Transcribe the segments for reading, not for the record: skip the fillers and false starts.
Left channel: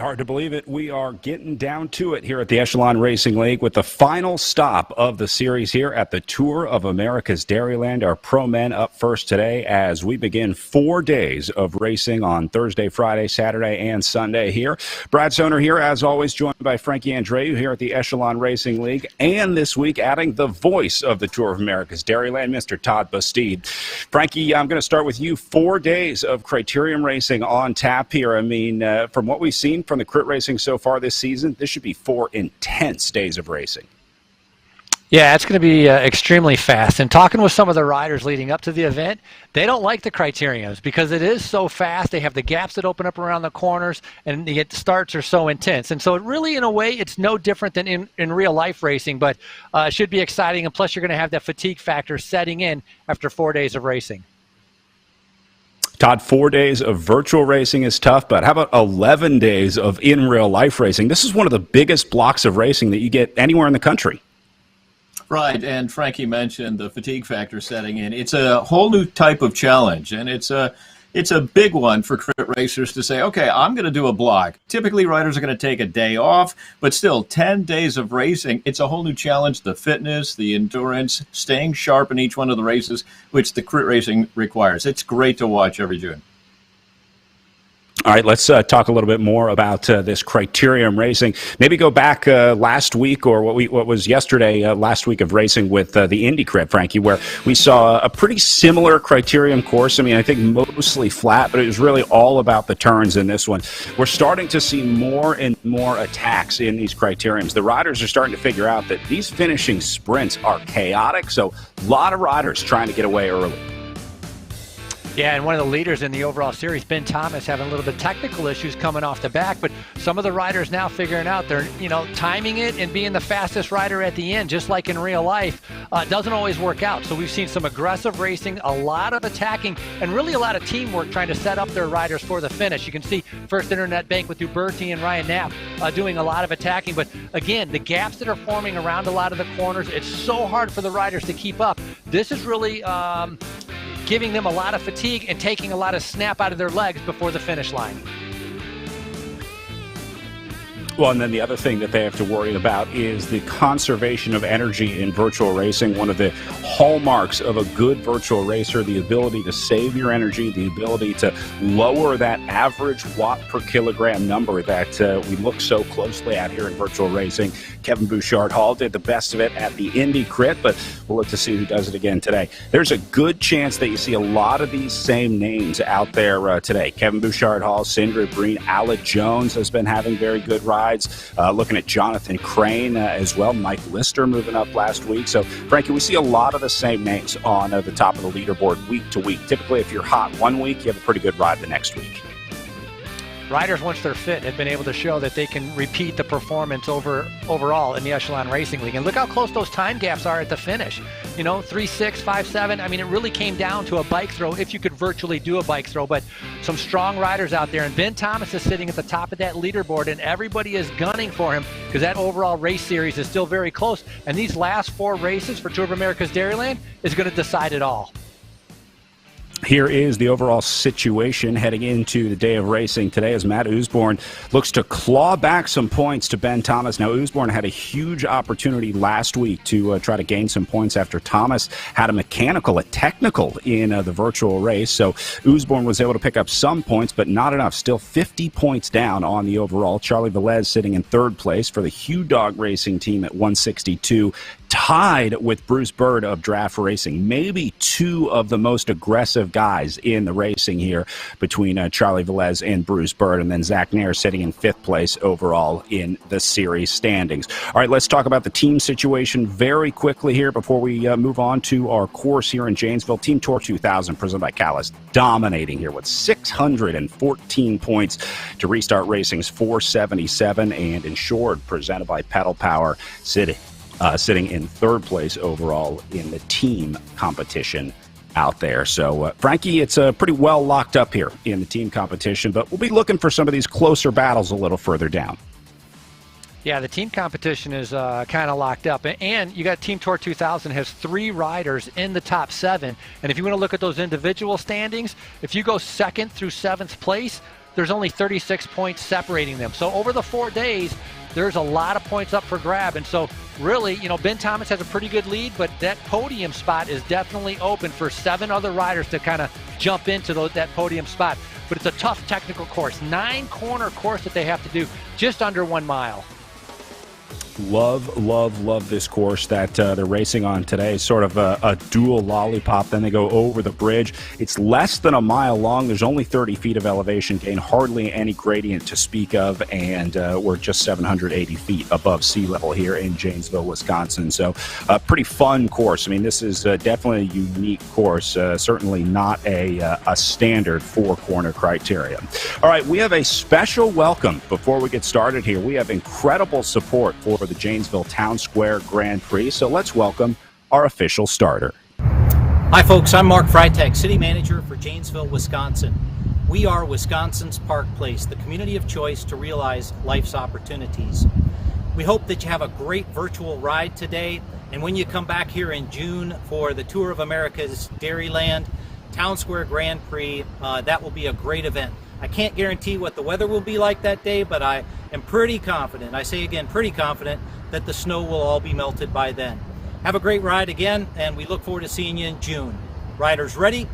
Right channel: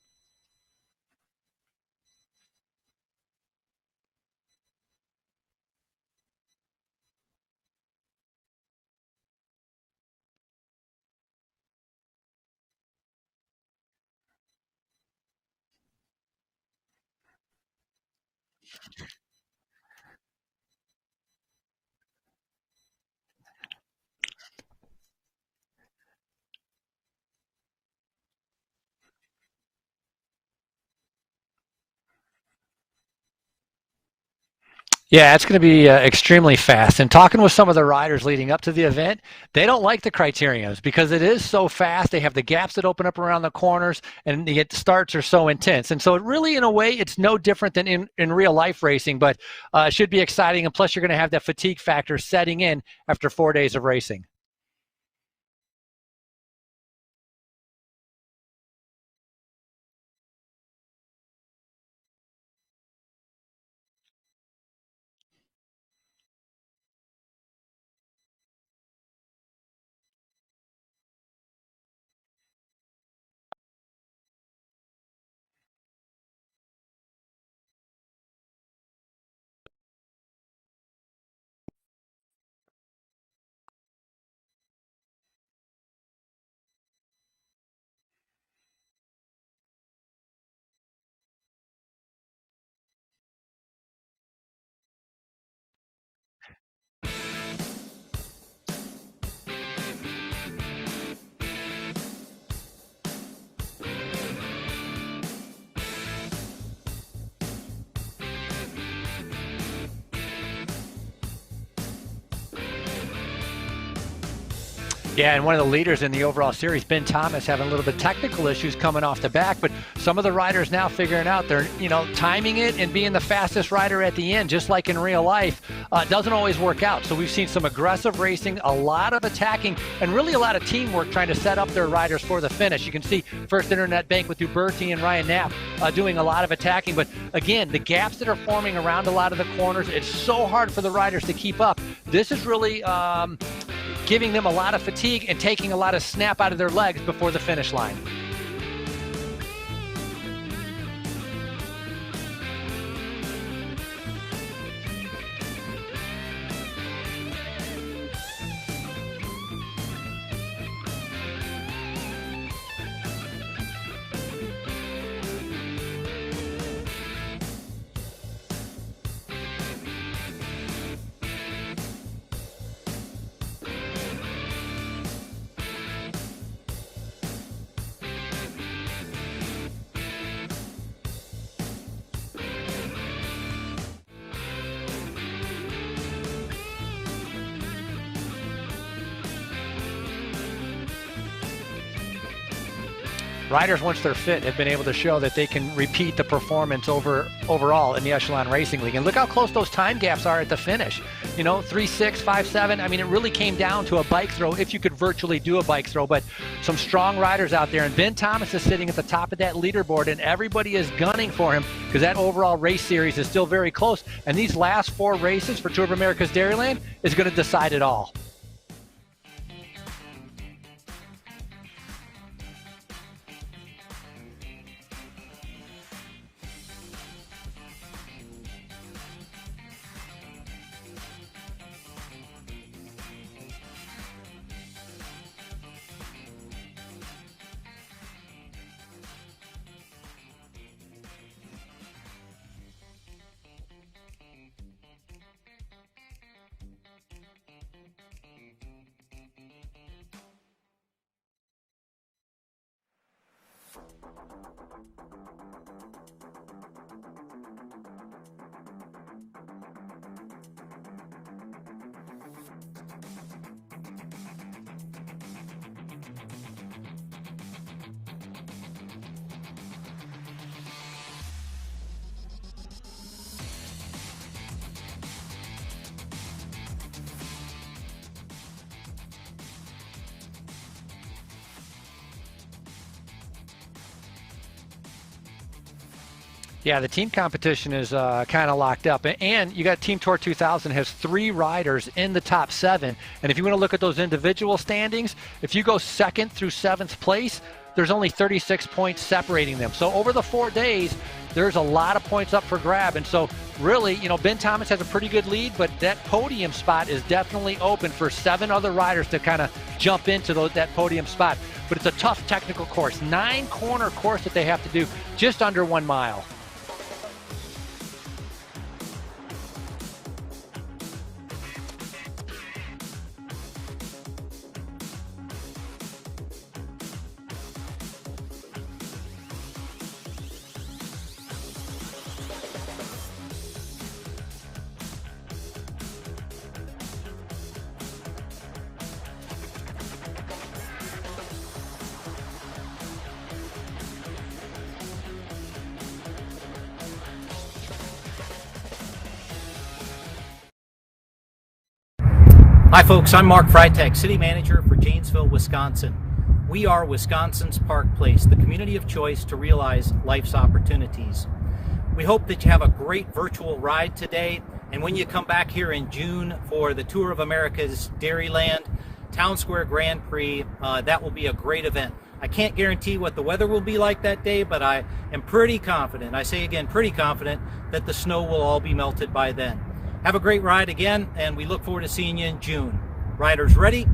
Hard to believe it. We are getting down to it here at the Echelon Racing League with the final stop of the series here at the Tour of America's Dairyland. Our pro men up first today as we begin 4 days of racing on Thursday, Friday, Saturday, and Sunday here. Brad Soner here, as always, joined by Frankie Andreu here at the Echelon Racing League. And this week, adding the voice of the Tour of America's Dairyland, Mr. Todd Bastide. Frankie, I'm going to start with you. 4 days of criterium racing on tap here. I mean, from what we've seen from the crit racing so far this season, this should be 4 intense days of racing. Yeah, it's going to be extremely fast. And talking with some of the riders leading up to the event, they don't like the criteriums because it is so fast. They have the gaps that open up around the corners, and the starts are so intense. And so it really, in a way, it's no different than in real life racing, but it should be exciting. And plus, you're going to have that fatigue factor setting in after 4 days of racing. Todd, 4 days of virtual racing is tough, but how about 11 days of in real life racing? This is one of the biggest blocks of racing that you get anywhere in the country. Right, and Frankie mentioned the fatigue factor setting in. It's a whole new type of challenge, and it's a big one for crit racers to say, okay, I'm going to do a block. Typically, riders are going to take a day off, but still 10 days of racing. It's a whole new challenge, the fitness, the endurance, staying sharp in each one of the races, which the crit racing requires. It's great to watch every June. All right, let's talk a little bit more about this criterium racing. Maybe go back last week or what was yesterday, last week of racing with the Indy Crit, Frankie, where we saw a pretty similar criterium course. I mean, I think mostly flat, but it was really all about the turns in this one. We're starting to see more and more attacks in these criteriums. The riders are starting to figure out that these finishing sprints are chaotic, so a lot of riders trying to get away early. Yeah, and one of the leaders in the overall series, Ben Thomas, having a little bit of technical issues coming off the back, but some of the riders now figuring out they're, timing it and being the fastest rider at the end, just like in real life, doesn't always work out. So we've seen some aggressive racing, a lot of attacking, and really a lot of teamwork trying to set up their riders for the finish. You can see First Internet Bank with Uberti and Ryan Knapp doing a lot of attacking, but again, the gaps that are forming around a lot of the corners, it's so hard for the riders to keep up. This is really giving them a lot of fatigue and taking a lot of snap out of their legs before the finish line. Well, and then the other thing that they have to worry about is the conservation of energy in virtual racing. One of the hallmarks of a good virtual racer, the ability to save your energy, the ability to lower that average watt per kilogram number that we look so closely at here in virtual racing. Kevin Bouchard-Hall did the best of it at the Indy Crit, but we'll look to see who does it again today. There's a good chance that you see a lot of these same names out there today. Kevin Bouchard-Hall, Sandra Green, Ala Jones has been having very good rides. Looking at Jonathan Crane as well. Mike Lister moving up last week. So, Frankie, we see a lot of the same names on the top of the leaderboard week to week. Typically, if you're hot one week, you have a pretty good ride the next week. Riders, once they're fit, have been able to show that they can repeat the performance overall in the Echelon Racing League. And look how close those time gaps are at the finish. 3.6, 5.7. I mean, it really came down to a bike throw, if you could virtually do a bike throw. But some strong riders out there. And Ben Thomas is sitting at the top of that leaderboard, and everybody is gunning for him because that overall race series is still very close. And these last 4 races for Tour of America's Dairyland is going to decide it all. Here is the overall situation heading into the day of racing today as Matt Usborne looks to claw back some points to Ben Thomas. Now, Usborne had a huge opportunity last week to try to gain some points after Thomas had a technical in the virtual race. So Usborne was able to pick up some points, but not enough. Still 50 points down on the overall. Charlie Velez sitting in 3rd place for the Hugh Dog Racing team at 162. Tied with Bruce Bird of Draft Racing. Maybe 2 of the most aggressive guys in the racing here between Charlie Velez and Bruce Bird, and then Zach Nair sitting in 5th place overall in the series standings. All right, let's talk about the team situation very quickly here before we move on to our course here in Janesville. Team Tour 2000 presented by Callis, dominating here with 614 points to Restart Racing's 477, and Insured presented by Pedal Power sitting in 3rd place overall in the team competition out there. So, Frankie, it's pretty well locked up here in the team competition, but we'll be looking for some of these closer battles a little further down. Yeah, the team competition is kind of locked up. And you got Team Tour 2000 has 3 riders in the top 7. And if you want to look at those individual standings, if you go 2nd through 7th place, there's only 36 points separating them. So over the 4 days, there's a lot of points up for grab. And so really, Ben Thomas has a pretty good lead, but that podium spot is definitely open for 7 other riders to kind of jump into that podium spot. But it's a tough technical course, 9-corner course that they have to do, just under 1 mile. Love this course that they're racing on today. It's sort of a dual lollipop. Then they go over the bridge. It's less than a mile long. There's only 30 feet of elevation gain, hardly any gradient to speak of, and we're just 780 feet above sea level here in Janesville, Wisconsin. So a pretty fun course. I mean, this is definitely a unique course, certainly not a standard 4-corner criteria. All right, we have a special welcome before we get started here. We have incredible support for the Janesville Town Square Grand Prix. So let's welcome our official starter. Hi folks, I'm Mark Freitag, City Manager for Janesville, Wisconsin. We are Wisconsin's Park Place, the community of choice to realize life's opportunities. We hope that you have a great virtual ride today, and when you come back here in June for the Tour of America's Dairyland Town Square Grand Prix, that will be a great event. I can't guarantee what the weather will be like that day, but I am pretty confident, I say again, pretty confident, that the snow will all be melted by then. Have a great ride again, and we look forward to seeing you in June. Riders ready?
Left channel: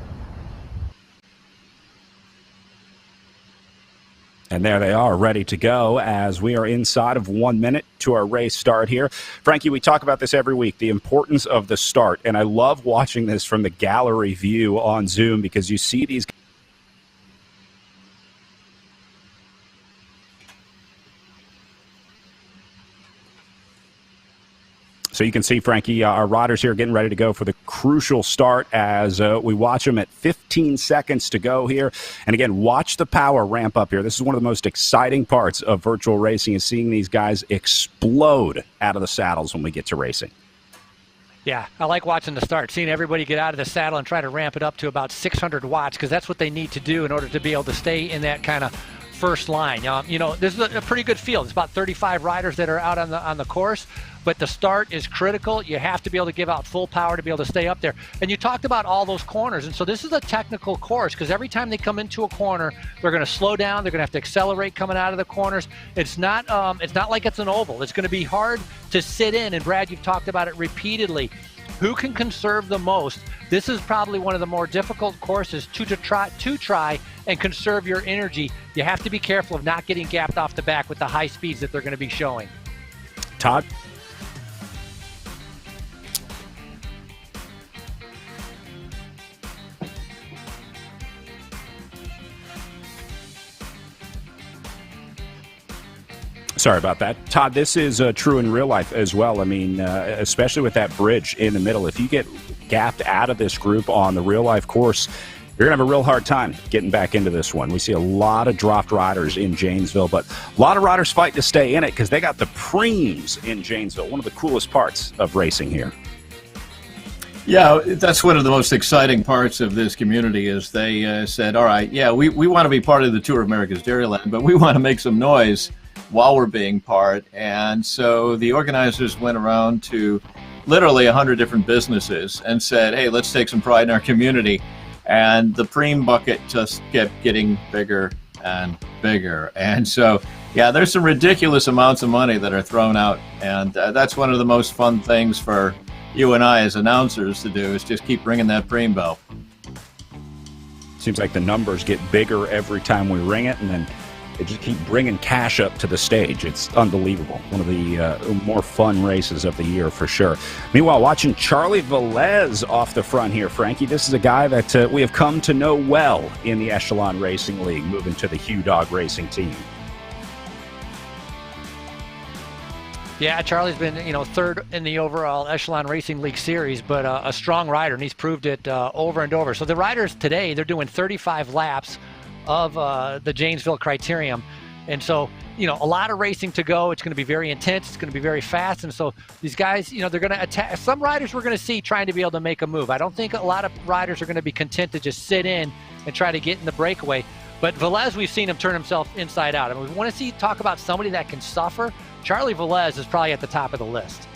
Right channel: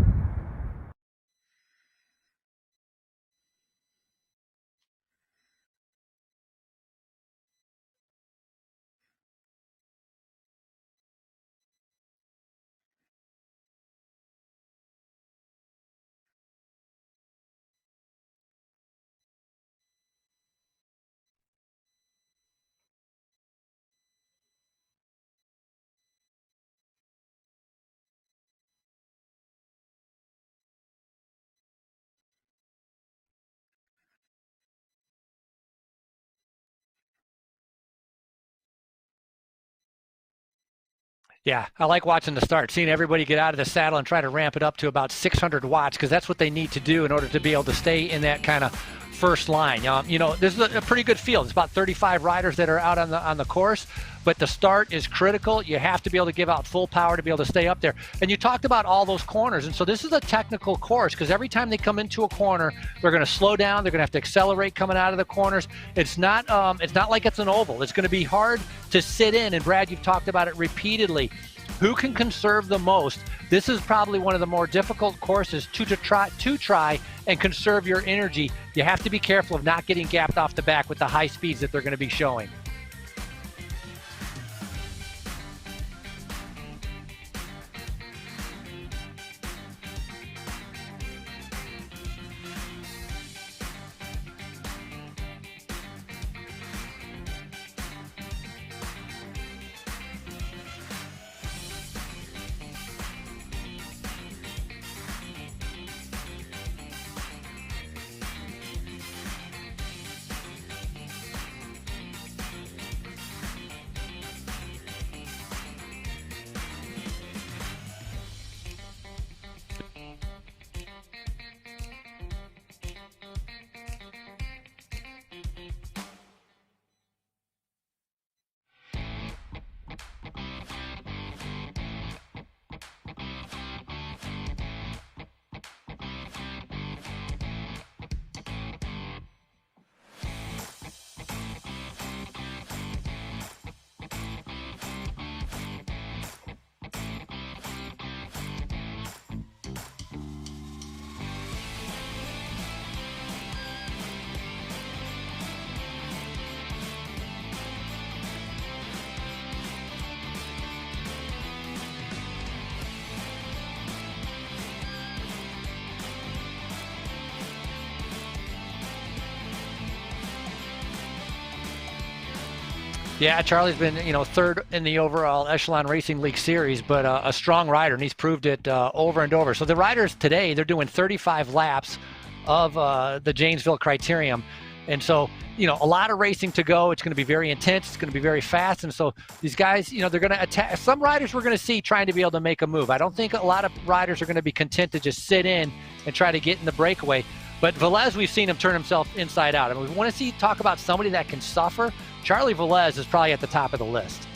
And there they are, ready to go as we are inside of 1 minute to our race start here. Frankie, we talk about this every week, the importance of the start, and I love watching this from the gallery view on Zoom because you see these. So you can see, Frankie, our riders here getting ready to go for the crucial start as we watch them at 15 seconds to go here. And again, watch the power ramp up here. This is one of the most exciting parts of virtual racing, is seeing these guys explode out of the saddles when we get to racing. Yeah, I like watching the start, seeing everybody get out of the saddle and try to ramp it up to about 600 watts, because that's what they need to do in order to be able to stay in that kind of first line. This is a pretty good field. It's about 35 riders that are out on the course, but the start is critical. You have to be able to give out full power to be able to stay up there. And you talked about all those corners, and so this is a technical course because every time they come into a corner, they're going to slow down. They're going to have to accelerate coming out of the corners. It's not like it's an oval. It's going to be hard to sit in. And Brad, you've talked about it repeatedly. Who can conserve the most? This is probably one of the more difficult courses to try and conserve your energy. You have to be careful of not getting gapped off the back with the high speeds that they're going to be showing. Todd? Sorry about that. Todd, this is true in real life as well. I mean, especially with that bridge in the middle. If you get gapped out of this group on the real life course, you're going to have a real hard time getting back into this one. We see a lot of dropped riders in Janesville, but a lot of riders fight to stay in it because they got the Prix in Janesville, one of the coolest parts of racing here. Yeah, that's one of the most exciting parts of this community is they said, all right, yeah, we want to be part of the Tour of America's Dairyland, but we want to make some noise while we're being part. And so the organizers went around to literally 100 different businesses and said, hey, let's take some pride in our community. And the Prix bucket just kept getting bigger and bigger. And so, yeah, there's some ridiculous amounts of money that are thrown out. And that's one of the most fun things for you and I as announcers to do, is just keep ringing that Prix bell. Seems like the numbers get bigger every time we ring it, and then they just keep bringing cash up to the stage. It's unbelievable. One of the more fun races of the year for sure. Meanwhile, watching Charlie Velez off the front here, Frankie. This is a guy that we have come to know well in the Echelon Racing League, moving to the Hugh Dog Racing team. Yeah, Charlie's been, third in the overall Echelon Racing League series, but a strong rider, and he's proved it over and over. So the riders today, they're doing 35 laps of the Janesville Criterium. And so, a lot of racing to go. It's going to be very intense. It's going to be very fast. And so these guys, they're going to attack. Some riders we're going to see trying to be able to make a move. I don't think a lot of riders are going to be content to just sit in and try to get in the breakaway. But Velez, we've seen him turn himself inside out. I mean, we want to talk about somebody that can suffer. Charlie Velez is probably at the top of the list.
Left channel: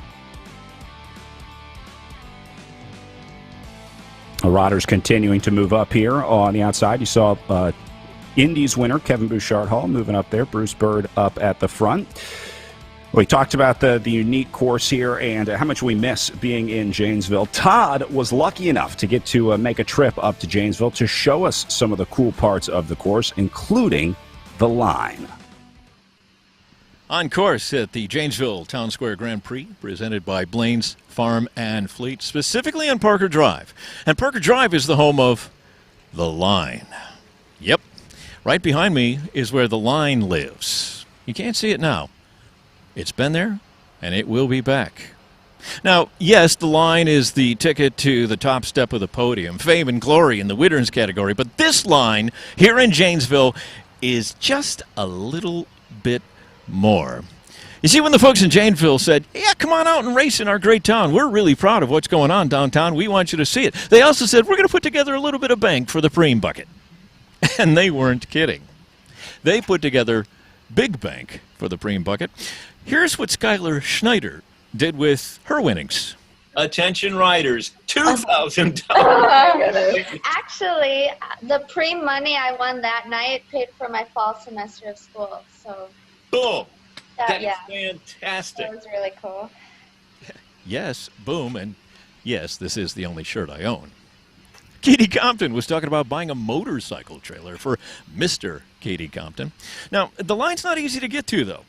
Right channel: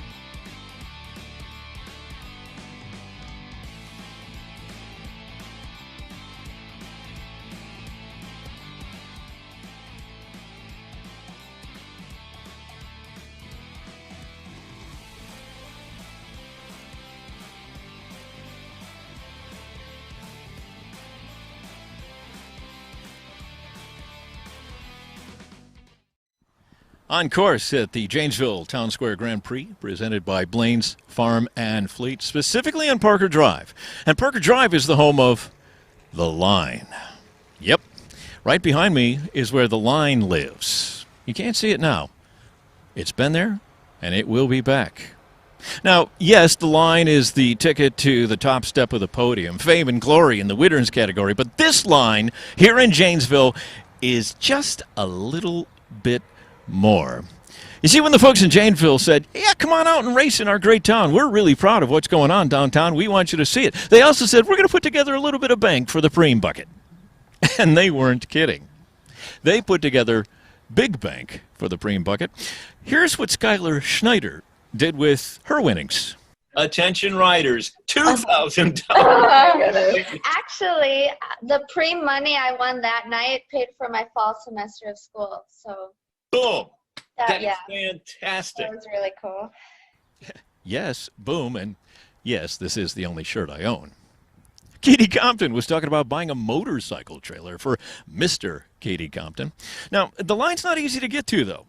Riders continuing to move up here on the outside. You saw Indy's winner, Kevin Bouchard-Hall, moving up there. Bruce Bird up at the front. We talked about the unique course here and how much we miss being in Janesville. Todd was lucky enough to get to make a trip up to Janesville to show us some of the cool parts of the course, including the line. On course at the Janesville Town Square Grand Prix, presented by Blaine's Farm and Fleet, specifically on Parker Drive. And Parker Drive is the home of the line. Yep, right behind me is where the line lives. You can't see it now. It's been there, and it will be back. Now, yes, the line is the ticket to the top step of the podium, fame and glory in the Widderns category, but this line here in Janesville is just a little bit more. You see, when the folks in Janesville said, yeah, come on out and race in our great town. We're really proud of what's going on downtown. We want you to see it. They also said, we're going to put together a little bit of bank for the Prix bucket. And they weren't kidding. They put together big bank for the Prix bucket. Here's what Skylar Schneider did with her winnings. Attention riders, $2,000. Actually, the Prix money I won that night paid for my fall semester of school. So, Boom. That's yeah, fantastic. that was really cool. Yes, boom, and yes, this is the only shirt I own. Katie Compton was talking about buying a motorcycle trailer for Mr. Katie Compton. Now, the line's not easy to get to, though.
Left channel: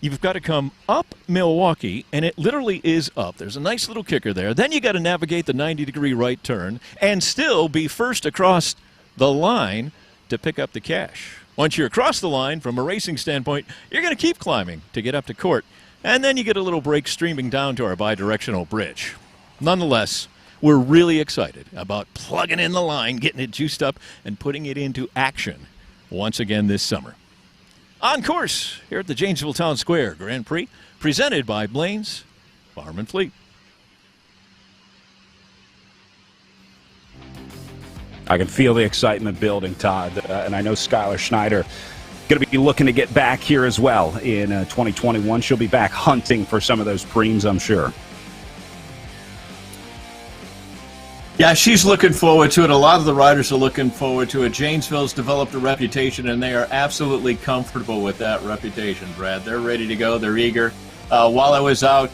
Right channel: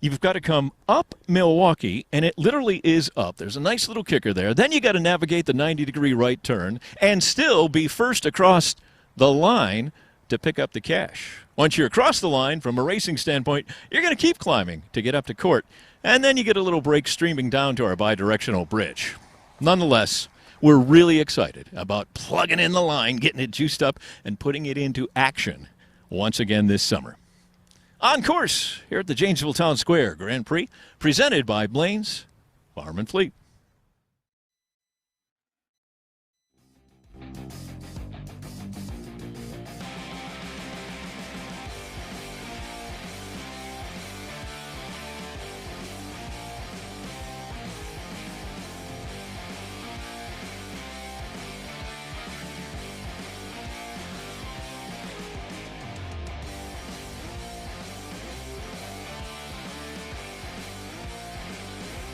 You've got to come up Milwaukee, and it literally is up. There's a nice little kicker there. Then you got to navigate the 90-degree right turn and still be first across the line to pick up the cash. Once you're across the line, from a racing standpoint, you're going to keep climbing to get up to court. And then you get a little break streaming down to our bidirectional bridge. Nonetheless, we're really excited about plugging in the line, getting it juiced up, and putting it into action once again this summer. On course here at the Janesville Town Square Grand Prix, presented by Blaine's Farm and Fleet. I can feel the excitement building, Todd, and I know Skylar Schneider going to be looking to get back here as well in 2021. She'll be back hunting for some of those Prix, I'm sure. Yeah, she's looking forward to it. A lot of the riders are looking forward to it. Janesville's developed a reputation, and they are absolutely comfortable with that reputation, Brad. They're ready to go. They're eager. While I was out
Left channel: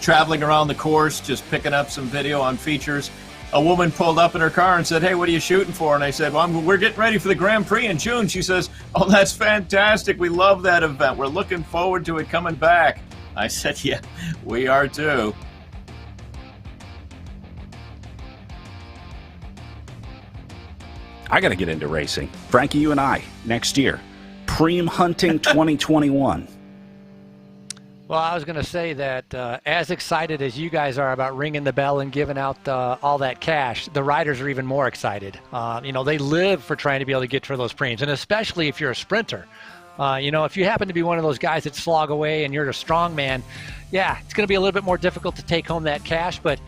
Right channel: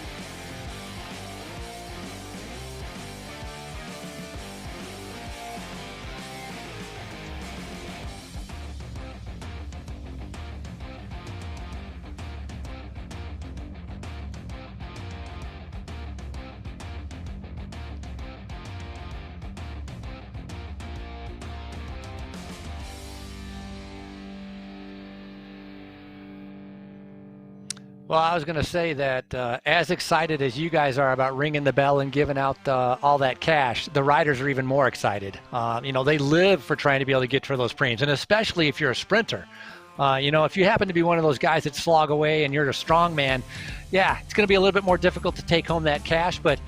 traveling around the course, just picking up some video on features, a woman pulled up in her car and said, hey, what are you shooting for? And I said, well, we're getting ready for the Grand Prix in June. She says, oh, that's fantastic. We love that event. We're looking forward to it coming back. I said, yeah, we are too. I got to get into racing. Frankie, you and I, next year. Prix hunting 2021. Well, I was going to say that as excited as you guys are about ringing the bell and giving out all that cash, the riders are even more excited. They live for trying to be able to get to those Prix, and especially if you're a sprinter. If you happen to be one of those guys that slog away and you're a strong man, yeah, it's going to be a little bit more difficult to take home that cash. But,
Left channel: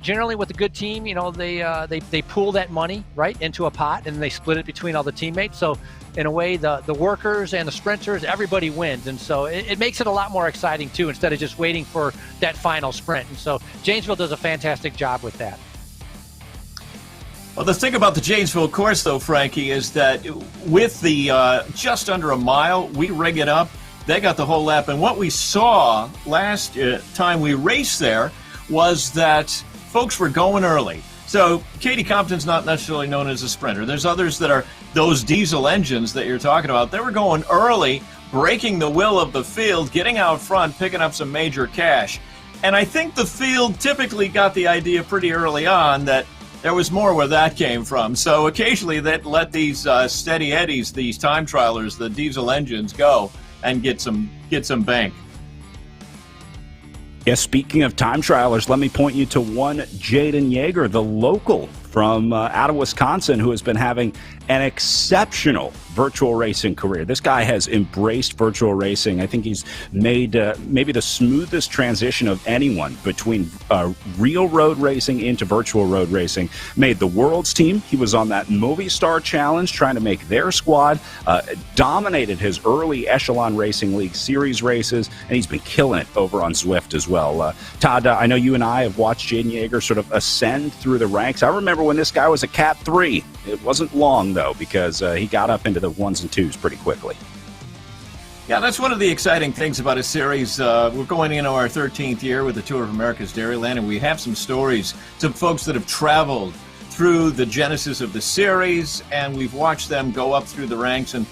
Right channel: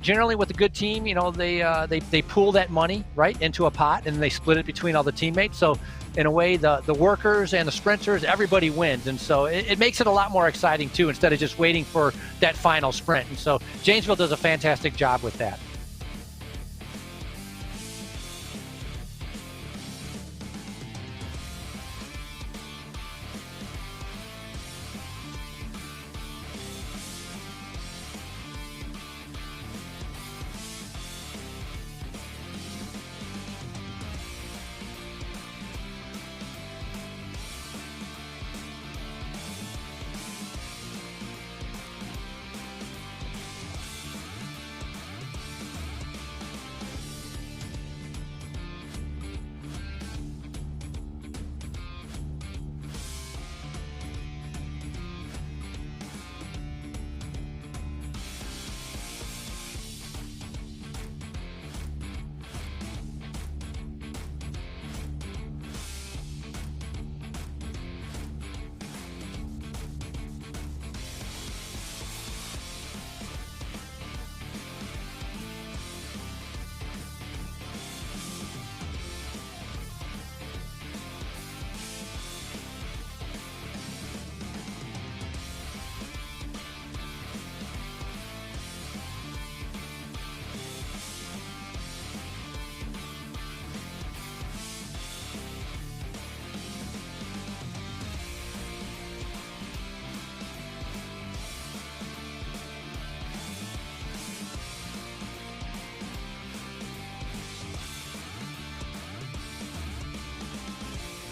generally with a good team, they pool that money right into a pot and they split it between all the teammates. So in a way, the workers and the sprinters, everybody wins. And so it makes it a lot more exciting, too, instead of just waiting for that final sprint. And so Janesville does a fantastic job with that. Well, the thing about the Janesville course, though, Frankie, is that with the just under a mile, we rig it up. They got the whole lap. And what we saw last time we raced there was that folks were going early. So Katie Compton's not necessarily known as a sprinter. There's others that are those diesel engines that you're talking about. They were going early, breaking the will of the field, getting out front, picking up some major cash. And I think the field typically got the idea pretty early on that there was more where that came from. So occasionally they'd let these steady eddies, these time trialers, the diesel engines go and get some bank. Yes, speaking of time trialers, let me point you to one Jaden Yeager, the local from out of Wisconsin, who has been having an exceptional virtual racing career. This guy has embraced virtual racing. I think he's made maybe the smoothest transition of anyone between real road racing into virtual road racing. Made the World's team. He was on that Movistar Challenge trying to make their squad. Dominated his early Echelon Racing League series races, and he's been killing it over on Zwift as well. Todd, I know you and I have watched Jaden Yeager sort of ascend through the ranks. I remember when this guy was a Cat 3 It wasn't long, though, because he got up into the ones and twos pretty quickly. Yeah, that's one of the exciting things about a series. We're going into our 13th year with the Tour of America's Dairyland, and we have some stories, some folks that have traveled through the genesis of the series, and we've watched them go up through the ranks. And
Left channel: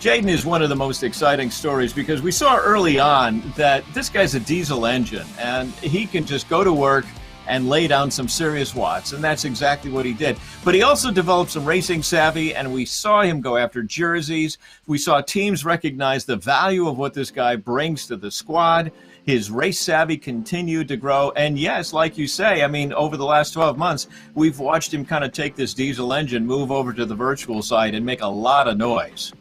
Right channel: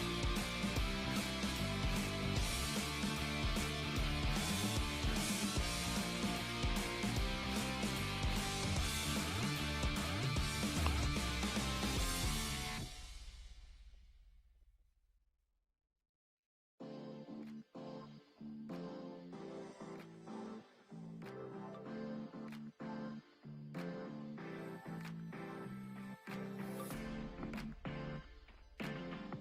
Jaden is one of the most exciting stories because we saw early on that this guy's a diesel engine, and he can just go to work and lay down some serious watts, and that's exactly what he did. But he also developed some racing savvy, and we saw him go after jerseys. We saw teams recognize the value of what this guy brings to the squad. His race savvy continued to grow, and yes, like you say, I mean, over the last 12 months, we've watched him kind of take this diesel engine, move over to the virtual side, and make a lot of noise.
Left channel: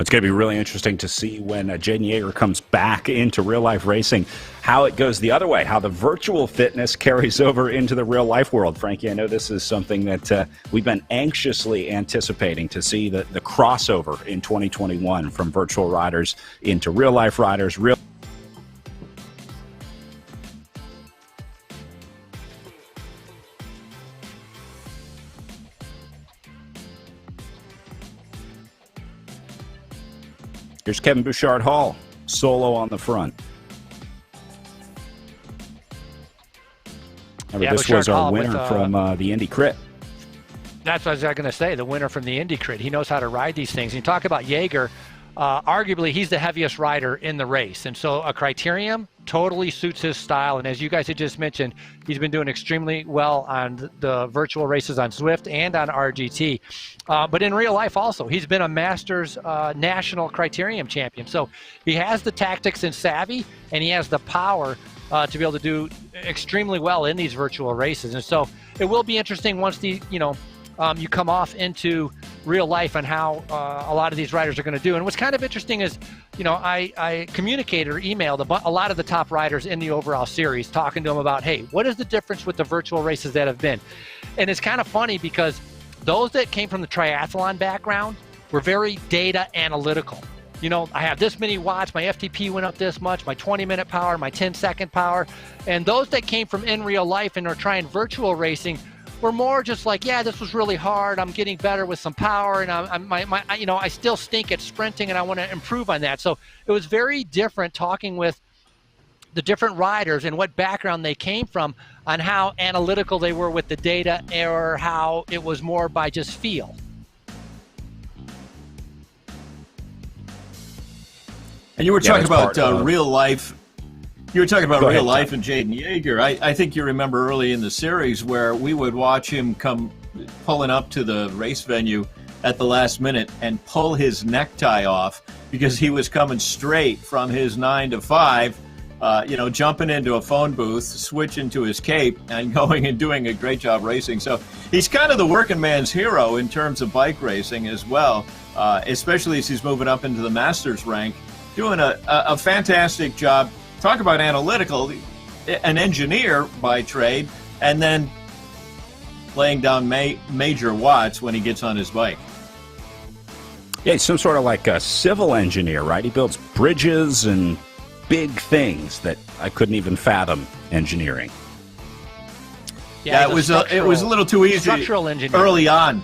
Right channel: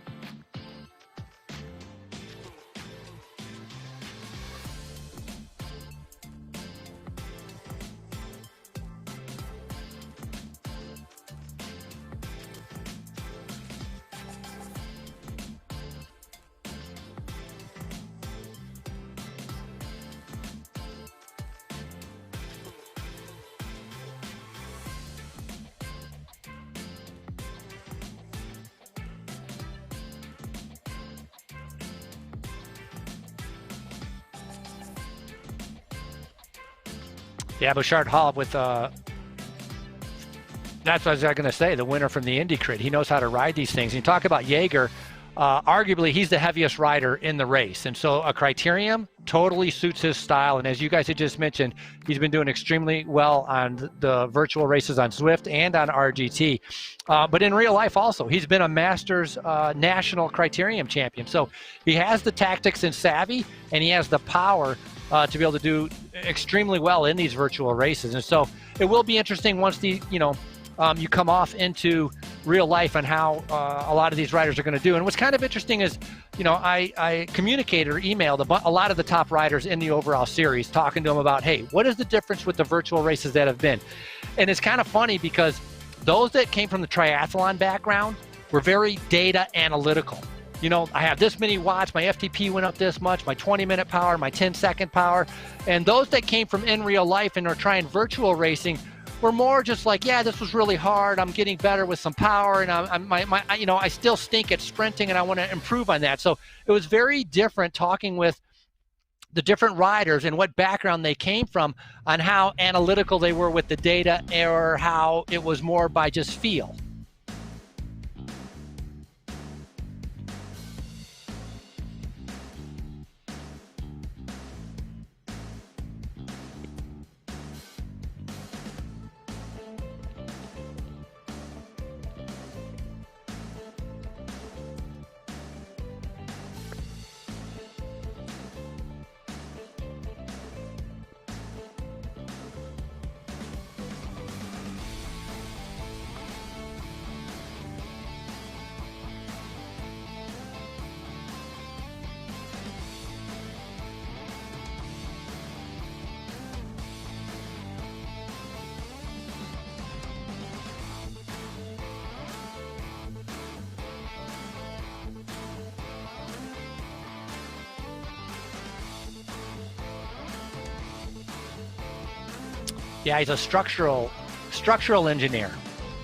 It's going to be really interesting to see when Jaden Yeager comes back into real-life racing, how it goes the other way, how the virtual fitness carries over into the real-life world. Frankie, I know this is something that we've been anxiously anticipating to see the crossover in 2021 from virtual riders into real-life riders. Here's Kevin Bouchard-Hall, solo on the front. Yeah, Bouchard-Hall with from the Indy Crit. That's what I was going to say, the winner from the Indy Crit. He knows how to ride these things. And you talk about Yeager, arguably he's the heaviest rider in the race. And so a criterium totally suits his style. And as you guys had just mentioned, he's been doing extremely well on the virtual races on Zwift and on RGT. But in real life also, he's been a Masters national criterium champion. So he has the tactics and savvy, and he has the power to be able to do extremely well in these virtual races. And so it will be interesting once you come off into real life and how a lot of these riders are going to do. And what's kind of interesting is, I communicated or emailed a lot of the top riders in the overall series, talking to them about, hey, what is the difference with the virtual races that have been? And it's kind of funny because those that came from the triathlon background were very data analytical. I have this many watts, my FTP went up this much, my 20-minute power, my 10-second power. And those that came from in real life and are trying virtual racing were more just like, yeah, this was really hard. I'm getting better with some power, and I still stink at sprinting, and I want to improve on that. So it was very different talking with the different riders and what background they came from on how analytical they were with the data, or how it was more by just feel. And you were talking about real life. You were talking about real life and Jaden Yeager. I think you remember early in the series where we would watch him come pulling up to the race venue at the last minute and pull his necktie off because he was coming straight from his 9 to 5, jumping into a phone booth, switching to his cape, and going and doing a great job racing. So he's kind of the working man's hero in terms of bike racing as well, especially as he's moving up into the Masters rank, doing a fantastic job. Talk about analytical, an engineer by trade, and then laying down major watts when he gets on his bike. Yeah, he's some sort of like a civil engineer, right? He builds bridges and big things that I couldn't even fathom engineering. Yeah, it was a little too easy. Structural engineer. Early on.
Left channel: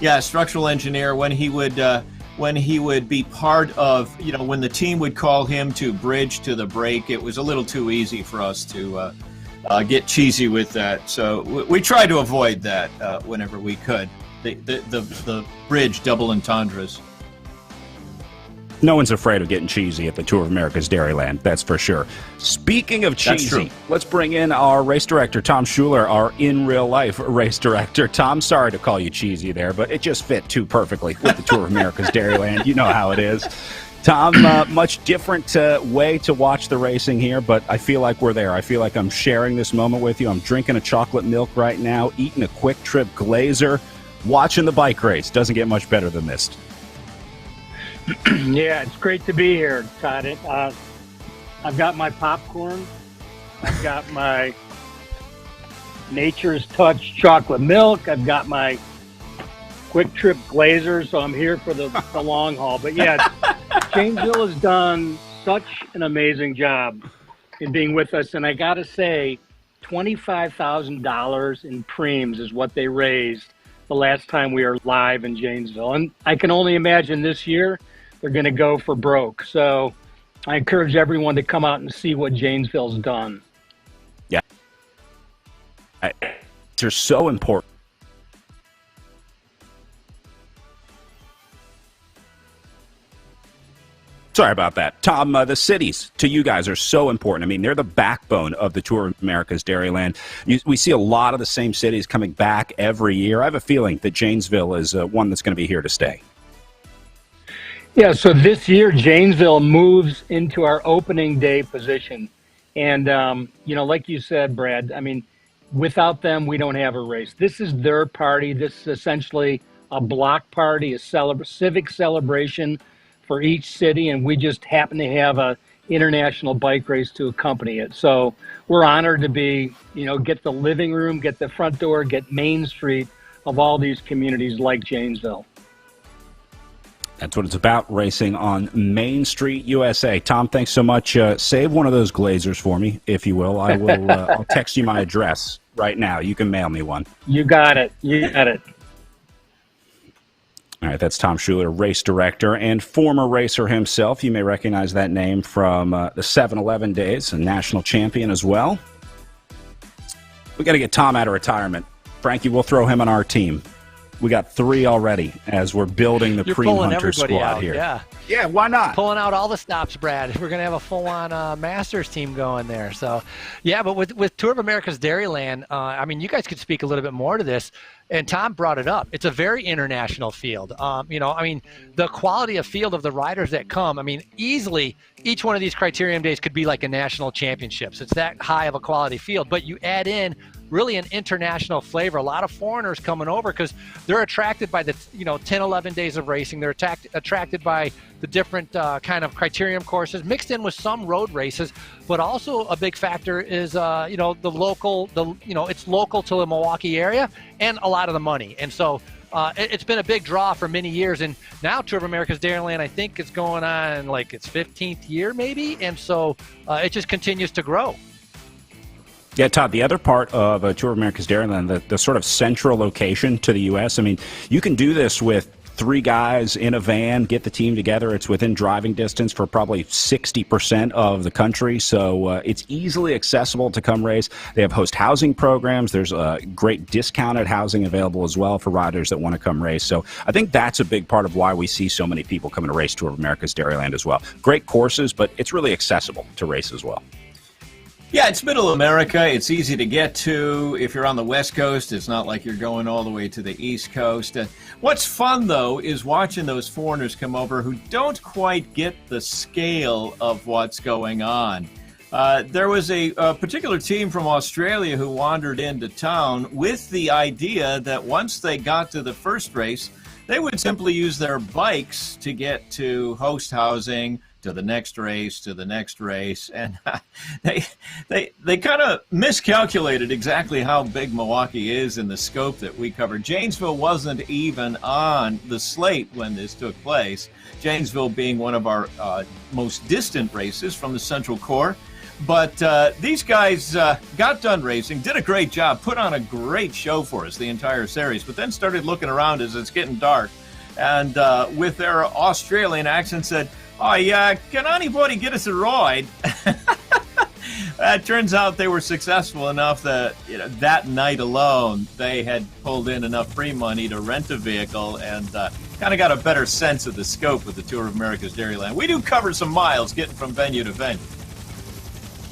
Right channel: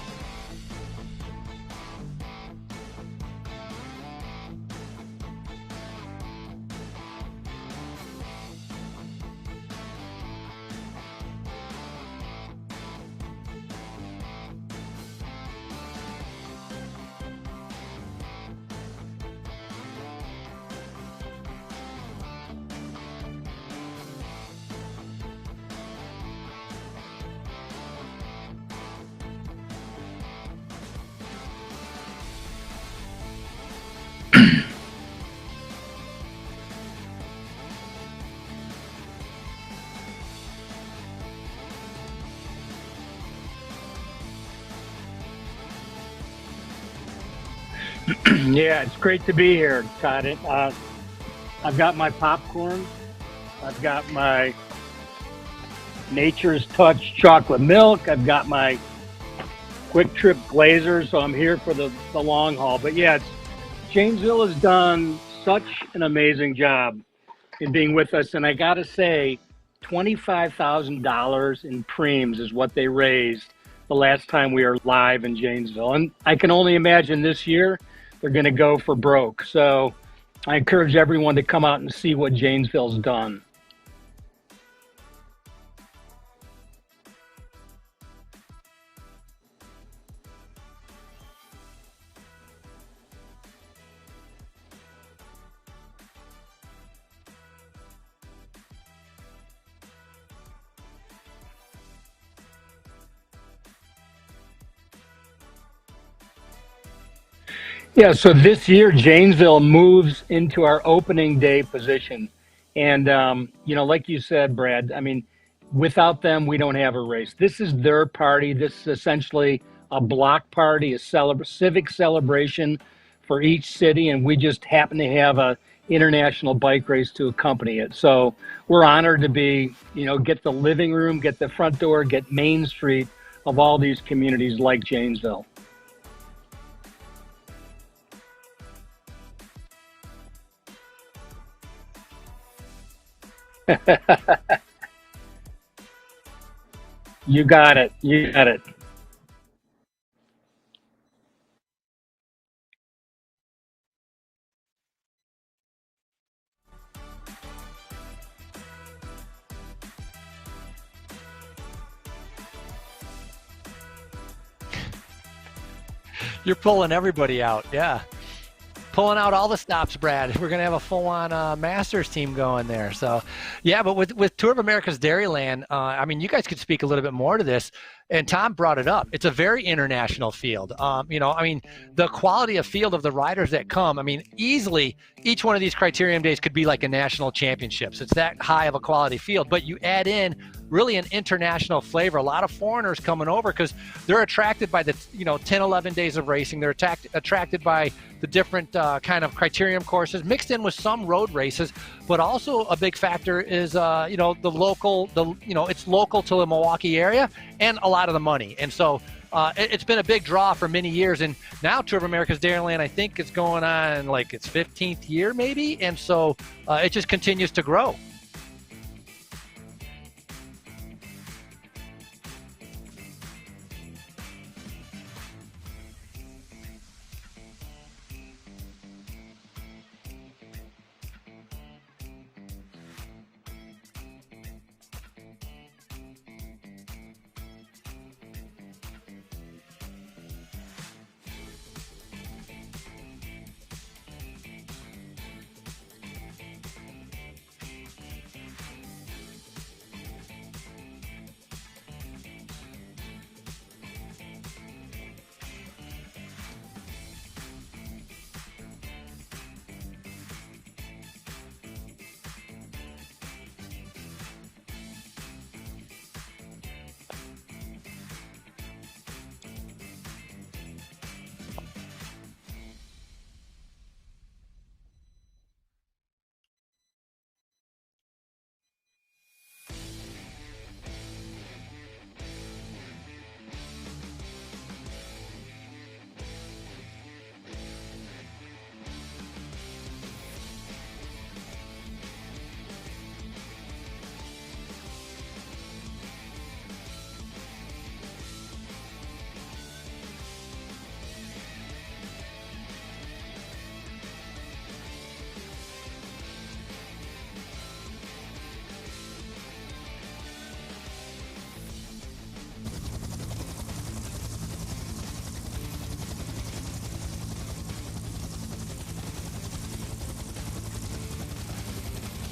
Yeah, structural engineer when he would be part of, when the team would call him to bridge to the break, it was a little too easy for us to get cheesy with that. So we tried to avoid that whenever we could. The bridge double entendres. No one's afraid of getting cheesy at the Tour of America's Dairyland, that's for sure. Speaking of cheesy, let's bring in our race director, Tom Schuler, our in-real-life race director. Tom, sorry to call you cheesy there, but it just fit too perfectly with the Tour of America's Dairyland. You know how it is. Tom, much different way to watch the racing here, but I feel like we're there. I feel like I'm sharing this moment with you. I'm drinking a chocolate milk right now, eating a Quick Trip Glazer, watching the bike race. Doesn't get much better than this. Yeah, it's great to be here, Todd. I've got my popcorn. I've got my Nature's Touch chocolate milk. I've got my Quick Trip Glazer, so I'm here for the long haul. But yeah, Janesville has done such an amazing job in being with us. And I got to say, $25,000 in Prims is what they raised the last time we were live in Janesville. And I can only imagine this year they're going to go for broke. So I encourage everyone to come out and see what Janesville's done. Yeah. They're so important. Sorry about that. Tom, the cities to you guys are so important. I mean, they're the backbone of the Tour of America's Dairyland. We see a lot of the same cities coming back every year. I have a feeling that Janesville is one that's going to be here to stay. Yeah, so this year, Janesville moves into our opening day position. And, like you said, Brad, I mean, without them, we don't have a race. This is their party. This is essentially a block party, a civic celebration for each city, and we just happen to have a international bike race to accompany it. So we're honored to be, get the living room, get the front door, get Main Street of all these communities like Janesville. That's what it's about, racing on Main Street, USA. Tom, thanks so much. Save one of those Glazers for me, if you will. I will. I'll text you my address right now. You can mail me one. You got it. You got it. All right, that's Tom Schuler, race director and former racer himself. You may recognize that name from the 7-Eleven days, a national champion as well. We got to get Tom out of retirement. Frankie, we'll throw him on our team. We got 3 already as we're building the You're Prix pulling Hunter everybody squad out, here. yeah. Yeah, why not? Pulling out all the stops, Brad. We're going to have a full-on Masters team going there. So, yeah, but with Tour of America's Dairyland, you guys could speak a little bit more to this. And Tom brought it up. It's a very international field. The quality of field of the riders that come, easily each one of these criterium days could be like a national championships. It's that high of a quality field. But you add in really an international flavor. A lot of foreigners coming over because they're attracted by the 10, 11 days of racing. They're attracted by the different kind of criterium courses mixed in with some road races. But also a big factor is it's local to the Milwaukee area and a lot of the money. And so it's been a big draw for many years. And now Tour of America's Dairyland, I think, is going on like its 15th year maybe. And so it just continues to grow. Yeah, Todd, the other part of Tour of America's Dairyland, the sort of central location to the U.S., you can do this with 3 guys in a van, get the team together. It's within driving distance for probably 60% of the country, so it's easily accessible to come race. They have host housing programs. There's great discounted housing available as well for riders that want to come race. So I think that's a big part of why we see so many people coming to race Tour of America's Dairyland as well. Great courses, but it's really accessible to race as well. Yeah, it's middle America. It's easy to get to. If you're on the West Coast, it's not like you're going all the way to the East Coast. What's fun, though, is watching those foreigners come over who don't quite get the scale of what's going on. There was a particular team from Australia who wandered into town with the idea that once they got to the first race, they would simply use their bikes to get to host housing, to the next race, and they kind of miscalculated exactly how big Milwaukee is in the scope that we covered. Janesville wasn't even on the slate when this took place, Janesville being one of our most distant races from the Central Core. But these guys got done racing, did a great job, put on a great show for us the entire series, but then started looking around as it's getting dark, and with their Australian accent said, "Oh, yeah, can anybody get us a ride?" It turns out they were successful enough that that night alone they had pulled in enough free money to rent a vehicle and kind of got a better sense of the scope of the Tour of America's Dairyland. We do cover some miles getting from venue to venue.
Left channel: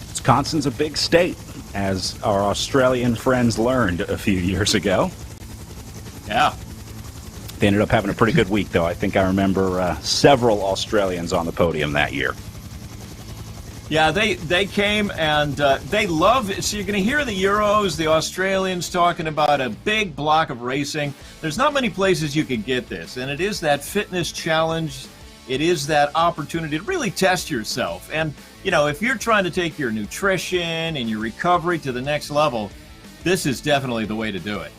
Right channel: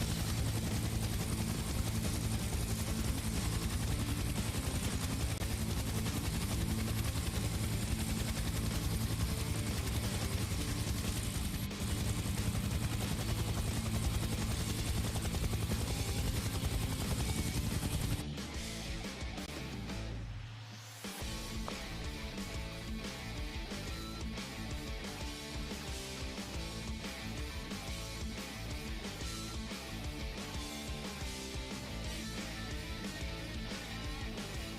Wisconsin's a big state, as our Australian friends learned a few years ago. Yeah. They ended up having a pretty good week, though. I think I remember several Australians on the podium that year. Yeah, they came and they love it. So you're going to hear the Euros, the Australians talking about a big block of racing. There's not many places you could get this, and it is that fitness challenge. It is that opportunity to really test yourself. And, if you're trying to take your nutrition and your recovery to the next level, this is definitely the way to do it.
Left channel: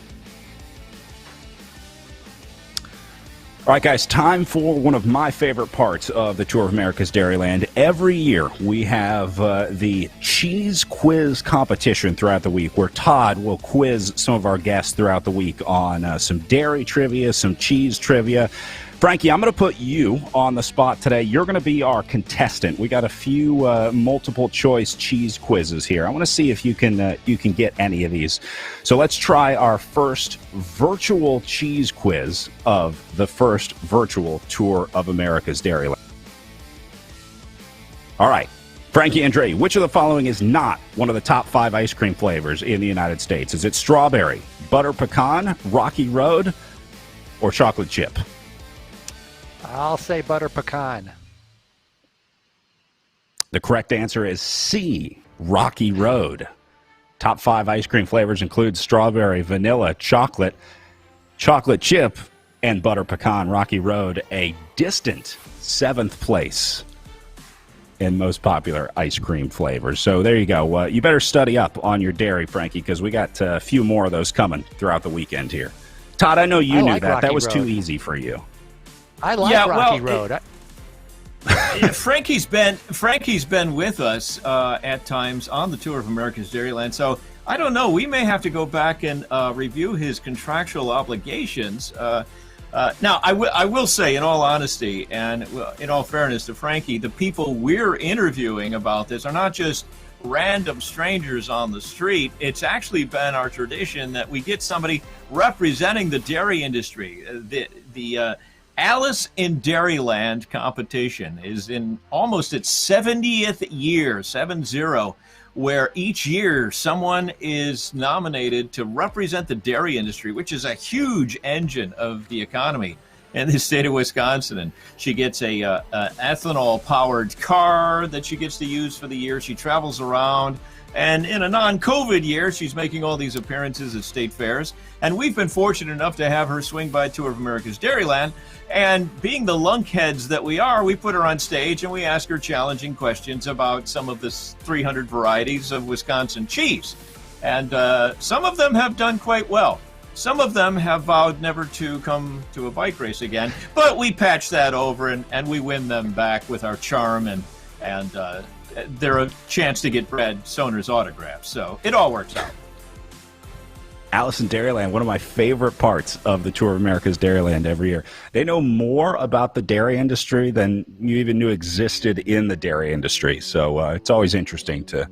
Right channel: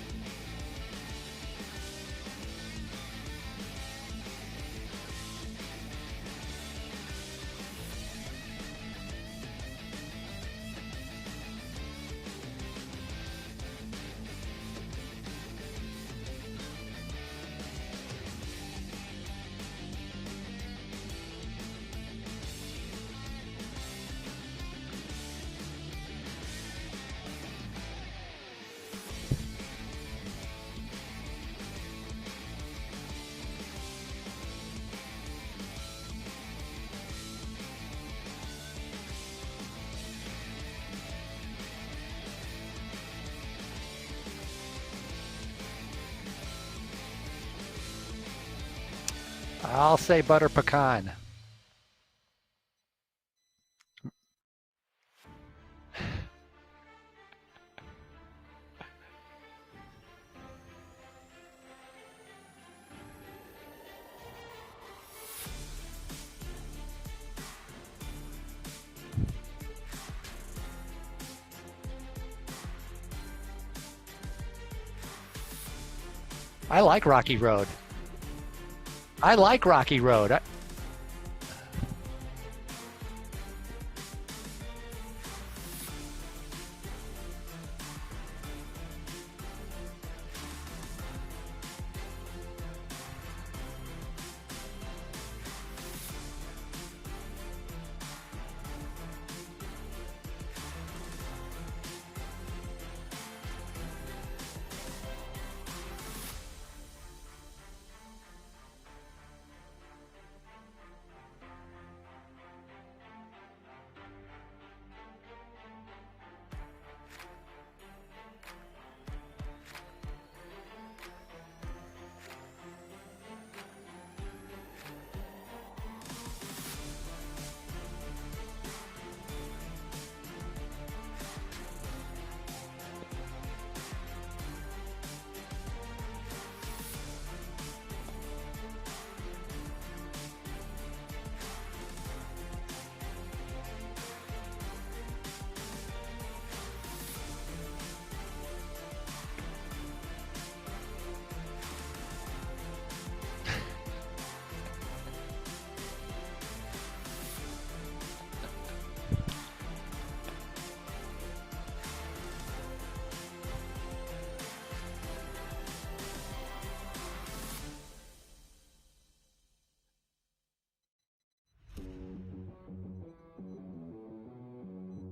All right, guys, time for one of my favorite parts of the Tour of America's Dairyland. Every year we have the cheese quiz competition throughout the week, where Todd will quiz some of our guests throughout the week on some dairy trivia, some cheese trivia. Frankie, I'm going to put you on the spot today. You're going to be our contestant. We got a few multiple choice cheese quizzes here. I want to see if you can get any of these. So let's try our first virtual cheese quiz of the first virtual Tour of America's Dairyland. All right, Frankie Andre, which of the following is not one of the top 5 ice cream flavors in the United States? Is it strawberry, butter pecan, Rocky Road, or chocolate chip? I'll say butter pecan. The correct answer is C, Rocky Road. Top 5 ice cream flavors include strawberry, vanilla, chocolate chip, and butter pecan. Rocky Road, a distant 7th place in most popular ice cream flavors. So there you go. You better study up on your dairy, Frankie, because we got a few more of those coming throughout the weekend here. Todd, I know you knew like that. Rocky That was Road. too easy for you. I like Rocky Road. Frankie's been with us at times on the Tour of America's Dairyland, so I don't know. We may have to go back and review his contractual obligations. Now, I will say, in all honesty and in all fairness to Frankie, the people we're interviewing about this are not just random strangers on the street. It's actually been our tradition that we get somebody representing the dairy industry. The Alice in Dairyland competition is in almost its 70th year, 7-0, where each year someone is nominated to represent the dairy industry, which is a huge engine of the economy in the state of Wisconsin. And she gets a ethanol-powered car that she gets to use for the year. She travels around. And in a non-COVID year, she's making all these appearances at state fairs. And we've been fortunate enough to have her swing by Tour of America's Dairyland. And being the lunkheads that we are, we put her on stage and we ask her challenging questions about some of the 300 varieties of Wisconsin cheese. And some of them have done quite well. Some of them have vowed never to come to a bike race again. But we patch that over and we win them back with our charm and they're a chance to get Brad Stoner's autograph. So it all works out. Alice in Dairyland, one of my favorite parts of the Tour of America's Dairyland every year. They know more about the dairy industry than you even knew existed in the dairy industry. So it's always interesting to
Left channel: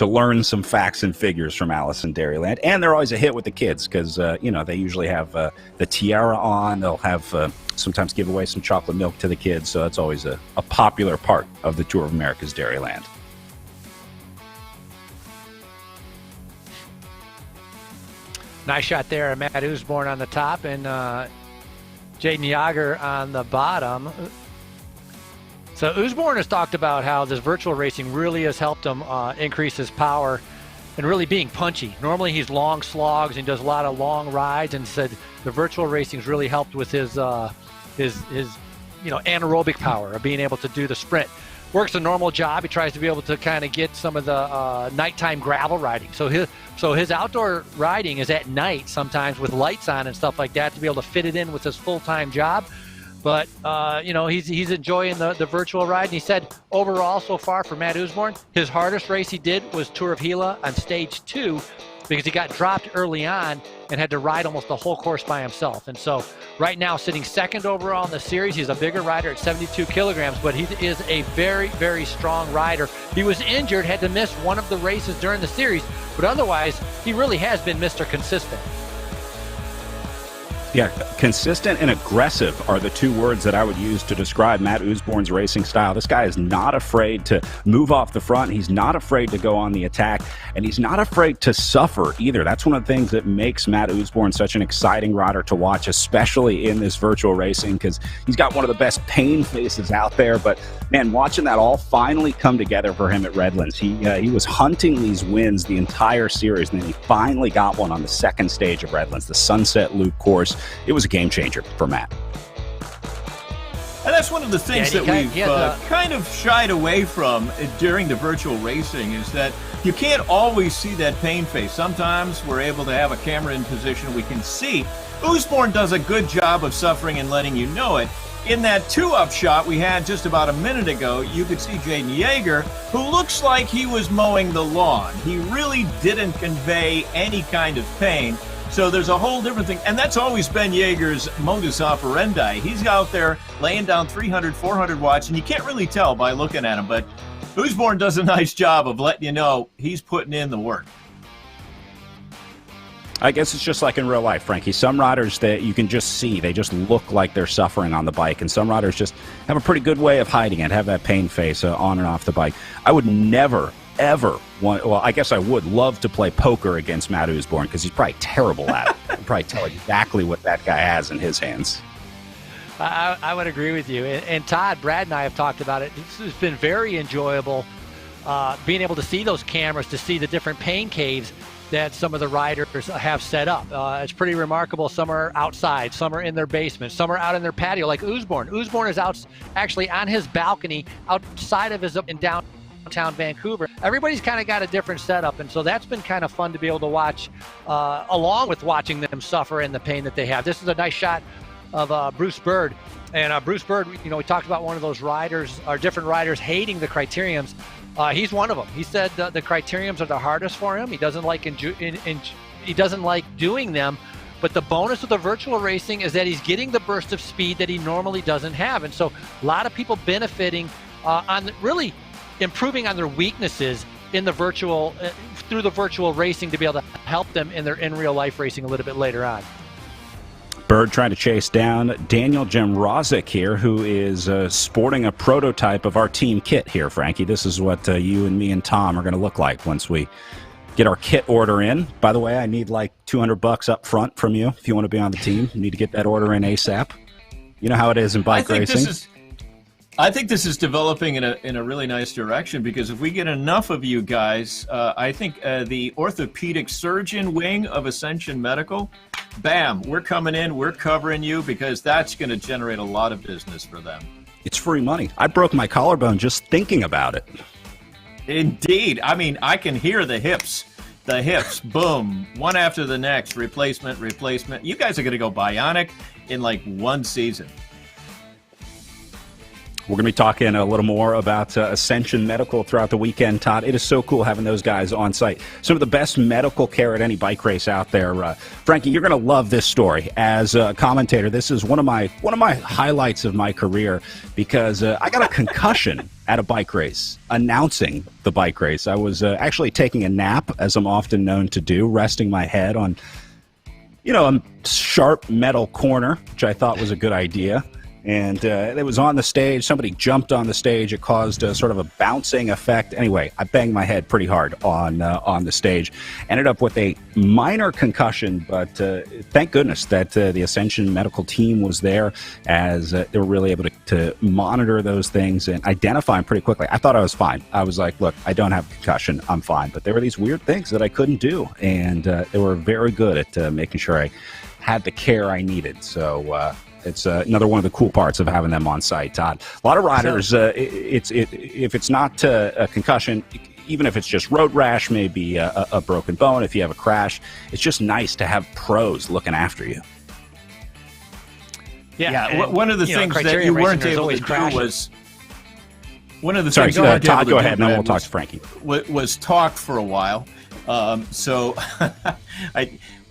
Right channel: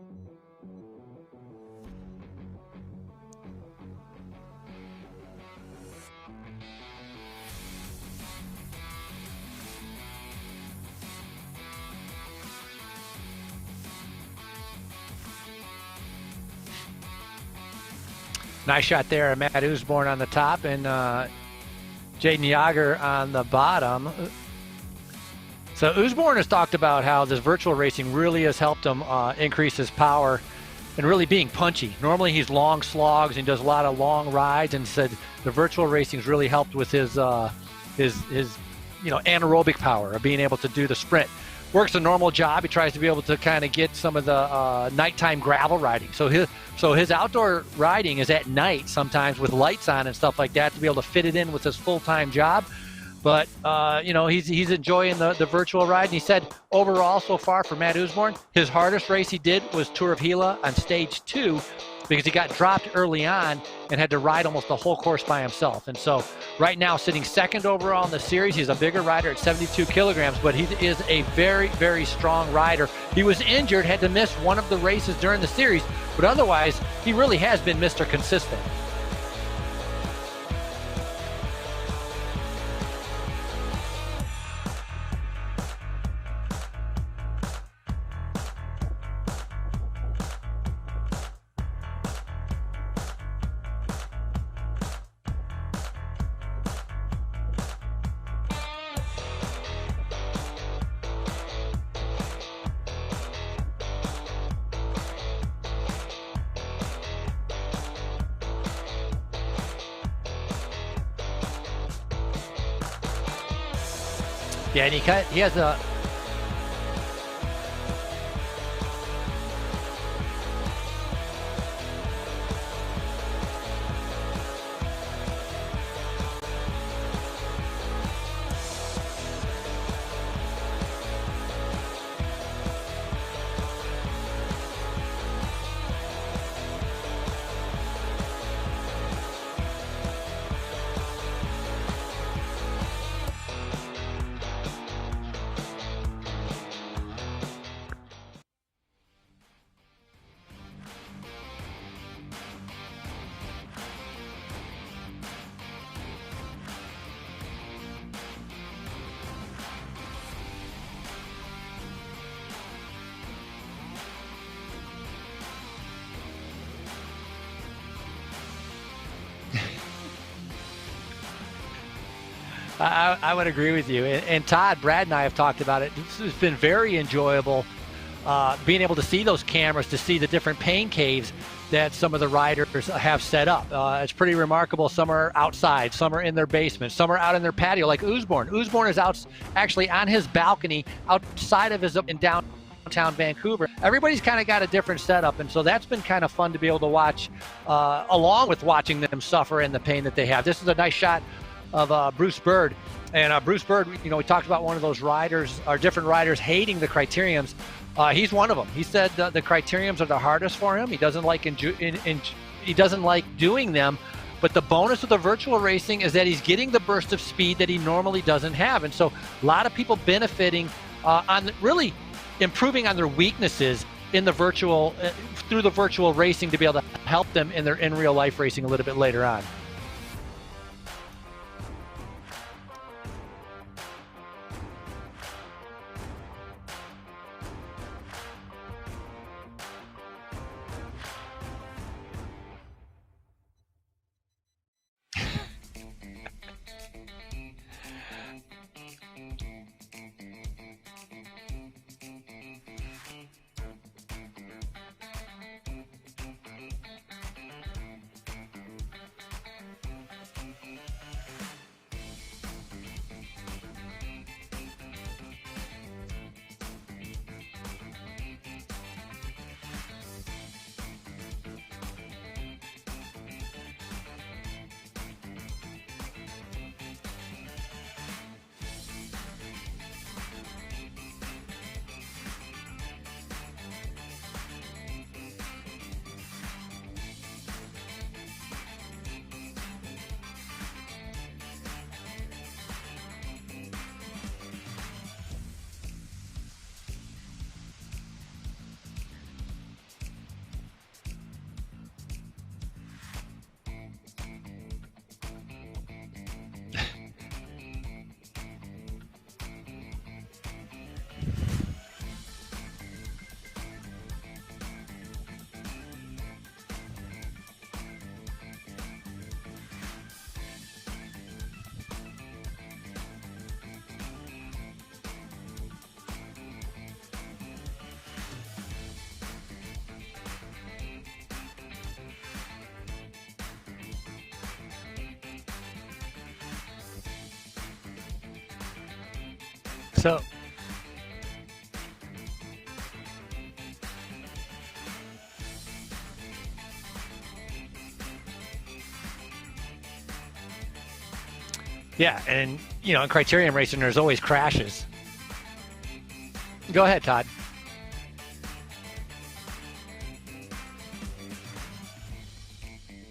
learn some facts and figures from Alice in Dairyland. And they're always a hit with the kids because, they usually have the tiara on. They'll have sometimes give away some chocolate milk to the kids. So that's always a popular part of the Tour of America's Dairyland. Nice shot there. Matt Usborne on the top and Jaden Yager on the bottom. So Usborne has talked about how this virtual racing really has helped him increase his power and really being punchy. Normally he's long slogs and does a lot of long rides, and said the virtual racing's really helped with his anaerobic power of being able to do the sprint. Works a normal job. He tries to be able to kind of get some of the nighttime gravel riding. So his outdoor riding is at night sometimes with lights on and stuff like that to be able to fit it in with his full-time job. But, he's enjoying the virtual ride. And he said overall so far for Matt Usborne, his hardest race he did was Tour of Gila on stage 2 because he got dropped early on and had to ride almost the whole course by himself. And so right now sitting second overall in the series, he's a bigger rider at 72 kilograms, but he is a very, very strong rider. He was injured, had to miss one of the races during the series, but otherwise he really has been Mr. Consistent. Yeah, consistent and aggressive are the two words that I would use to describe Matt Usborne's racing style. This guy is not afraid to move off the front. He's not afraid to go on the attack, and he's not afraid to suffer either. That's one of the things that makes Matt Usborne such an exciting rider to watch, especially in this virtual racing, because he's got one of the best pain faces out there. But, man, watching that all finally come together for him at Redlands. He was hunting these wins the entire series, and then he finally got one on the second stage of Redlands, the Sunset Loop course. It was a game changer for Matt. And that's one of the things that we've kind of shied away from during the virtual racing, is that you can't always see that pain face. Sometimes we're able to have a camera in position we can see Usborne does a good job of suffering and letting you know it. In that 2-up shot we had just about a minute ago, you could see Jaden Yeager, who looks like he was mowing the lawn. He really didn't convey any kind of pain. So there's a whole different thing. And that's always been Yeager's modus operandi. He's out there laying down 300, 400 watts, and you can't really tell by looking at him. But Usborne does a nice job of letting you know he's putting in the work. I guess it's just like in real life, Frankie. Some riders that you can just see, they just look like they're suffering on the bike, and some riders just have a pretty good way of hiding it, have that pain face on and off the bike. I would never, ever want, well, I guess I would love to play poker against Matt Usborne because he's probably terrible at it. I'd probably tell exactly what that guy has in his hands. I would agree with you. And Todd, Brad and I have talked about it. It's been very enjoyable being able to see those cameras, to see the different pain caves that some of the riders have set up. It's pretty remarkable. Some are outside, some are in their basement, some are out in their patio, like Usborne. Usborne is out actually on his balcony outside of his in downtown Vancouver. Everybody's kind of got a different setup, and so that's been kind of fun to be able to watch, along with watching them suffer and the pain that they have. This is a nice shot of Bruce Bird. And Bruce Bird, you know, we talked about one of those riders, or different riders hating the criteriums. He's one of them. He said the criteriums are the hardest for him. He doesn't like he doesn't like doing them. But the bonus of the virtual racing is that he's getting the burst of speed that he normally doesn't have. And so a lot of people benefiting on really improving on their weaknesses in the virtual through the virtual racing to be able to help them in their in real life racing a little bit later on. Bird trying to chase down Daniel Jemrozik here, who is sporting a prototype of our team kit here, Frankie. This is what you and me and Tom are going to look like once we get our kit order in. By the way, I need like $200 up front from you if you want to be on the team. You need to get that order in ASAP. You know how it is in bike racing. I think this is developing in a really nice direction, because if we get enough of you guys, I think the orthopedic surgeon wing of Ascension Medical, bam, we're coming in, we're covering you, because that's going to generate a lot of business for them. It's free money. I broke my collarbone just thinking about it. Indeed. I mean, I can hear the hips, boom, one after the next, replacement. You guys are going to go bionic in like one season. We're going to be talking a little more about Ascension Medical throughout the weekend, Todd. It is so cool having those guys on site. Some of the best medical care at any bike race out there. Frankie, you're going to love this story. As a commentator, this is one of my highlights of my career, because I got a concussion at a bike race, announcing the bike race. I was actually taking a nap, as I'm often known to do, resting my head on, a sharp metal corner, which I thought was a good idea. And it was on the stage. Somebody jumped on the stage. It caused sort of a bouncing effect. Anyway, I banged my head pretty hard on the stage. Ended up with a minor concussion, but thank goodness that the Ascension medical team was there, as they were really able to monitor those things and identify them pretty quickly. I thought I was fine. I was like, look, I don't have a concussion. I'm fine. But there were these weird things that I couldn't do, and they were very good at making sure I had the care I needed. So it's another one of the cool parts of having them on site, Todd. A lot of riders, if it's not a concussion, even if it's just road rash, maybe a broken bone, if you have a crash, it's just nice to have pros looking after you. Yeah, one of the things criterium that you racing, there's always crashes. One of the Sorry, things go ahead, that Todd. Go ahead, and then we'll talk to Frankie. Was talked for a while, so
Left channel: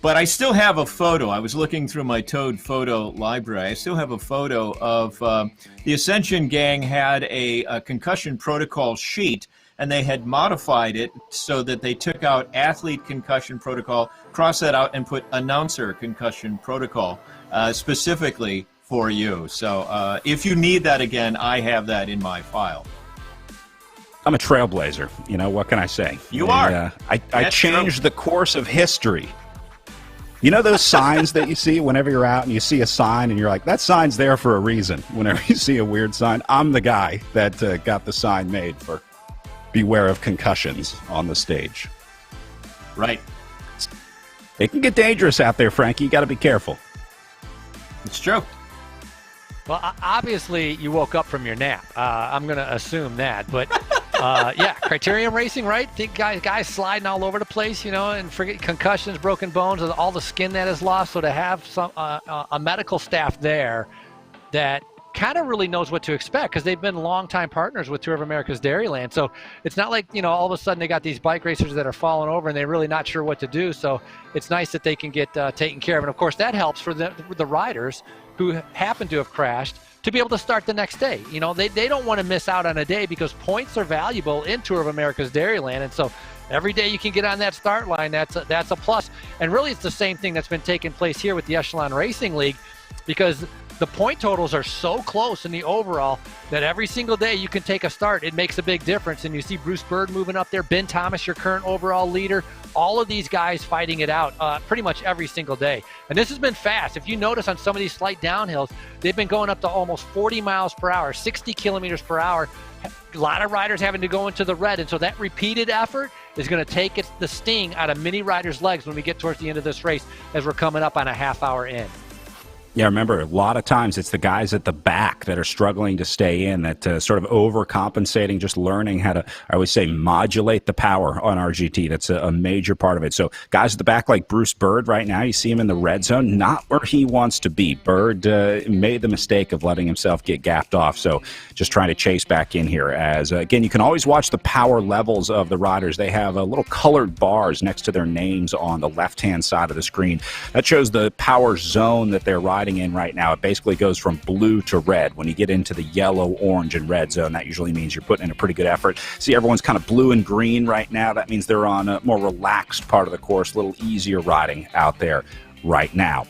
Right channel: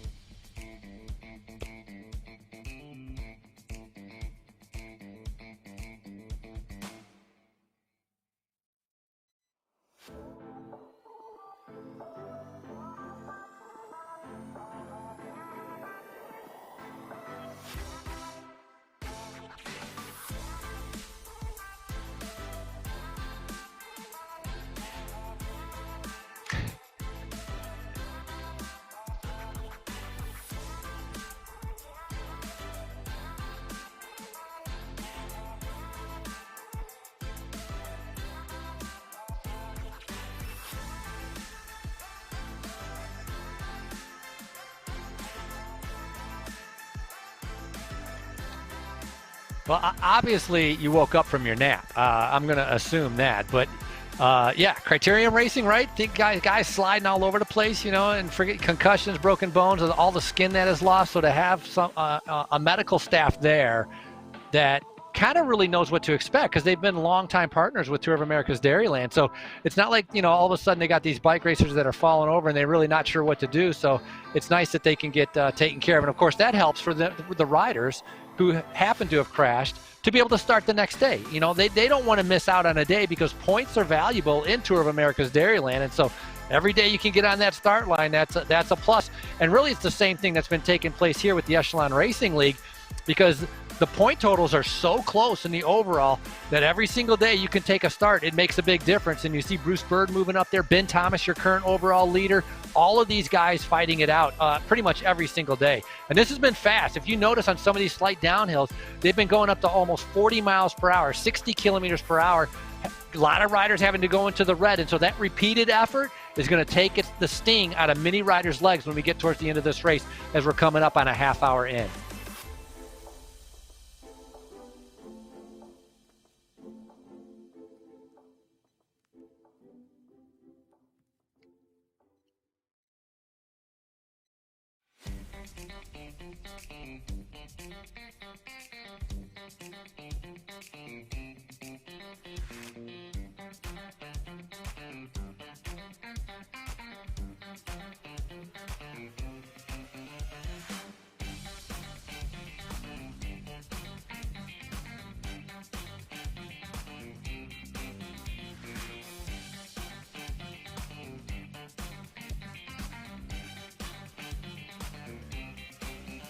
But I still have a photo. I was looking through my Toad photo library. I still have a photo of the Ascension gang had a concussion protocol sheet, and they had modified it so that they took out athlete concussion protocol, crossed that out, and put announcer concussion protocol specifically for you. So if you need that again, I have that in my file. I'm a trailblazer. What can I say? You are. I changed the course of history. You know those signs that you see whenever you're out and you see a sign and you're like, that sign's there for a reason. Whenever you see a weird sign, I'm the guy that got the sign made for beware of concussions on the stage. Right. It can get dangerous out there, Frankie. You got to be careful. It's true. Well, obviously you woke up from your nap. I'm going to assume that. But Yeah, Criterium Racing, right? Think guys sliding all over the place, and forget concussions, broken bones, and all the skin that is lost. So to have some a medical staff there that kind of really knows what to expect, because they've been longtime partners with Tour of America's Dairyland. So it's not like, all of a sudden they got these bike racers that are falling over and they're really not sure what to do. So it's nice that they can get taken care of. And of course that helps for the riders who happen to have crashed to be able to start the next day. They don't want to miss out on a day, because points are valuable in Tour of America's Dairyland. And so every day you can get on that start line, that's a plus. And really it's the same thing that's been taking place here with the Echelon Racing League, because the point totals are so close in the overall that every single day you can take a start. It makes a big difference. And you see Bruce Bird moving up there, Ben Thomas, your current overall leader, all of these guys fighting it out pretty much every single day. And this has been fast. If you notice on some of these slight downhills, they've been going up to almost 40 miles per hour, 60 kilometers per hour. A lot of riders having to go into the red. And so that repeated effort is going to take the sting out of many riders' legs when we get towards the end of this race, as we're coming up on a half hour in. Yeah, remember, a lot of times it's the guys at the back that are struggling to stay in, that sort of overcompensating, just learning how to, I always say, modulate the power on RGT. That's a major part of it. So guys at the back like Bruce Bird right now, you see him in the red zone, not where he wants to be. Bird made the mistake of letting himself get gapped off. So just trying to chase back in here. As again, you can always watch the power levels of the riders. They have little colored bars next to their names on the left-hand side of the screen. That shows the power zone that they're riding in right now. It basically goes from blue to red. When you get into the yellow, orange, and red zone, that usually means you're putting in a pretty good effort. See, everyone's kind of blue and green right now. That means they're on a more relaxed part of the course, a little easier riding out there right now.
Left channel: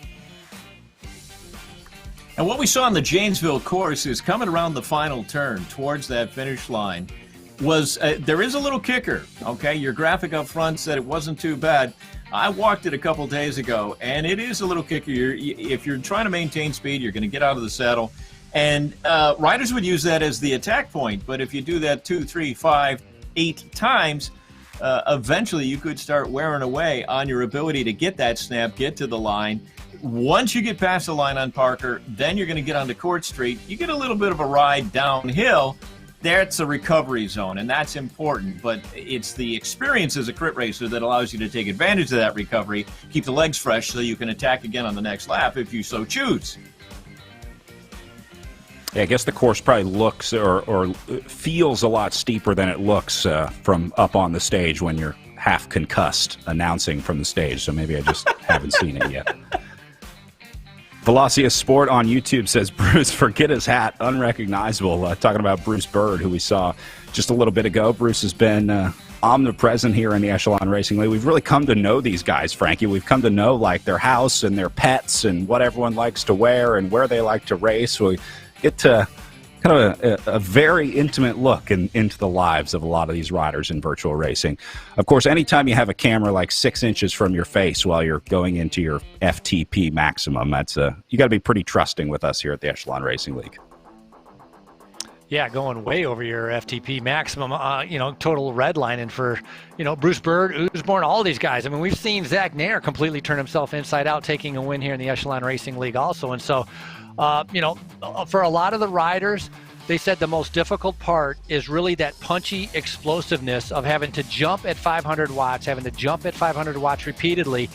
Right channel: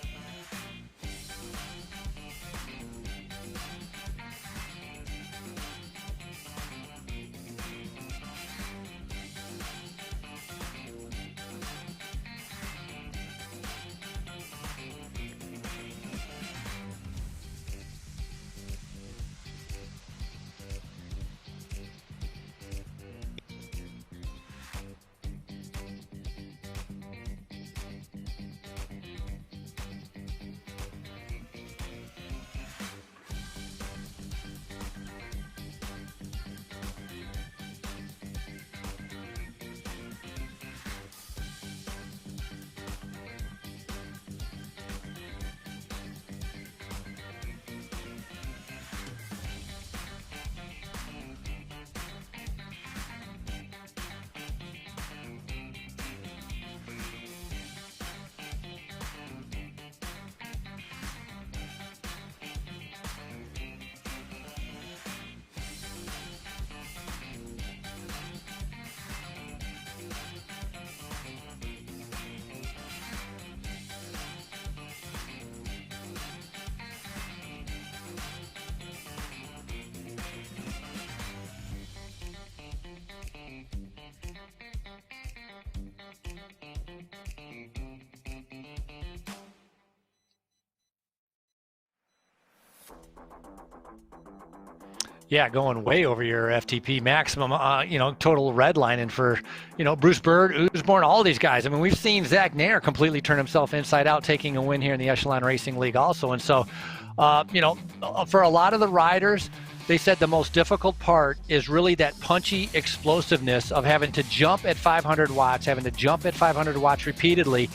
And what we saw on the Janesville course is coming around the final turn towards that finish line was there is a little kicker. Okay, your graphic up front said it wasn't too bad. I walked it a couple days ago, and it is a little kicker. If you're trying to maintain speed, you're going to get out of the saddle. And riders would use that as the attack point. But if you do that 2, 3, 5, 8 times, eventually you could start wearing away on your ability to get that snap, get to the line. Once you get past the line on Parker, then you're going to get onto Court Street. You get a little bit of a ride downhill. That's a recovery zone, and that's important. But it's the experience as a crit racer that allows you to take advantage of that recovery, keep the legs fresh so you can attack again on the next lap if you so choose. Yeah, I guess the course probably looks or feels a lot steeper than it looks from up on the stage when you're half concussed announcing from the stage. So maybe I just haven't seen it yet. Velocia Sport on YouTube says, Bruce, forget his hat, unrecognizable. Talking about Bruce Bird, who we saw just a little bit ago. Bruce has been omnipresent here in the Echelon Racing League. We've really come to know these guys, Frankie. We've come to know like their house and their pets and what everyone likes to wear and where they like to race. We get to kind of a very intimate look into the lives of a lot of these riders in virtual racing. Of course, anytime you have a camera like 6 inches from your face while you're going into your FTP maximum, that's you got to be pretty trusting with us here at the Echelon Racing League. Yeah, going way over your FTP maximum, total redlining for, Bruce Bird, Usborne, all these guys. I mean, we've seen Zach Nair completely turn himself inside out, taking a win here in the Echelon Racing League also. And so, for a lot of the riders, they said the most difficult part is really that punchy explosiveness of having to jump at 500 watts, having to jump at 500 watts repeatedly,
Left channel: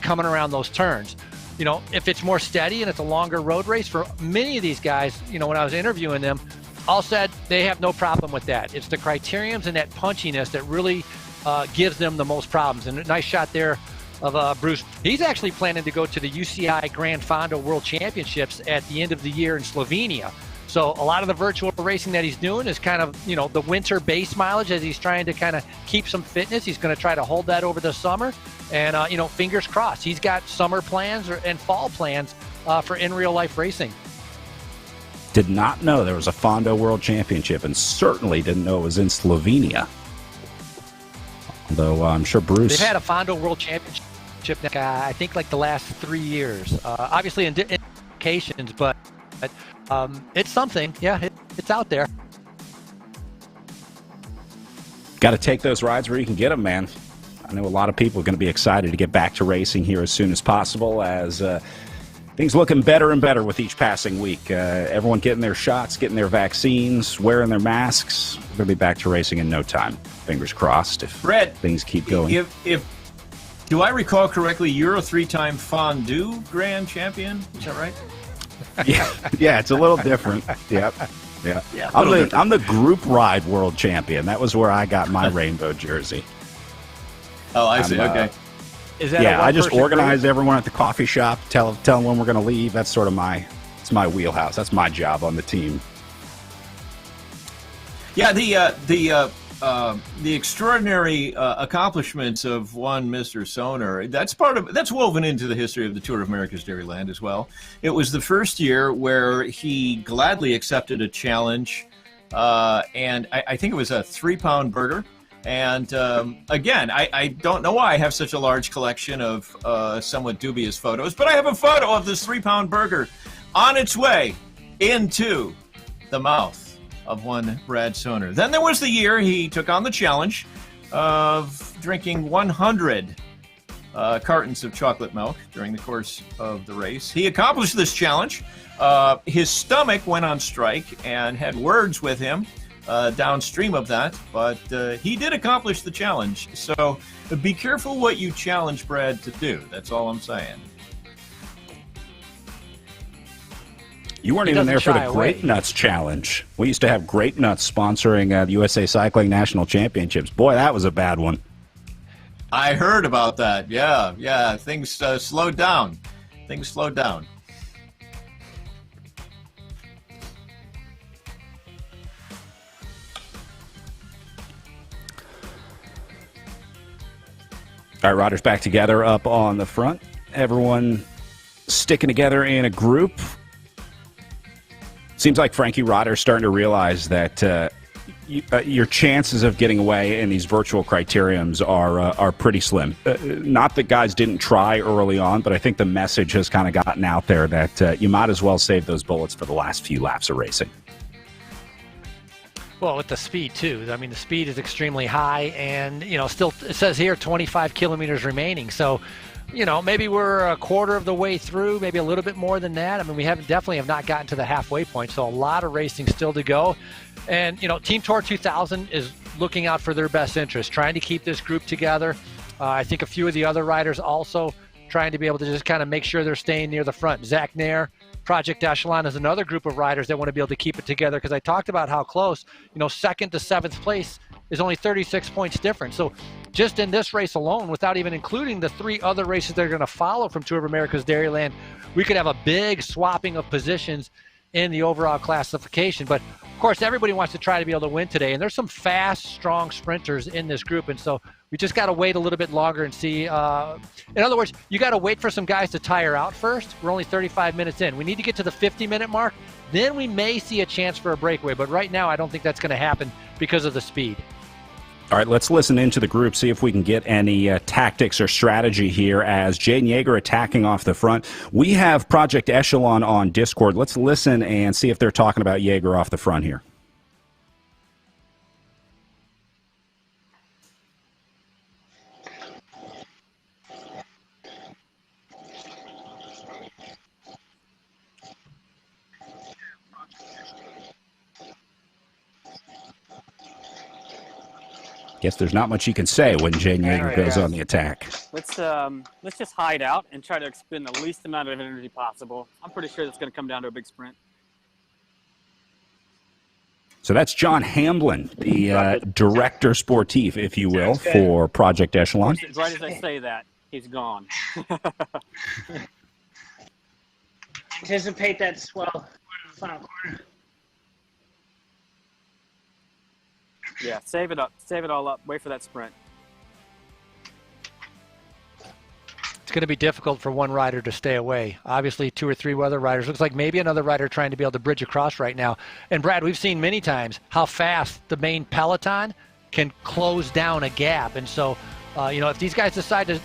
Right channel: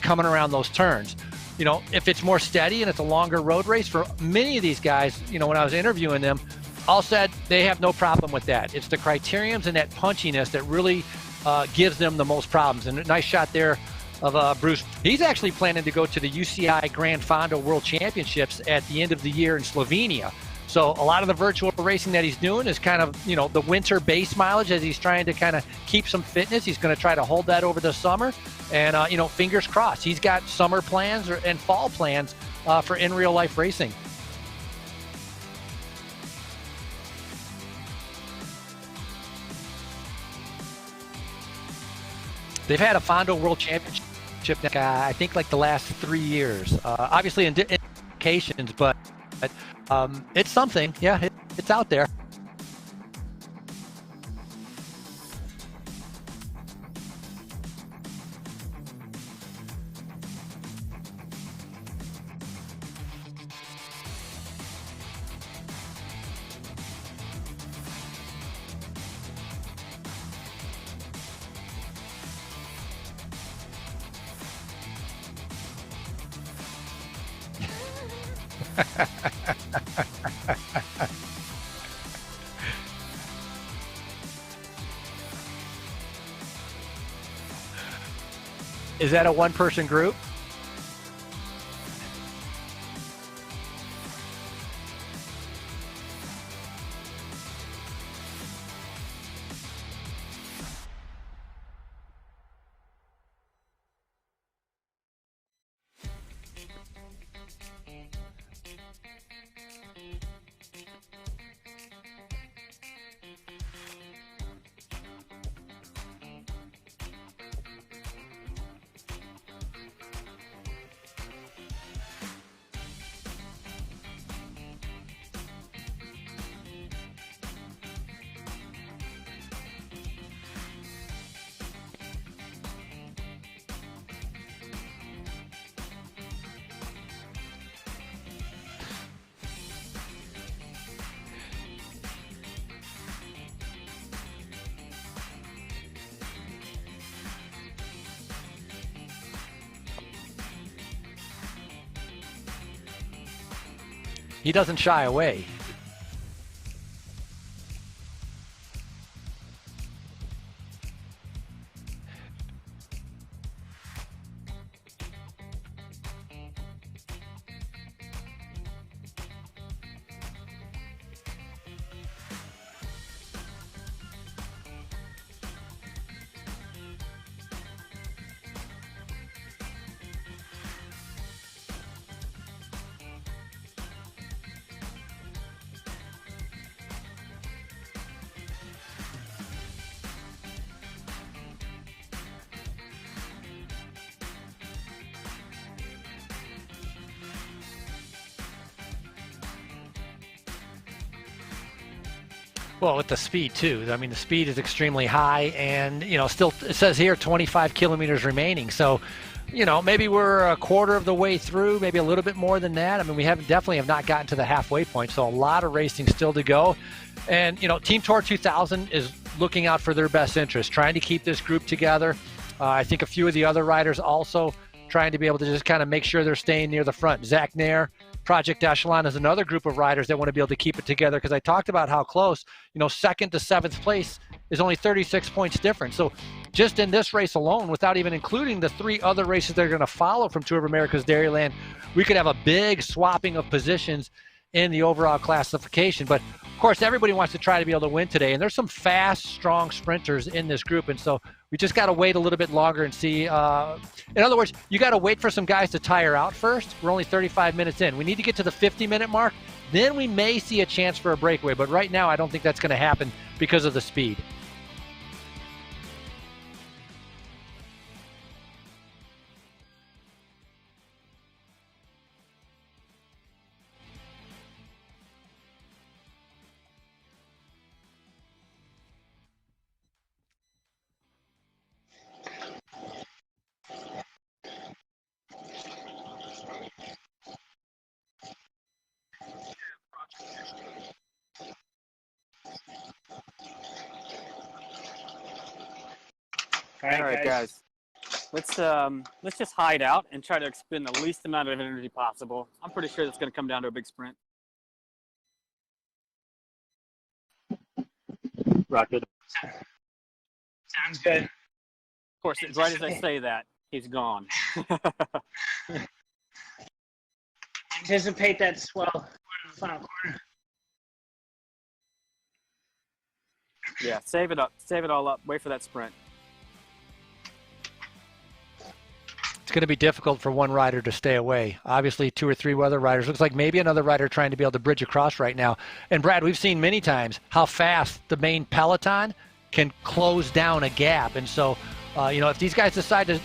coming around those turns. If it's more steady and it's a longer road race, for many of these guys, when I was interviewing them, all said they have no problem with that. It's the criteriums and that punchiness that really gives them the most problems. And a nice shot there of Bruce. He's actually planning to go to the UCI Grand Fondo World Championships at the end of the year in Slovenia. So a lot of the virtual racing that he's doing is kind of, the winter base mileage as he's trying to kind of keep some fitness. He's going to try to hold that over the summer. And, fingers crossed. He's got summer plans and fall plans for in real life racing. Did not know there was a Fondo World Championship, and certainly didn't know it was in Slovenia. Though I'm sure Bruce... They've had a Fondo World Championship, I think, like the last 3 years. Obviously in locations, but it's something. Yeah, it's out there. Got to take those rides where you can get them, man. I know a lot of people are going to be excited to get back to racing here as soon as possible, as... Things looking better and better with each passing week. Everyone getting their shots, getting their vaccines, wearing their masks. We'll be back to racing in no time. Fingers crossed if Brett, things keep going. If do I recall correctly, you're a 3-time fondue grand champion? Is that right? Yeah, it's a little different. Yep. Yeah. I'm the group ride world champion. That was where I got my rainbow jersey. Oh, I see. Okay. Is that a one-person I just organize group? everyone at the coffee shop, tell them when we're going to leave. That's sort of it's my wheelhouse. That's my job on the team. Yeah, the extraordinary accomplishments of one Mr. Soner, that's woven into the history of the Tour of America's Dairyland as well. It was the first year where he gladly accepted a challenge, and I think it was a 3-pound burger. And again, I don't know why I have such a large collection of somewhat dubious photos, but I have a photo of this 3-pound burger on its way into the mouth of one Brad Soner. Then there was the year he took on the challenge of drinking 100 cartons of chocolate milk during the course of the race. He accomplished this challenge. His stomach went on strike and had words with him downstream of that, but he did accomplish the challenge. So be careful what you challenge Brad to do. That's all I'm saying. You weren't even there for the Great Nuts Challenge. We used to have Great Nuts sponsoring the USA Cycling National Championships. Boy, that was a bad one. I heard about that. Yeah. Things slowed down. All right, riders back together up on the front. Everyone sticking together in a group. Seems like Frankie Rodder's starting to realize that your chances of getting away in these virtual criteriums are pretty slim. Not that guys didn't try early on, but I think the message has kind of gotten out there that you might as well save those bullets for the last few laps of racing. Well, with the speed, too. I mean, the speed is extremely high, and, still, it says here 25 kilometers remaining. So, maybe we're a quarter of the way through, maybe a little bit more than that. I mean, we definitely have not gotten to the halfway point, so a lot of racing still to go. And, Team Tour 2000 is looking out for their best interest, trying to keep this group together. I think a few of the other riders also trying to be able to just kind of make sure they're staying near the front. Zach Nair, Project Echelon is another group of riders that want to be able to keep it together, because I talked about how close, second to seventh place is only 36 points different. So just in this race alone, without even including the 3 other races that are going to follow from Tour of America's Dairyland, we could have a big swapping of positions in the overall classification. But of course, everybody wants to try to be able to win today, and there's some fast, strong sprinters in this group, and so we just got to wait a little bit longer and see. In other words, you got to wait for some guys to tire out first. We're only 35 minutes in. We need to get to the 50-minute mark. Then we may see a chance for a breakaway, but right now I don't think that's going to happen because of the speed. All right, let's listen into the group, see if we can get any tactics or strategy here as Jaden Yeager attacking off the front. We have Project Echelon on Discord. Let's listen and see if they're talking about Yeager off the front here. Guess there's not much you can say when Jaden Yeager goes on the attack. Let's just hide out and try to expend the least amount of energy possible. I'm pretty sure it's going to come down to a big sprint. So that's John Hamblin, the director sportif, if you will, for Project Echelon. Of course, right as I say that, he's gone. Anticipate that swell in the final corner. Yeah, save it up. Save it all up. Wait for that sprint. It's going to be difficult for one rider to stay away. Obviously, 2 or 3 other riders. Looks like maybe another rider trying to be able to bridge across right now. And, Brad, we've seen many times how fast the main peloton can close down a gap. And so, if these guys decide to,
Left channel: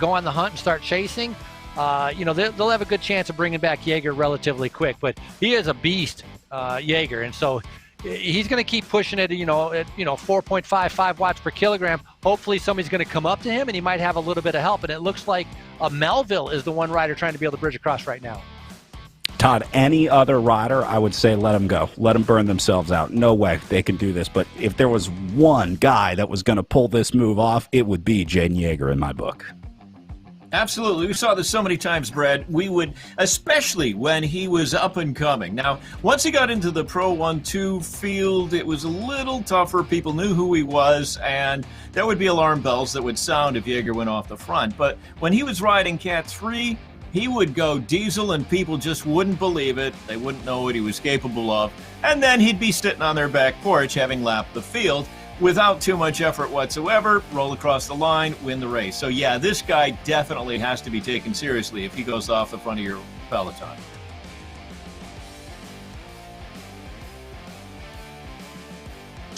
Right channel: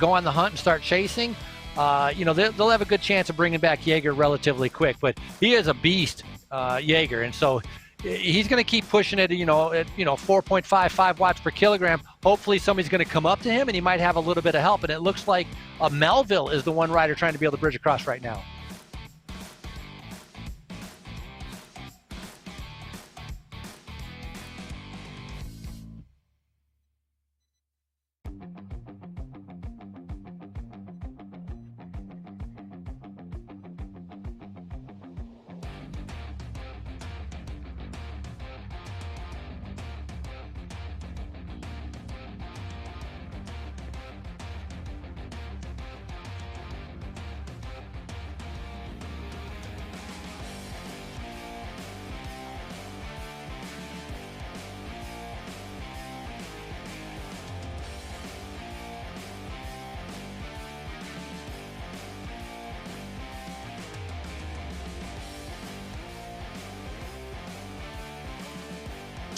go on the hunt and start chasing, they'll have a good chance of bringing back Yeager relatively quick. But he is a beast, Yeager. And so he's going to keep pushing it, at 4.55 watts per kilogram. Hopefully somebody's going to come up to him, and he might have a little bit of help. And it looks like Melville is the one rider trying to be able to bridge across right now. Todd, any other rider, I would say let them go. Let them burn themselves out. No way they can do this. But if there was one guy that was going to pull this move off, it would be Jaden Yeager in my book. Absolutely. We saw this so many times, Brad. We would, especially when he was up and coming. Now, once he got into the Pro 1-2 field, it was a little tougher. People knew who he was, and there would be alarm bells that would sound if Yeager went off the front. But when he was riding Cat 3, he would go diesel and people just wouldn't believe it. They wouldn't know what he was capable of. And then he'd be sitting on their back porch having lapped the field without too much effort whatsoever, roll across the line, win the race. So yeah, this guy definitely has to be taken seriously if he goes off the front of your peloton.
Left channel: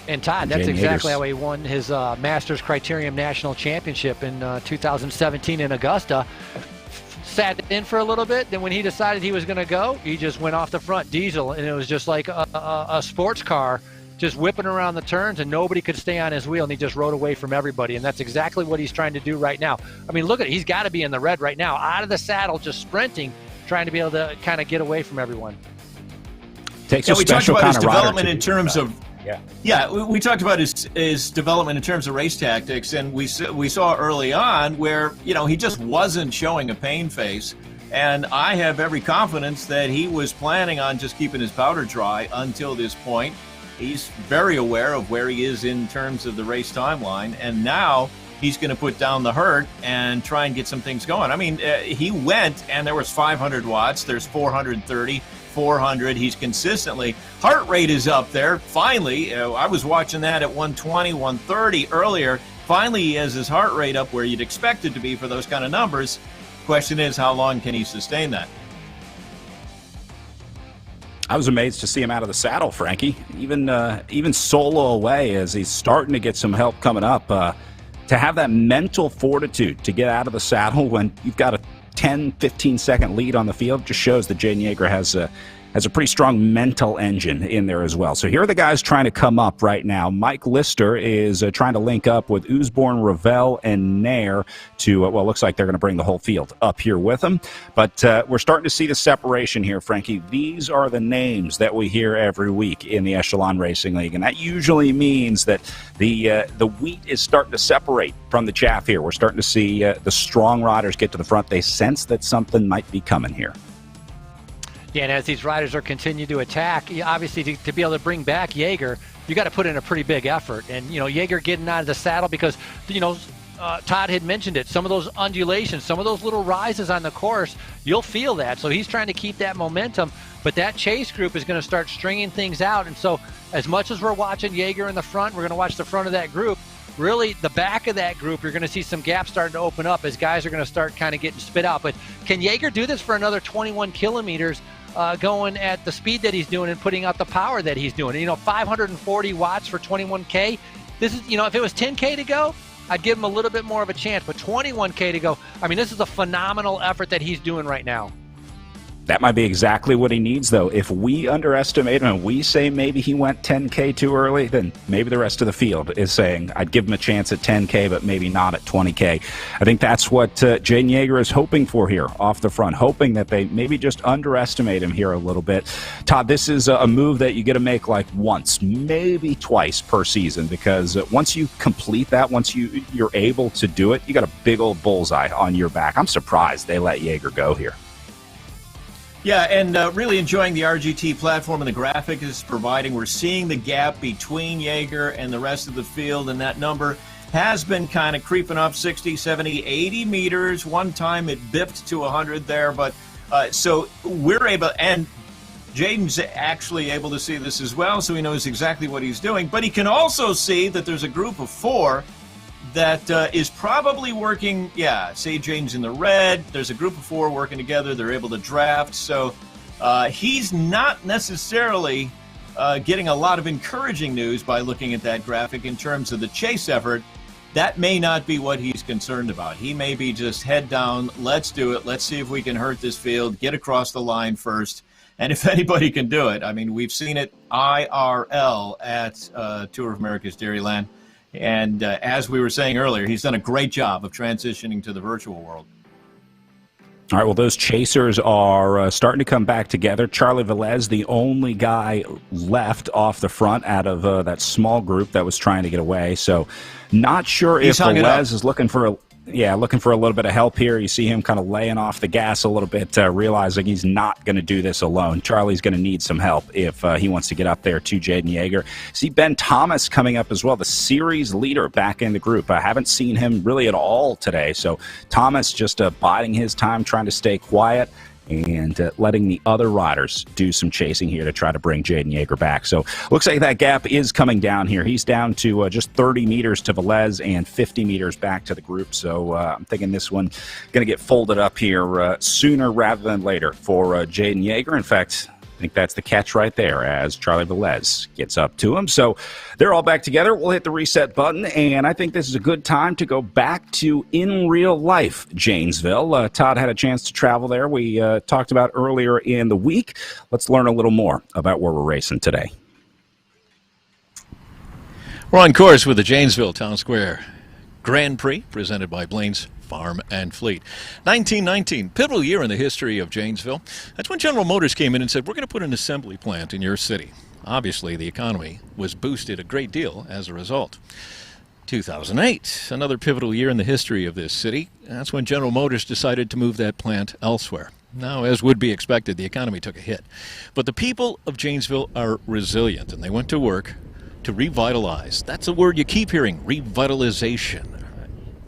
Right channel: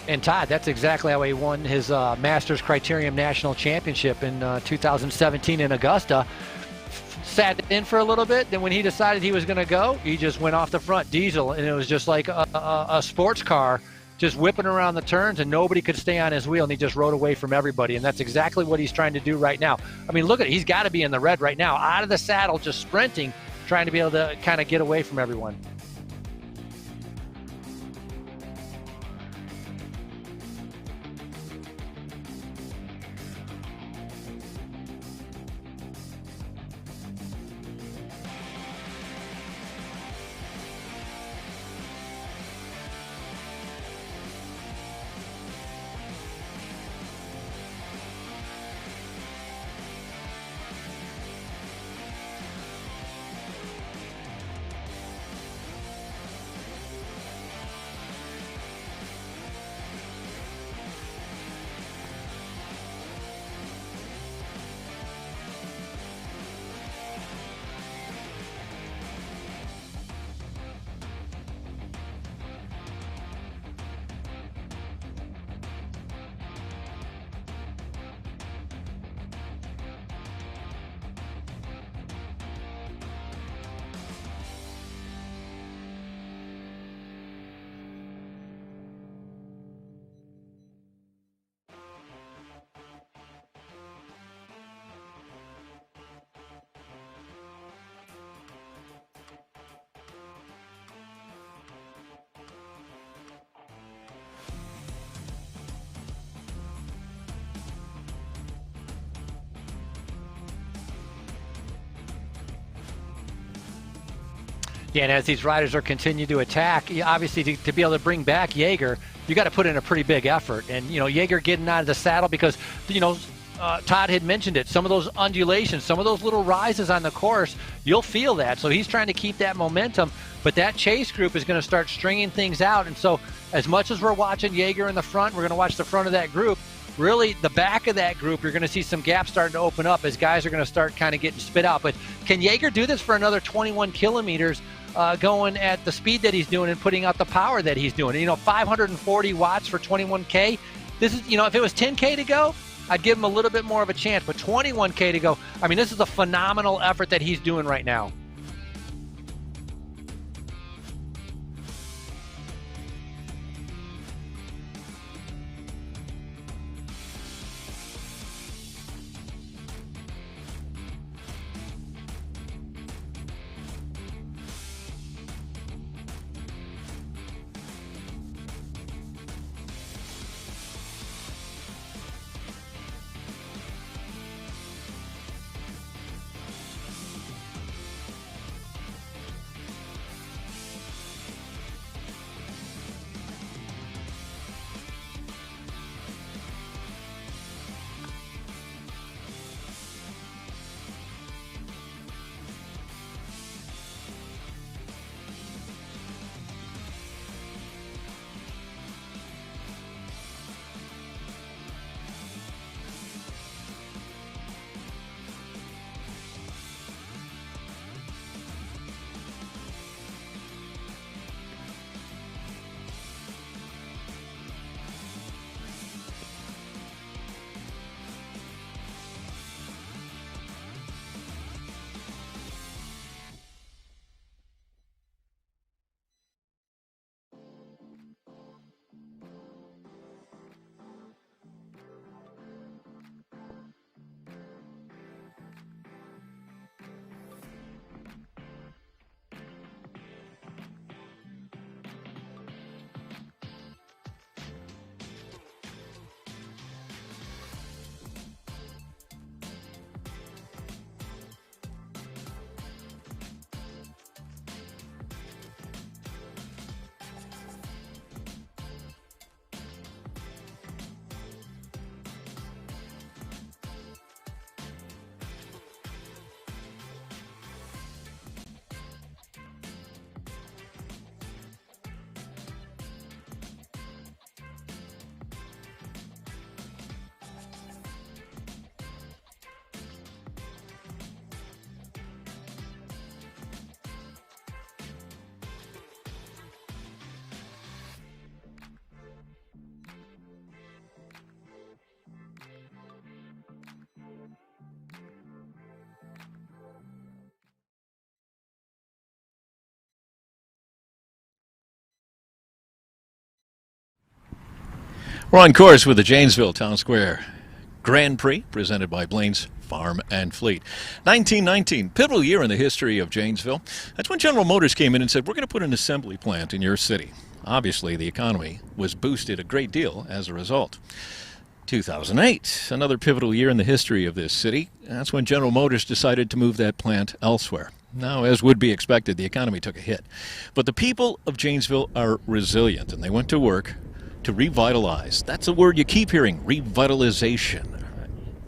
And Todd, that's exactly how he won his Masters Criterium National Championship in 2017 in Augusta. Sat in for a little bit, then when he decided he was going to go, he just went off the front diesel, and it was just like a sports car just whipping around the turns, and nobody could stay on his wheel, and he just rode away from everybody. And that's exactly what he's trying to do right now. I mean, look at it. He's got to be in the red right now, out of the saddle, just sprinting, trying to be able to kind of get away from everyone. Takes we talked about his development in terms of we talked about his development in terms of race tactics, and we saw early on where, you know, he just wasn't showing a pain face, and I have every confidence that he was planning on just keeping his powder dry until this point. He's very aware of where he is in terms of the race timeline, and now he's going to put down the hurt and try and get some things going. I mean, he went, and there was 500 watts, there's 430, 400. He's consistently, heart rate is up there. Finally, I was watching that at 120, 130 earlier. Finally, he has his heart rate up where you'd expect it to be for those kind of numbers. Question is, how long can he sustain that? I was amazed to see him out of the saddle, Frankie. Even solo away as he's starting to get some help coming up. To have that mental fortitude to get out of the saddle when you've got a 10, 15-second lead on the field just shows that Jaden Yeager has a pretty strong mental engine in there as well. So here are the guys trying to come up right now. Mike Lister is trying to link up with Usborne, Ravel, and Nair to, well, looks like they're going to bring the whole field up here with them. But we're starting to see the separation here, Frankie. These are the names that we hear every week in the Echelon Racing League, and that usually means that the wheat is starting to separate from the chaff here. We're starting to see the strong riders get to the front. They sense that something might be coming here. Yeah, and as these riders are continuing to attack, obviously to be able to bring back Yeager, you got to put in a pretty big effort. And, you know, Yeager getting out of the saddle because, you know, Todd had mentioned it, some of those undulations, some of those little rises on the course, you'll feel that. So he's trying to keep that momentum, but that chase group is going to start stringing things out. And so as much as we're watching Yeager in the front, we're going to watch the front of that group. Really, the back of that group, you're going to see some gaps starting to open up as guys are going to start kind of getting spit out. But can Yeager do this for another 21 kilometers going at the speed that he's doing and putting out the power that he's doing? You know, 540 watts for 21K. This is, you know, if it was 10K to go, I'd give him a little bit more of a chance. But 21K to go, I mean, this is a phenomenal effort that he's doing right now. That might be exactly what he needs, though. If we underestimate him and we say maybe he went 10K too early, then maybe the rest of the field is saying, I'd give him a chance at 10K, but maybe not at 20K. I think that's what Jaden Yeager is hoping for here off the front, hoping that they maybe just underestimate him here a little bit. Todd, this is a move that you get to make like once, maybe twice per season, because once you complete that, once you're able to do it, you got a big old bullseye on your back. I'm surprised they let Yeager go here. Yeah, and really enjoying the RGT platform and the graphic is providing. We're seeing the gap between Yeager and the rest of the field, and that number has been kind of creeping up 60, 70, 80 meters. One time it bipped to 100 there, but so we're able, and Jaden's actually able to see this as well, so he knows exactly what he's doing, but he can also see that there's a group of 4 that is probably working. Yeah, say Jaden's in the red. There's a group of 4 working together. They're able to draft. So he's not necessarily getting a lot of encouraging news by looking at that graphic in terms of the chase effort. That may not be what he's concerned about. He may be just head down. Let's do it. Let's see if we can hurt this field, get across the line first. And if anybody can do it, I mean, we've seen it IRL at Tour of America's Dairyland. And as we were saying earlier, he's done a great job of transitioning to the virtual world. All right, well, those chasers are starting to come back together. Charlie Velez, the only guy left off the front out of that small group that was trying to get away. So not sure if Velez is looking for a little bit of help here. You see him kind of laying off the gas a little bit, realizing he's not going to do this alone. Charlie's going to need some help if he wants to get up there to Jaden Yeager. See Ben Thomas coming up as well, the series leader back in the group. I haven't seen him really at all today. So Thomas just biding his time, trying to stay quiet and letting the other riders do some chasing here to try to bring Jaden Yeager back. So looks like that gap is coming down here. He's down to just 30 meters to Velez and 50 meters back to the group. So I'm thinking this one going to get folded up here sooner rather than later for Jaden Yeager. In fact, I think that's the catch right there as Charlie Velez gets up to him. So they're all back together. We'll hit the reset button, and I think this is a good time to go back to in real life Janesville. Todd had a chance to travel there. We talked about earlier in the week. Let's learn a little more about where we're racing today. We're on course with the Janesville Town Square Grand Prix presented by Blaine's Farm and Fleet. 1919, pivotal year in the history of Janesville. That's when General Motors came in and said, we're going to put an assembly plant in your city. Obviously, the economy was boosted a great deal as a result. 2008, another pivotal year in the history of this city. That's when General Motors decided to move that plant elsewhere. Now, as would be expected, the economy took a hit. But the people of Janesville are resilient, and they went to work to revitalize. That's a word you keep hearing, revitalization.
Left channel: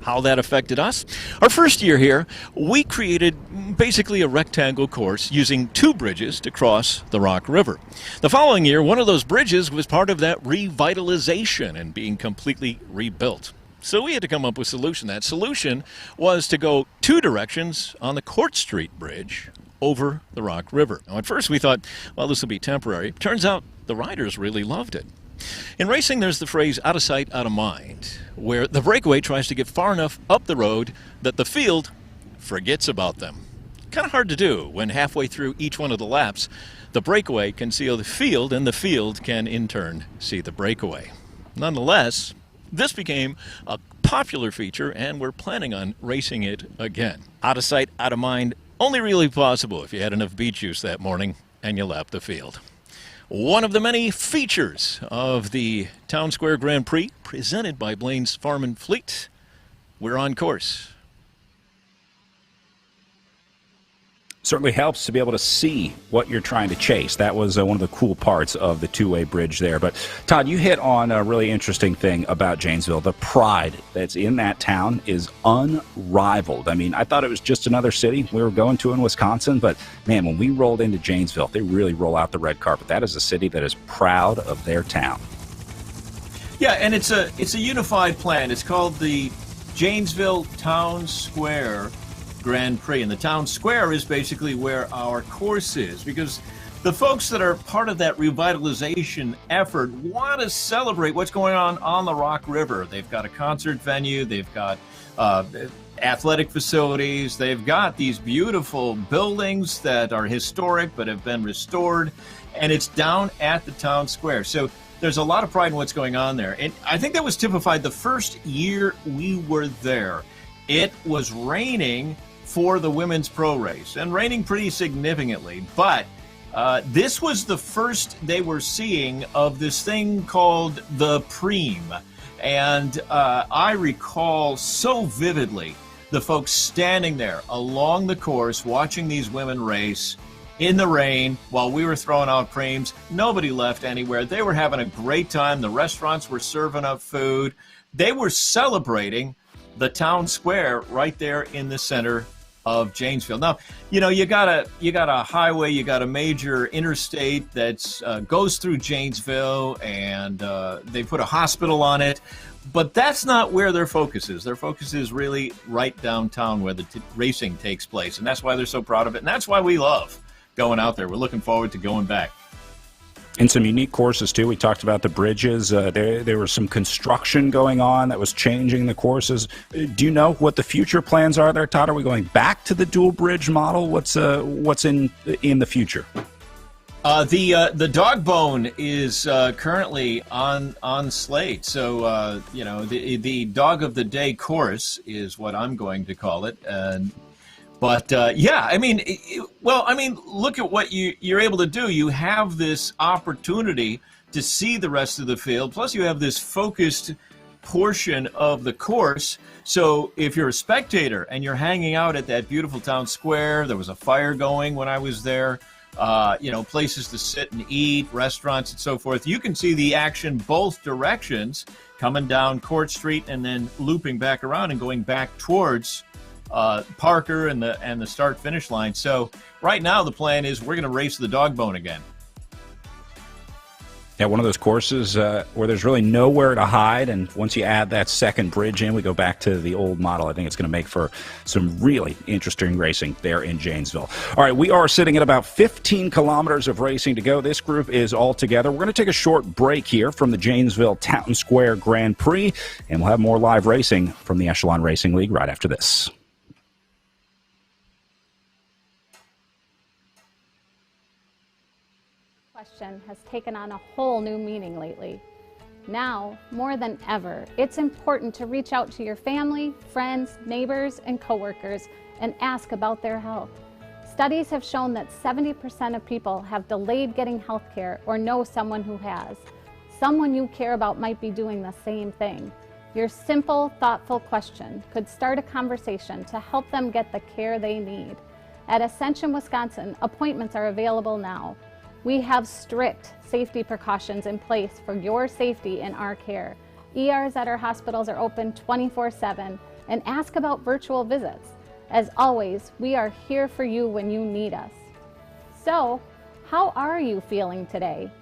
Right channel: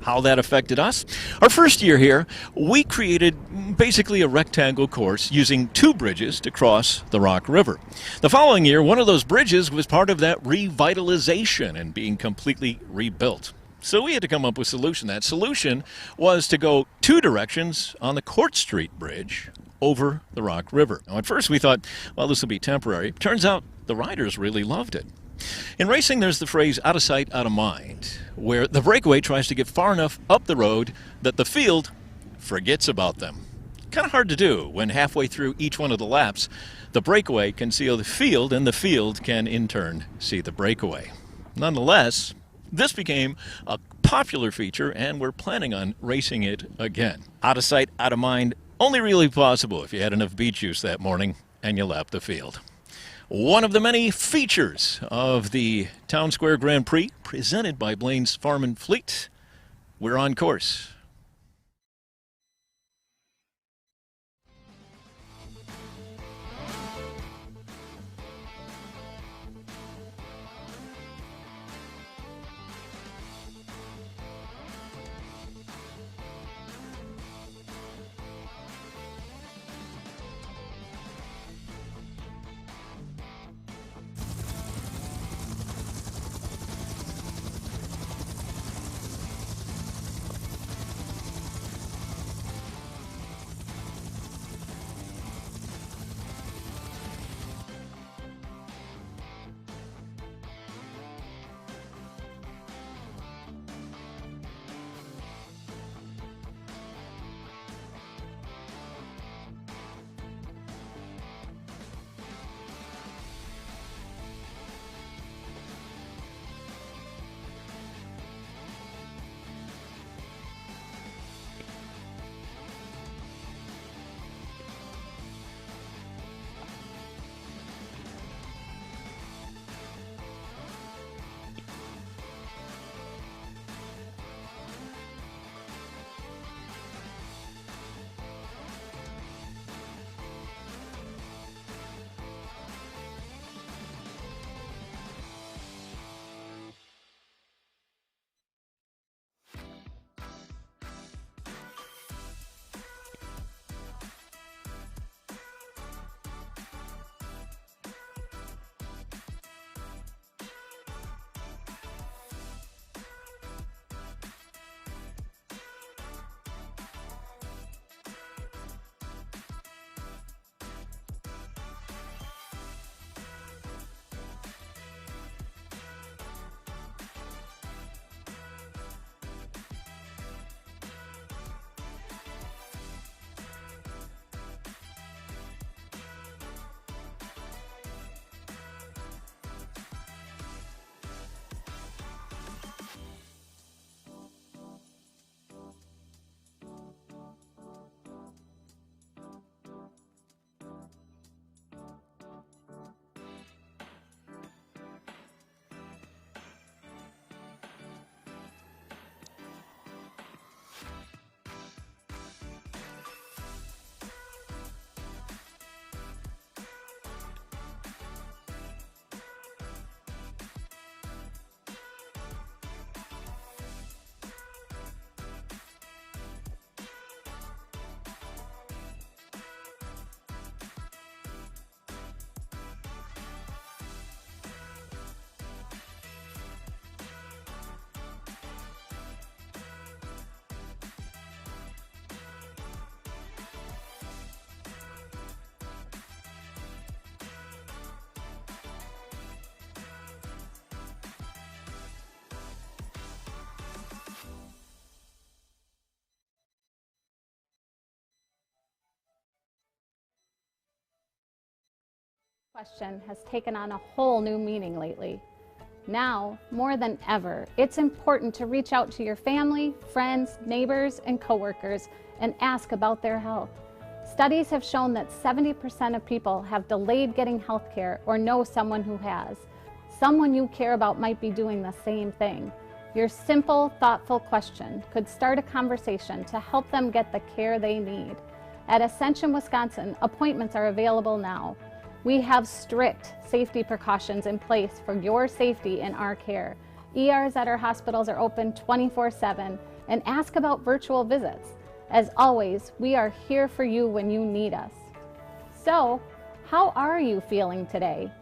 How that affected us? Our first year here, we created basically a rectangle course using 2 bridges to cross the Rock River. The following year, one of those bridges was part of that revitalization and being completely rebuilt. So we had to come up with a solution. That solution was to go 2 directions on the Court Street Bridge over the Rock River. Now, at first we thought, well, this will be temporary. Turns out the riders really loved it. In racing, there's the phrase out of sight, out of mind, where the breakaway tries to get far enough up the road that the field forgets about them. Kind of hard to do when halfway through each one of the laps, the breakaway can see the field and the field can in turn see the breakaway. Nonetheless, this became a popular feature and we're planning on racing it again. Out of sight, out of mind, only really possible if you had enough beet juice that morning and you lapped the field. One of the many features of the Town Square Grand Prix presented by Blaine's Farm and Fleet. We're on course. Certainly helps to be able to see what you're trying to chase. That was one of the cool parts of the two-way bridge there. But Todd, you hit on a really interesting thing about Janesville. The pride that's in that town is unrivaled. I mean, I thought it was just another city we were going to in Wisconsin, but man, when we rolled into Janesville, they really roll out the red carpet. That is a city that is proud of their town. Yeah, and it's a unified plan. It's called the Janesville Town Square Grand Prix, and the town square is basically where our course is, because the folks that are part of that revitalization effort want to celebrate what's going on the Rock River. They've got a concert venue, they've got athletic facilities, they've got these beautiful buildings that are historic but have been restored, and it's down at the town square. So there's a lot of pride in what's going on there, and I think that was typified the first year we were there. It was raining for the women's pro race, and raining pretty significantly, but this was the first they were seeing of this thing called the Prix. And I recall so vividly the folks standing there along the course watching these women race in the rain while we were throwing out Prix. Nobody left anywhere. They were having a great time. The restaurants were serving up food. They were celebrating the town square right there in the center of Janesville. Now, you know, you got a highway, you got a major interstate that goes through Janesville, and they put a hospital on it, but that's not where their focus is. Their focus is really right downtown where the racing takes place, and that's why they're so proud of it, and that's why we love going out there. We're looking forward to going back. And some unique courses, too. We talked about the bridges. There was some construction going on that was changing the courses. Do you know what the future plans are there, Todd? Are we going back to the dual bridge model? What's in the future? The dog bone is currently on slate. So, the dog of the day course is what I'm going to call it. And But yeah, I mean, look at what you're able to do. You have this opportunity to see the rest of the field. Plus, you have this focused portion of the course. So if you're a spectator and you're hanging out at that beautiful town square, there was a fire going when I was there, places to sit and eat, restaurants and so forth. You can see the action both directions, coming down Court Street and then looping back around and going back towards Parker and the start finish line. So right now the plan is we're going to race the dog bone again. Yeah, one of those courses where there's really nowhere to hide, and once you add that second bridge in, we go back to the old model. I think it's going to make for some really interesting racing there in Janesville. All right, we are sitting at about 15 kilometers of racing to go. This group is all together. We're going to take a short break here from the Janesville Town Square Grand Prix, and we'll have more live racing from the Echelon Racing League right after this. Question has taken on a whole new meaning lately. Now, more than ever, it's important to reach out to your family, friends, neighbors, and coworkers and ask about their health. Studies have shown that 70% of people have delayed getting health care or know someone who has. Someone you care about might be doing the same thing. Your simple, thoughtful question could start a conversation to help them get the care they need. At Ascension, Wisconsin, appointments are available now. We have strict safety precautions in place for your safety and our care. ERs at our hospitals are open 24/7, and ask about virtual visits. As always, we are here for you when you need us. So, how are you feeling today?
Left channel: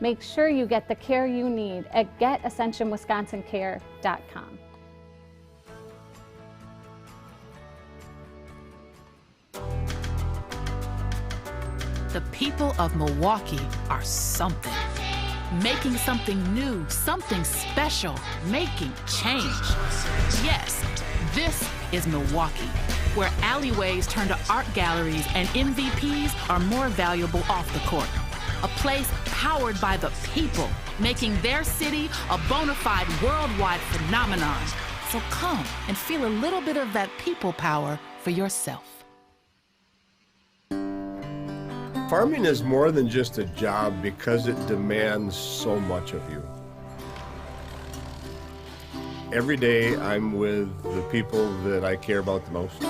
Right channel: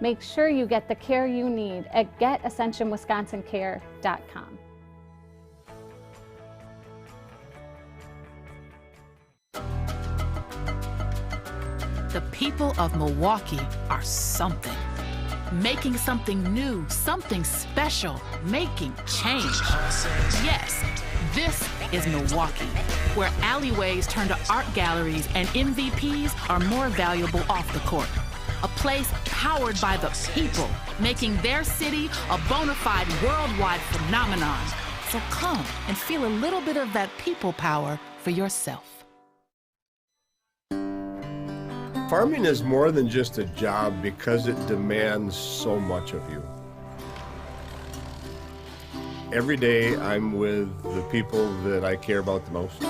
Make sure you get the care you need at getascensionwisconsincare.com. The people of Milwaukee are something. Making something new, something special, making change. Yes, this is Milwaukee, where alleyways turn to art galleries and MVPs are more valuable off the court. A place powered by the people, making their city a bona fide worldwide phenomenon. So come and feel a little bit of that people power for yourself. Farming is more than just a job because it demands so much of you. Every day I'm with the people that I care about the most.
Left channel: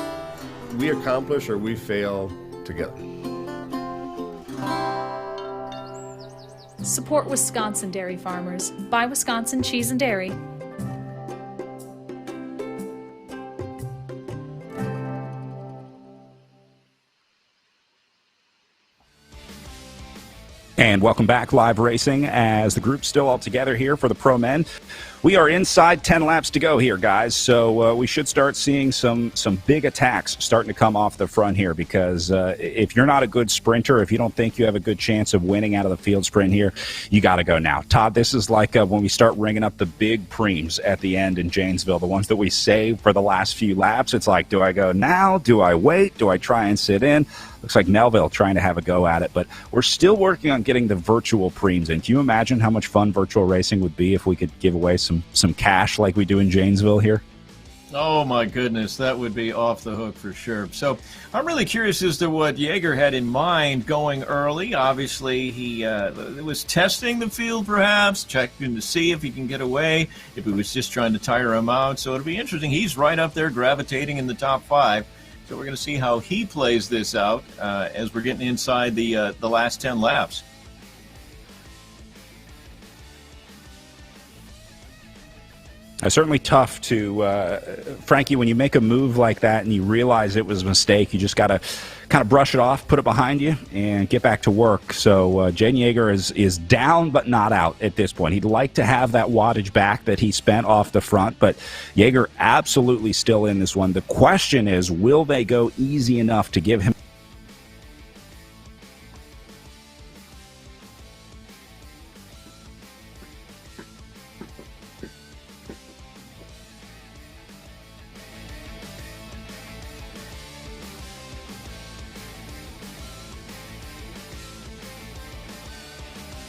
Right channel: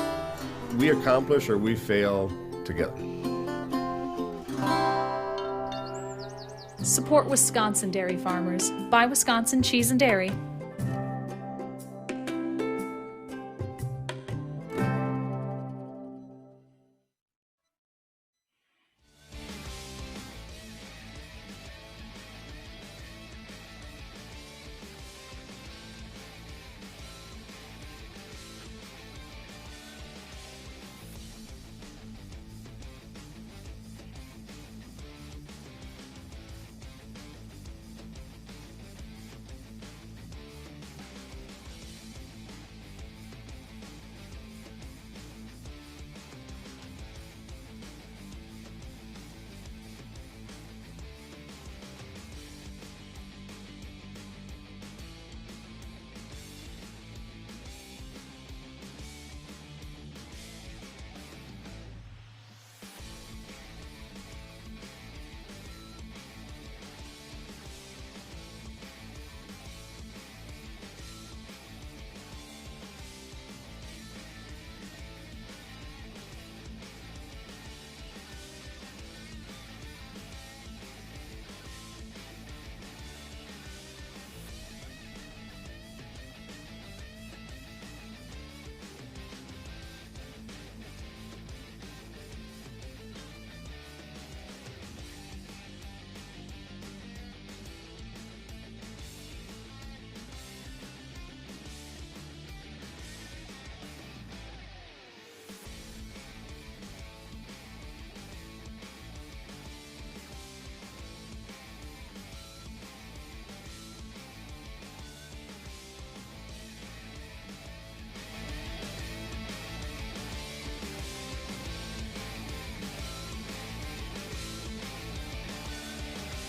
We accomplish or we fail together. Support Wisconsin dairy farmers. Buy Wisconsin cheese and dairy. And welcome back, live racing, as the group's still all together here for the Pro Men. We are inside 10 laps to go here, guys, so we should start seeing some big attacks starting to come off the front here, because if you're not a good sprinter, if you don't think you have a good chance of winning out of the field sprint here, you got to go now. Todd, this is like when we start ringing up the big Prix at the end in Janesville, the ones that we save for the last few laps. It's like, do I go now? Do I wait? Do I try and sit in? Looks like Melville trying to have a go at it, but we're still working on getting the virtual Prix in. Can you imagine how much fun virtual racing would be if we could give away some cash like we do in Janesville here? Oh my goodness, that would be off the hook for sure. So I'm really curious as to what Jaeger had in mind going early. Obviously, he was testing the field, perhaps, checking to see if he can get away, if he was just trying to tire him out. So it'll be interesting. He's right up there gravitating in the top 5. So we're going to see how he plays this out as we're getting inside the last 10 laps. It's certainly tough to, Frankie, when you make a move like that and you realize it was a mistake, you just got to kind of brush it off, put it behind you, and get back to work. So Jaden Yeager is down but not out at this point. He'd like to have that wattage back that he spent off the front, but Yeager absolutely still in this one. The question is, will they go easy enough to give him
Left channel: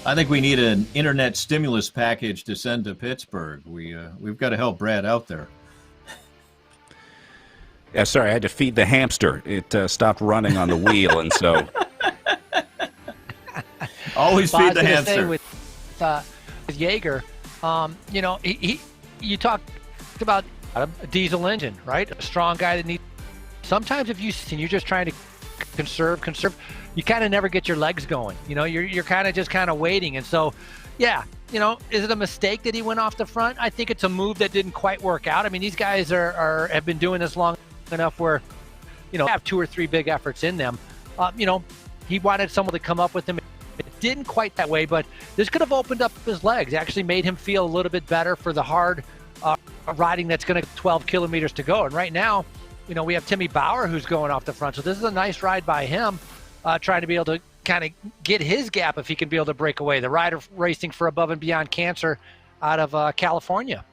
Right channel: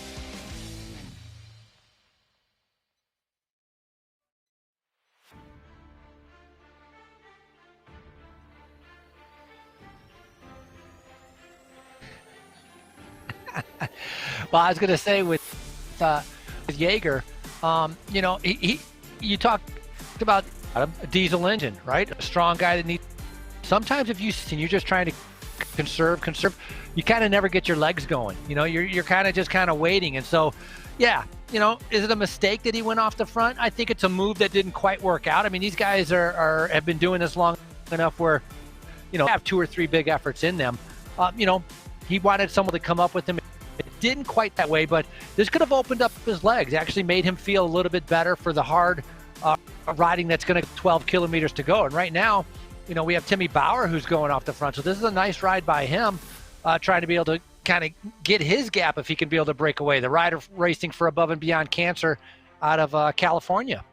I think we need an internet stimulus package to send to Pittsburgh. We've got to help Brad out there. Yeah, sorry, I had to feed the hamster. It stopped running on the wheel, and so. Always well, feed the hamster. I was going to say with Jaeger, you know, you talked about a diesel engine, right? A strong guy that needs. Sometimes if you're just trying to conserve, you kind of never get your legs going. You know, you're kind of waiting, and so, yeah. You know, is it a mistake that he went off the front? I think it's a move that didn't quite work out. I mean, these guys have been doing this long enough where, you know, have 2 or 3 big efforts in them. You know, he wanted someone to come up with him. It didn't quite that way, but this could have opened up his legs, actually made him feel a little bit better for the hard riding that's going to 12 kilometers to go. And right now, you know, we have Timmy Bauer who's going off the front. So this is a nice ride by him, trying to be able to kind of get his gap if he can be able to break away. The rider racing for Above and Beyond Cancer out of California.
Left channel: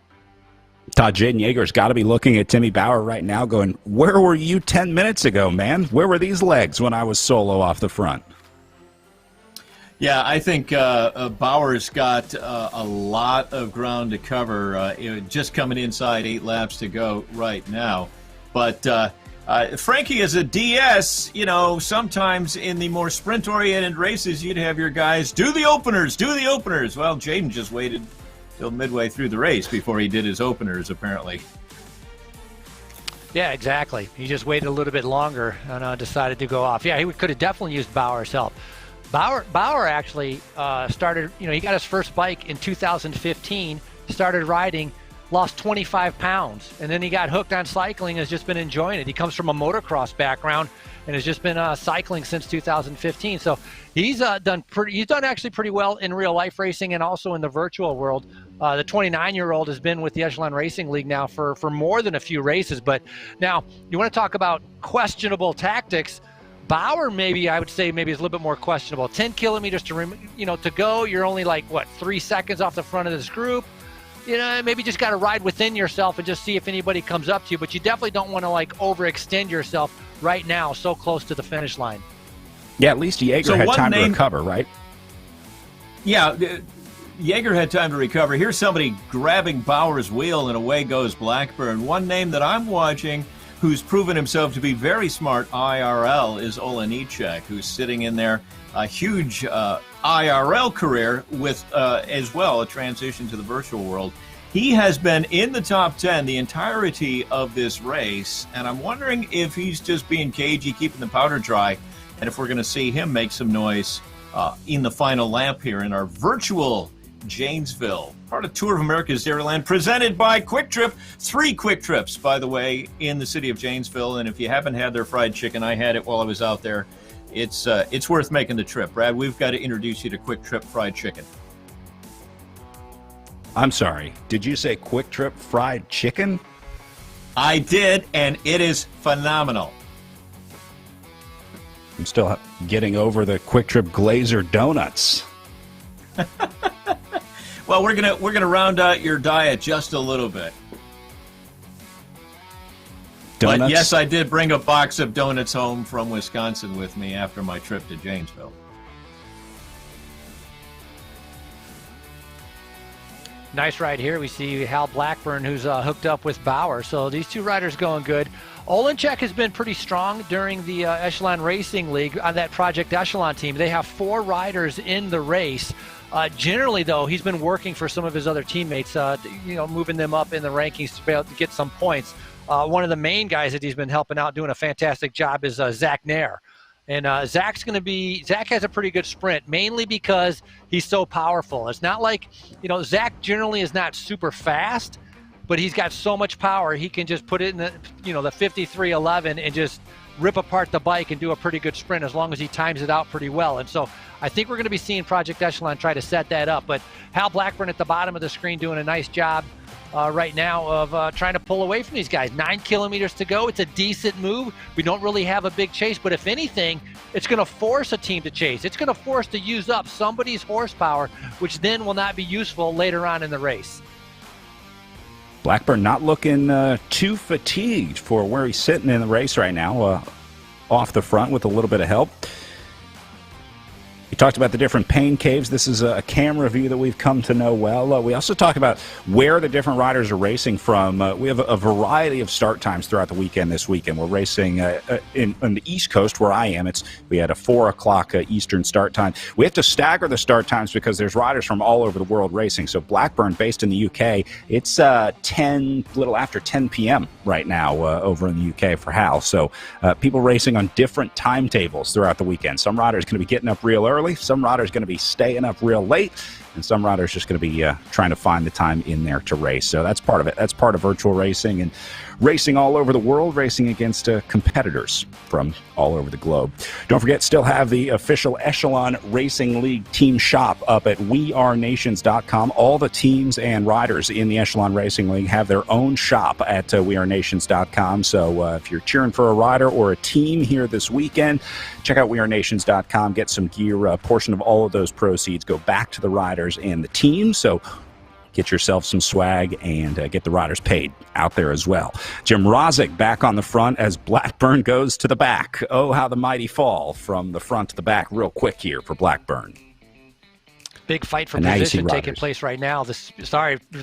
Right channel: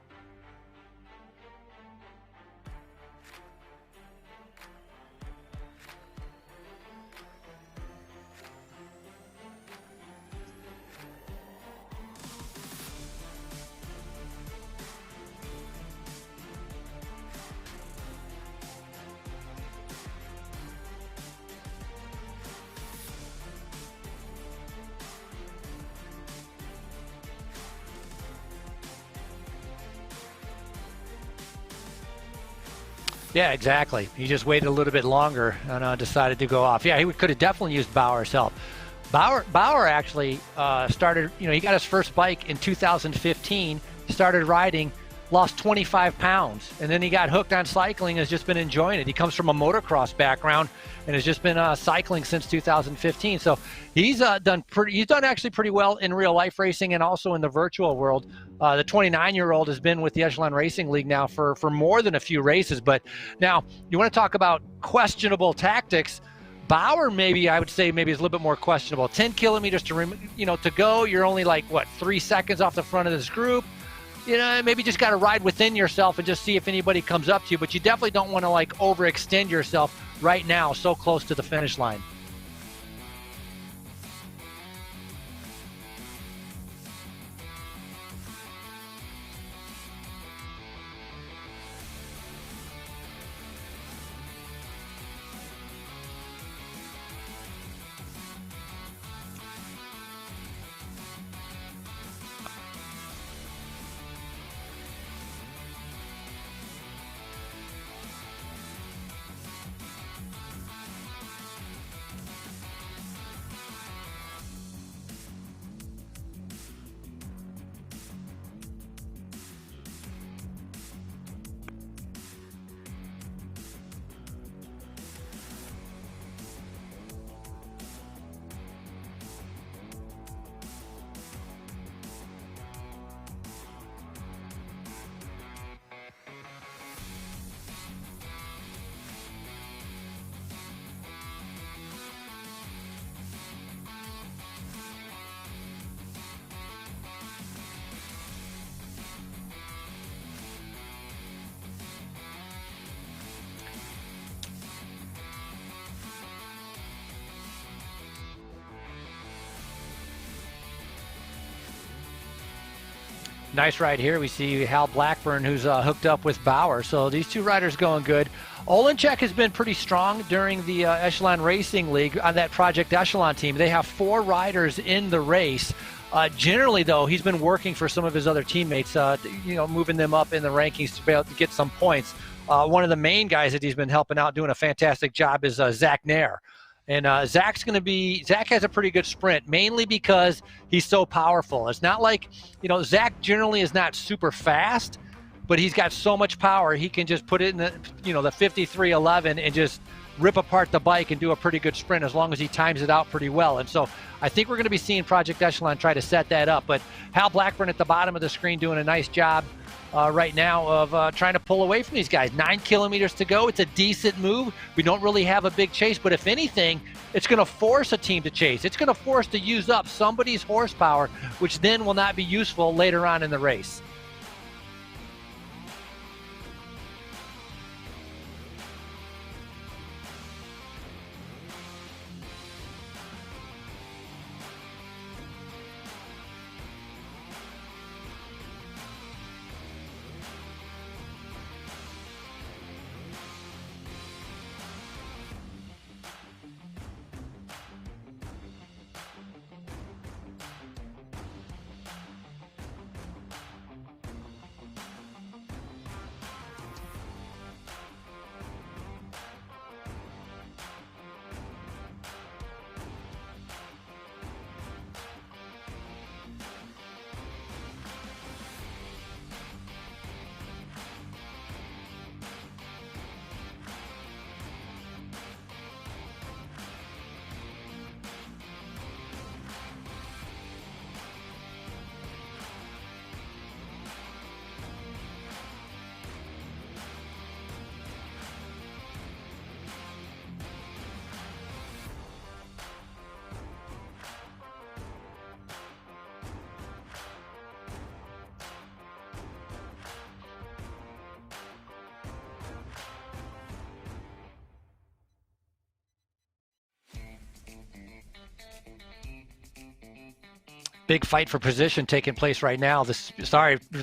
Todd, Jaden Yeager's got to be looking at Timmy Bauer right now going, where were you 10 minutes ago, man? Where were these legs when I was solo off the front? Yeah, I think Bauer's got a lot of ground to cover, just coming inside 8 laps to go right now. But Frankie, as a DS, you know, sometimes in the more sprint-oriented races, you'd have your guys do the openers. Well, Jaden just waited till midway through the race before he did his openers, apparently. Yeah, exactly. He just waited a little bit longer and decided to go off. Yeah, he could have definitely used Bauer's help. Bauer actually started, you know, he got his first bike in 2015, started riding, lost 25 pounds, and then he got hooked on cycling and has just been enjoying it. He comes from a motocross background and has just been cycling since 2015. So he's done actually pretty well in real life racing and also in the virtual world. The 29-year-old has been with the Echelon Racing League now for more than a few races. But now you want to talk about questionable tactics. Bauer, I would say is a little bit more questionable. 10 kilometers to go. You're only like 3 seconds off the front of this group. You know, maybe just got to ride within yourself and just see if anybody comes up to you. But you definitely don't want to overextend yourself right now, so close to the finish line. Yeah, at least Jaeger had time to recover, right? Yeah, Jaeger had time to recover. Here's somebody grabbing Bauer's wheel, and away goes Blackburn. One name that I'm watching who's proven himself to be very smart IRL is Olenichek, who's sitting in there. A huge IRL career with, as well, a transition to the virtual world. He has been in the top 10 the entirety of this race, and I'm wondering if he's just being cagey, keeping the powder dry, and if we're going to see him make some noise in the final lap here in our virtual Janesville, part of Tour of America's Dairyland, presented by Quick Trip. 3 Quick Trips, by the way, in the city of Janesville, and if you haven't had their fried chicken, I had it while I was out there. It's worth making the trip. Brad, we've got to introduce you to Quick Trip Fried Chicken. I'm sorry, did you say Quick Trip Fried Chicken? I did, and it is phenomenal. I'm still getting over the Quick Trip Glazer donuts. Well, we're gonna round out your diet just a little bit. Donuts? But yes, I did bring a box of donuts home from Wisconsin with me after my trip to Janesville. Nice ride here. We see Hal Blackburn, who's hooked up with Bauer. So these 2 riders going good. Olenichek has been pretty strong during the Echelon Racing League on that Project Echelon team. They have 4 riders in the race. Generally, though, he's been working for some of his other teammates, moving them up in the rankings to be able to get some points. One of the main guys that he's been helping out, doing a fantastic job, is Zach Nair. And Zach has a pretty good sprint, mainly because he's so powerful. It's not like, Zach generally is not super fast, but he's got so much power. He can just put it in the 5311 and just rip apart the bike and do a pretty good sprint as long as he times it out pretty well. And so I think we're going to be seeing Project Echelon try to set that up. But Hal Blackburn at the bottom of the screen doing a nice job right now of trying to pull away from these guys. 9 kilometers to go. It's a decent move. We don't really have a big chase, but if anything, it's going to force a team to chase. It's going to force to use up somebody's horsepower, which then will not be useful later on in the race. Blackburn not looking too fatigued for where he's sitting in the race right now, off the front with a little bit of help. We talked about the different pain caves. This is a camera view that we've come to know well. We also talk about where the different riders are racing from. We have a variety of start times throughout the weekend this weekend. We're racing on the East Coast where I am. We had a 4 o'clock Eastern start time. We have to stagger the start times because there's riders from all over the world racing. So Blackburn, based in the UK, it's little after 10 p.m. right now over in the UK for Hal. So people racing on different timetables throughout the weekend. Some riders going to be getting up real early. Some riders going to be staying up real late, and some riders just going to be trying to find the time in there to race. So that's part of it. That's part of virtual racing and racing all over the world, racing against competitors from all over the globe. Don't forget, still have the official Echelon Racing League team shop up at wearenations.com. All the teams and riders in the Echelon Racing League have their own shop at wearenations.com. So if you're cheering for a rider or a team here this weekend, check out wearenations.com. Get some gear. A portion of all of those proceeds go back to the riders and the team. So get yourself some swag and get the riders paid out there as well. Jim Rosick back on the front as Blackburn goes to the back. Oh, how the mighty fall from the front to the back real quick here for Blackburn. Big fight for position taking place right now. The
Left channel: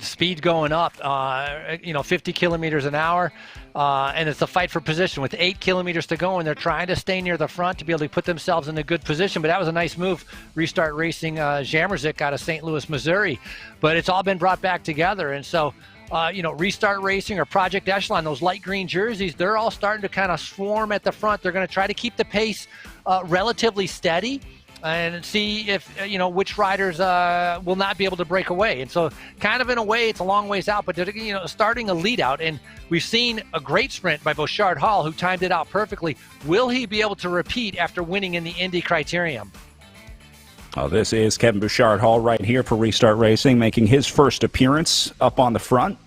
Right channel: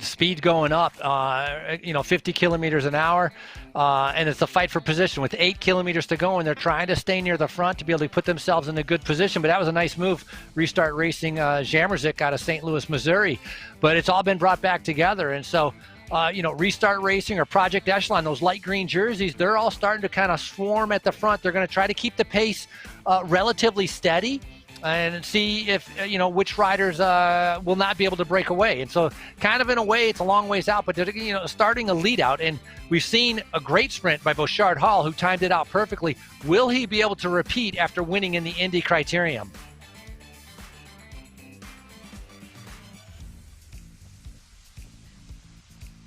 speed going up, 50 kilometers an hour, and it's a fight for position with 8 kilometers to go, and they're trying to stay near the front to be able to put themselves in a good position. But that was a nice move. Restart Racing Jamerzik out of St. Louis, Missouri. But it's all been brought back together, and so Restart Racing or Project Echelon, those light green jerseys, they're all starting to kind of swarm at the front. They're going to try to keep the pace relatively steady and see if, which riders will not be able to break away. And so kind of in a way, it's a long ways out, but they're, starting a lead out. And we've seen a great sprint by Bouchard Hall, who timed it out perfectly. Will he be able to repeat after winning in the Indy Criterium? Oh, this is Kevin Bouchard Hall right here for Restart Racing, making his first appearance up on the front.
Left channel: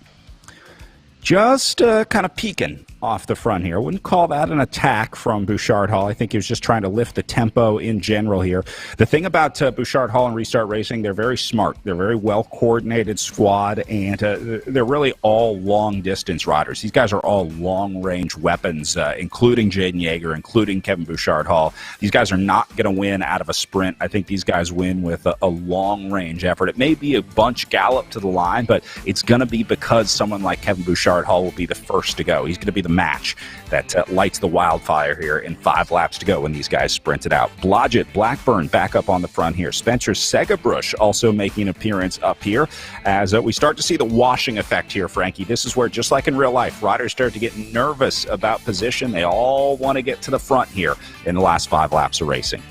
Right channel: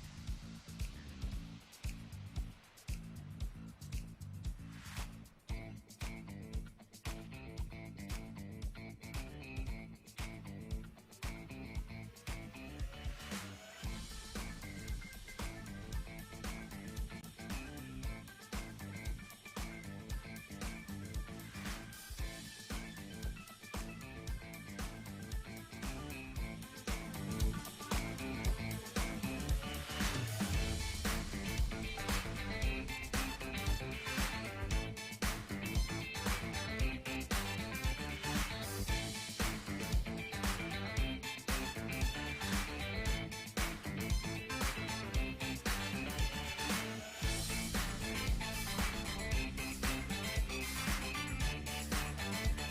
Just kind of peeking off the front here. I wouldn't call that an attack from Bouchard Hall. I think he was just trying to lift the tempo in general here. The thing about Bouchard Hall and Restart Racing, they're very smart. They're a very well-coordinated squad, and they're really all long-distance riders. These guys are all long-range weapons, including Jaden Yeager, including Kevin Bouchard Hall. These guys are not going to win out of a sprint. I think these guys win with a long-range effort. It may be a bunch gallop to the line, but it's going to be because someone like Kevin Bouchard Hall will be the first to go. He's going to be the match that lights the wildfire here in 5 laps to go when these guys sprint it out. Blodgett, Blackburn back up on the front here. Spencer Segabrush also making an appearance up here as we start to see the washing effect here, Frankie. This is where, just like in real life, riders start to get nervous about position. They all want to get to the front here in the last 5 laps of racing.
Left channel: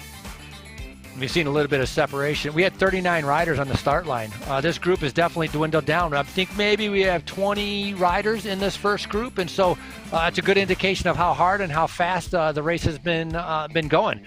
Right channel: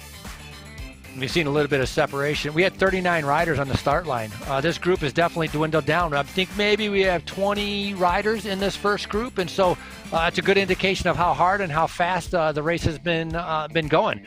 We've seen a little bit of separation. We had 39 riders on the start line. This group has definitely dwindled down. I think maybe we have 20 riders in this first group, and so it's a good indication of how hard and how fast the race has been going.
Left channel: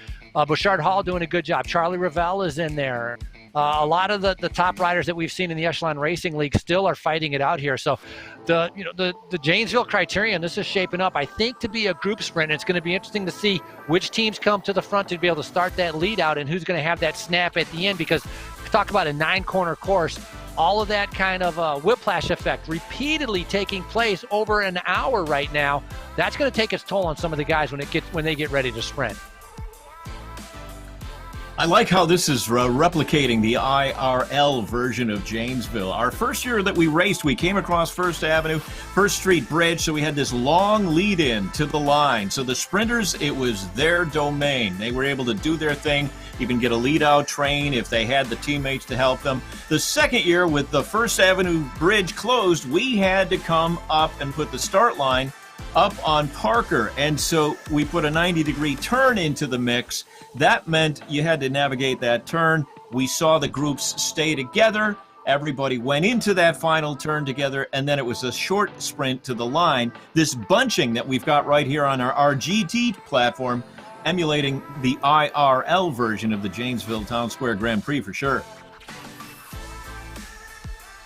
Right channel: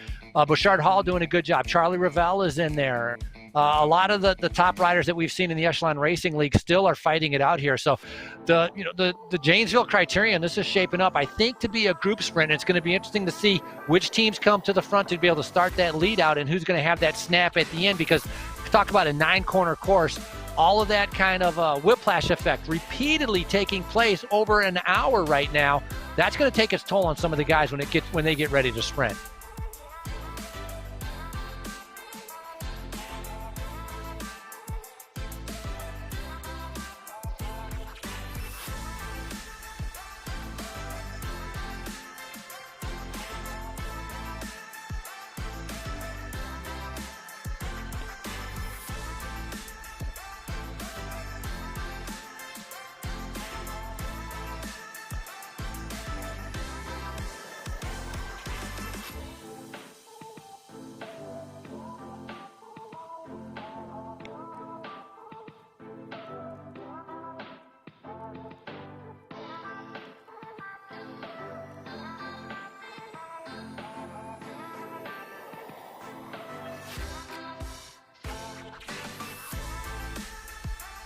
Bouchard Hall doing a good job. Charlie Ravel is in there. A lot of the top riders that we've seen in the Echelon Racing League still are fighting it out here. So the Janesville Criterion, this is shaping up, I think, to be a group sprint. It's going to be interesting to see which teams come to the front to be able to start that lead out and who's going to have that snap at the end, because talk about a 9-corner course, all of that kind of whiplash effect repeatedly taking place over an hour right now. That's going to take its toll on some of the guys when they get ready to sprint. I like how this is replicating the IRL version of Janesville. Our first year that we raced, we came across First Avenue, First Street Bridge, so we had this long lead-in to the line. So the sprinters, it was their domain. They were able to do their thing, even get a lead-out train if they had the teammates to help them. The second year, with the First Avenue Bridge closed, we had to come up and put the start line up on Parker, and so we put a 90-degree turn into the mix. That meant you had to navigate that turn. We saw the groups stay together. Everybody went into that final turn together, and then it was a short sprint to the line. This bunching that we've got right here on our RGT platform, emulating the IRL version of the Janesville Town Square Grand Prix for sure.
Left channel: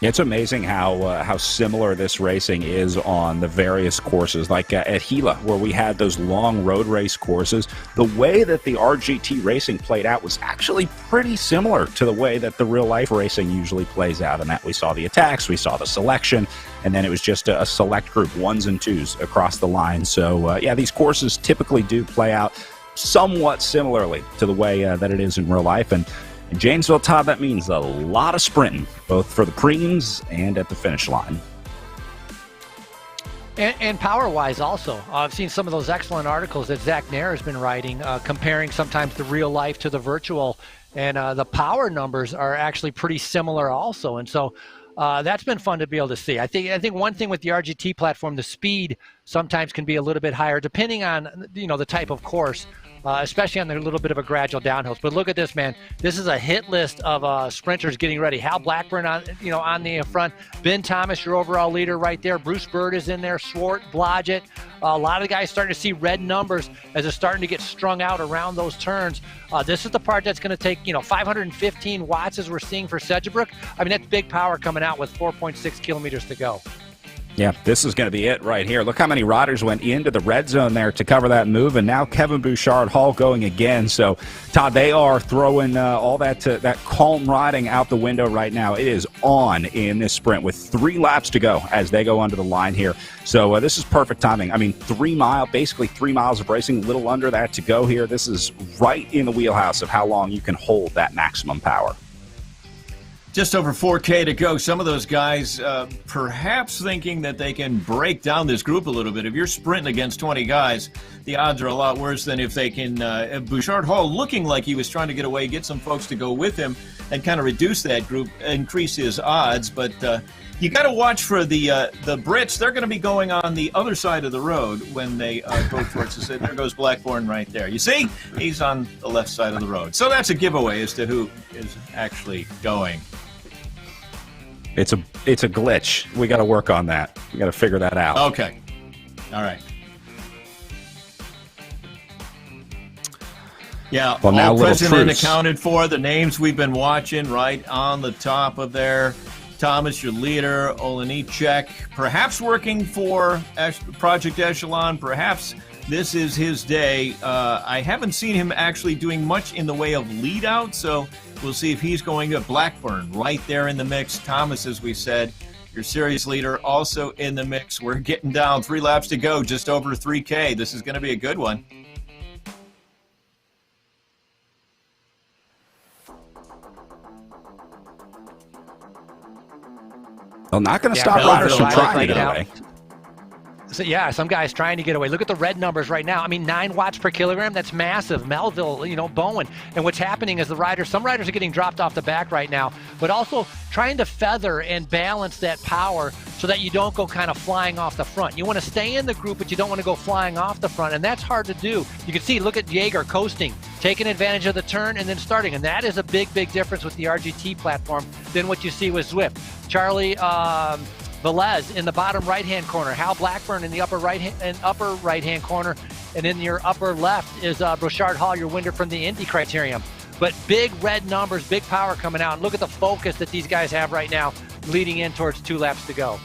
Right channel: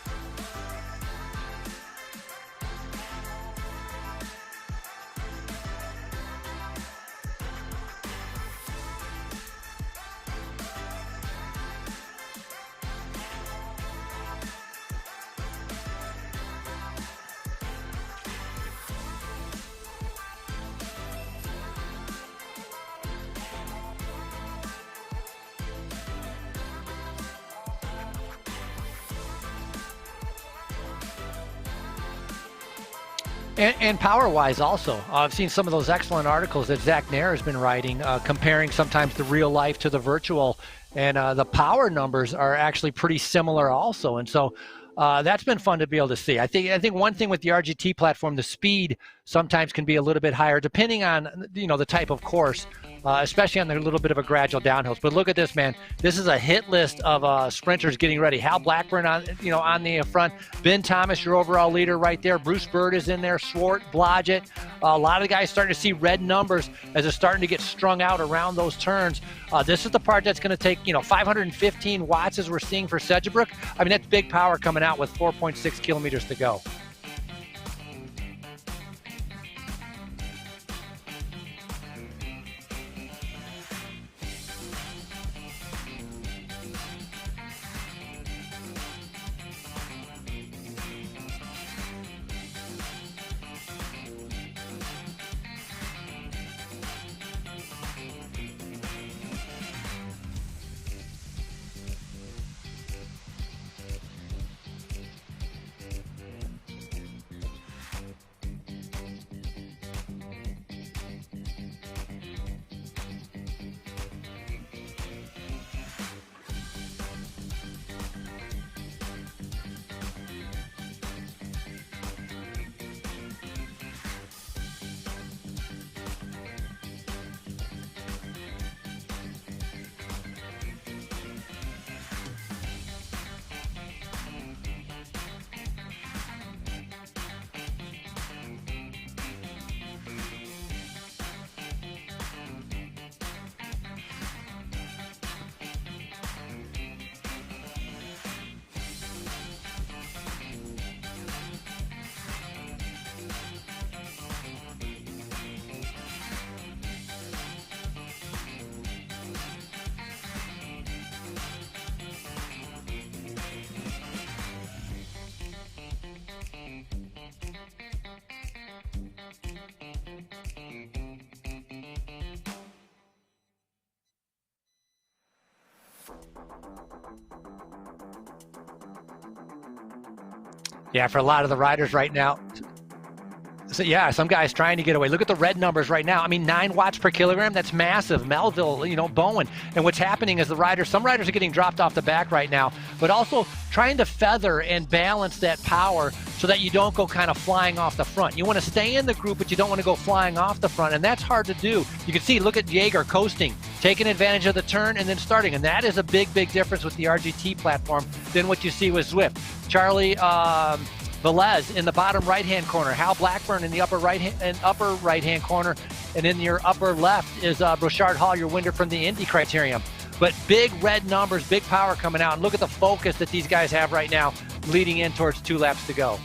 It's amazing how similar this racing is on the various courses, like at Gila, where we had those long road race courses. The way that the RGT racing played out was actually pretty similar to the way that the real life racing usually plays out, in that we saw the attacks, we saw the selection, and then it was just a select group, 1s and 2s across the line. So yeah, these courses typically do play out somewhat similarly to the way that it is in real life. And in Janesville, Todd, that means a lot of sprinting, both for the Prix and at the finish line. And power-wise also. I've seen some of those excellent articles that Zach Nair has been writing, comparing sometimes the real life to the virtual, and the power numbers are actually pretty similar also. And so that's been fun to be able to see. I think one thing with the RGT platform, the speed sometimes can be a little bit higher depending on the type of course, especially on the little bit of a gradual downhills. But look at this, man. This is a hit list of sprinters getting ready. Hal Blackburn on the front. Ben Thomas, your overall leader right there. Bruce Bird is in there. Swart, Blodgett. A lot of the guys starting to see red numbers as it's starting to get strung out around those turns. This is the part that's going to take 515 watts as we're seeing for Sedgebrook. I mean, that's big power coming out with 4.6 kilometers to go. Yeah, this is going to be it right here. Look how many riders went into the red zone there to cover that move, and now Kevin Bouchard-Hall going again. So, Todd, they are throwing all that calm riding out the window right now. It is on in this sprint with 3 laps to go as they go under the line here. So this is perfect timing. I mean, basically 3 miles of racing, a little under that to go here. This is right in the wheelhouse of how long you can hold that maximum power. Just over 4K to go. Some of those guys perhaps thinking that they can break down this group a little bit. If you're sprinting against 20 guys, the odds are a lot worse than if they can. Bouchard-Hall looking like he was trying to get away, get some folks to go with him and kind of reduce that group, increase his odds. But you got to watch for the Brits. They're going to be going on the other side of the road when they go towards the city. There goes Blackburn right there. You see? He's on the left side of the road. So that's a giveaway as to who is actually going. It's a glitch. We got to work on that. We got to figure that out. Okay. All right. Yeah, well, now all present and truce. accounted for. The names we've been watching right on the top of there. Thomas, your leader. Olenicek, perhaps working for Project Echelon. Perhaps this is his day. I haven't seen him actually doing much in the way of lead out, so we'll see if he's going to. Blackburn right there in the mix. Thomas, as we said, your series leader, also in the mix. We're getting down 3 laps to go, just over 3K. This is going to be a good one. Well, not going to stop for a lot of the riders riders right now. Away. So, yeah, some guys trying to get away. Look at the red numbers right now. I mean, 9 watts per kilogram. That's massive. Melville, Bowen. And what's happening is some riders are getting dropped off the back right now, but also trying to feather and balance that power so that you don't go kind of flying off the front. You want to stay in the group, but you don't want to go flying off the front, and that's hard to do. You can see, look at Jaeger coasting, taking advantage of the turn and then starting, and that is a big, big difference with the RGT platform than what you see with Zwift. Charlie Velez in the bottom right-hand corner, Hal Blackburn in the upper right-hand corner, and in your upper left is Bouchard-Hall, your winner from the Indy Criterium. But big red numbers, big power coming out, and look at the focus that these guys have right now leading in towards 2 laps to go.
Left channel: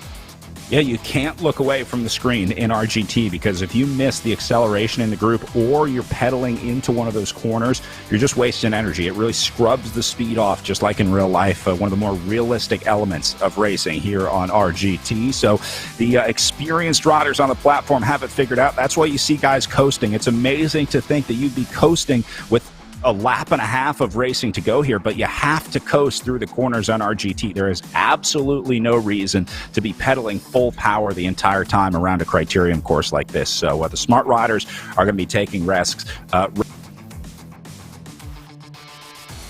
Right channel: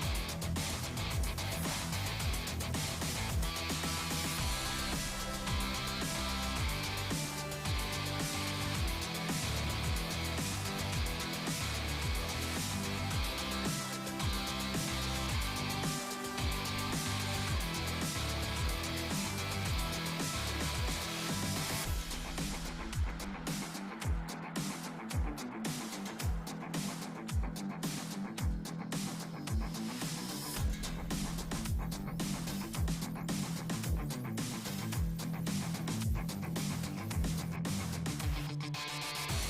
Yeah, you can't look away from the screen in RGT because if you miss the acceleration in the group or you're pedaling into one of those corners, you're just wasting energy. It really scrubs the speed off, just like in real life, one of the more realistic elements of racing here on RGT. So the experienced riders on the platform have it figured out. That's why you see guys coasting. It's amazing to think that you'd be coasting with a lap and a half of racing to go here, but you have to coast through the corners on RGT. There is absolutely no reason to be pedaling full power the entire time around a criterium course like this. So the smart riders are going to be taking risks.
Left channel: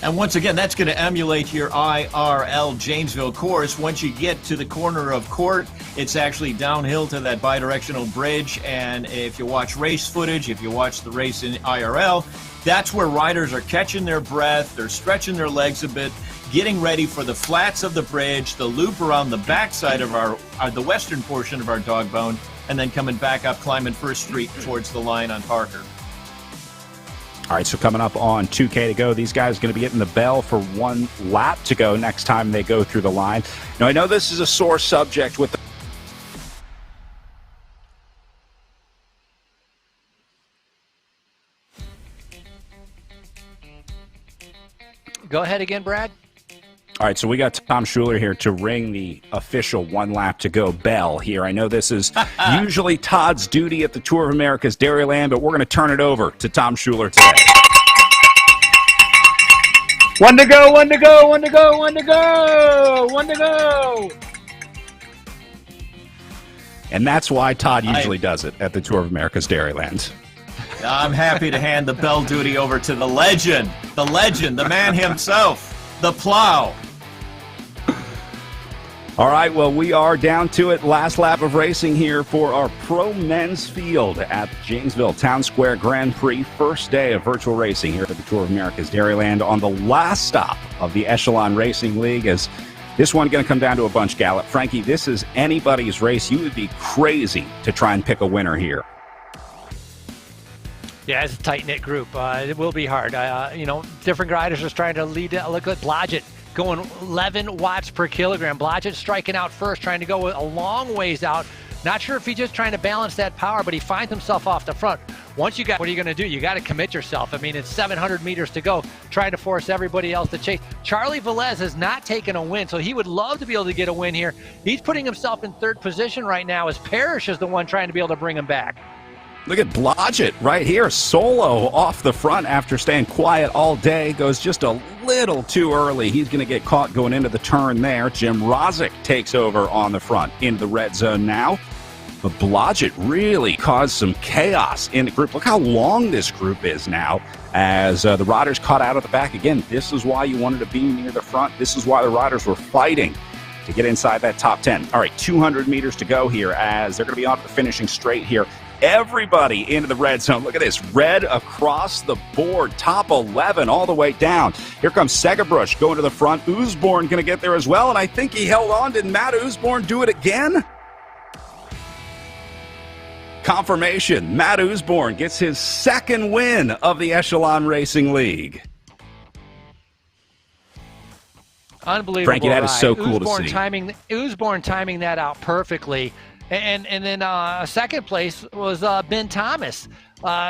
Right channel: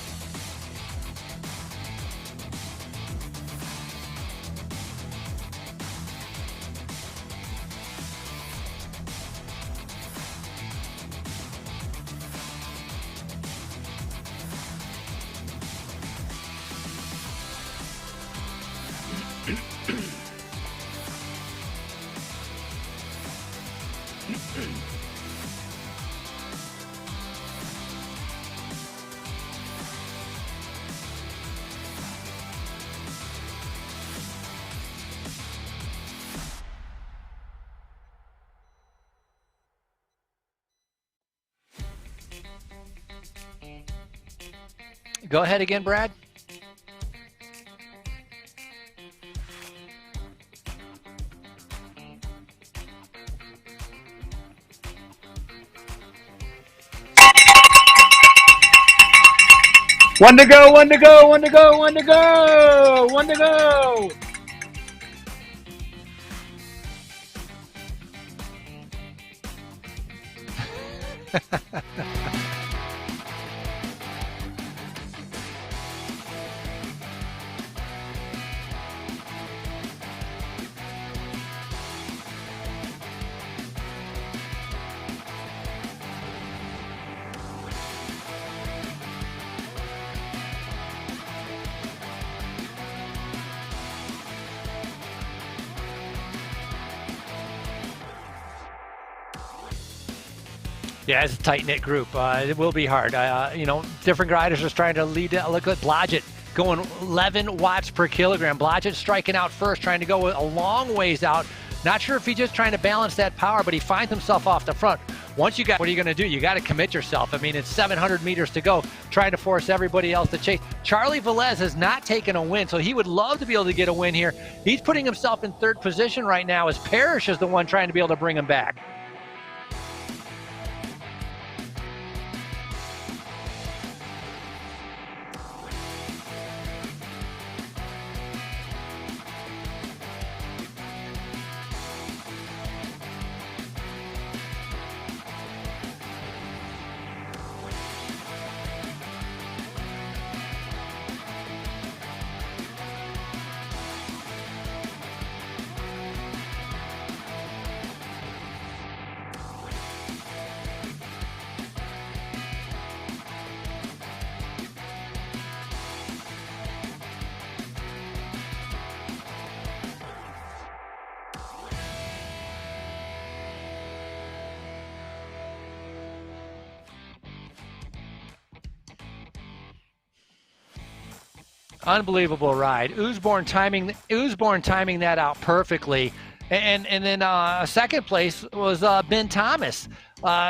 And once again, that's going to emulate your IRL Janesville course. Once you get to the corner of Court, it's actually downhill to that bidirectional bridge. And if you watch race footage, if you watch the race in IRL, that's where riders are catching their breath, they're stretching their legs a bit, getting ready for the flats of the bridge, the loop around the backside of the western portion of our dog bone, and then coming back up, climbing First Street towards the line on Parker. All right, so coming up on 2K to go, these guys are going to be getting the bell for 1 lap to go next time they go through the line. Now, I know this is a sore subject with the Go ahead again, Brad. All right, so we got Tom Schuler here to ring the official 1 lap to go bell here. I know this is usually Todd's duty at the Tour of America's Dairyland, but we're going to turn it over to Tom Schuler today. 1 to go, 1 to go, 1 to go, 1 to go, 1 to go. And that's why Todd usually does it at the Tour of America's Dairyland. I'm happy to hand the bell duty over to the legend, the man himself, the plow. All right, well, we are down to it. Last lap of racing here for our pro men's field at Janesville Town Square Grand Prix. First day of virtual racing here at the Tour of America's Dairyland on the last stop of the Echelon Racing League. As this one going to come down to a bunch gallop. Frankie, this is anybody's race. You would be crazy to try and pick a winner here. Yeah, it's a tight-knit group. It will be hard. Different riders are trying to lead. Look at Blodgett going 11 watts per kilogram. Blodgett striking out first, trying to go a long ways out. Not sure if he's just trying to balance that power, but he finds himself off the front. Once you got, what are you going to do? You got to commit yourself. I mean, it's 700 meters to go, trying to force everybody else to chase. Charlie Velez has not taken a win, so he would love to be able to get a win here. He's putting himself in third position right now as Parrish is the one trying to be able to bring him back. Look at Blodgett right here, solo off the front after staying quiet all day. Goes just a little too early. He's going to get caught going into the turn there. Jim Rozic takes over on the front into the red zone now. But Blodgett really caused some chaos in the group. Look how long this group is now as the riders caught out of the back. Again, this is why you wanted to be near the front. This is why the riders were fighting to get inside that top 10. All right, 200 meters to go here as they're going to be off the finishing straight here. Everybody into the red zone. Look at this, red across the board, top 11 all the way down. Here comes Segerbrush going to the front. Usborn going to get there as well, and I think he held on. Did Matt Usborn do it again? Confirmation, Matt Usborn gets his second win of the Echelon Racing League. Unbelievable Frankie, that ride. is so cool Usborn timing that out perfectly. And then second place was Ben Thomas.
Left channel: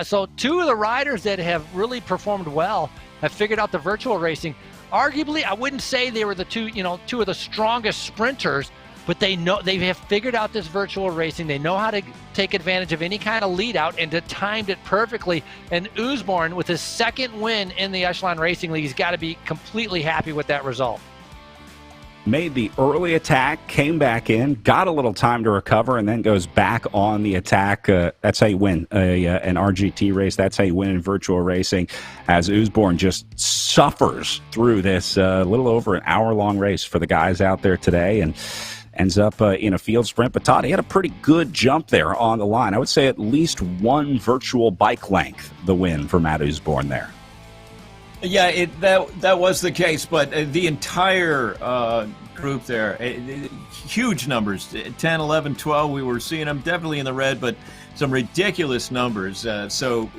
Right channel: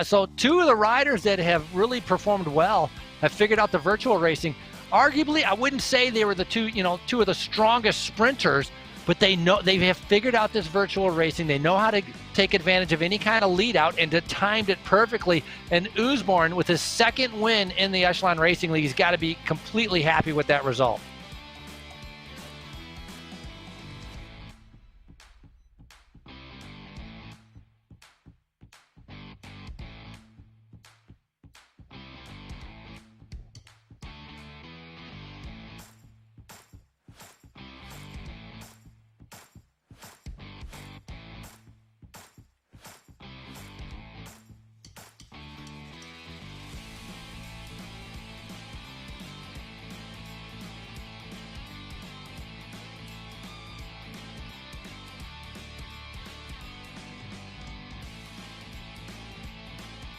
So two of the riders that have really performed well have figured out the virtual racing. Arguably, I wouldn't say they were the two of the strongest sprinters, but they have figured out this virtual racing. They know how to take advantage of any kind of lead out and to timed it perfectly. And Usborn, with his second win in the Echelon Racing League, he's got to be completely happy with that result. Made the early attack, came back in, got a little time to recover, and then goes back on the attack. That's how you win an RGT race. That's how you win in virtual racing, as Usborn just suffers through this little over an hour-long race for the guys out there today and ends up in a field sprint. But Todd, he had a pretty good jump there on the line. I would say at least one virtual bike length, the win for Matt Usborn there. Yeah, that was the case, but the entire group there, huge numbers, 10, 11, 12, we were seeing them definitely in the red, but some ridiculous numbers. So,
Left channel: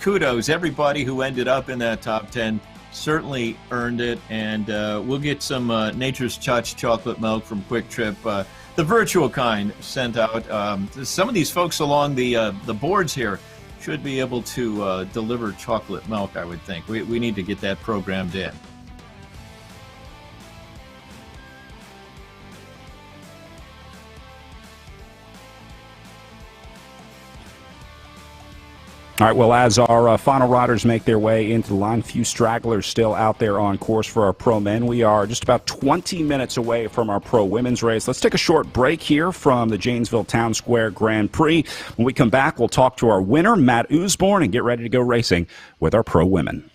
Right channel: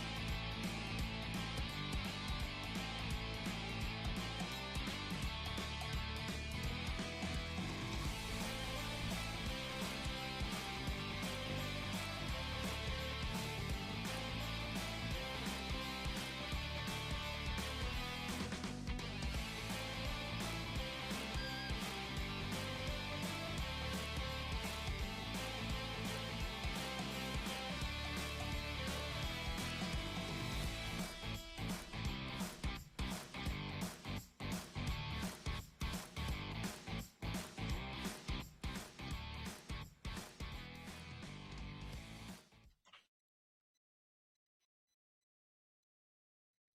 kudos, everybody who ended up in that top 10 certainly earned it, and we'll get some Nature's Touch chocolate milk from Quick Trip, the virtual kind, sent out. Some of these folks along the boards here should be able to deliver chocolate milk, I would think. We need to get that programmed in. All right, well, as our final riders make their way into the line, few stragglers still out there on course for our pro men. We are just about 20 minutes away from our pro women's race. Let's take a short break here from the Janesville Town Square Grand Prix. When we come back, we'll talk to our winner, Matt Usborn, and get ready to go racing with our pro women.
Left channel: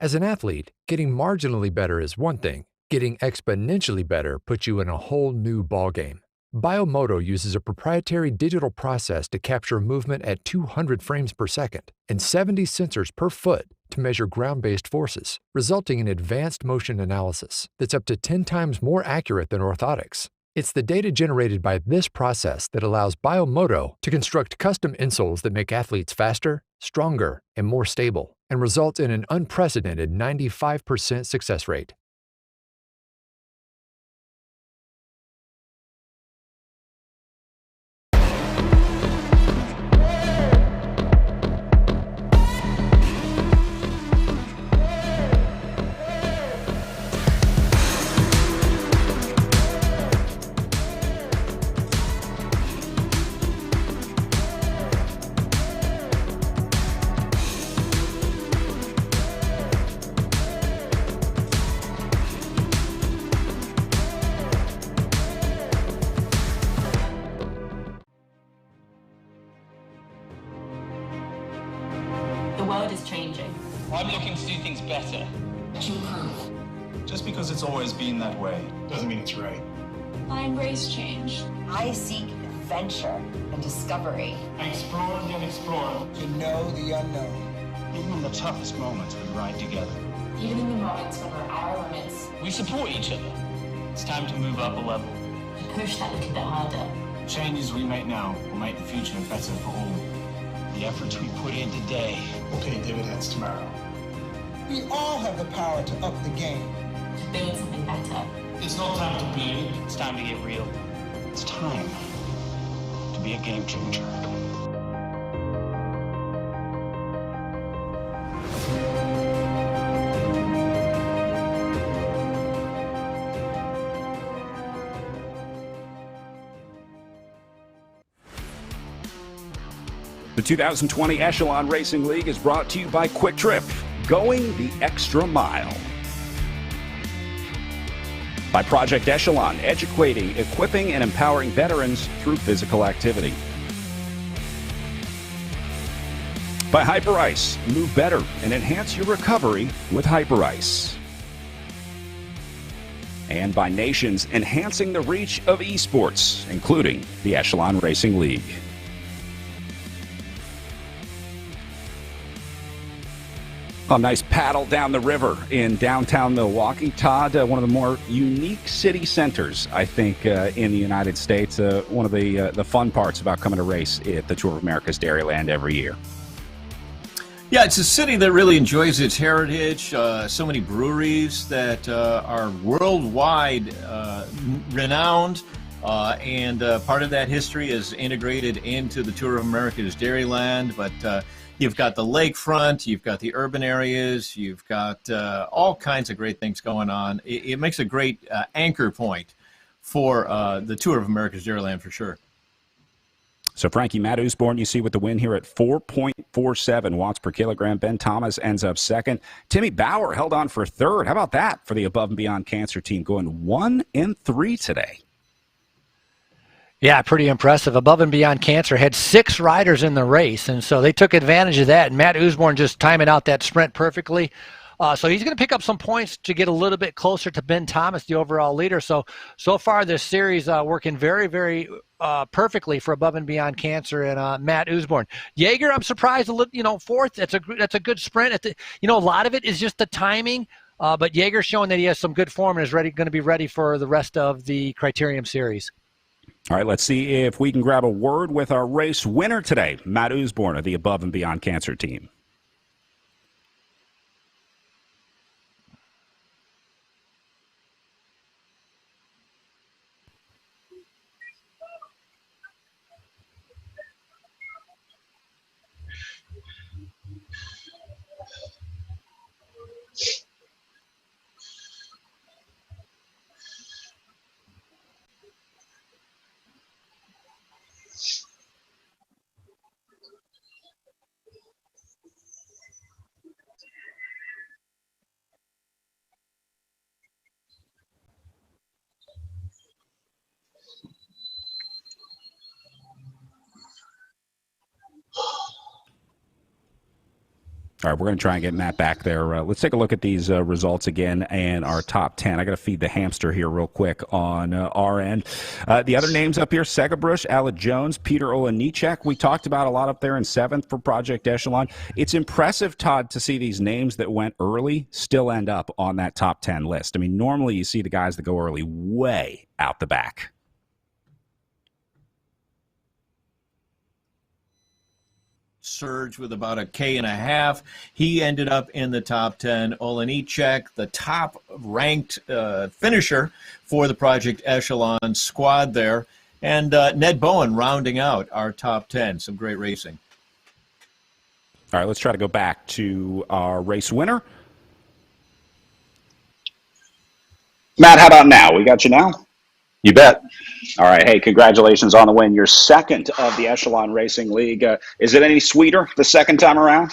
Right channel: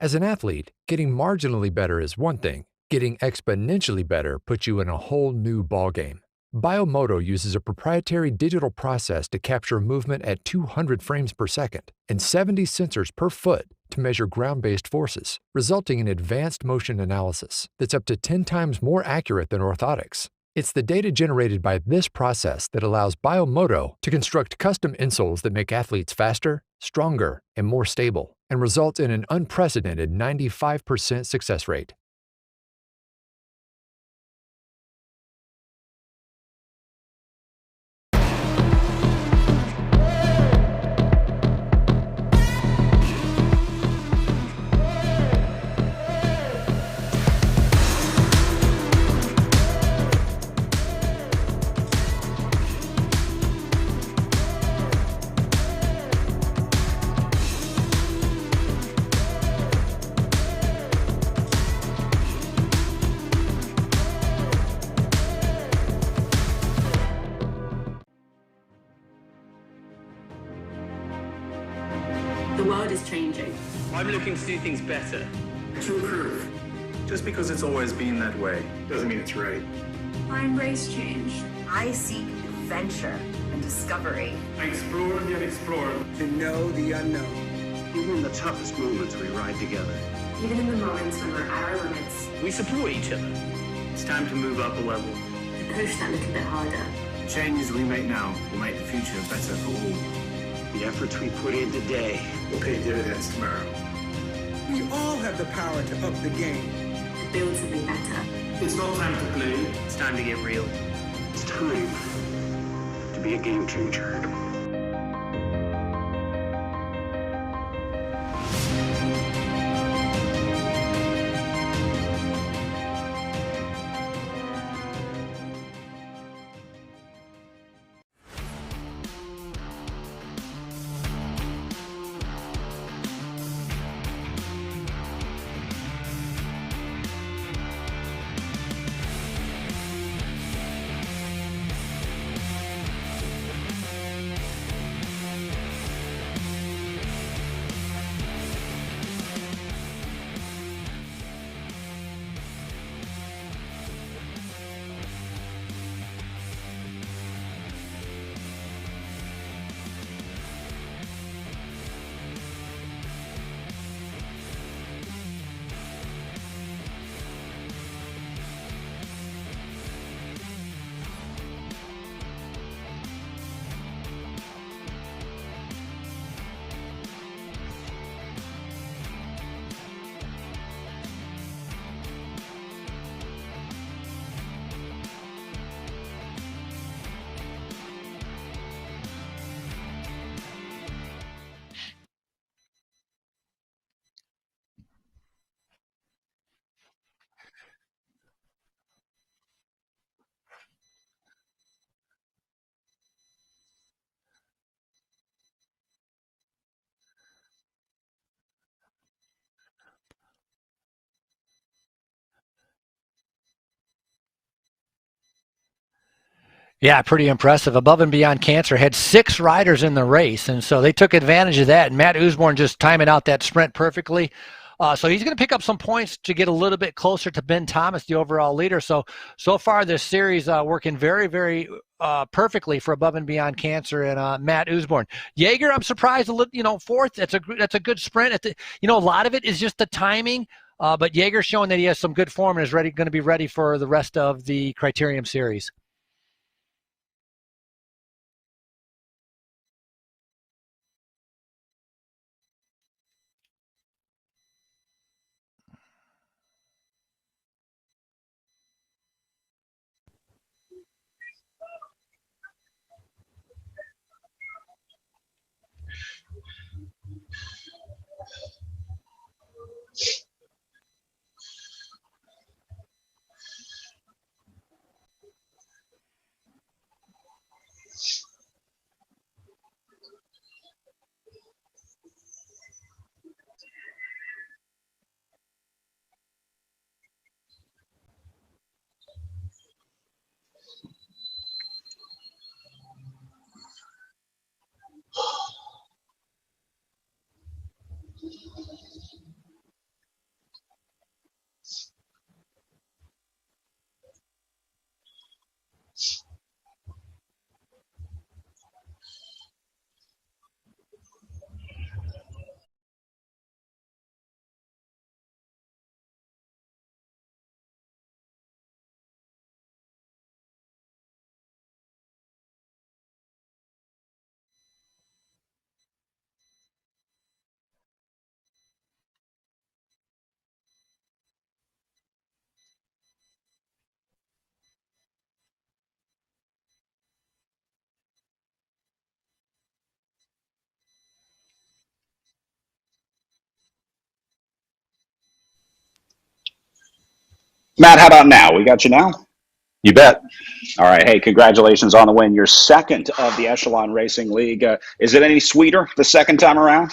As an athlete, getting marginally better is one thing. Getting exponentially better puts you in a whole new ballgame. Biomoto uses a proprietary digital process to capture movement at 200 frames per second and 70 sensors per foot to can measure ground-based forces, resulting in advanced motion analysis that's up to 10 times more accurate than orthotics. It's the data generated by this process that allows Biomoto to construct custom insoles that make athletes faster, stronger, and more stable, and result in an unprecedented 95% success rate. The world is changing. I'm looking to do things better. To improve. Just because it's always been that way doesn't mean it's right. I embrace change. I seek adventure and discovery. I explore the unexplored. To know the unknown. Even in the toughest moments, we ride together. Even in the moments when we're at our limits. We support each other. It's time to move up a level. Push that little bit harder. Changes we make now will make the future better for all. The efforts we put in today will pay dividends tomorrow. We all have the power to up the game. To build something better. It's not time to play. It's time to get real. It's time to be a game changer. The 2020 Echelon Racing League is brought to you by Quick Trip, going the extra mile. By Project Echelon, educating, equipping, and empowering veterans through physical activity. By Hyperice, move better and enhance your recovery with Hyperice. And by Nations, enhancing the reach of esports, including the Echelon Racing League. A nice paddle down the river in downtown Milwaukee. Todd, one of the more unique city centers, I think, in the United States. One of the fun parts about coming to race at the Tour of America's Dairyland every year. Yeah, it's a city that really enjoys its heritage. So many breweries that are worldwide renowned. And part of that history is integrated into the Tour of America's Dairyland. But you've got the lakefront, you've got the urban areas, you've got all kinds of great things going on. It makes a great anchor point for the Tour of America's Dairyland for sure. So, Frankie, Matt Usborne, you see with the win here at 4.47 watts per kilogram. Ben Thomas ends up second. Timmy Bauer held on for third. How about that for the Above and Beyond Cancer team, going 1 and 3 today? Yeah, pretty impressive. Above and Beyond Cancer had 6 riders in the race, and so they took advantage of that. And Matt Usborne just timing out that sprint perfectly. So he's going to pick up some points to get a little bit closer to Ben Thomas, the overall leader. So far this series working very, very perfectly for Above and Beyond Cancer and Matt Usborne. Jaeger, I'm surprised, fourth. That's a good sprint. A lot of it is just the timing. But Jaeger's showing that he has some good form and is going to be ready for the rest of the Criterium Series. All right, let's see if we can grab a word with our race winner today, Matt Usborne of the Above and Beyond Cancer team. All right, we're going to try and get Matt back there. Let's take a look at these results again and our top 10. I got to feed the hamster here real quick on our end. The other names up here, Segabrush, Alec Jones, Peter Olenichek. We talked about a lot up there in 7th for Project Echelon. It's impressive, Todd, to see these names that went early still end up on that top 10 list. I mean, normally you see the guys that go early way out the back. Surge with about a K.5. He ended up in the top 10. Olenichek, the top ranked finisher for the Project Echelon squad there. And Ned Bowen rounding out our top 10. Some great racing. All right, let's try to go back to our race winner. Matt, how about now? We got you now? You bet. All right. Hey, congratulations on the win. You're second of the Echelon Racing League. Is it any sweeter the second time around?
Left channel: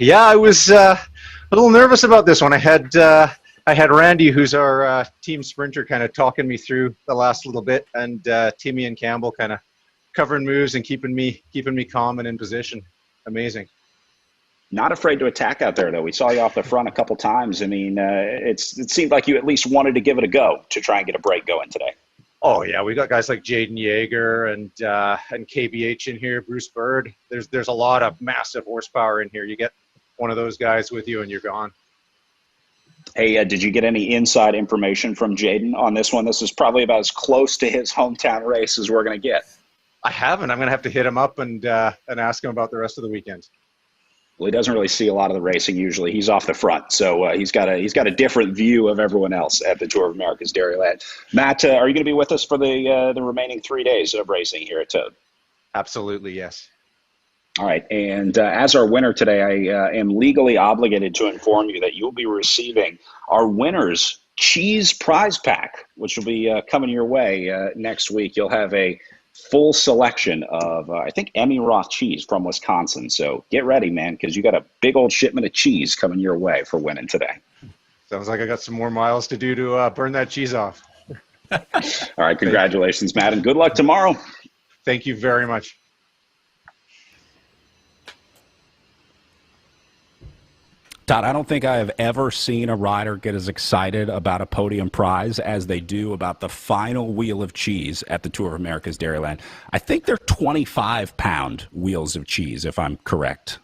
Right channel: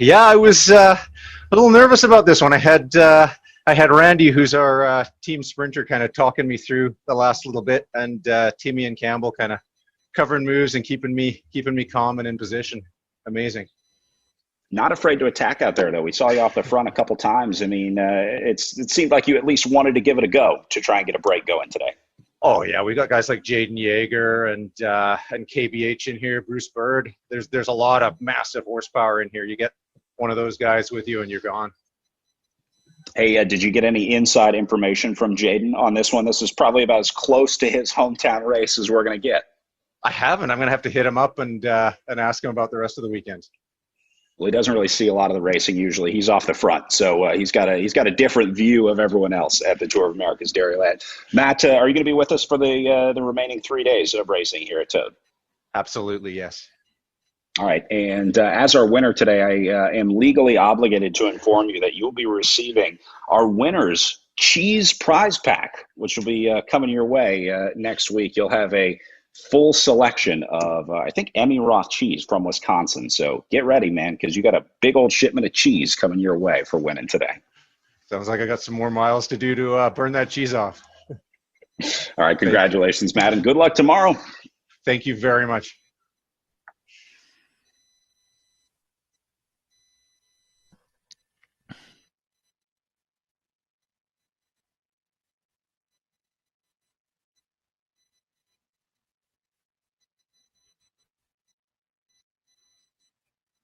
Yeah, I was a little nervous about this one. I had Randy, who's our team sprinter, kind of talking me through the last little bit, and Timmy and Campbell kind of covering moves and keeping me calm and in position. Amazing. Not afraid to attack out there, though. We saw you off the front a couple times. I mean, it seemed like you at least wanted to give it a go to try and get a break going today. Oh yeah, we got guys like Jaden Yeager and KBH in here, Bruce Bird. There's a lot of massive horsepower in here. You get one of those guys with you and you're gone. Hey, did you get any inside information from Jaden on this one? This is probably about as close to his hometown race as we're going to get. I haven't. I'm going to have to hit him up and ask him about the rest of the weekend. Well, he doesn't really see a lot of the racing usually. He's off the front, so he's got a different view of everyone else at the Tour of America's Dairyland. Matt, are you going to be with us for the remaining 3 days of racing here at Toad? Absolutely, yes. All right, and as our winner today, I am legally obligated to inform you that you'll be receiving our winner's cheese prize pack, which will be coming your way next week. You'll have a full selection of, I think, Emmy Roth cheese from Wisconsin. So get ready, man, because you got a big old shipment of cheese coming your way for winning today. Sounds like I got some more miles to do to burn that cheese off. All right, congratulations, Matt, and good luck tomorrow. Thank you very much. Todd, I don't think I have ever seen a rider get as excited about a podium prize as they do about the final wheel of cheese at the Tour of America's Dairyland. I think they're 25-pound wheels of cheese, if I'm correct.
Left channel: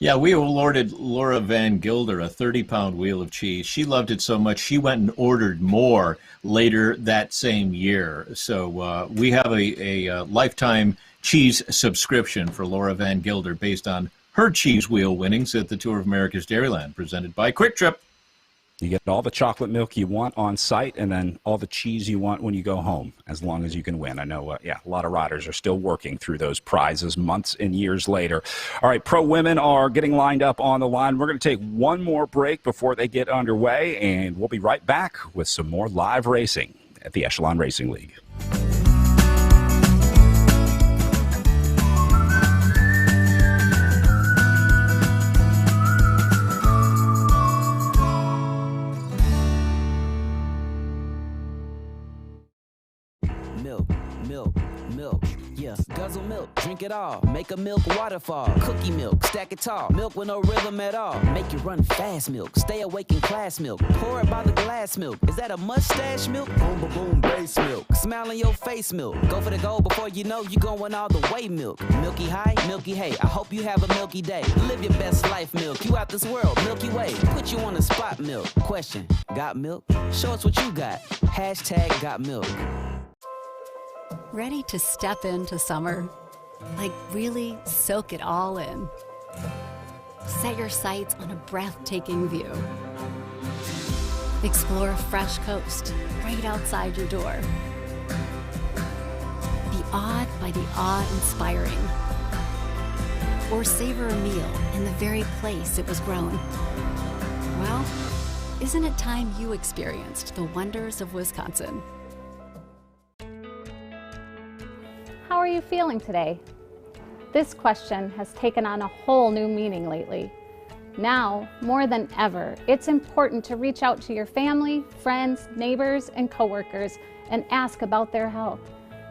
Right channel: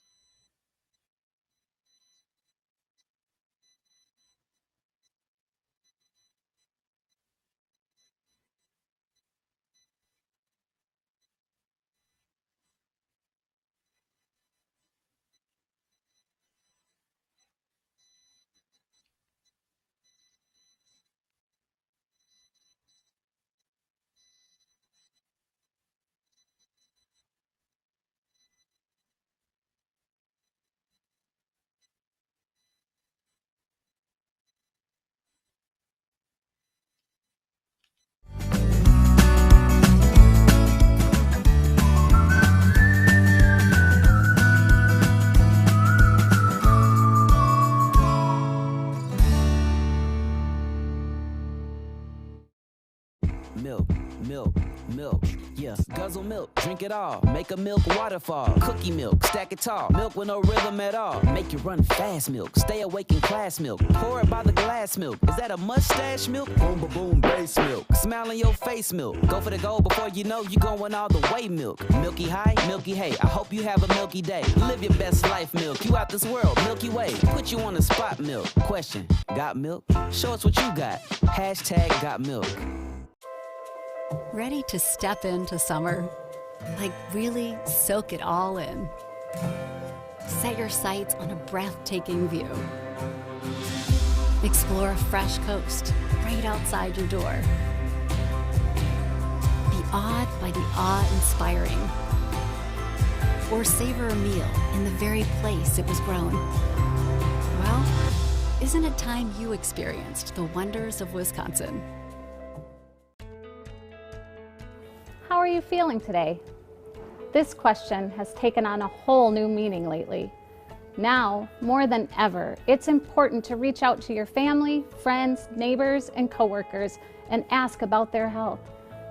Yeah, we awarded Laura Van Gilder a 30-pound wheel of cheese. She loved it so much, she went and ordered more later that same year. So we have a lifetime cheese subscription for Laura Van Gilder based on her cheese wheel winnings at the Tour of America's Dairyland, presented by Quick Trip. You get all the chocolate milk you want on site and then all the cheese you want when you go home, as long as you can win. I know, a lot of riders are still working through those prizes months and years later. All right, pro women are getting lined up on the line. We're going to take one more break before they get underway, and we'll be right back with some more live racing at the Echelon Racing League. Milk, yeah. Guzzle milk, drink it all. Make a milk waterfall. Cookie milk, stack it tall. Milk with no rhythm at all. Make you run fast milk. Stay awake in class milk. Pour it by the glass milk. Is that a mustache milk? Boom, boom, boom, base milk. Smile in your face milk. Go for the goal before you know you going all the way milk. Milky high, milky hay. I hope you have a milky day. Live your best life milk. You out this world, Milky Way. Put you on the spot milk. Question, got milk? Show us what you got. Hashtag got milk. Ready to step into summer? Like really soak it all in. Set your sights on a breathtaking view. Explore a fresh coast right outside your door. Be awed by the awe-inspiring. Or savor a meal in the very place it was grown. Well, isn't it time you experienced the wonders of Wisconsin? How are you feeling today? This question has taken on a whole new meaning lately. Now, more than ever, it's important to reach out to your family, friends, neighbors, and coworkers and ask about their health.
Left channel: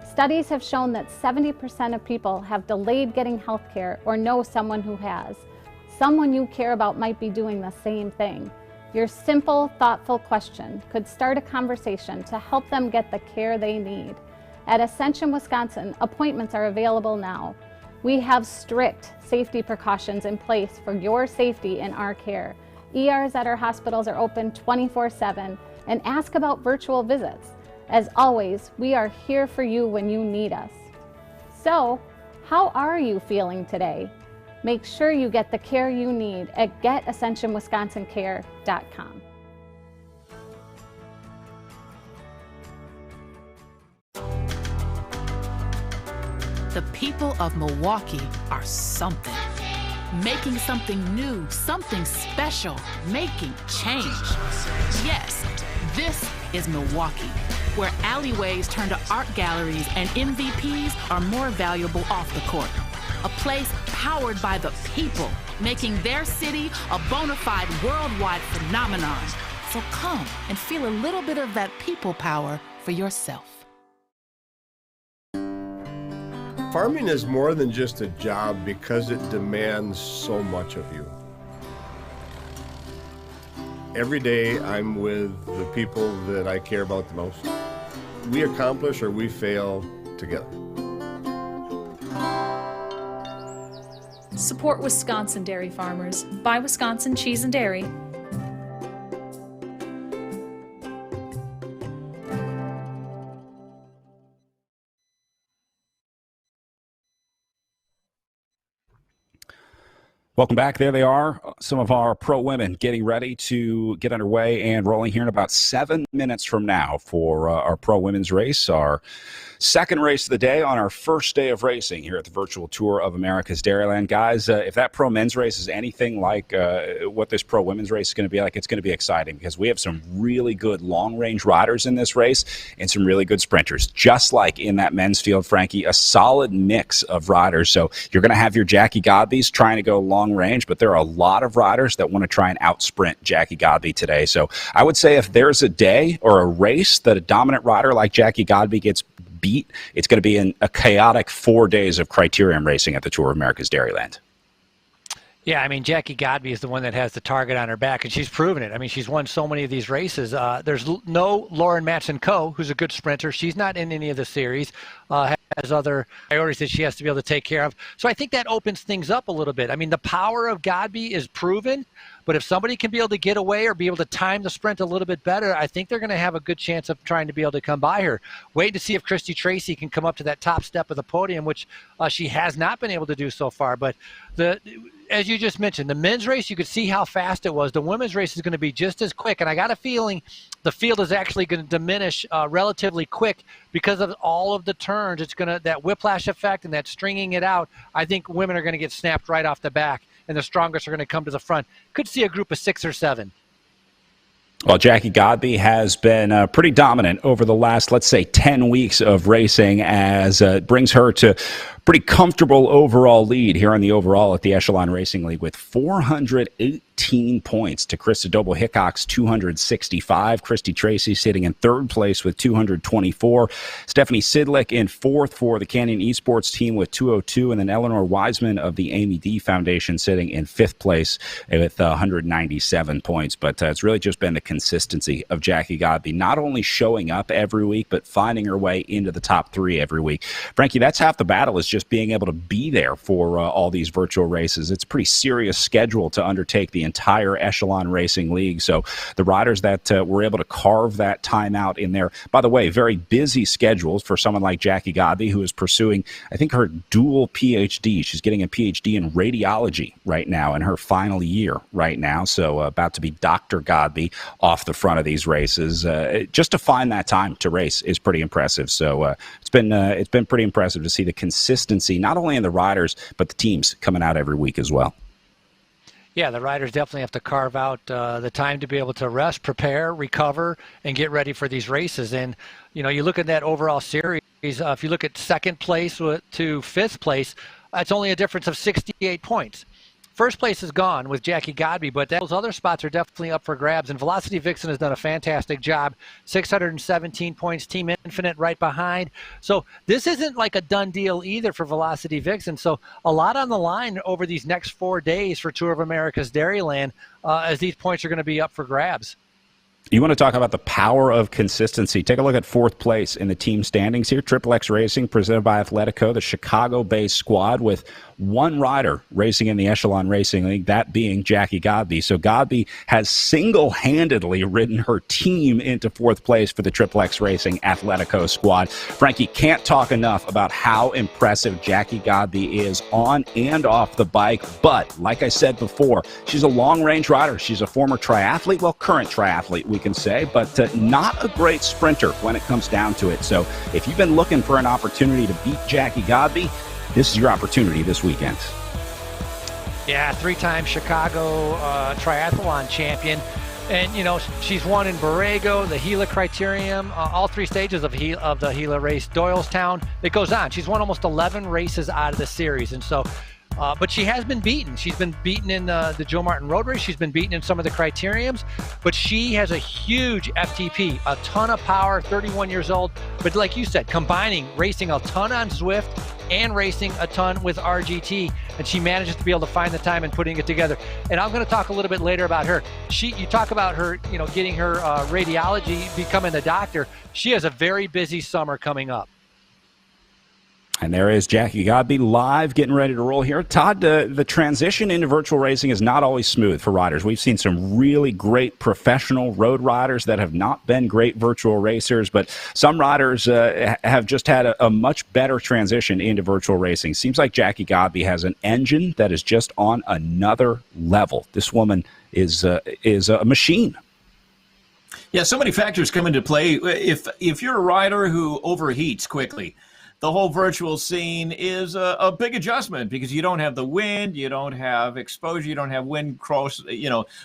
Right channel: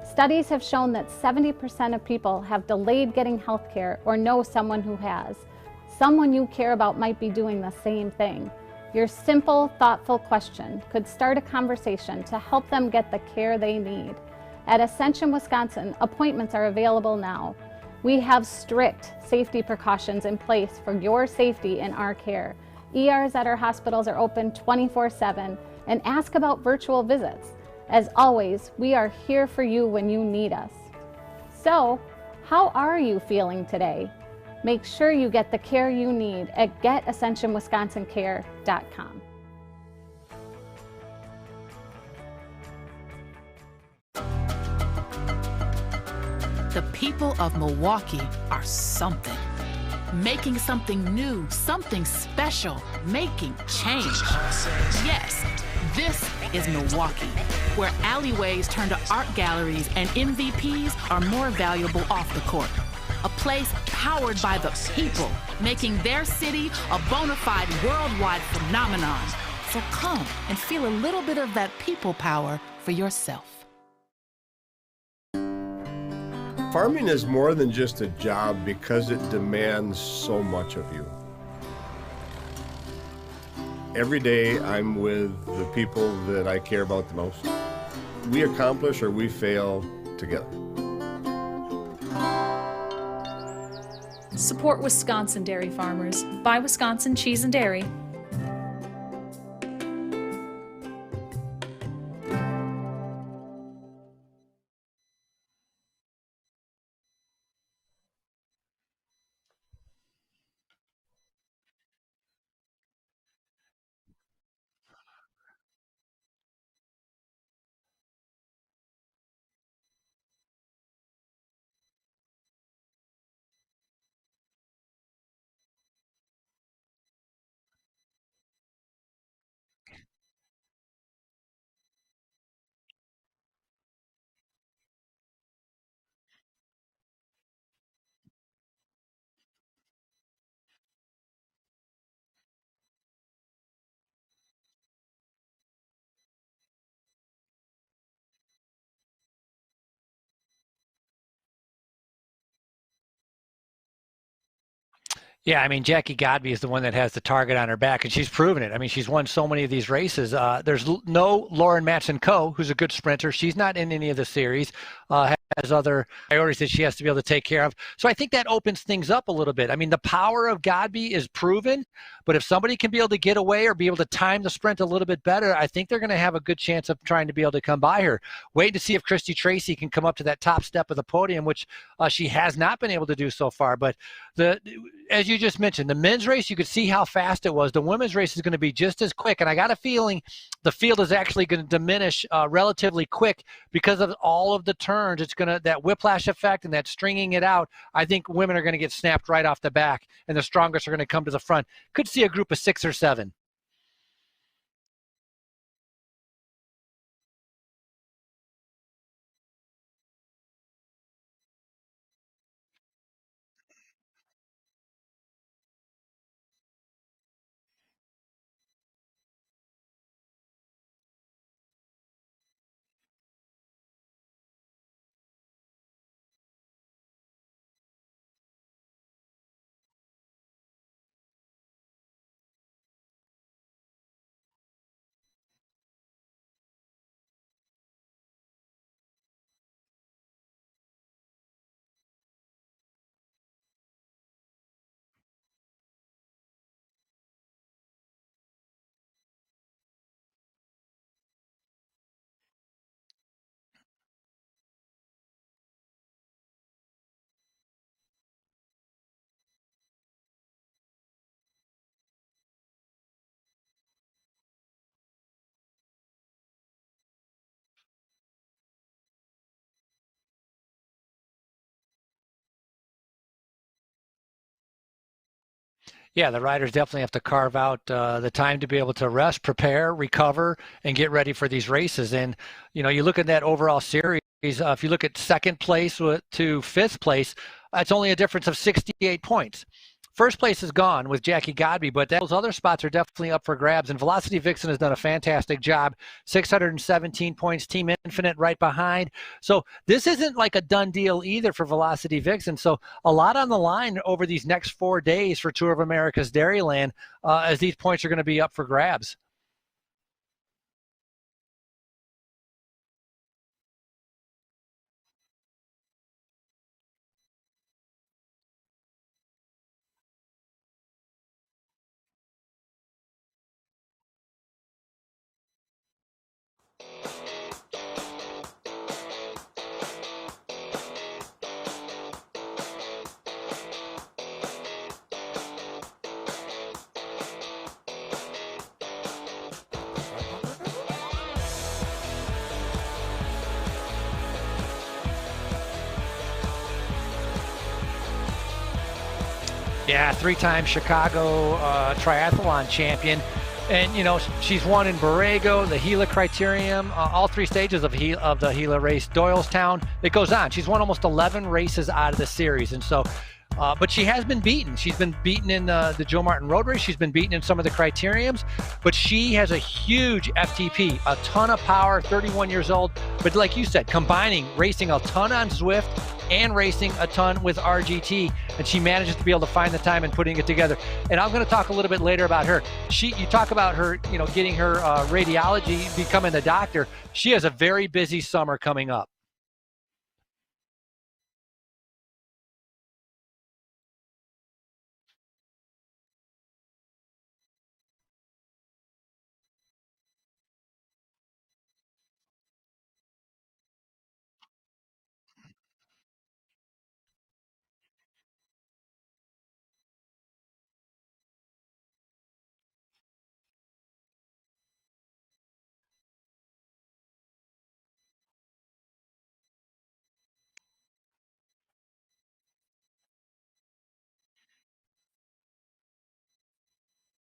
Studies have shown that 70% of people have delayed getting health care or know someone who has. Someone you care about might be doing the same thing. Your simple, thoughtful question could start a conversation to help them get the care they need. At Ascension, Wisconsin, appointments are available now. We have strict safety precautions in place for your safety and our care. ERs at our hospitals are open 24/7, and ask about virtual visits. As always, we are here for you when you need us. So, how are you feeling today? Make sure you get the care you need at getascensionwisconsincare.com. The people of Milwaukee are something. Making something new, something special, making change. Yes, this is Milwaukee, where alleyways turn to art galleries and MVPs are more valuable off the court. A place powered by the people, making their city a bona fide worldwide phenomenon. So come and feel a little bit of that people power for yourself. Farming is more than just a job because it demands so much of you. Every day I'm with the people that I care about the most. We accomplish or we fail together. Support Wisconsin dairy farmers. Buy Wisconsin cheese and dairy. Welcome back. There they are, some of our pro women getting ready to get underway and rolling here in about 7 minutes from now for our pro women's race, our second race of the day on our first day of racing here at the virtual tour of America's Dairyland. Guys, if that pro men's race is anything like what this pro women's race is going to be like, it's going to be exciting because we have some really good long-range riders in this race and some really good sprinters. Just like in that men's field, Frankie, a solid mix of riders. So you're going to have your Jackie Godbees trying to go long range, but there are a lot of riders that want to try and out-sprint Jackie Godbee today. So I would say if there's a day or a race that a dominant rider like Jackie Godbee gets beat, it's going to be in a chaotic 4 days of criterium racing at the Tour of America's Dairyland. Yeah, I mean, Jackie Godbee is the one that has the target on her back, and she's proven it. I mean, she's won so many of these races. There's no Lauren Matson-Coe, who's a good sprinter. She's not in any of the series, has other priorities that she has to be able to take care of. So I think that opens things up a little bit. I mean, the power of Godbee is proven, but if somebody can be able to get away or be able to time the sprint a little bit better, I think they're going to have a good chance of trying to be able to come by her. Wait to see if Christy Tracy can come up to that top step of the podium, which she has not been able to do so far. But as you just mentioned, the men's race, you could see how fast it was. The women's race is going to be just as quick, and I got a feeling the field is actually going to diminish relatively quick because of all of the turns. It's going to, that whiplash effect and that stringing it out, I think women are going to get snapped right off the back, and the strongest are going to come to the front. Could see a group of 6 or 7. Well, Jackie Godbee has been pretty dominant over the last, let's say, 10 weeks of racing, as it brings her to pretty comfortable overall lead here on the overall at the Echelon Racing League with 418 points to Krista Doble-Hickok's 265. Christy Tracy sitting in third place with 224. Stephanie Sidlick in fourth for the Canyon Esports team with 202. And then Eleanor Wiseman of the Amy D Foundation sitting in fifth place with 197 points. But it's really just been the consistency of Jackie Godbee, not only showing up every week, but finding her way into the top 3 every week. Frankie, that's half the battle, is just being able to be there for all these virtual races. It's a pretty serious schedule to undertake the entire Echelon Racing League. So the riders that were able to carve that time out in there, by the way, very busy schedules for someone like Jackie Godbee, who is pursuing, I think, her dual PhD. She's getting a PhD in radiology right now in her final year right now. So about to be Dr. Godbee off the front of these races. Just to find that time to race is pretty impressive. So it's been pretty impressive to see the consistency, not only in the riders, but the teams coming out every week as well. Yeah, the riders definitely have to carve out the time to be able to rest, prepare, recover, and get ready for these races. And, you know, you look at that overall series, if you look at second place to fifth place, it's only a difference of 68 points. first place is gone with Jackie Godby, but those other spots are definitely up for grabs. And Velocity Vixen has done a fantastic job. 617 points, Team Infinite right behind. So this isn't like a done deal either for Velocity Vixen. So a lot on the line over these next 4 days for Tour of America's Dairyland, as these points are going to be up for grabs. You want to talk about the power of consistency. Take a look at fourth place in the team standings here. Triple X Racing, presented by Athletico, the Chicago-based squad with one rider racing in the Echelon Racing League, that being Jackie Godby. So Godby has single-handedly ridden her team into fourth place for the Triple X Racing Athletico squad. Frankie, can't talk enough about how impressive Jackie Godby is on and off the bike. But, like I said before, she's a long-range rider. She's a former triathlete, well, current triathlete, we can say, but not a great sprinter when it comes down to it. So if you've been looking for an opportunity to beat Jackie Godby, this is your opportunity this weekend. Yeah, 3-time Chicago triathlon champion. And, you know, she's won in Borrego, the Gila Criterium, all 3 stages of the Gila race, Doylestown. It goes on. She's won almost 11 races out of the series. And so, but she has been beaten. She's been beaten in the Joe Martin Road Race. She's been beaten in some of the criteriums. But she has a huge FTP, a ton of power, 31 years old. But like you said, combining racing a ton on Zwift and racing a ton with RGT, and she manages to be able to find the time and putting it together. And I'm going to talk a little bit later about her. You talk about her, you know, getting her radiology, becoming a doctor. She has a very busy summer coming up. And there is Jackie Godby live, getting ready to roll here. Todd, the transition into virtual racing is not always smooth for riders. We've seen some really great professional road riders that have not been great virtual racers, but some riders have just had a much better transition into virtual racing. Seems like Jackie Godby has an engine that is just on another level. This woman is a machine. Yeah, so many factors come into play. If you're a rider who overheats quickly, the whole virtual scene is a big adjustment because you don't have the wind, you don't have exposure, you don't have wind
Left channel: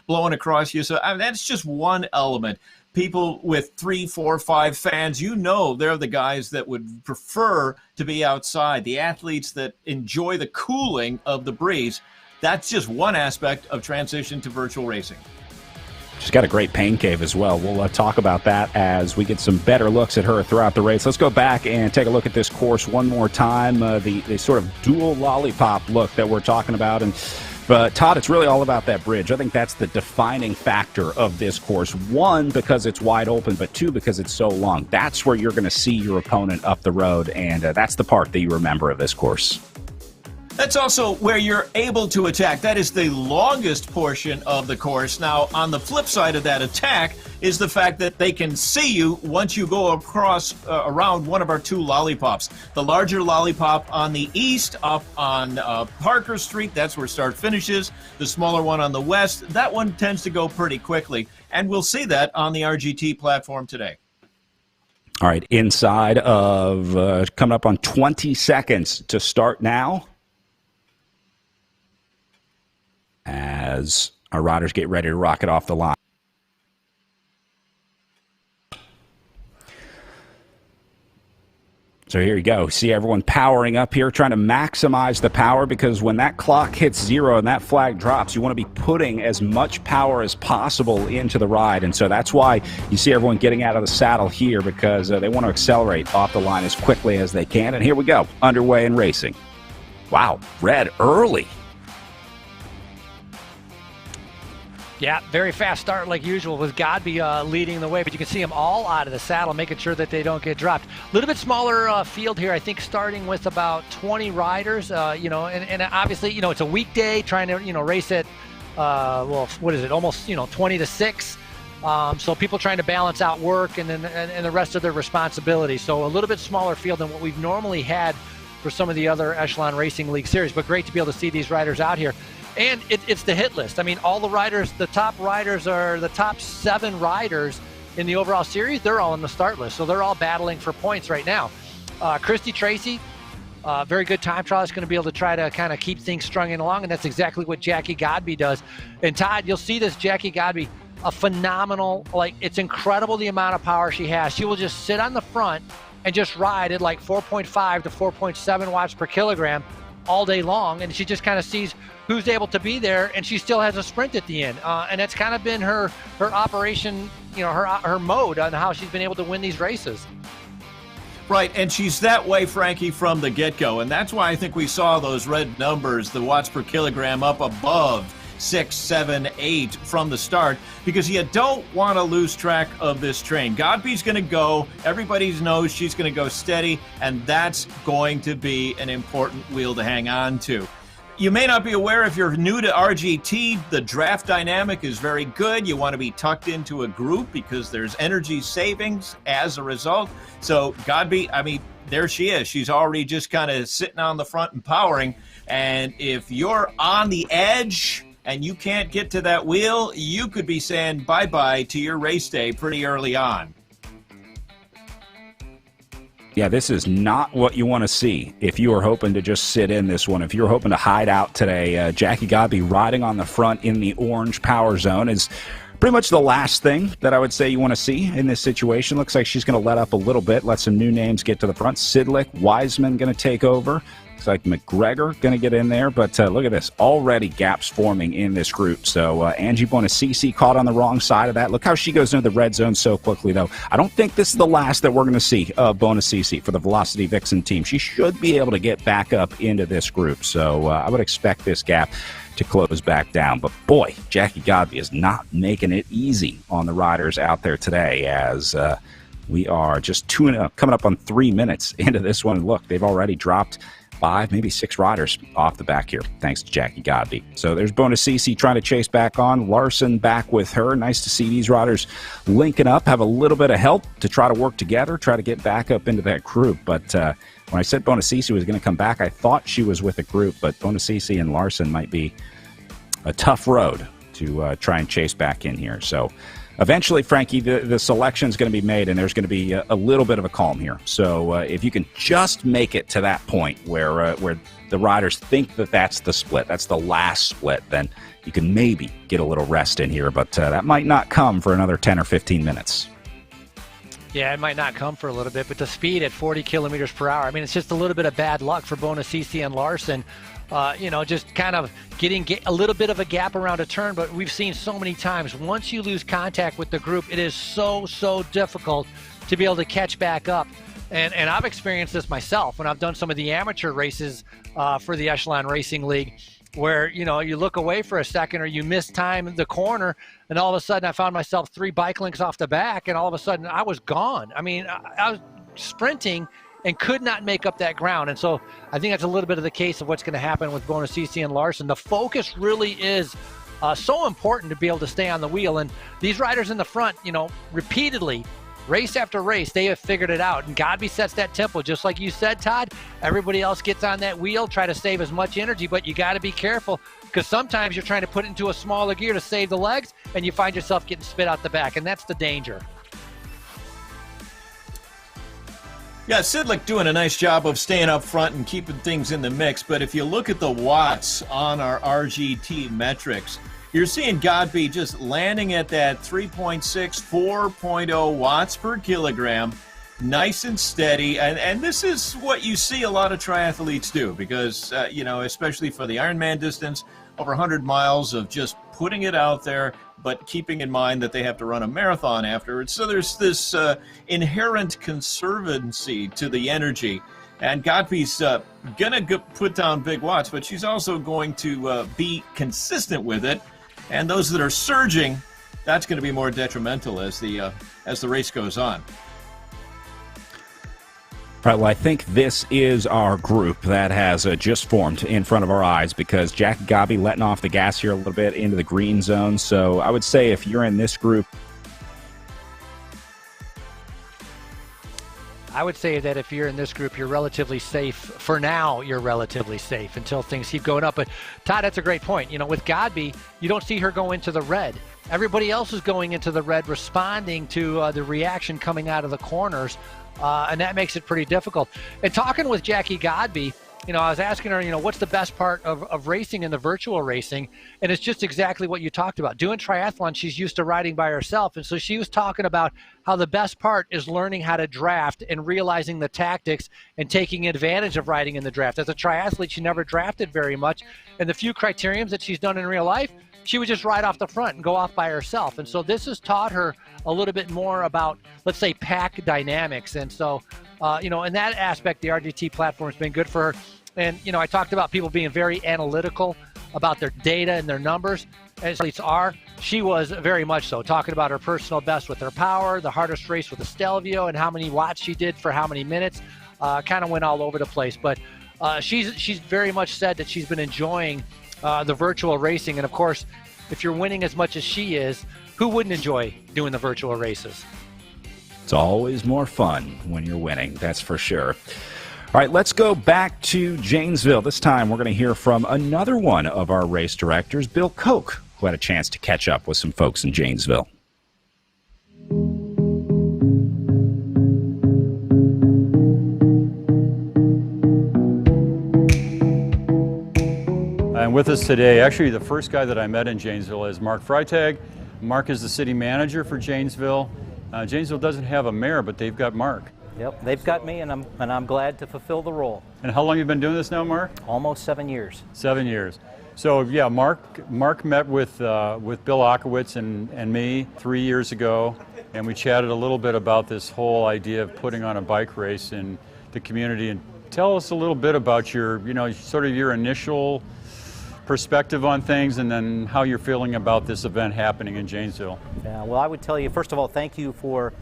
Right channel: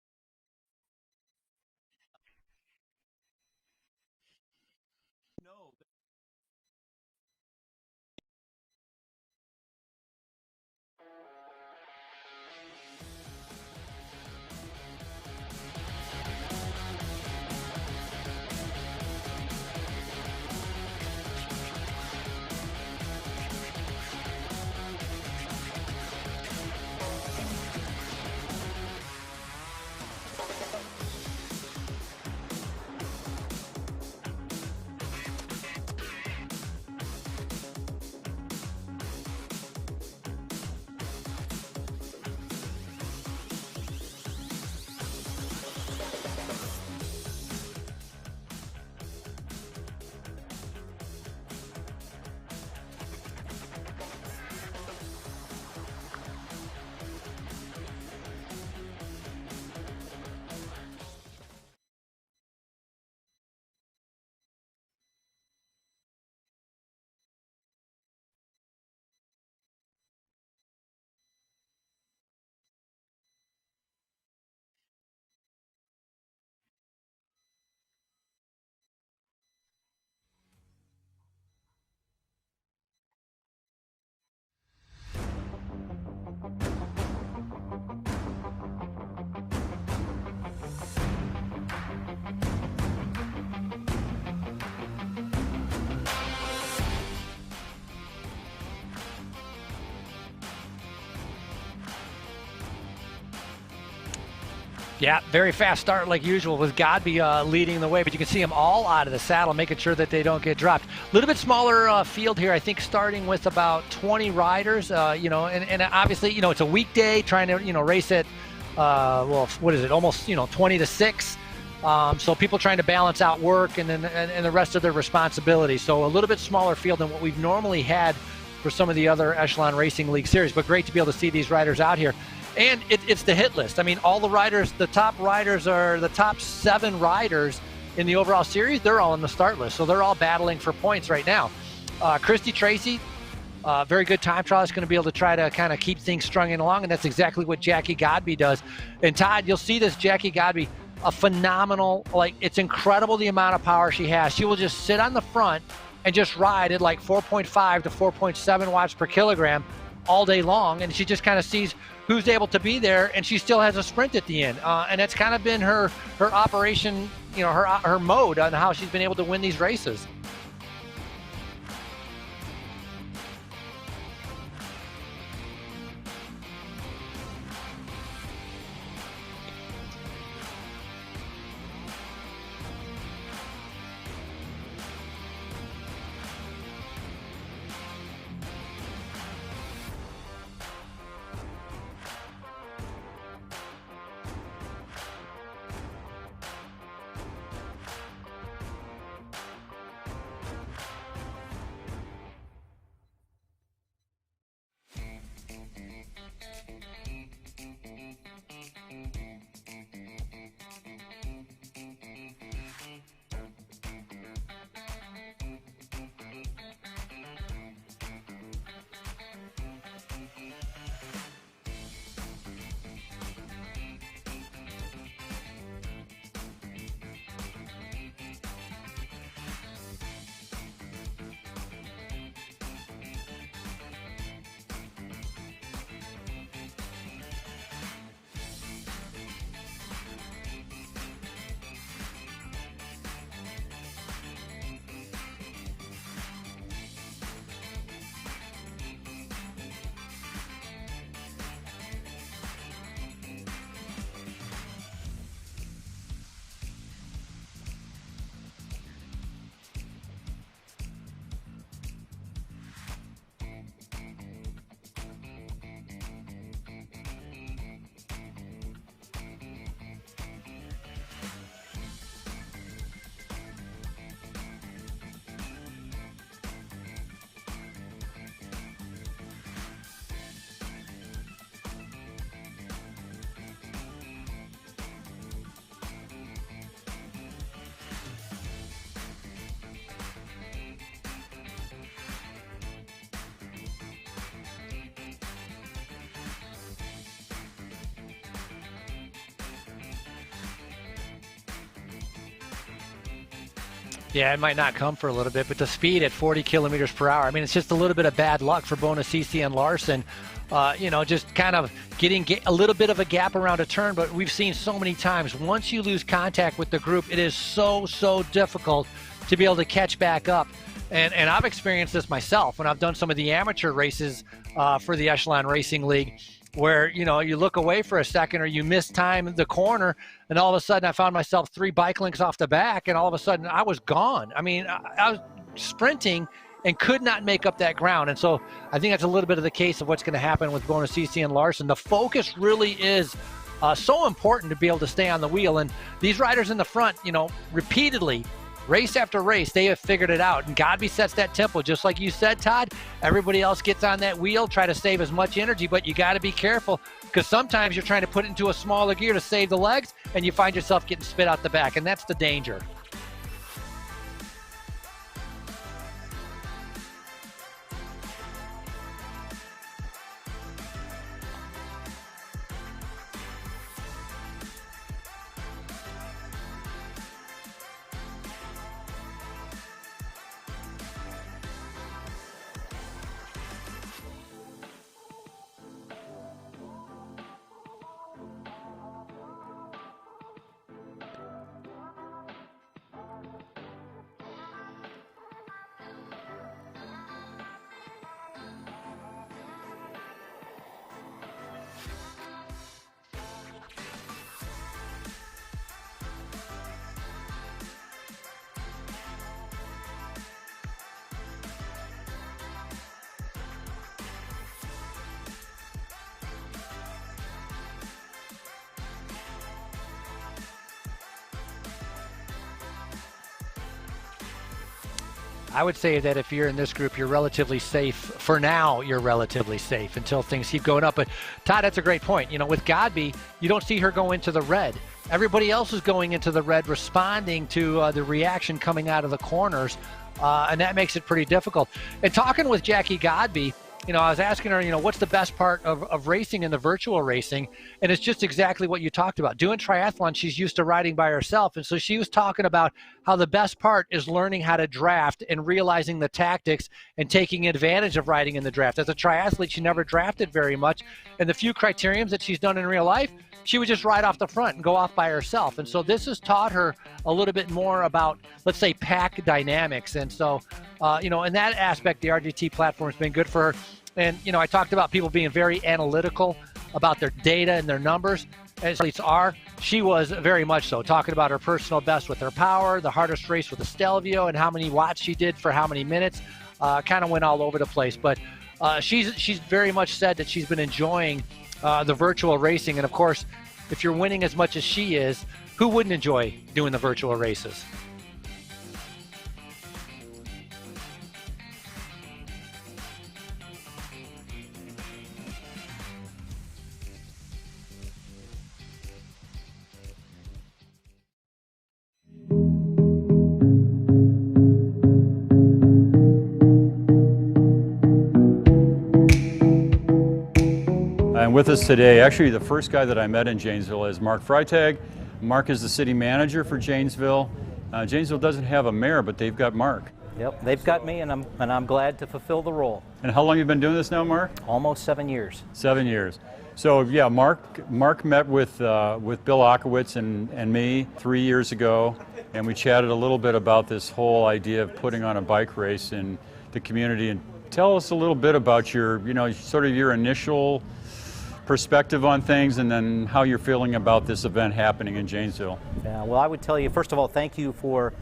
blowing across you. So that's just one element. People with 3, 4, 5 fans, they're the guys that would prefer to be outside. The athletes that enjoy the cooling of the breeze. That's just one aspect of transition to virtual racing. She's got a great pain cave as well. We'll talk about that as we get some better looks at her throughout the race. Let's go back and take a look at this course one more time, the sort of dual lollipop look that we're talking about. And Todd, it's really all about that bridge. I think that's the defining factor of this course. 1, because it's wide open, but 2, because it's so long. That's where you're going to see your opponent up the road, and that's the part that you remember of this course. That's also where you're able to attack. That is the longest portion of the course. Now, on the flip side of that attack is the fact that they can see you once you go across around one of our 2 lollipops. The larger lollipop on the east, up on Parker Street, that's where start finishes. The smaller one on the west, that one tends to go pretty quickly. And we'll see that on the RGT platform today. All right, inside of coming up on 20 seconds to start now, as our riders get ready to rocket off the line. So here you go. See everyone powering up here, trying to maximize the power, because when that clock hits 0 and that flag drops, you want to be putting as much power as possible into the ride. And so that's why you see everyone getting out of the saddle here, because they want to accelerate off the line as quickly as they can. And here we go, underway in racing. Wow, red early. Yeah, very fast start like usual with Godby leading the way, but you can see them all out of the saddle, making sure that they don't get dropped. A little bit smaller field here, I think, starting with about 20 riders, and obviously, it's a weekday trying to, race at, almost, 20 to 6. So people trying to balance out work and then and the rest of their responsibilities. So a little bit smaller field than what we've normally had for some of the other Echelon Racing League series, but great to be able to see these riders out here. And it's the hit list. I mean, all the riders, the top riders are the top 7 riders in the overall series. They're all in the start list. So they're all battling for points right now. Christy Tracy, very good time trial, is going to be able to try to kind of keep things strung along. And that's exactly what Jackie Godby does. And Todd, you'll see this Jackie Godby, a phenomenal, it's incredible the amount of power she has. She will just sit on the front and just ride at 4.5 to 4.7 watts per kilogram all day long, and she just kind of sees who's able to be there, and she still has a sprint at the end. And that's kind of been her operation, her mode on how she's been able to win these races. Right, and she's that way, Frankie, from the get-go, and that's why I think we saw those red numbers, the watts per kilogram, up above 6, 7, 8 from the start, because you don't want to lose track of this train. Godby's going to go. Everybody knows she's going to go steady, and that's going to be an important wheel to hang on to. You may not be aware, if you're new to RGT, the draft dynamic is very good. You want to be tucked into a group because there's energy savings as a result. So Godby, I mean, there she is. She's already just kind of sitting on the front and powering. And if you're on the edge and you can't get to that wheel, you could be saying bye-bye to your race day pretty early on. Yeah, this is not what you want to see if you are hoping to just sit in this one. If you're hoping to hide out today, Jackie Godby riding on the front in the orange power zone is pretty much the last thing that I would say you want to see in this situation. Looks like she's going to let up a little bit, let some new names get to the front. Sidlick, Wiseman going to take over. Looks like McGregor going to get in there, but look at this. Already gaps forming in this group. So Angie Bonacisi caught on the wrong side of that. Look how she goes into the red zone so quickly, though. I don't think this is the last that we're going to see of Bonacisi for the Velocity Vixen team. She should be able to get back up into this group. So I would expect this gap to close back down. But boy, Jackie Godby is not making it easy on the riders out there today, as we are just coming up on 3 minutes into this one. Look, they've already dropped 5, maybe 6 riders off the back here, thanks to Jackie Godby. So there's Bonacisi trying to chase back on. Larson back with her. Nice to see these riders linking up, have a little bit of help to try to work together, try to get back up into that group. But when I said Bonacisi was going to come back, I thought she was with a group, but Bonacisi and Larson might be a tough road to try and chase back in here. So eventually, Frankie, the selection is going to be made, and there's going to be a little bit of a calm here. So if you can just make it to that point where the riders think that that's the split, that's the last split, then you can maybe get a little rest in here. But that might not come for another 10 or 15 minutes. Yeah, it might not come for a little bit, but the speed at 40 kilometers per hour, I mean, it's just a little bit of bad luck for Bonacisi and Larson. Just kind of getting a little bit of a gap around a turn, but we've seen so many times, once you lose contact with the group, it is so difficult to be able to catch back up. And I've experienced this myself when I've done some of the amateur races for the Echelon Racing League, where, you look away for a second or you miss time the corner, and all of a sudden I found myself 3 bike links off the back, and all of a sudden I was gone. I mean, I was sprinting and could not make up that ground. And so I think that's a little bit of the case of what's going to happen with Bonacisi and Larson. The focus really is so important to be able to stay on the wheel. And these riders in the front, repeatedly, race after race, they have figured it out. And Godby sets that tempo, just like you said, Todd. Everybody else gets on that wheel, try to save as much energy, but you got to be careful, because sometimes you're trying to put it into a smaller gear to save the legs, and you find yourself getting spit out the back, and that's the danger. Yeah, Sidlick doing a nice job of staying up front and keeping things in the mix. But if you look at the watts on our RGT metrics, you're seeing Godby just landing at that 3.6, 4.0 watts per kilogram, nice and steady. And this is what you see a lot of triathletes do, because, especially for the Ironman distance, over 100 miles of just putting it out there, but keeping in mind that they have to run a marathon afterwards. So there's this inherent conservancy to the energy. And Godby's going to put down big watts, but she's also going to be consistent with it. And those that are surging, that's going to be more detrimental as the race goes on. All right, well, I think this is our group that has just formed in front of our eyes, because Jackie Godby letting off the gas here a little bit into the green zone. So I would say if you're in this group, you're relatively safe. For now, you're relatively safe until things keep going up. But, Todd, that's a great point. With Godby, you don't see her go into the red. Everybody else is going into the red, responding to the reaction coming out of the corners. And that makes it pretty difficult. And talking with Jackie Godby, I was asking her, what's the best part of racing in the virtual racing? And it's just exactly what you talked about. Doing triathlon, she's used to riding by herself. And so she was talking about how the best part is learning how to draft and realizing the tactics and taking advantage of riding in the draft. As a triathlete, she never drafted very much. And the few criteriums that she's done in real life, she would just ride off the front and go off by herself. And so this has taught her a little bit more about, let's say, pack dynamics. And so, in that aspect, the RGT platform has been good for her. And, I talked about people being very analytical about their data and their numbers, as athletes are. She was very much so, talking about her personal best with her power, the hardest race with the Stelvio, and how many watts she did for how many minutes. Kind of went all over the place. But she's very much said that she's been enjoying the virtual racing. And, of course, if you're winning as much as she is, who wouldn't enjoy doing the virtual races? It's always more fun when you're winning, that's for sure. All right, let's go back to Janesville. This time we're going to hear from another one of our race directors, Bill Koch, who had a chance to catch up with some folks in Janesville. And with us today, actually the first guy that I met in Janesville is Mark Freitag. Mark is the city manager for Janesville. Janesville doesn't have a mayor, but they've got Mark. Yep, they've got me, and I'm glad to fulfill the role. And how long have you been doing this now, Mark? Almost 7 years. 7 years. So yeah, Mark met with Bill Akowitz and me 3 years ago, and we chatted a little bit about this whole idea of putting on a bike race in the community. And tell us a little bit about your, sort of your initial perspective on things, and then how you're feeling about this event happening in Janesville. Yeah, well, I would tell you, first of all, thank you for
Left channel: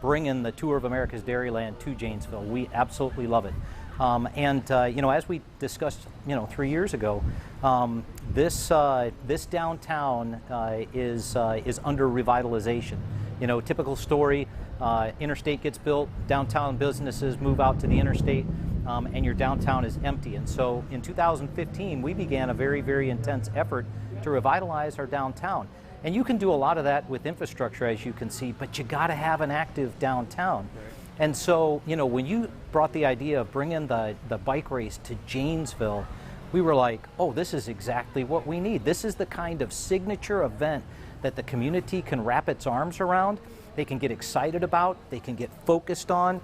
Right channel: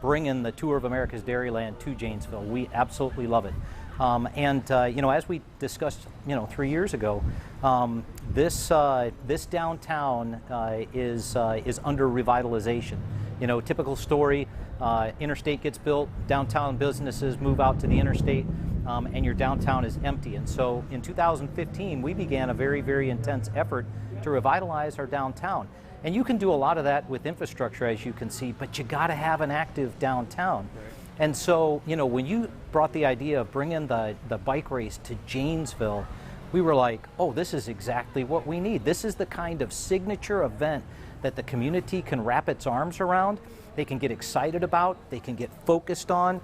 bringing the Tour of America's Dairyland to Janesville. We absolutely love it. As we discussed, 3 years ago, this downtown is under revitalization. Typical story, interstate gets built, downtown businesses move out to the interstate, and your downtown is empty. And so in 2015, we began a very, very intense effort to revitalize our downtown. And you can do a lot of that with infrastructure, as you can see, but you got to have an active downtown. And so, when you brought the idea of bringing the bike race to Janesville, we were like, oh, this is exactly what we need. This is the kind of signature event that the community can wrap its arms around. They can get excited about, they can get focused on.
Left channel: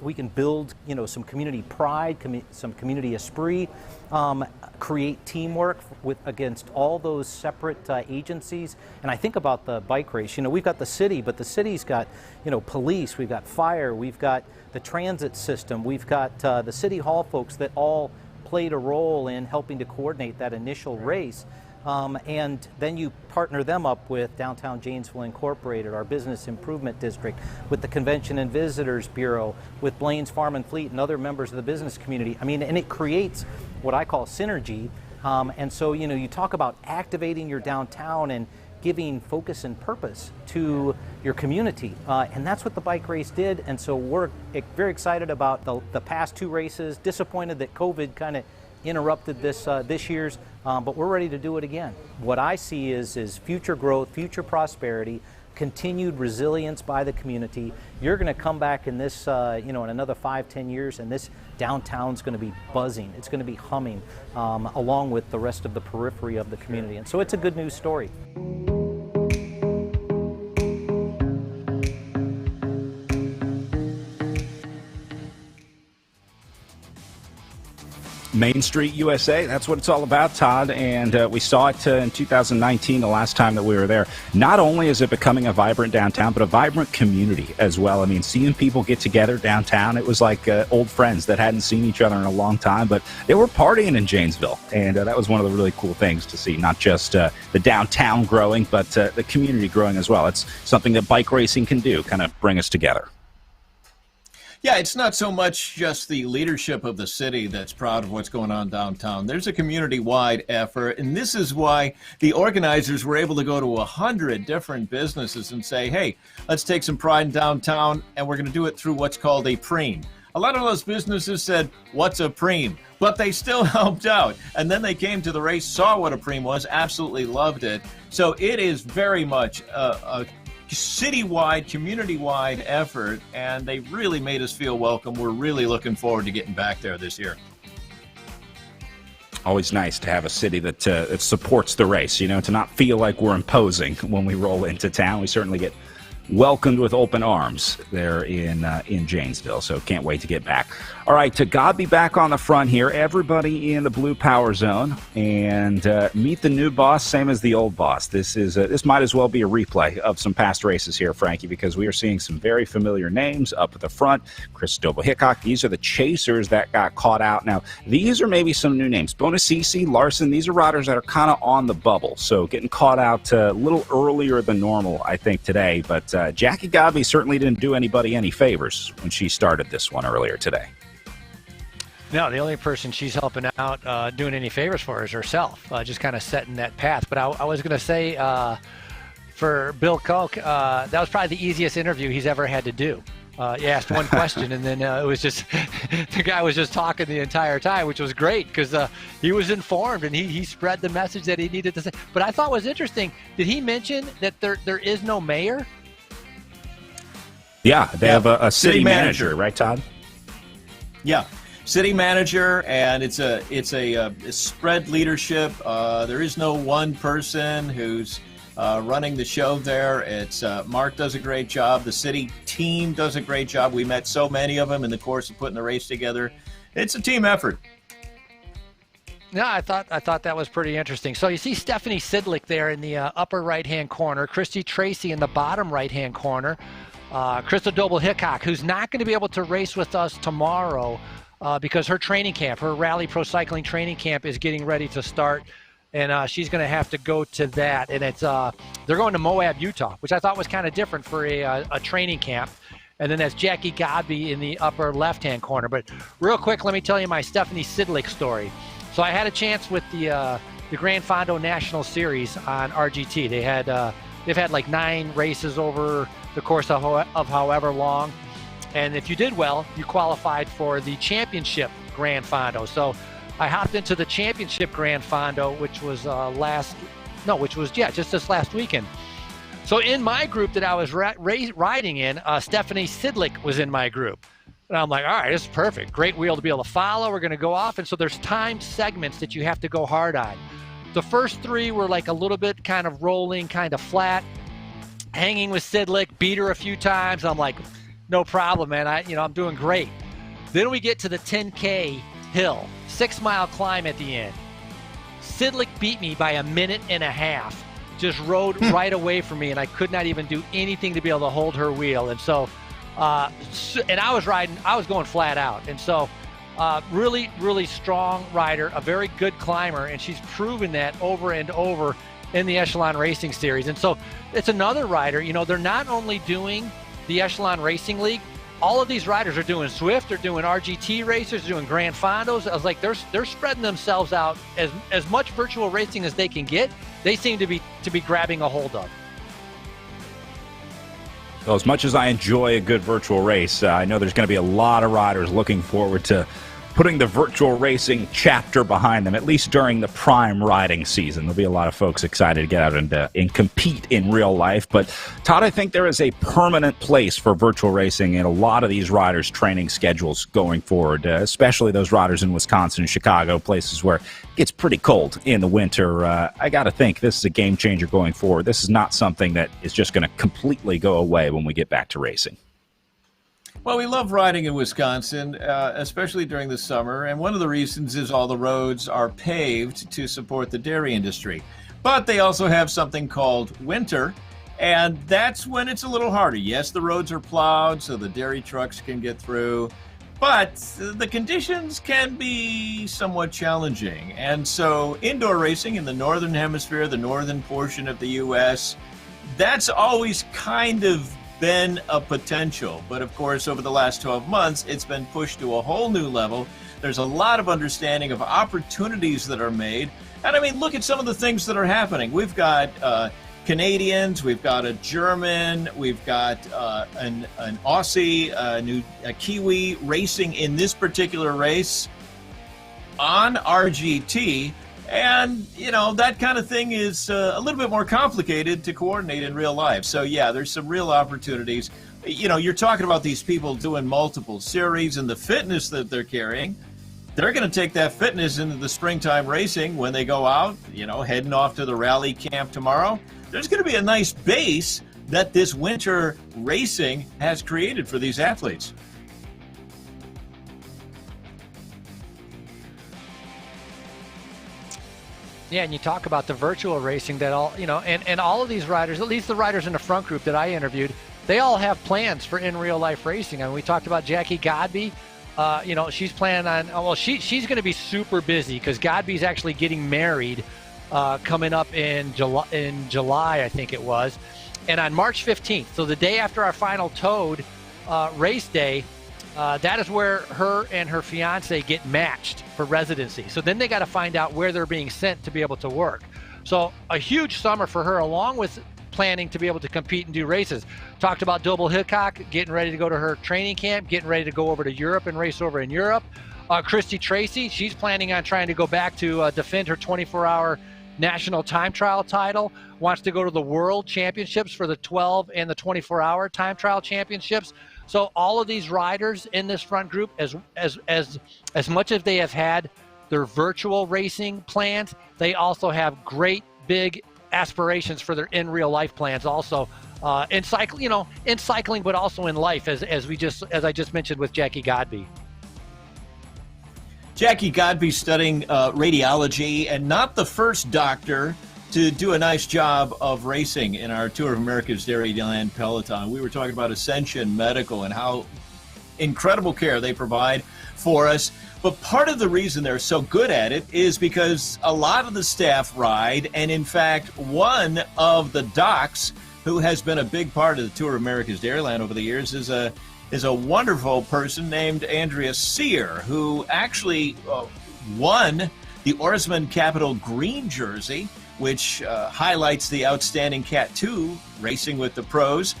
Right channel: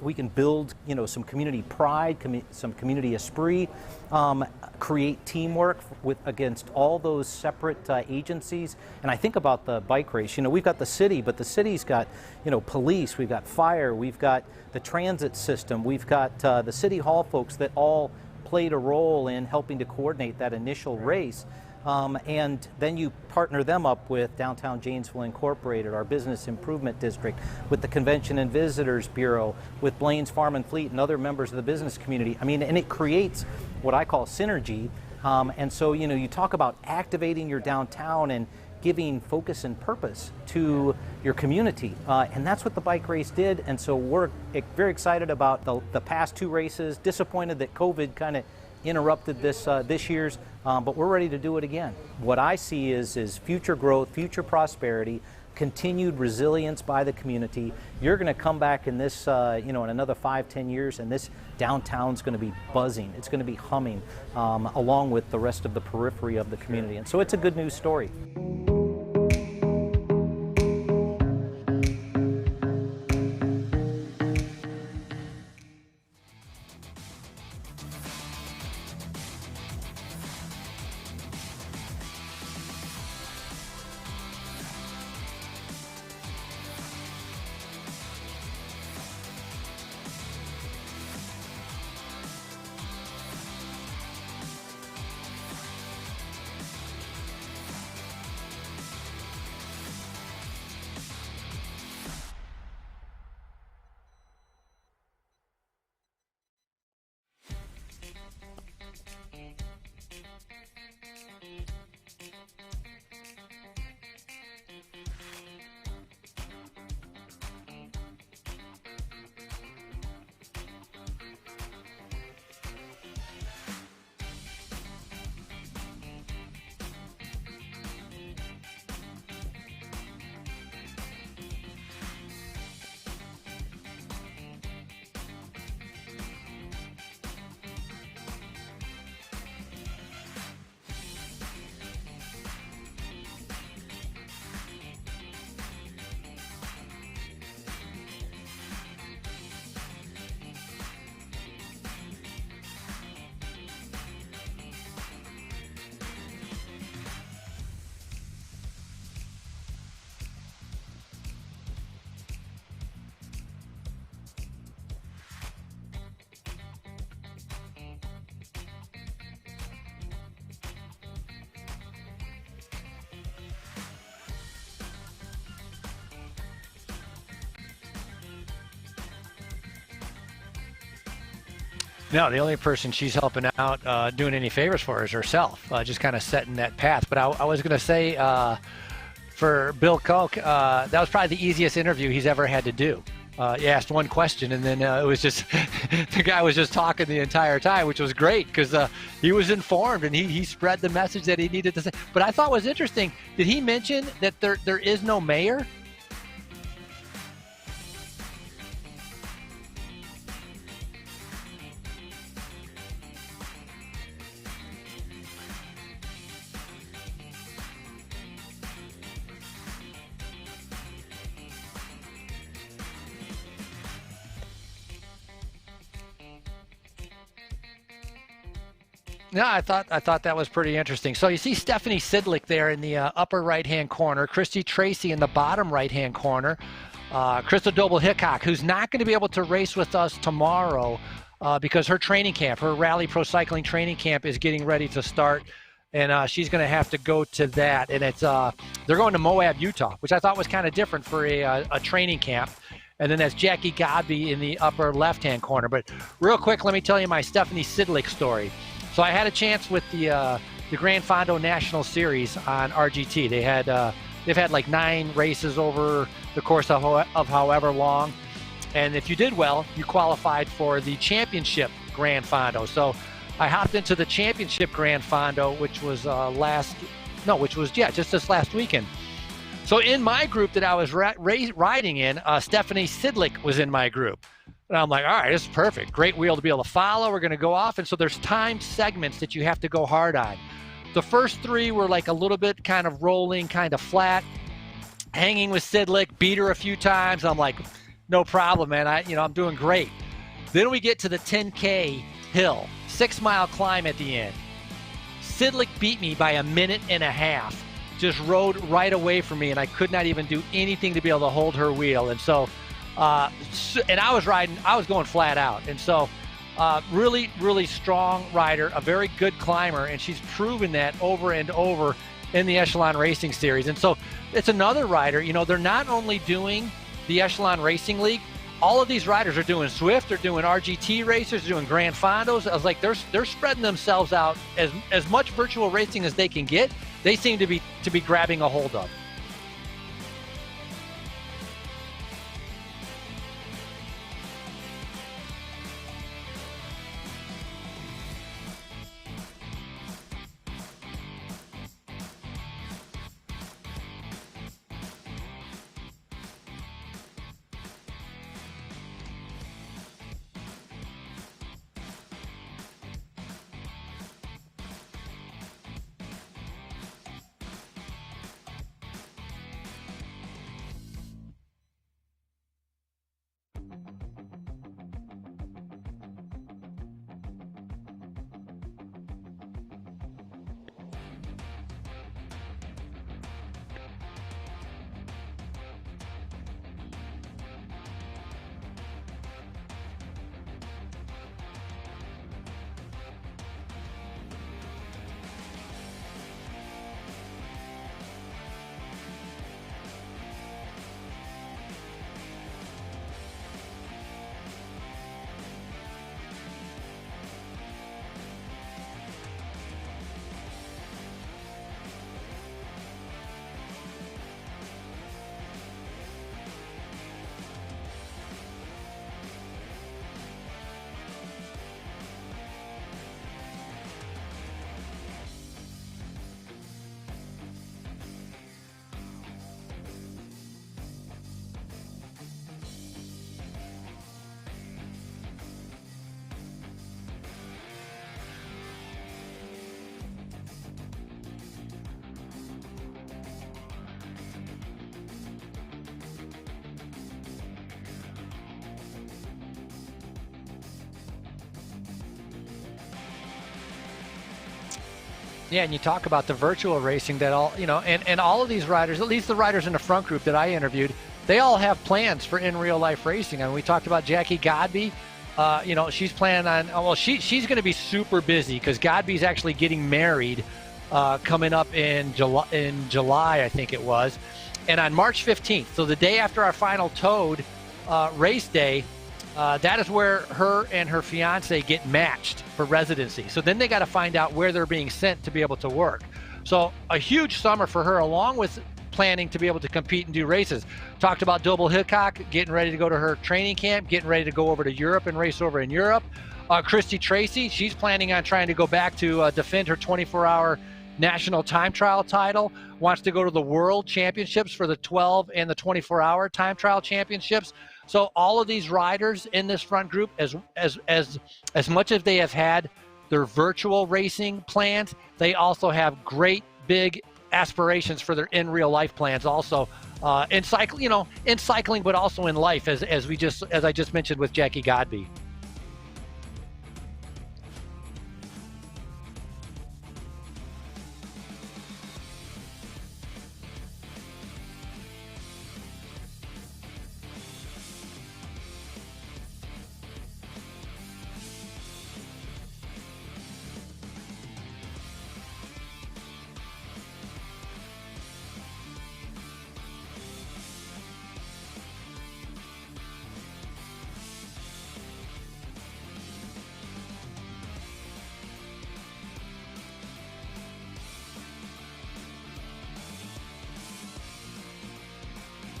We can build, some community pride, some community esprit, create teamwork against all those separate agencies. And I think about the bike race. We've got the city, but the city's got, police, we've got fire, we've got the transit system, we've got the city hall folks that all played a role in helping to coordinate that initial race. And then you partner them up with Downtown Janesville Incorporated, our business improvement district, with the Convention and Visitors Bureau, with Blaine's Farm and Fleet and other members of the business community. And it creates what I call synergy. And so, you talk about activating your downtown and giving focus and purpose to your community. And that's what the bike race did. And so we're very excited about the past two races, disappointed that COVID kind of interrupted this year's, but we're ready to do it again. What I see is future growth, future prosperity, continued resilience by the community. You're going to come back in this, in another 5-10 years, and this downtown's going to be buzzing. It's going to be humming, along with the rest of the periphery of the community. And so it's a good news story. Main Street USA, that's what it's all about, Todd, and we saw it in 2019, the last time that we were there. Not only is it becoming a vibrant downtown, but a vibrant community as well. Seeing people get together downtown, it was like old friends that hadn't seen each other in a long time, but they were partying in Janesville, and that was one of the really cool things to see, not just the downtown growing, but the community growing as well. It's something that bike racing can do, kind of bring us together. Yeah, it's not so much just the leadership of the city that's proud of what's going on downtown. There's a community-wide effort, and this is why the organizers were able to go to 100 different businesses and say, hey, let's take some pride in downtown, and we're going to do it through what's called a Prix. A lot of those businesses said, what's a Prix? But they still helped out. And then they came to the race, saw what a Prix was, absolutely loved it. So it is very much a citywide, community-wide effort, and they really made us feel welcome. We're really looking forward to getting back there this year. Always nice to have a city that supports the race, to not feel like we're imposing when we roll into town. We certainly get welcomed with open arms there in Janesville, so can't wait to get back. All right, to God be back on the front here. Everybody in the blue power zone, and meet the new boss, same as the old boss. This might as well be a replay of some past races here, Frankie, because we are seeing some very familiar names up at the front. Christopher Hickok, these are the chasers that got caught out. Now, these are maybe some new names. Bonacisi, Larson, these are riders that are kind of on the bubble, so getting caught out a little earlier than normal, I think, today. But Jackie Godby certainly didn't do anybody any favors when she started this one earlier today. No, the only person she's helping out doing any favors for is herself, just kind of setting that path. But I was going to say for Bill Koch, that was probably the easiest interview he's ever had to do. He asked one question, and then it was just the guy was just talking the entire time, which was great because he was informed and he spread the message that he needed to say. But I thought was interesting, did he mention that there is no mayor? Yeah, they have a city manager, right, Todd? Yeah. City manager, and it's a spread leadership. There is no one person who's running the show there. It's Mark does a great job. The city team does a great job. We met so many of them in the course of putting the race together. It's a team effort. No, I thought that was pretty interesting. So you see Stephanie Sidlick there in the upper right-hand corner, Christy Tracy in the bottom right-hand corner, Crystal Doble-Hickok, who's not going to be able to race with us tomorrow because her training camp, her Rally Pro Cycling training camp is getting ready to start, and she's going to have to go to that. And it's they're going to Moab, Utah, which I thought was kind of different for a training camp. And then that's Jackie Godby in the upper left-hand corner. But real quick, let me tell you my Stephanie Sidlick story. So I had a chance with the Gran Fondo National Series on RGT. They've had like 9 races over the course of however long. And if you did well, you qualified for the championship Gran Fondo. So I hopped into the championship Gran Fondo, which was just this last weekend. So in my group that I was riding in, Stephanie Sidlick was in my group. And I'm like, all right, this is perfect. Great wheel to be able to follow. We're going to go off. And so there's timed segments that you have to go hard on. The first 3 were like a little bit kind of rolling, kind of flat, hanging with Sidlick, beat her a few times. I'm like, no problem, man. I'm doing great. Then we get to the 10K hill, 6-mile climb at the end. Sidlick beat me by 1.5 minutes. Just rode right away from me, and I could not even do anything to be able to hold her wheel. And so, and I was going flat out. And so, really, really strong rider, a very good climber, and she's proven that over and over in the Echelon Racing Series. And so it's another rider, they're not only doing the Echelon Racing League, all of these riders are doing Swift, they're doing RGT races, they're doing Gran Fondos. I was like, they're spreading themselves out as much virtual racing as they can get. They seem to be grabbing a hold of. So as much as I enjoy a good virtual race, I know there's going to be a lot of riders looking forward to putting the virtual racing chapter behind them, at least during the prime riding season. There'll be a lot of folks excited to get out and compete in real life. But, Todd, I think there is a permanent place for virtual racing in a lot of these riders' training schedules going forward, especially those riders in Wisconsin and Chicago, places where it gets pretty cold in the winter. I got to think this is a game changer going forward. This is not something that is just going to completely go away when we get back to racing. Well, we love riding in Wisconsin, especially during the summer, and one of the reasons is all the roads are paved to support the dairy industry. But they also have something called winter, and that's when it's a little harder. Yes, the roads are plowed so the dairy trucks can get through, but the conditions can be somewhat challenging. And so indoor racing in the northern hemisphere, the northern portion of the U.S., that's always kind of been a potential. But of course, over the last 12 months, it's been pushed to a whole new level. There's a lot of understanding of opportunities that are made. And I mean, look at some of the things that are happening. We've got Canadians, we've got a German, we've got an Aussie, a Kiwi racing in this particular race on RGT. And, that kind of thing is a little bit more complicated to coordinate in real life. So, yeah, there's some real opportunities. You're talking about these people doing multiple series and the fitness that they're carrying. they're going to take that fitness into the springtime racing when they go out, heading off to the rally camp tomorrow. There's going to be a nice base that this winter racing has created for these athletes. Yeah, and you talk about the virtual racing that and all of these riders, at least the riders in the front group that I interviewed, they all have plans for in real life racing. I mean, we talked about Jackie Godby. She's planning on, she's going to be super busy because Godby's actually getting married coming up in July, I think it was. And on March 15th, so the day after our final Toad race day, that is where her and her fiance get matched for residency. So then they got to find out where they're being sent to be able to work. So a huge summer for her, along with planning to be able to compete and do races. Talked about Doble Hickok getting ready to go to her training camp, getting ready to go over to Europe and race over in Europe. Christy Tracy, she's planning on trying to go back to defend her 24-hour national time trial title, wants to go to the world championships for the 12 and the 24-hour time trial championships. So all of these riders in this front group, as much as they have had their virtual racing plans, they also have great big aspirations for their in real life plans also in cycling, but also in life, as I just mentioned with Jackie Godby. Jackie Godby studying radiology, and not the first doctor to do a nice job of racing in our Tour of America's Dairyland Peloton. We were talking about Ascension Medical and how incredible care they provide for us. But part of the reason they're so good at it is because a lot of the staff ride, and in fact, one of the docs who has been a big part of the Tour of America's Dairyland over the years is a wonderful person named Andrea Sear, who actually won the Oarsman Capital Green jersey, which highlights the outstanding Cat 2 racing with the pros.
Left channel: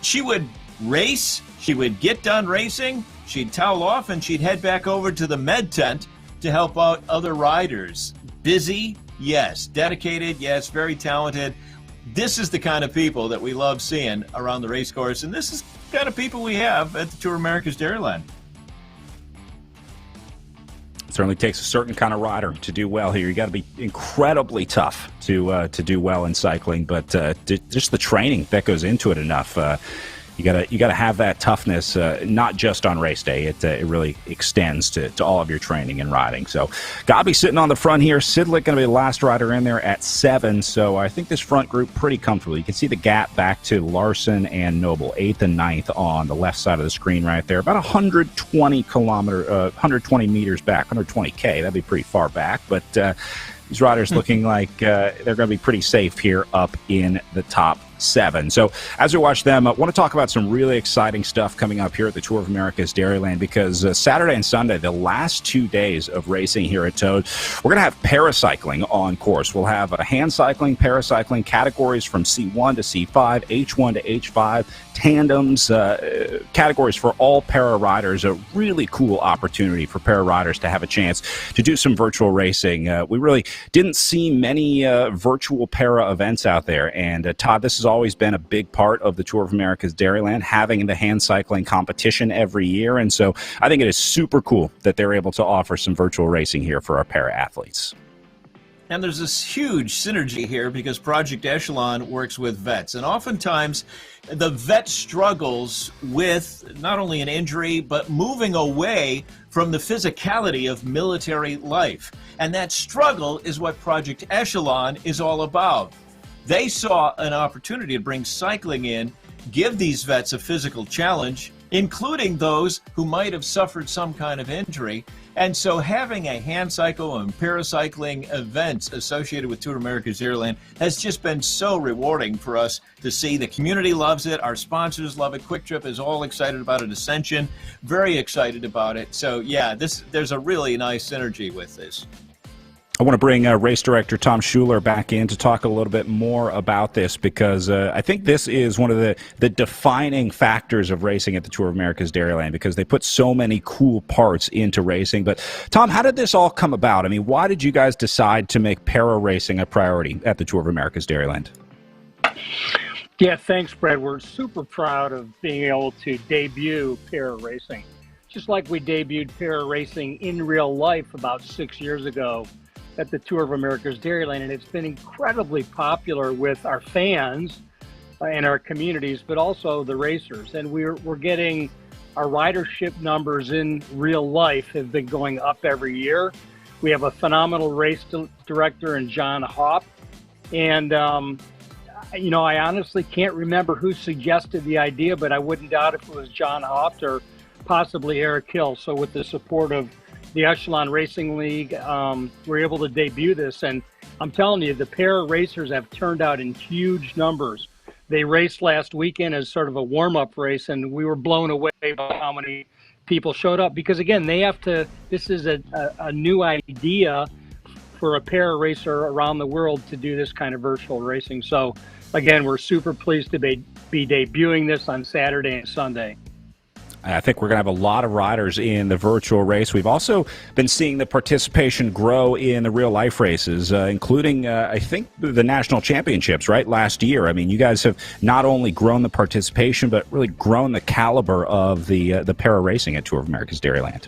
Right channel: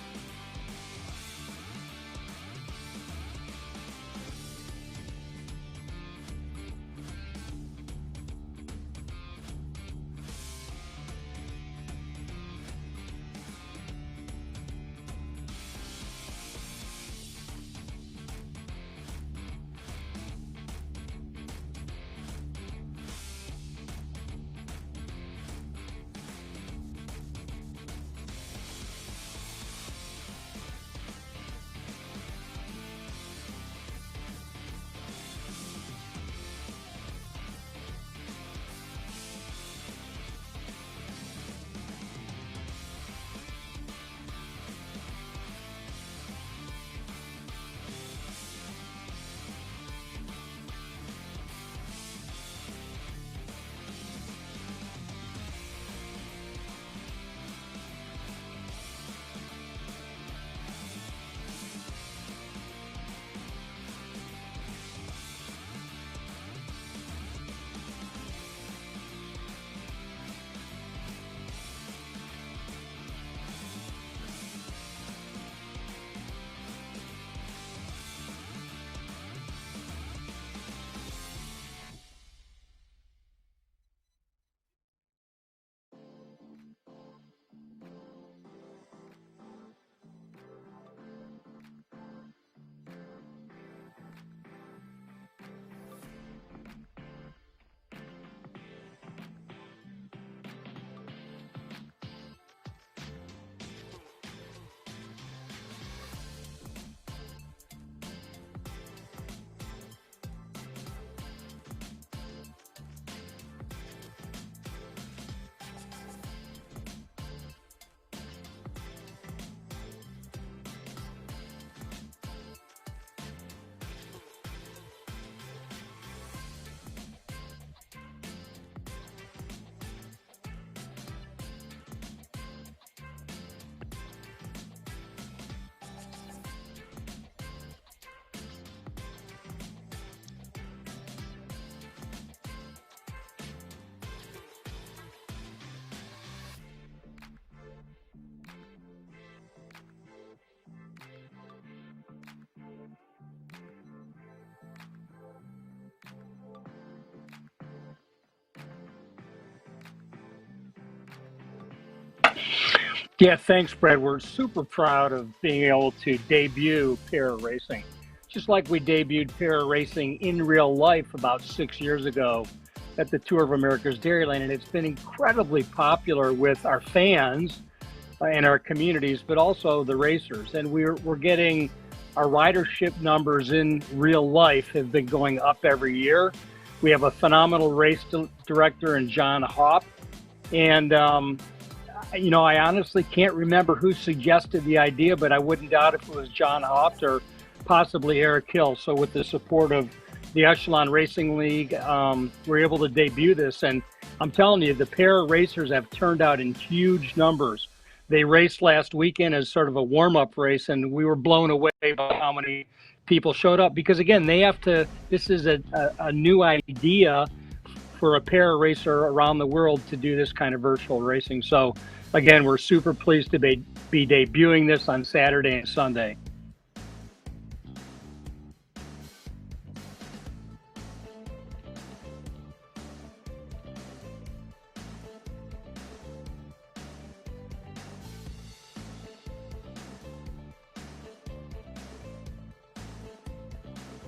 She would race, she would get done racing, she'd towel off, and she'd head back over to the med tent to help out other riders. Busy, yes. Dedicated, yes. Very talented. This is the kind of people that we love seeing around the race course, and this is the kind of people we have at the Tour of America's Dairyland. It certainly takes a certain kind of rider to do well here. You got to be incredibly tough to do well in cycling, but just the training that goes into it enough. You gotta have that toughness, not just on race day. It really extends to all of your training and riding. So, Godby sitting on the front here. Sidlick going to be the last rider in there at 7. So I think this front group pretty comfortable. You can see the gap back to Larson and Noble, 8th and 9th on the left side of the screen right there. About 120 meters back, 120K. That'd be pretty far back, but these riders looking like they're going to be pretty safe here up in the top 7. So as we watch them, I want to talk about some really exciting stuff coming up here at the Tour of America's Dairyland, because Saturday and Sunday, the last 2 days of racing here at Toad, we're going to have paracycling on course. We'll have hand cycling, paracycling categories from C1 to C5, H1 to H5, tandems, categories for all para riders. A really cool opportunity for para riders to have a chance to do some virtual racing. We really didn't see many virtual para events out there, and Todd, this has always been a big part of the Tour of America's Dairyland, having the hand cycling competition every year, and so I think it is super cool that they're able to offer some virtual racing here for our para athletes. And there's this huge synergy here because Project Echelon works with vets, and oftentimes the vet struggles with not only an injury, but moving away from the physicality of military life. And that struggle is what Project Echelon is all about. They saw an opportunity to bring cycling in, give these vets a physical challenge, including those who might have suffered some kind of injury. And so having a hand cycle and paracycling events associated with Tour of America's Dairyland has just been so rewarding for us to see. The community loves it. Our sponsors love it. Quick Trip is all excited about it. Ascension, very excited about it. So yeah, there's a really nice synergy with this. I want to bring race director Tom Schuler back in to talk a little bit more about this, because I think this is one of the defining factors of racing at the Tour of America's Dairyland, because they put so many cool parts into racing. But Tom, how did this all come about? I mean, why did you guys decide to make para racing a priority at the Tour of America's Dairyland? Yeah, thanks, Brad. We're super proud of being able to debut para racing. just like we debuted para racing in real life about 6 years ago at the Tour of America's Dairyland, and it's been incredibly popular with our fans and our communities, but also the racers. And we're getting our ridership numbers in real life have been going up every year. We have a phenomenal race director in John Hopp, and I honestly can't remember who suggested the idea, but I wouldn't doubt if it was John Hopp or possibly Eric Hill. So with the support of the Echelon Racing League, we're able to debut this. And I'm telling you, the para racers have turned out in huge numbers. They raced last weekend as sort of a warm-up race, and we were blown away by how many people showed up. Because, again, this is a new idea for a para racer around the world to do this kind of virtual racing. So, again, we're super pleased to be debuting this on Saturday and Sunday. I think we're going to have a lot of riders in the virtual race. We've also been seeing the participation grow in the real-life races, including, I think, the national championships, right, last year. I mean, you guys have not only grown the participation, but really grown the caliber of the para racing at Tour of America's Dairyland.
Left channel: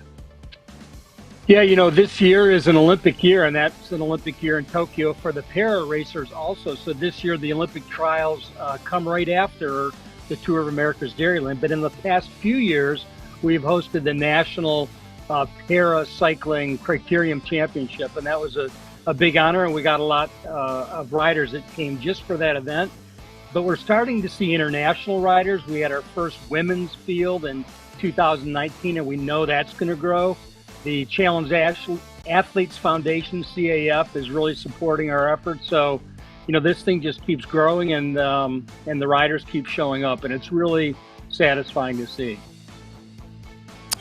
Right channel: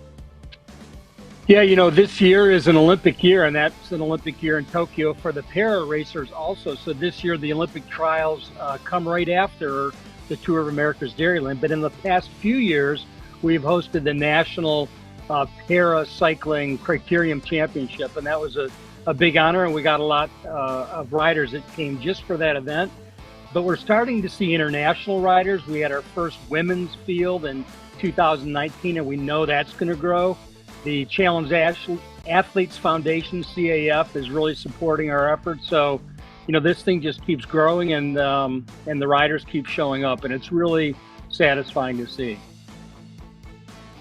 Yeah, this year is an Olympic year, and that's an Olympic year in Tokyo for the para racers also. So this year, the Olympic trials come right after the Tour of America's Dairyland. But in the past few years, we've hosted the National Para Cycling Criterium Championship, and that was a big honor, and we got a lot of riders that came just for that event. But we're starting to see international riders. We had our first women's field in 2019, and we know that's going to grow. The Challenge Athletes Foundation, CAF, is really supporting our efforts. So, this thing just keeps growing, and the riders keep showing up, and it's really satisfying to see.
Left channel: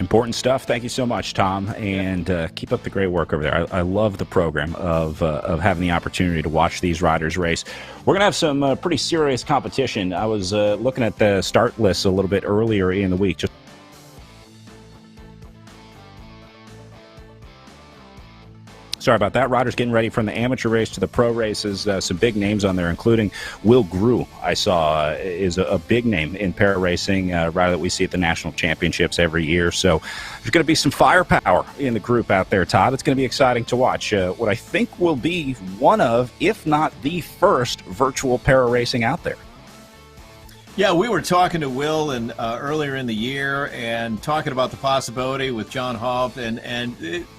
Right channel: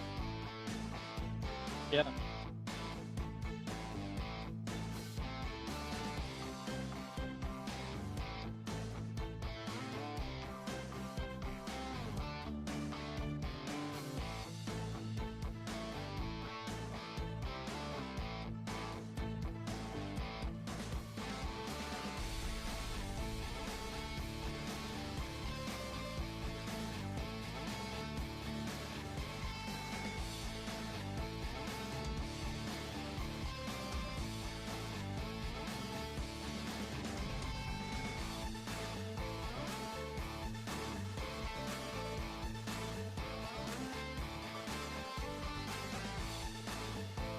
Important stuff. Thank you so much, Tom, and keep up the great work over there. I love the program of having the opportunity to watch these riders race. We're going to have some pretty serious competition. I was looking at the start list a little bit earlier in the week. Sorry about that. Riders getting ready from the amateur race to the pro races. Some big names on there, including Will Grew, I saw, is a big name in para racing, rider that we see at the national championships every year. So there's going to be some firepower in the group out there, Todd. It's going to be exciting to watch what I think will be one of, if not the first, virtual para racing out there. Yeah, we were talking to Will earlier in the year and talking about the possibility with John Hopp, and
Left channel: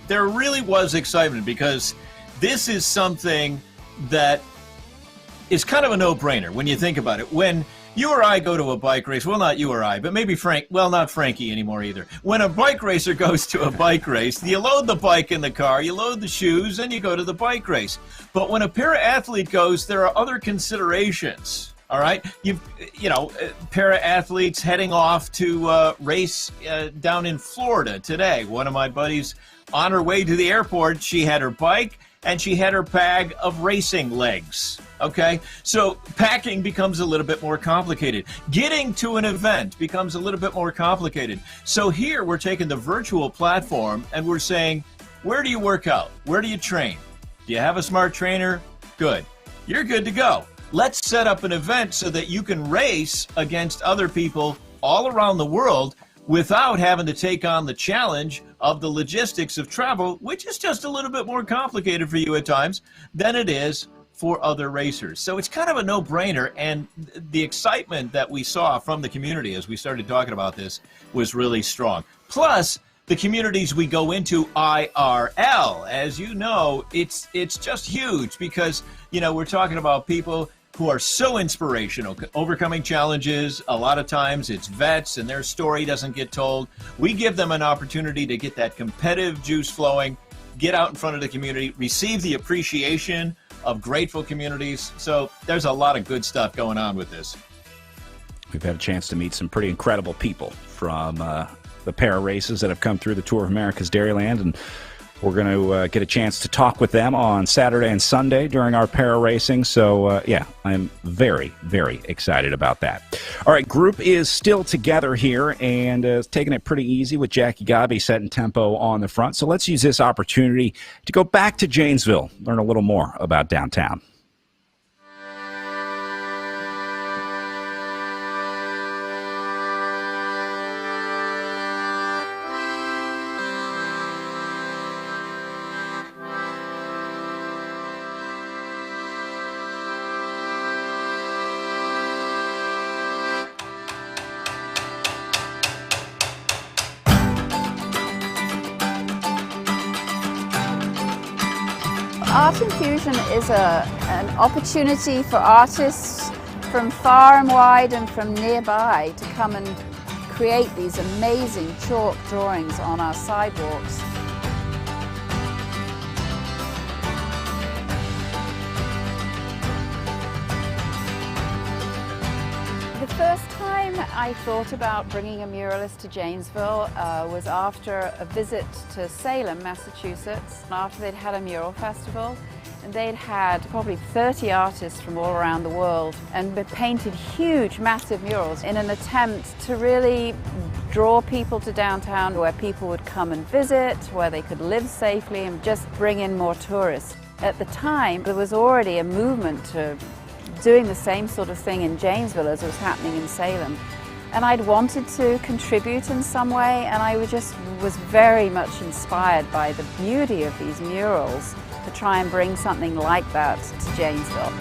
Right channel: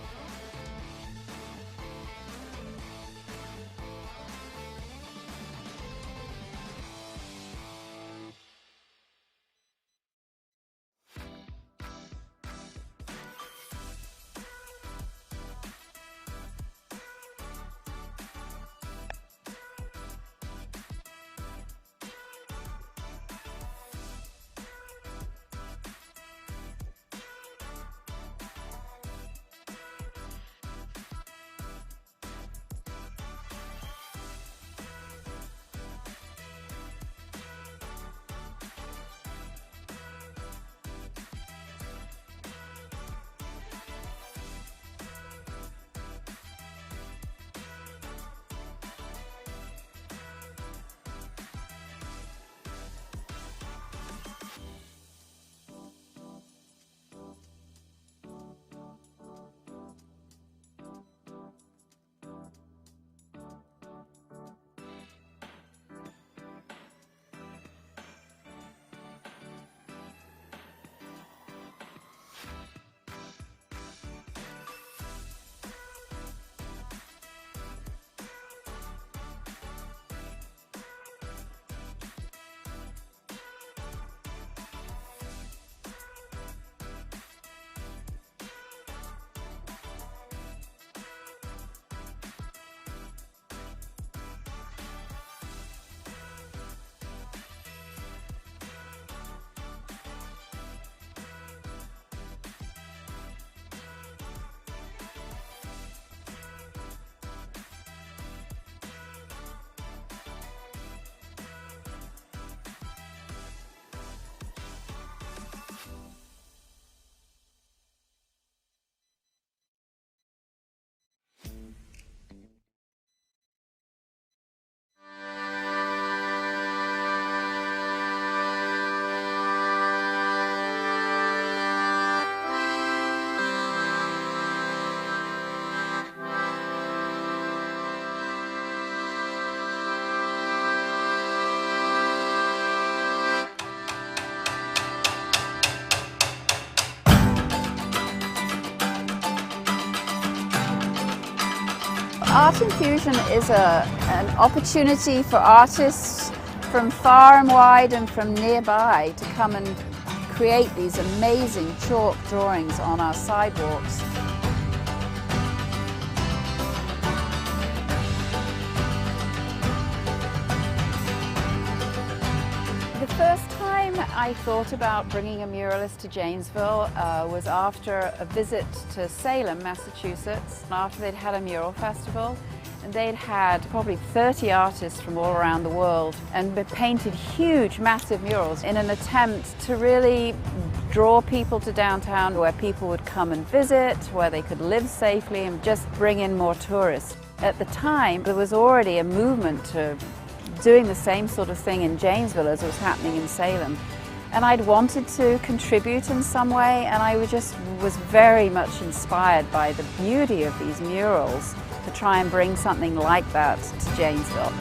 there really was excitement because this is something that is kind of a no-brainer when you think about it. When you or I go to a bike race, well, not you or I, but maybe not Frankie anymore either. When a bike racer goes to a bike race, you load the bike in the car, you load the shoes, and you go to the bike race. But when a para-athlete goes, there are other considerations. All right, para athletes heading off to race down in Florida today. One of my buddies, on her way to the airport, she had her bike and she had her bag of racing legs. Okay, so packing becomes a little bit more complicated. Getting to an event becomes a little bit more complicated. So here we're taking the virtual platform and we're saying, where do you work out? Where do you train? Do you have a smart trainer? Good. You're good to go. Let's set up an event so that you can race against other people all around the world without having to take on the challenge of the logistics of travel, which is just a little bit more complicated for you at times than it is for other racers. So it's kind of a no-brainer, and the excitement that we saw from the community as we started talking about this was really strong. Plus, the communities we go into IRL, as you know, it's just huge because, we're talking about people who are so inspirational, overcoming challenges. A lot of times it's vets and their story doesn't get told. We give them an opportunity to get that competitive juice flowing, get out in front of the community, receive the appreciation of grateful communities. So there's a lot of good stuff going on with this. We've had a chance to meet some pretty incredible people from the para races that have come through the Tour of America's Dairyland, and we're going to get a chance to talk with them on Saturday and Sunday during our para racing. So, I'm very, very excited about that. All right, group is still together here and taking it pretty easy with Jackie Gabi setting tempo on the front. So let's use this opportunity to go back to Janesville, learn a little more about downtown. Art Infusion is an opportunity for artists from far and wide and from nearby to come and create these amazing chalk drawings on our sidewalks. The first time I thought about bringing a muralist to Janesville was after a visit to Salem, Massachusetts, after they'd had a mural festival. And they'd had probably 30 artists from all around the world and painted huge, massive murals in an attempt to really draw people to downtown where people would come and visit, where they could live safely and just bring in more tourists. At the time, there was already a movement to doing the same sort of thing in Janesville as was happening in Salem. And I'd wanted to contribute in some way, and I was very much inspired by the beauty of these murals to try and bring something like that to Janesville.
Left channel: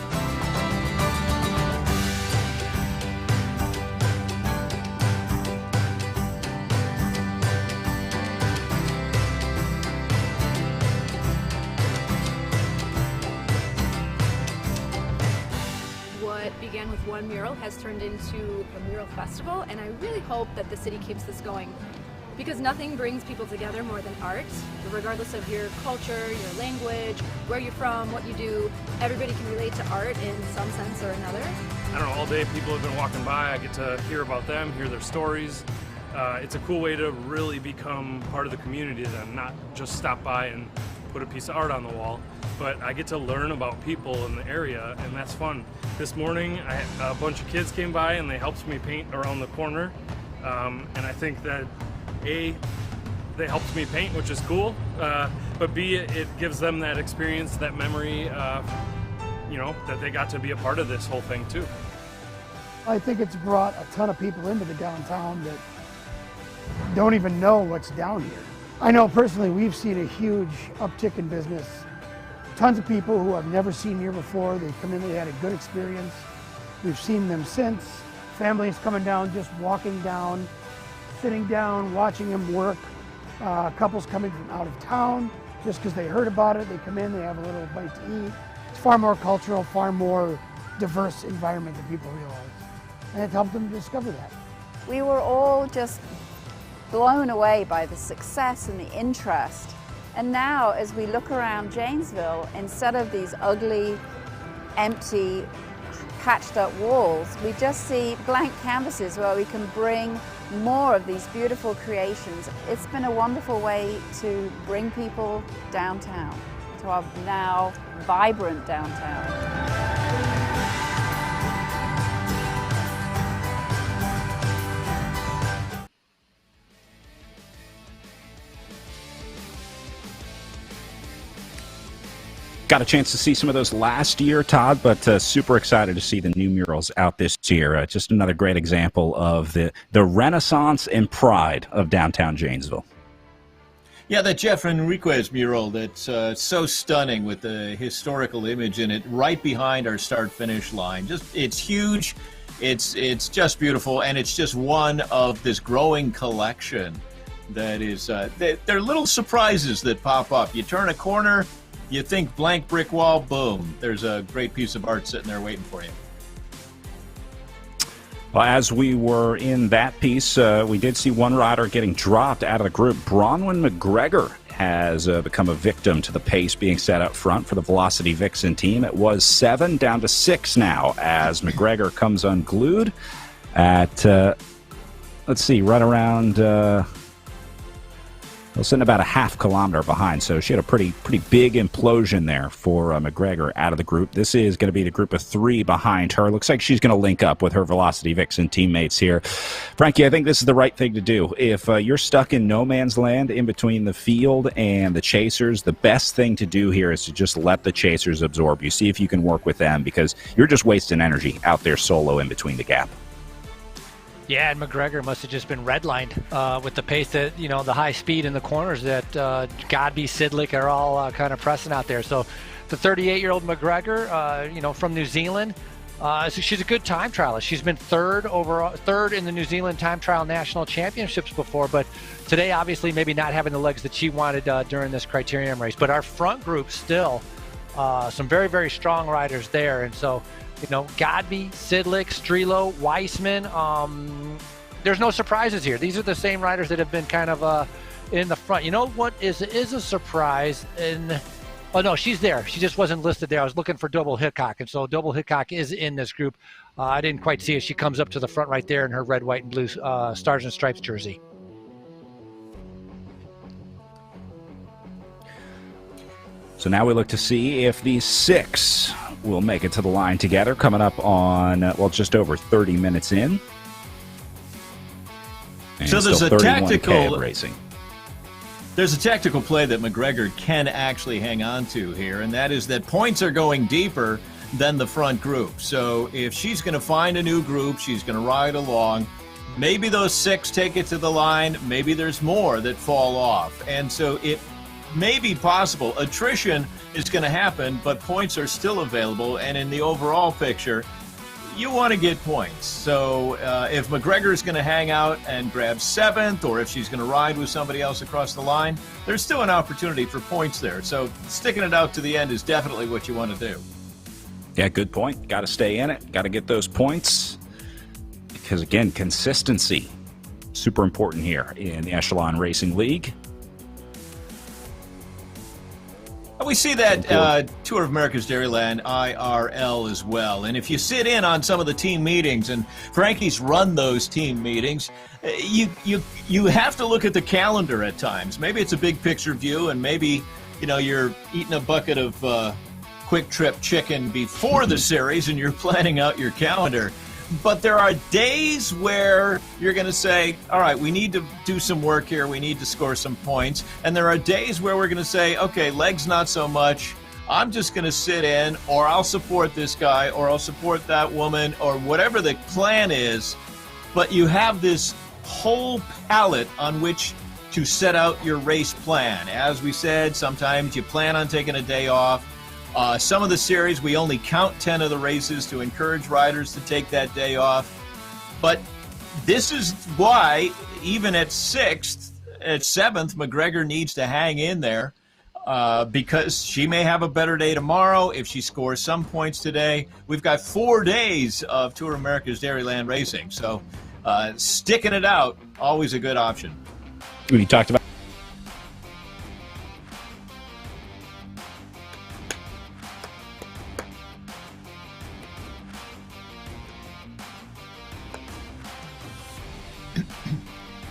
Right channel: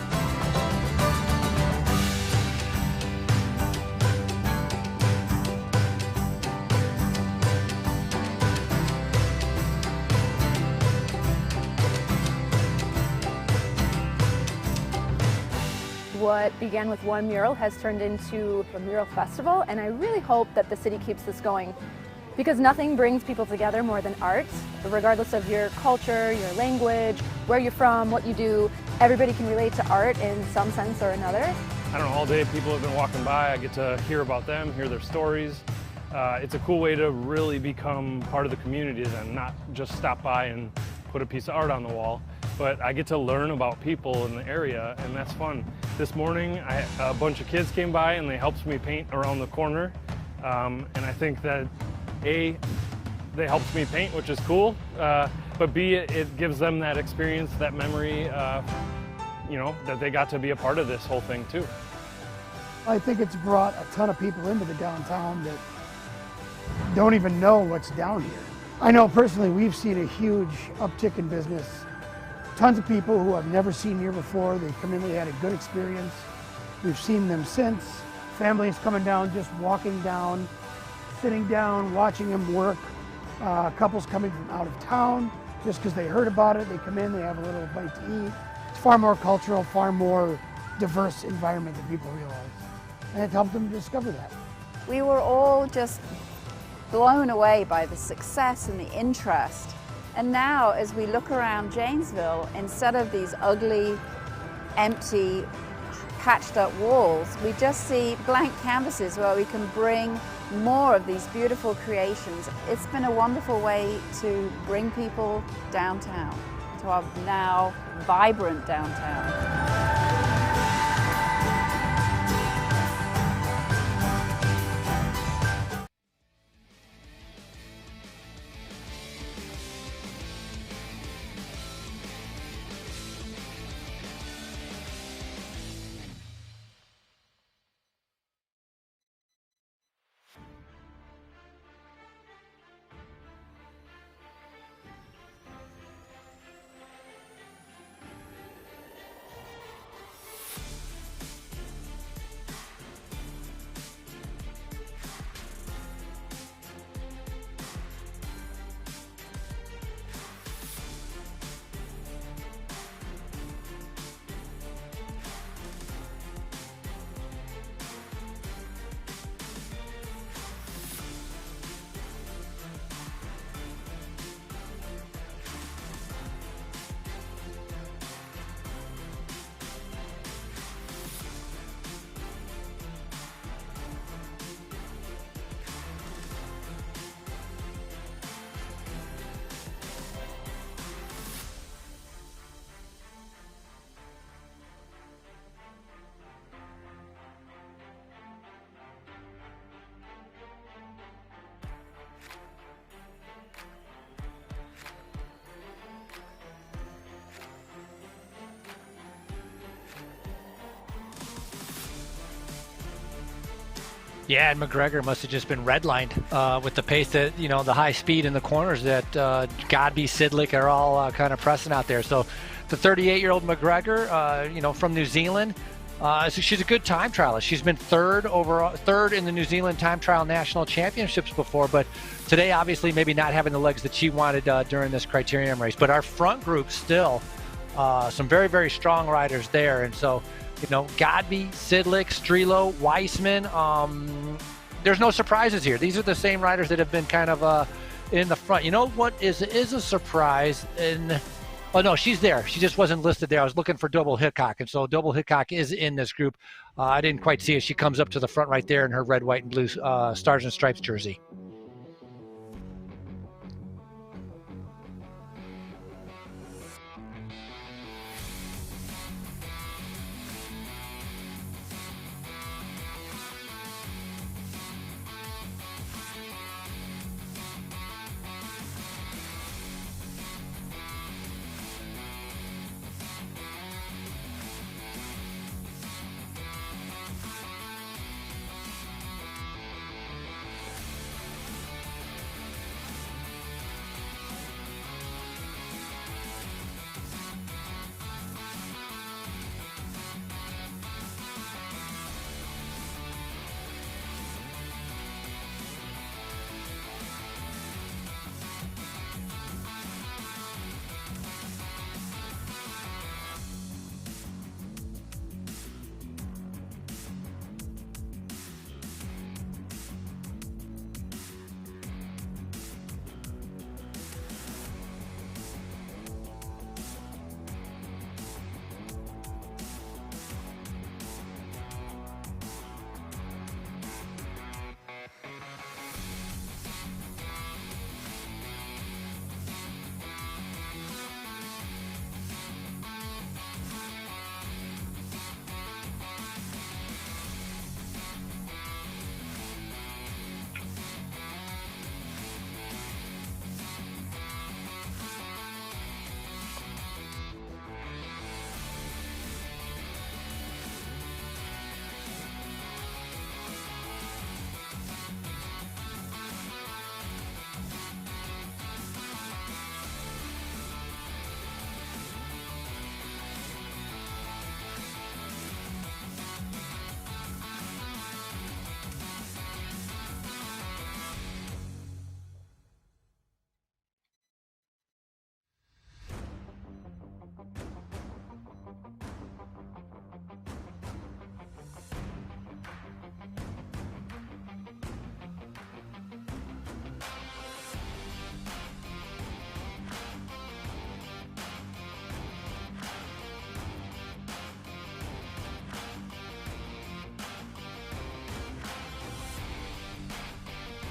What began with one mural has turned into a mural festival, and I really hope that the city keeps this going, because nothing brings people together more than art. Regardless of your culture, your language, where you're from, what you do, everybody can relate to art in some sense or another. I don't know, all day people have been walking by, I get to hear about them, hear their stories. It's a cool way to really become part of the community and not just stop by and put a piece of art on the wall, but I get to learn about people in the area, and that's fun. This morning, a bunch of kids came by and they helped me paint around the corner, and I think that A, they helped me paint, which is cool, but B, it gives them that experience, that memory, you know, that they got to be a part of this whole thing too. I think it's brought a ton of people into the downtown that don't even know what's down here. I know personally we've seen a huge uptick in business. Tons of people who I've never seen here before, they come in, they had a good experience. We've seen them since. Families coming down, just walking down, sitting down, watching them work. Couples coming from out of town, just because they heard about it, they come in, they have a little bite to eat. It's far more cultural, far more diverse environment than people realize. And it helped them discover that. We were all just blown away by the success and the interest. And now, as we look around Janesville, instead of these ugly, empty, patched up walls, we just see blank canvases where we can bring more of these beautiful creations. It's been a wonderful way to bring people downtown, to our now vibrant downtown. Got a chance to see some of those last year, Todd, but super excited to see the new murals out this year. Just another great example of the renaissance and pride of downtown Janesville. Yeah, that Jeff Enriquez mural that's so stunning with the historical image in it right behind our start-finish line. It's huge, it's just beautiful, and it's just one of this growing collection that is, they're little surprises that pop up. You turn a corner, you think blank brick wall, boom, there's a great piece of art sitting there waiting for you. Well, as we were in that piece, we did see one rider getting dropped out of the group. Bronwyn McGregor has become a victim to the pace being set up front for the Velocity Vixen team. It was 7 down to 6 now as McGregor comes unglued at, let's see, right around... Well, sitting about a half kilometer behind, so she had a pretty big implosion there for McGregor out of the group. This is going to be the group of 3 behind her. Looks like she's going to link up with her Velocity Vixen teammates here. Frankie, I think this is the right thing to do. If you're stuck in no man's land in between the field and the chasers, the best thing to do here is to just let the chasers absorb you. See if you can work with them, because you're just wasting energy out there solo in between the gap. Yeah, and McGregor must have just been redlined with the pace that, you know, the high speed in the corners that Godby, Sidlick are all kind of pressing out there. So the 38-year-old McGregor, you know, from New Zealand, so she's a good time trialist. She's been third in the New Zealand time trial national championships before, but today obviously maybe not having the legs that she wanted during this criterium race. But our front group still Some very, very strong riders there. And so, Godby, Sidlick, Strelo, Weissman, there's no surprises here. These are the same riders that have been kind of in the front. You know what is a surprise? Oh, no, she's there. She just wasn't listed there. I was looking for Double Hickok, and so Double Hickok is in this group. I didn't quite see it. She comes up to the front right there in her red, white, and blue Stars and Stripes jersey. So now we look to see if these 6 will make it to the line together, coming up on, just over 30 minutes in. And so there's a tactical racing. There's a tactical play that McGregor can actually hang on to here, and that is that points are going deeper than the front group. So if she's going to find a new group, she's going to ride along. Maybe those 6 take it to the line. Maybe there's more that fall off. And so it may be possible. Attrition is going to happen, but points are still available. And in the overall picture, you want to get points. So if McGregor is going to hang out and grab 7th, or if she's going to ride with somebody else across the line, there's still an opportunity for points there. So sticking it out to the end is definitely what you want to do. Yeah, good point. Got to stay in it. Got to get those points. Because, again, consistency, super important here in the Echelon Racing League. We see that Tour of America's Dairyland IRL as well. And if you sit in on some of the team meetings, and Frankie's run those team meetings, you have to look at the calendar at times. Maybe it's a big picture view, and maybe you're eating a bucket of Quick Trip chicken before the series and you're planning out your calendar. But there are days where you're going to say, all right, we need to do some work here. We need to score some points. And there are days where we're going to say, okay, legs not so much. I'm just going to sit in, or I'll support this guy, or I'll support that woman, or whatever the plan is. But you have this whole palette on which to set out your race plan. As we said, sometimes you plan on taking a day off. Some of the series, we only count 10 of the races to encourage riders to take that day off. But this is why, even at 7th, McGregor needs to hang in there because she may have a better day tomorrow if she scores some points today. We've got 4 days of Tour of America's Dairyland racing. So sticking it out, always a good option. We talked about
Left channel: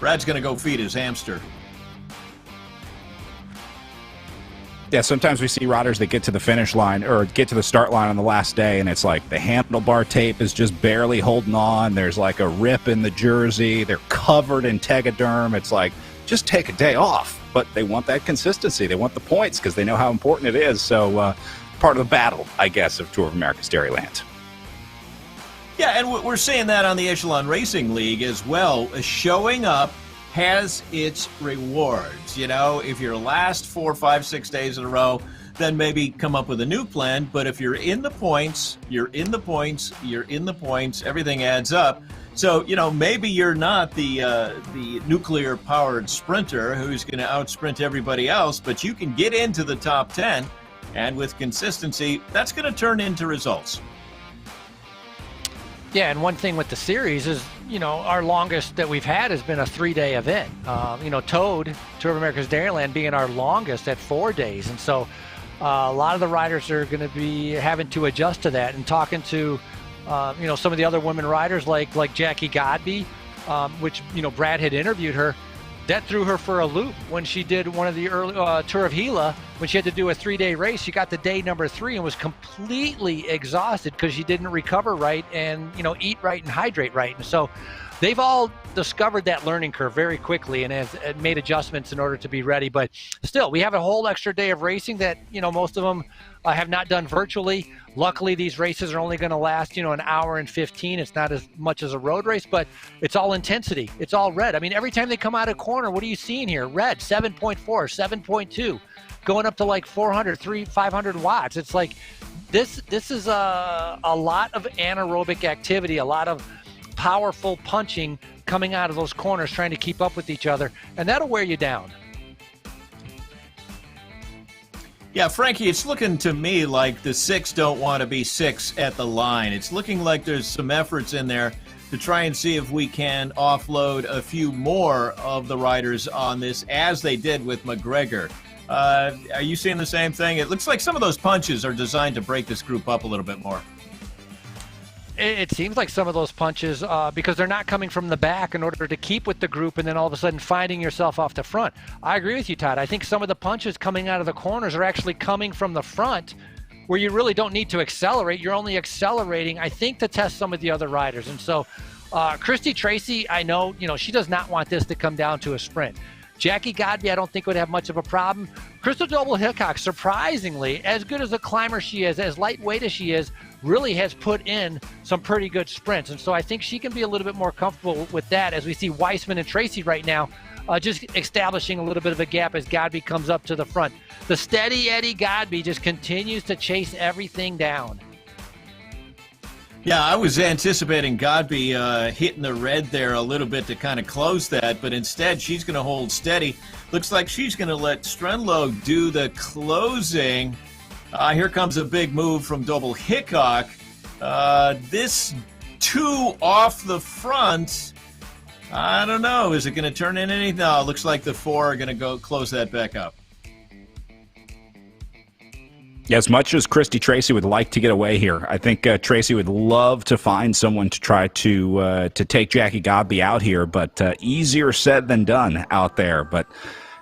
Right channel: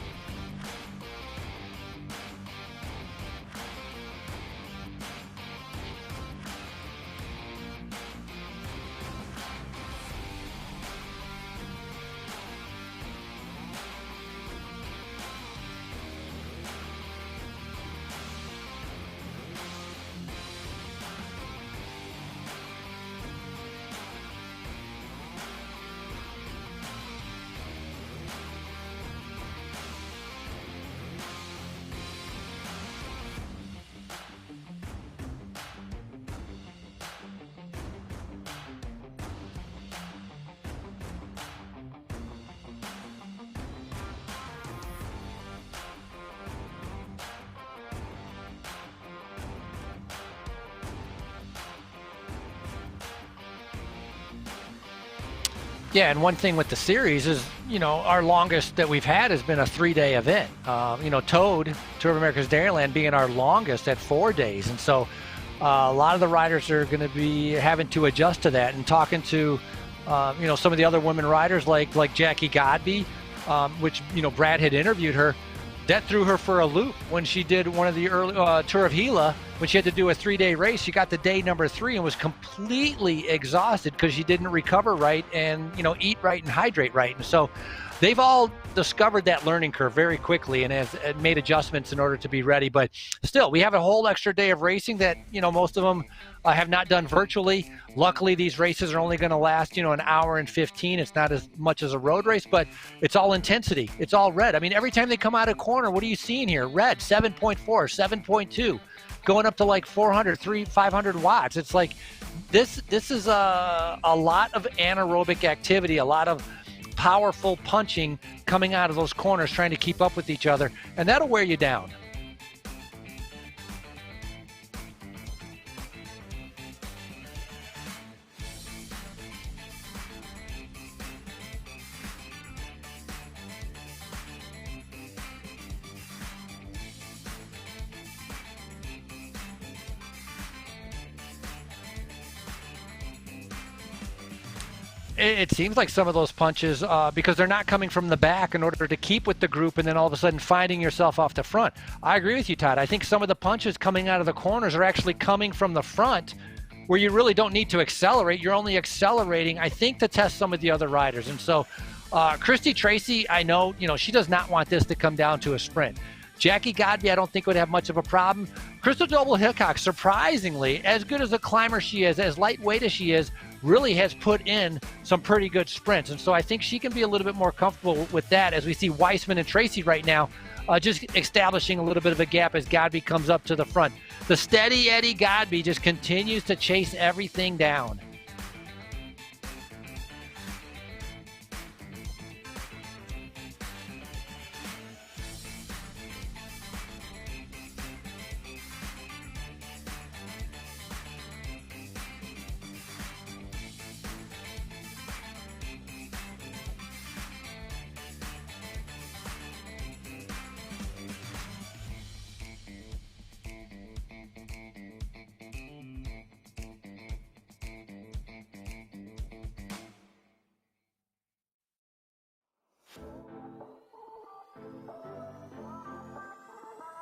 Brad's going to go feed his hamster. Yeah, sometimes we see riders that get to the finish line or get to the start line on the last day, and it's like the handlebar tape is just barely holding on. There's like a rip in the jersey. They're covered in Tegaderm. It's like, just take a day off. But they want that consistency. They want the points because they know how important it is. So part of the battle, I guess, of Tour of America's Dairyland. Yeah, and we're seeing that on the Echelon Racing League as well. Showing up has its rewards. If you're last 4, 5, 6 days in a row, then maybe come up with a new plan. But if you're in the points, you're in the points, you're in the points, everything adds up. So, maybe you're not the nuclear-powered sprinter who's going to out-sprint everybody else, but you can get into the top 10, and with consistency, that's going to turn into results. Yeah, and one thing with the series is, our longest that we've had has been a 3-day event. Toad, Tour of America's Dairyland, being our longest at 4 days. And so a lot of the riders are going to be having to adjust to that. And talking to, some of the other women riders like Jackie Godby, which, Brad had interviewed her, that threw her for a loop when she did one of the early Tour of Gila. When she had to do a 3-day race, she got to day number 3 and was completely exhausted because she didn't recover right and, eat right and hydrate right. And so they've all discovered that learning curve very quickly and have made adjustments in order to be ready. But still, we have a whole extra day of racing that, most of them have not done virtually. Luckily, these races are only going to last, an hour and 15. It's not as much as a road race, but it's all intensity. It's all red. I mean, every time they come out of corner, what are you seeing here? Red, 7.4, 7.2. Going up to like 400, 500 watts. It's like this is a lot of anaerobic activity, a lot of powerful punching coming out of those corners, trying to keep up with each other, and that'll wear you down. Yeah, Frankie, it's looking to me like the 6 don't want to be 6 at the line. It's looking like there's some efforts in there to try and see if we can offload a few more of the riders on this, as they did with McGregor. Are you seeing the same thing? It looks like some of those punches are designed to break this group up a little bit more. It seems like some of those punches, because they're not coming from the back in order to keep with the group and then all of a sudden finding yourself off the front. I agree with you, Todd. I think some of the punches coming out of the corners are actually coming from the front, where you really don't need to accelerate. You're only accelerating, I think, to test some of the other riders. And so Christy Tracy, I know, she does not want this to come down to a sprint. Jackie Godby, I don't think would have much of a problem. Crystal Doble Hickok, surprisingly, as good as a climber she is, as lightweight as she is, really has put in some pretty good sprints. And so I think she can be a little bit more comfortable with that, as we see Weissman and Tracy right now just establishing a little bit of a gap as Godby comes up to the front. The steady Eddie Godby just continues to chase everything down. Yeah, I was anticipating Godby hitting the red there a little bit to kind of close that, but instead she's going to hold steady. Looks like she's going to let Strenlow do the closing. Here comes a big move from Doble Hickok. This 2 off the front, I don't know. Is it going to turn in anything? No, it looks like the 4 are going to go close that back up. As much as Christy Tracy would like to get away here, I think Tracy would love to find someone to try to take Jackie Godby out here, but easier said than done out there. But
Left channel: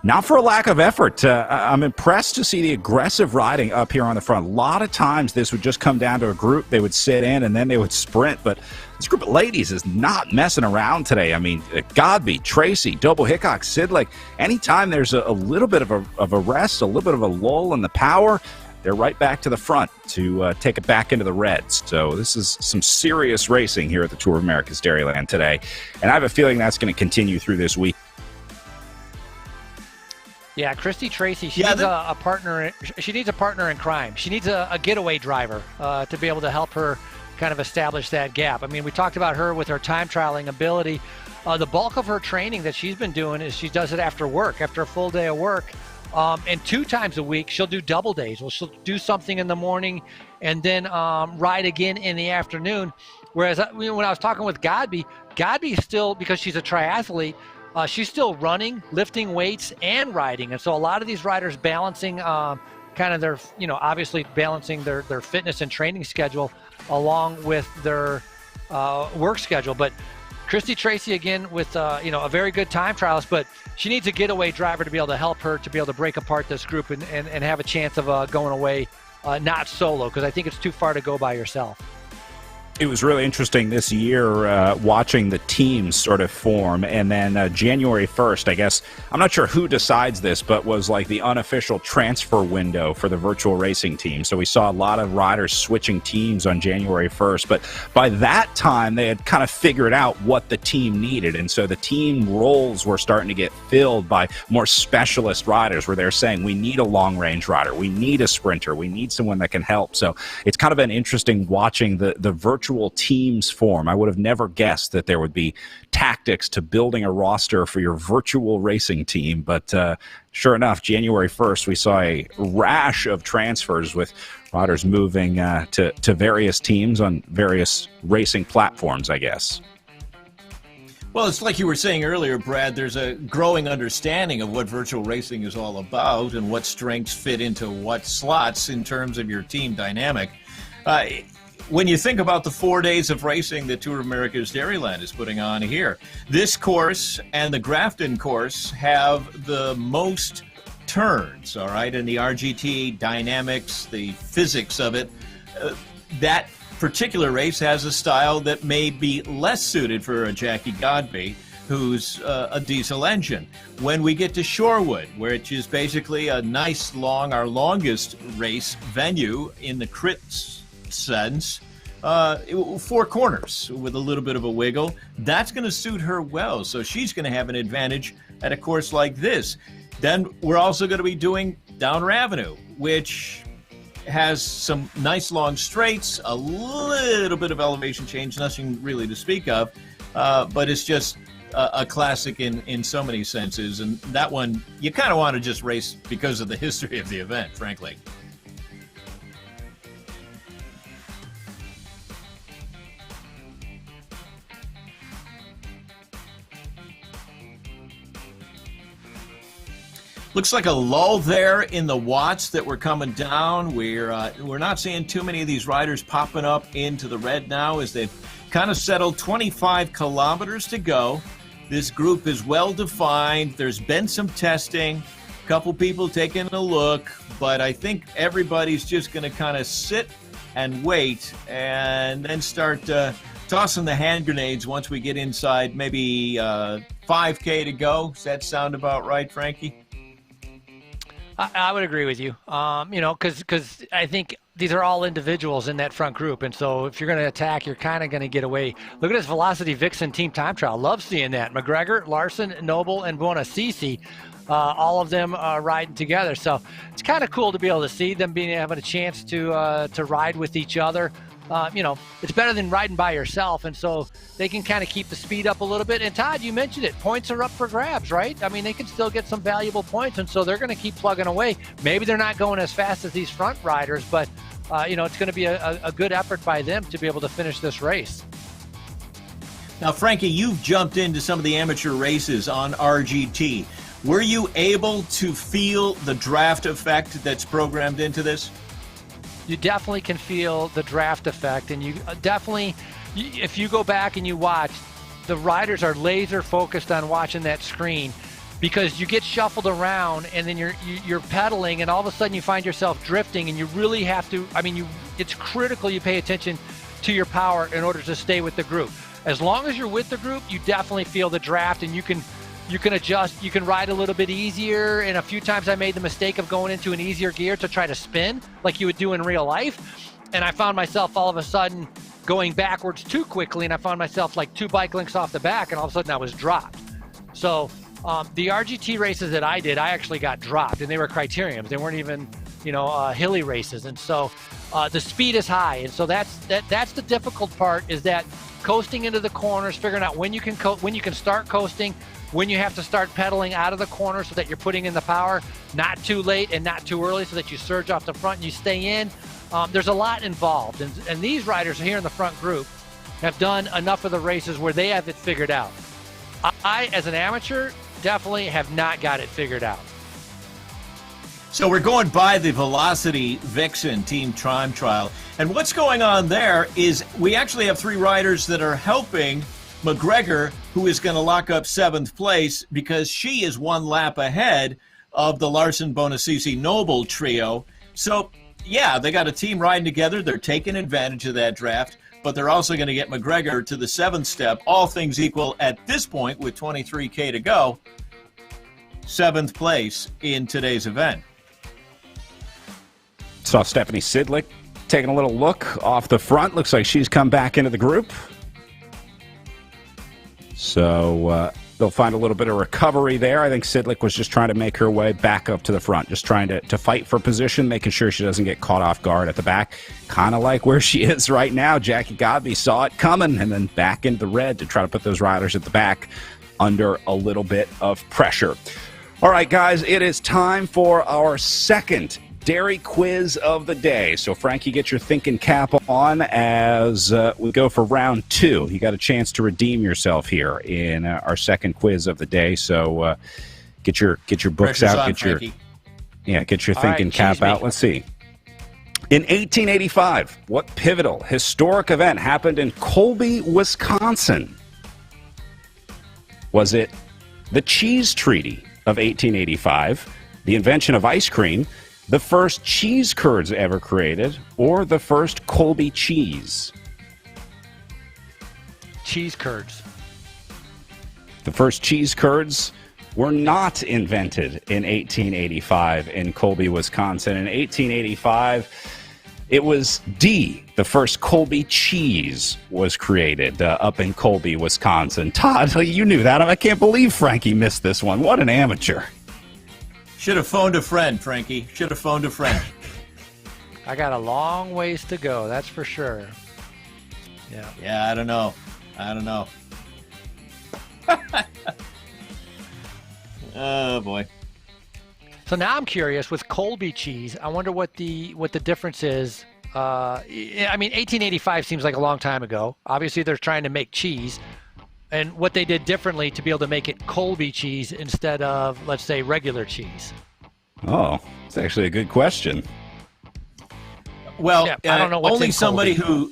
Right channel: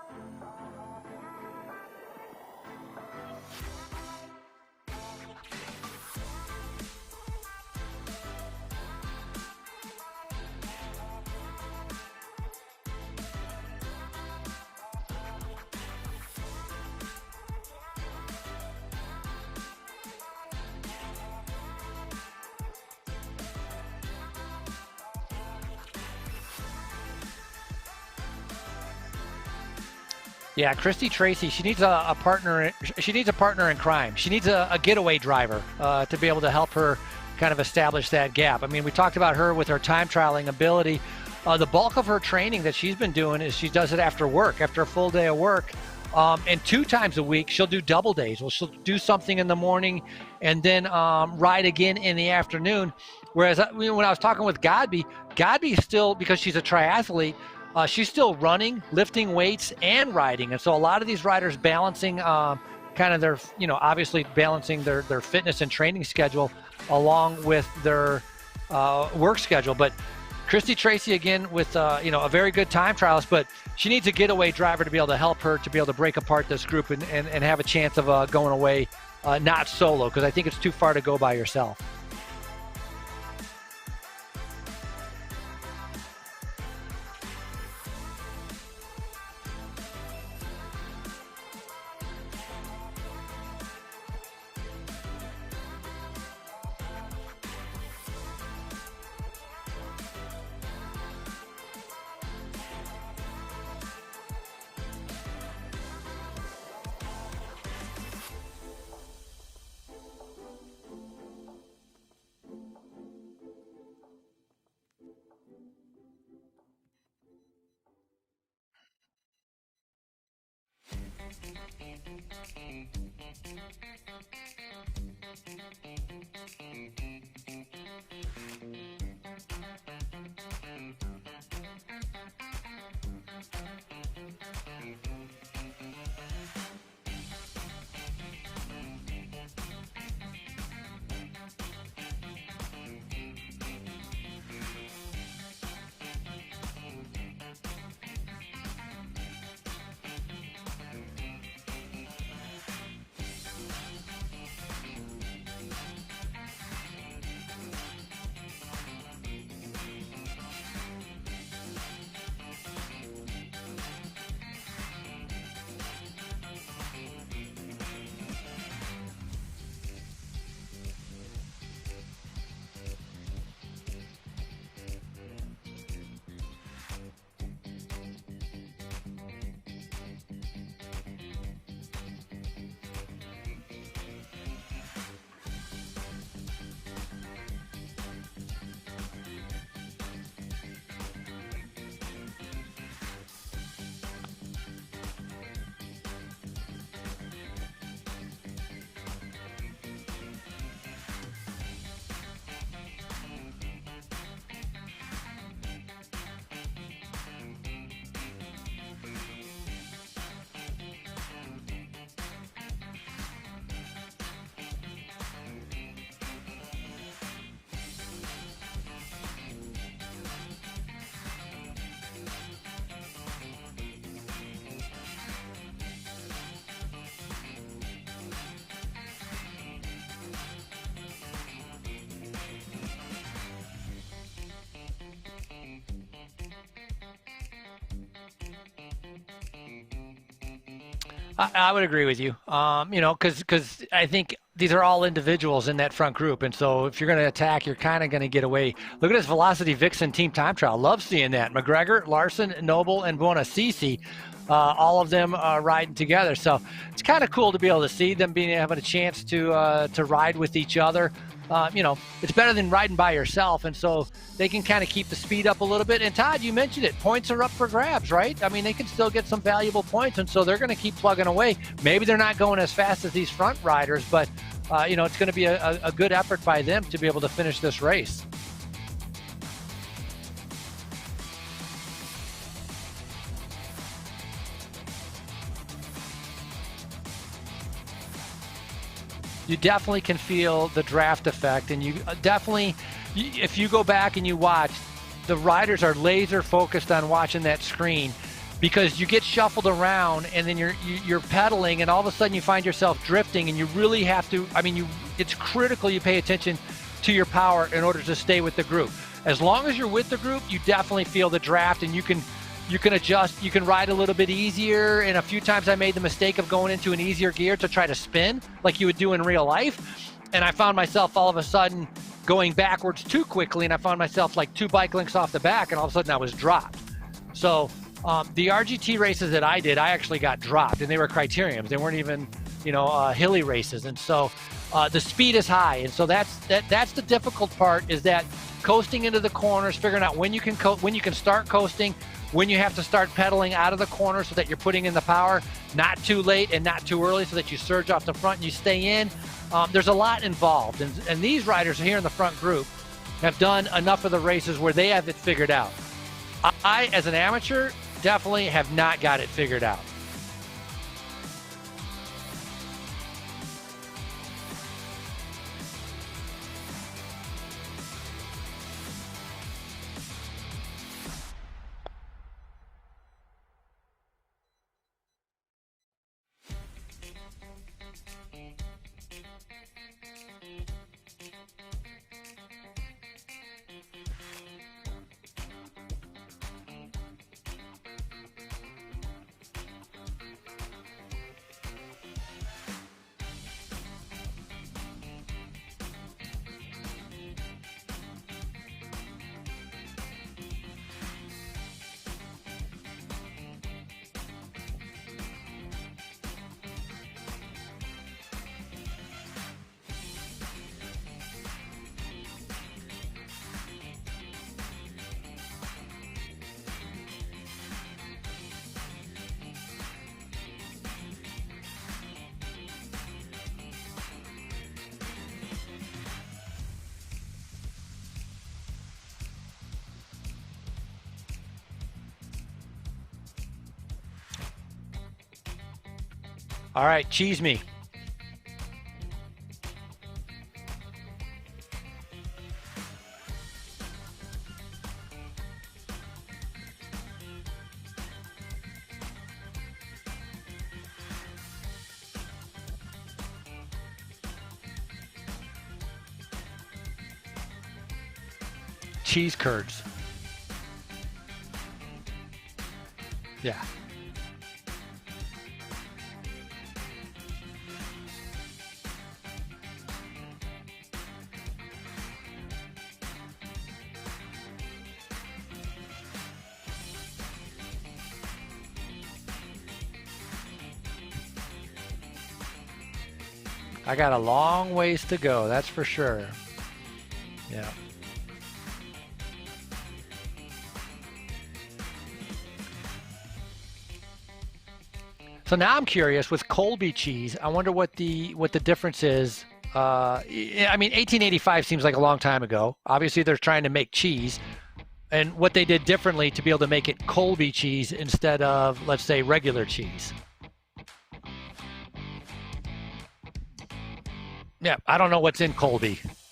not for a lack of effort. I'm impressed to see the aggressive riding up here on the front. A lot of times this would just come down to a group. They would sit in and then they would sprint, but this group of ladies is not messing around today. I mean, Godby, Tracy, Doble Hickok, Sidlick, anytime there's a little bit of a rest, a little bit of a lull in the power, they're right back to the front to take it back into the reds. So this is some serious racing here at the Tour of America's Dairyland today. And I have a feeling that's going to continue through this week. Yeah, Christy Tracy, she needs a partner. She needs a partner in crime. She needs a getaway driver to be able to help her kind of establish that gap. I mean, we talked about her with her time trialing ability. The bulk of her training that she's been doing is she does it after work, after a full day of work. And 2 times a week, she'll do double days. Well, she'll do something in the morning and then ride again in the afternoon. Whereas when I was talking with Godby still, because she's a triathlete, she's still running, lifting weights, and riding. And so a lot of these riders balancing kind of their, obviously balancing their fitness and training schedule along with their work schedule. But Christy Tracy, again, with a very good time trialist, but she needs a getaway driver to be able to help her to be able to break apart this group and have a chance of going away not solo, because I think it's too far to go by yourself. It was really interesting this year watching the teams sort of form, and then January 1st, I guess, I'm not sure who decides this, but was like the unofficial transfer window for the virtual racing team. So we saw a lot of riders switching teams on January 1st, but by that time they had kind of figured out what the team needed, and so the team roles were starting to get filled by more specialist riders, where they're saying, we need a long-range rider, we need a sprinter, we need someone that can help. So it's kind of been interesting watching the virtual teams form. I would have never guessed that there would be tactics to building a roster for your virtual racing team, but sure enough, January 1st, we saw a rash of transfers with riders moving to various teams on various racing platforms, I guess. Well, it's like you were saying earlier, Brad, there's a growing understanding of what virtual racing is all about and what strengths fit into what slots in terms of your team dynamic. When you think about the 4 days of racing that Tour of America's Dairyland is putting on here, this course and the Grafton course have the most turns, all right, and the RGT dynamics, the physics of it. That particular race has a style that may be less suited for a Jackie Godby, who's a diesel engine. When we get to Shorewood, which is basically a nice long, our longest race venue in the crits sense, 4 corners with a little bit of a wiggle, that's going to suit her well. So she's going to have an advantage at a course like this. Then we're also going to be doing Downer Avenue, which has some nice long straights, a little bit of elevation change, nothing really to speak of, but it's just a classic in so many senses. And that one, you kind of want to just race because of the history of the event, frankly. Looks like a lull there in the watts that were coming down. We're not seeing too many of these riders popping up into the red now as they've kind of settled. 25 kilometers to go. This group is well defined. There's been some testing, a couple people taking a look, but I think everybody's just going to kind of sit and wait and then start tossing the hand grenades once we get inside maybe 5K to go. Does that sound about right, Frankie? I would agree with you, because I think these are all individuals in that front group. And so if you're going to attack, you're kind of going to get away. Look at this Velocity Vixen team time trial. Love seeing that. McGregor, Larson, Noble, and Buonasisi, all of them riding together. So it's kind of cool to be able to see them having a chance to ride with each other. It's better than riding by yourself, and so they can kind of keep the speed up a little bit. And Todd, you mentioned it, points are up for grabs, right? I mean, they can still get some valuable points, and so they're going to keep plugging away. Maybe they're not going as fast as these front riders, but it's going to be a good effort by them to be able to finish this race. Now, Frankie, you've jumped into some of the amateur races on RGT. Were you able to feel the draft effect that's programmed into this? You definitely can feel the draft effect, and you definitely, if you go back and you watch, the riders are laser focused on watching that screen, because you get shuffled around and then you're pedaling, and all of a sudden you find yourself drifting, and you really have to, it's critical you pay attention to your power in order to stay with the group. As long as you're with the group, you definitely feel the draft, and you can adjust, you can ride a little bit easier. And a few times I made the mistake of going into an easier gear to try to spin like you would do in real life. And I found myself all of a sudden going backwards too quickly, and I found myself like 2 bike lengths off the back, and all of a sudden I was dropped. So the RGT races that I did, I actually got dropped, and they were criteriums. They weren't even, hilly races. And so the speed is high. And so that's the difficult part, is that coasting into the corners, figuring out when you can start coasting, when you have to start pedaling out of the corner so that you're putting in the power, not too late and not too early so that you surge off the front and you stay in. There's a lot involved. And these riders here in the front group have done enough of the races where they have it figured out. I, as an amateur, definitely have not got it figured out. So we're going by the Velocity Vixen team time trial. And what's going on there is we actually have 3 riders that are helping McGregor, who is going to lock up 7th place because she is 1 lap ahead of the Larson, Buonasisi, Noble trio. So, yeah, they got a team riding together. They're taking advantage of that draft, but they're also going to get McGregor to the 7th step. All things equal at this point with 23K to go, 7th place in today's event. Saw Stephanie Sidlick taking a little look off the front. Looks like she's come back into the group. So they'll find a little bit of recovery there. I think Sidlick was just trying to make her way back up to the front, just trying to fight for position, making sure she doesn't get caught off guard at the back. Kind of like where she is right now. Jackie Godby saw it coming and then back into the red to try to put those riders at the back under a little bit of pressure. All right, guys, it is time for our second dairy quiz of the day. So, Frankie, get your thinking cap on as we go for round 2. You got a chance to redeem yourself here in our second quiz of the day. So, get your books out. Get your thinking cap out. Let's see. In 1885, what pivotal historic event happened in Colby, Wisconsin? Was it the Cheese Treaty of 1885, the invention of ice cream, the first cheese curds ever created, or the first Colby cheese? Cheese curds. The first cheese curds were not invented in 1885 in Colby, Wisconsin. In 1885, it was the first Colby cheese was created up in Colby, Wisconsin. Todd, you knew that. I can't believe Frankie missed this one. What an amateur. Should have phoned a friend, Frankie. Should have phoned a friend. I got a long ways to go, that's for sure. Yeah. Yeah, I don't know. Oh boy. So now I'm curious with Colby cheese. I wonder what the difference is. I mean, 1885 seems like a long time ago. Obviously, they're trying to make cheese, and what they did differently to be able to make it Colby cheese instead of, let's say, regular cheese. Oh, it's actually a good question. Well, yeah, I don't know what's only in somebody Colby. who